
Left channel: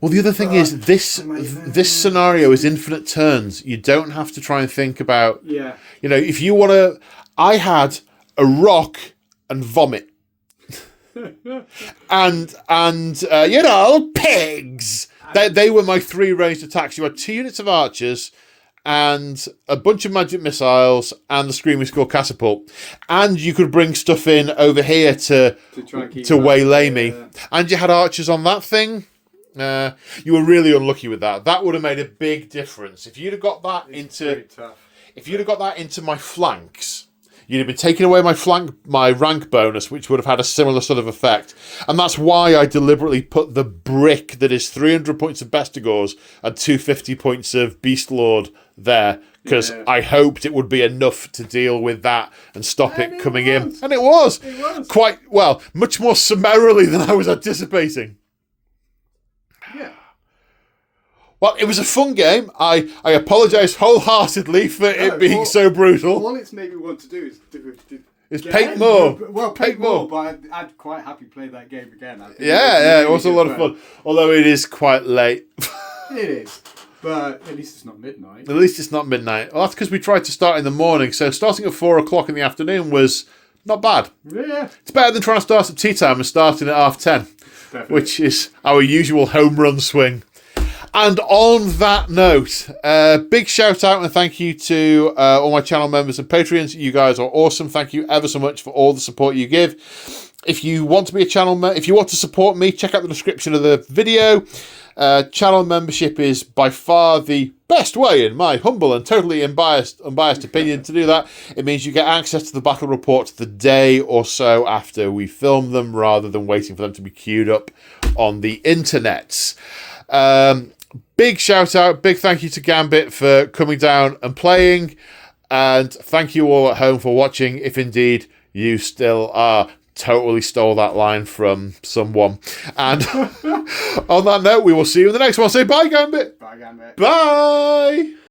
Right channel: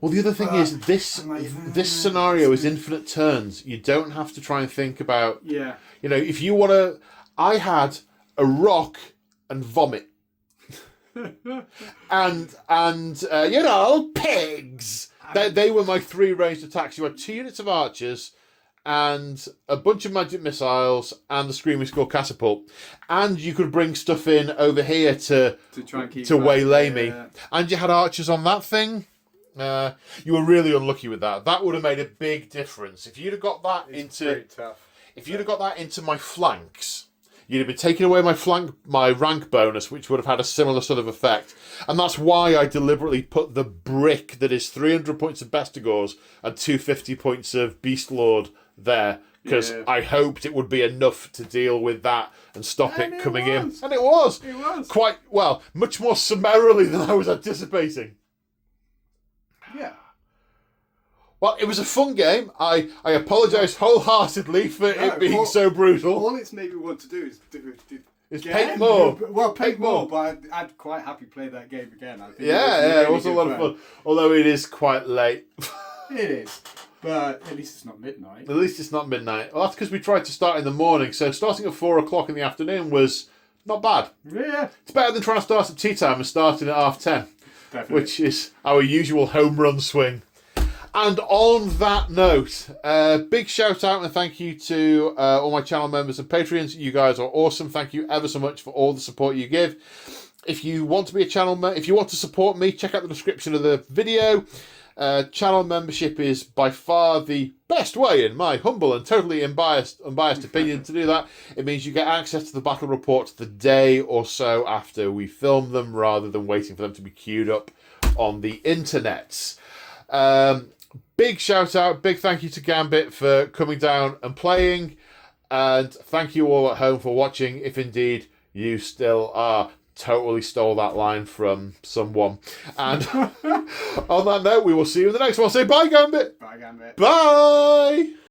Well, the other thing is, this scenario is infinite turns. You don't have to try and think about... Yeah. You know, if you want to... I had a rock and vomit. and you know, pigs! They were my 3 ranged attacks. You had 2 units of archers and a bunch of magic missiles and the Screaming Skull catapult. And you could bring stuff in over here to waylay me. Yeah. And you had archers on that thing. You were really unlucky with that. That would have made a big difference. If you'd have got that into my flanks, you'd have been taking away my rank bonus, which would have had a similar sort of effect. And that's why I deliberately put the brick that is 300 points of Bestigors and 250 points of Beast Lord there, because I hoped it would be enough to deal with that and stop it coming in. And it was. It was. Quite, well, much more summarily than I was anticipating. Yeah. Well, it was a fun game. I apologise wholeheartedly for it being so brutal. All it's made me want to do is paint more. Well, paint more, but I'd quite happy play that game again. Yeah, it was a lot of fun. Although it is quite late. It is. But at least it's not midnight. At least it's not midnight. Well, that's because we tried to start in the morning. So starting at 4 o'clock in the afternoon was not bad. Yeah. It's better than trying to start at tea time and starting at 10:30. Definitely. Which is our usual home run swing. And on that note, big shout out and thank you to all my channel members and Patreons. You guys are awesome. Thank you ever so much for all the support you give. If you want to be a channel member, if you want to support me, check out the description of the video. Channel membership is by far the best way, in my humble and totally unbiased opinion, to do that. It means you get access to the battle reports the day or so after we film them, rather than waiting for them to be queued up on the internets. Big shout out, big thank you to Gambit for coming down and playing, and thank you all at home for watching, if indeed you still are. Totally stole that line from someone. And on that note, we will see you in the next one. Say bye, Gambit. Bye, Gambit. Bye.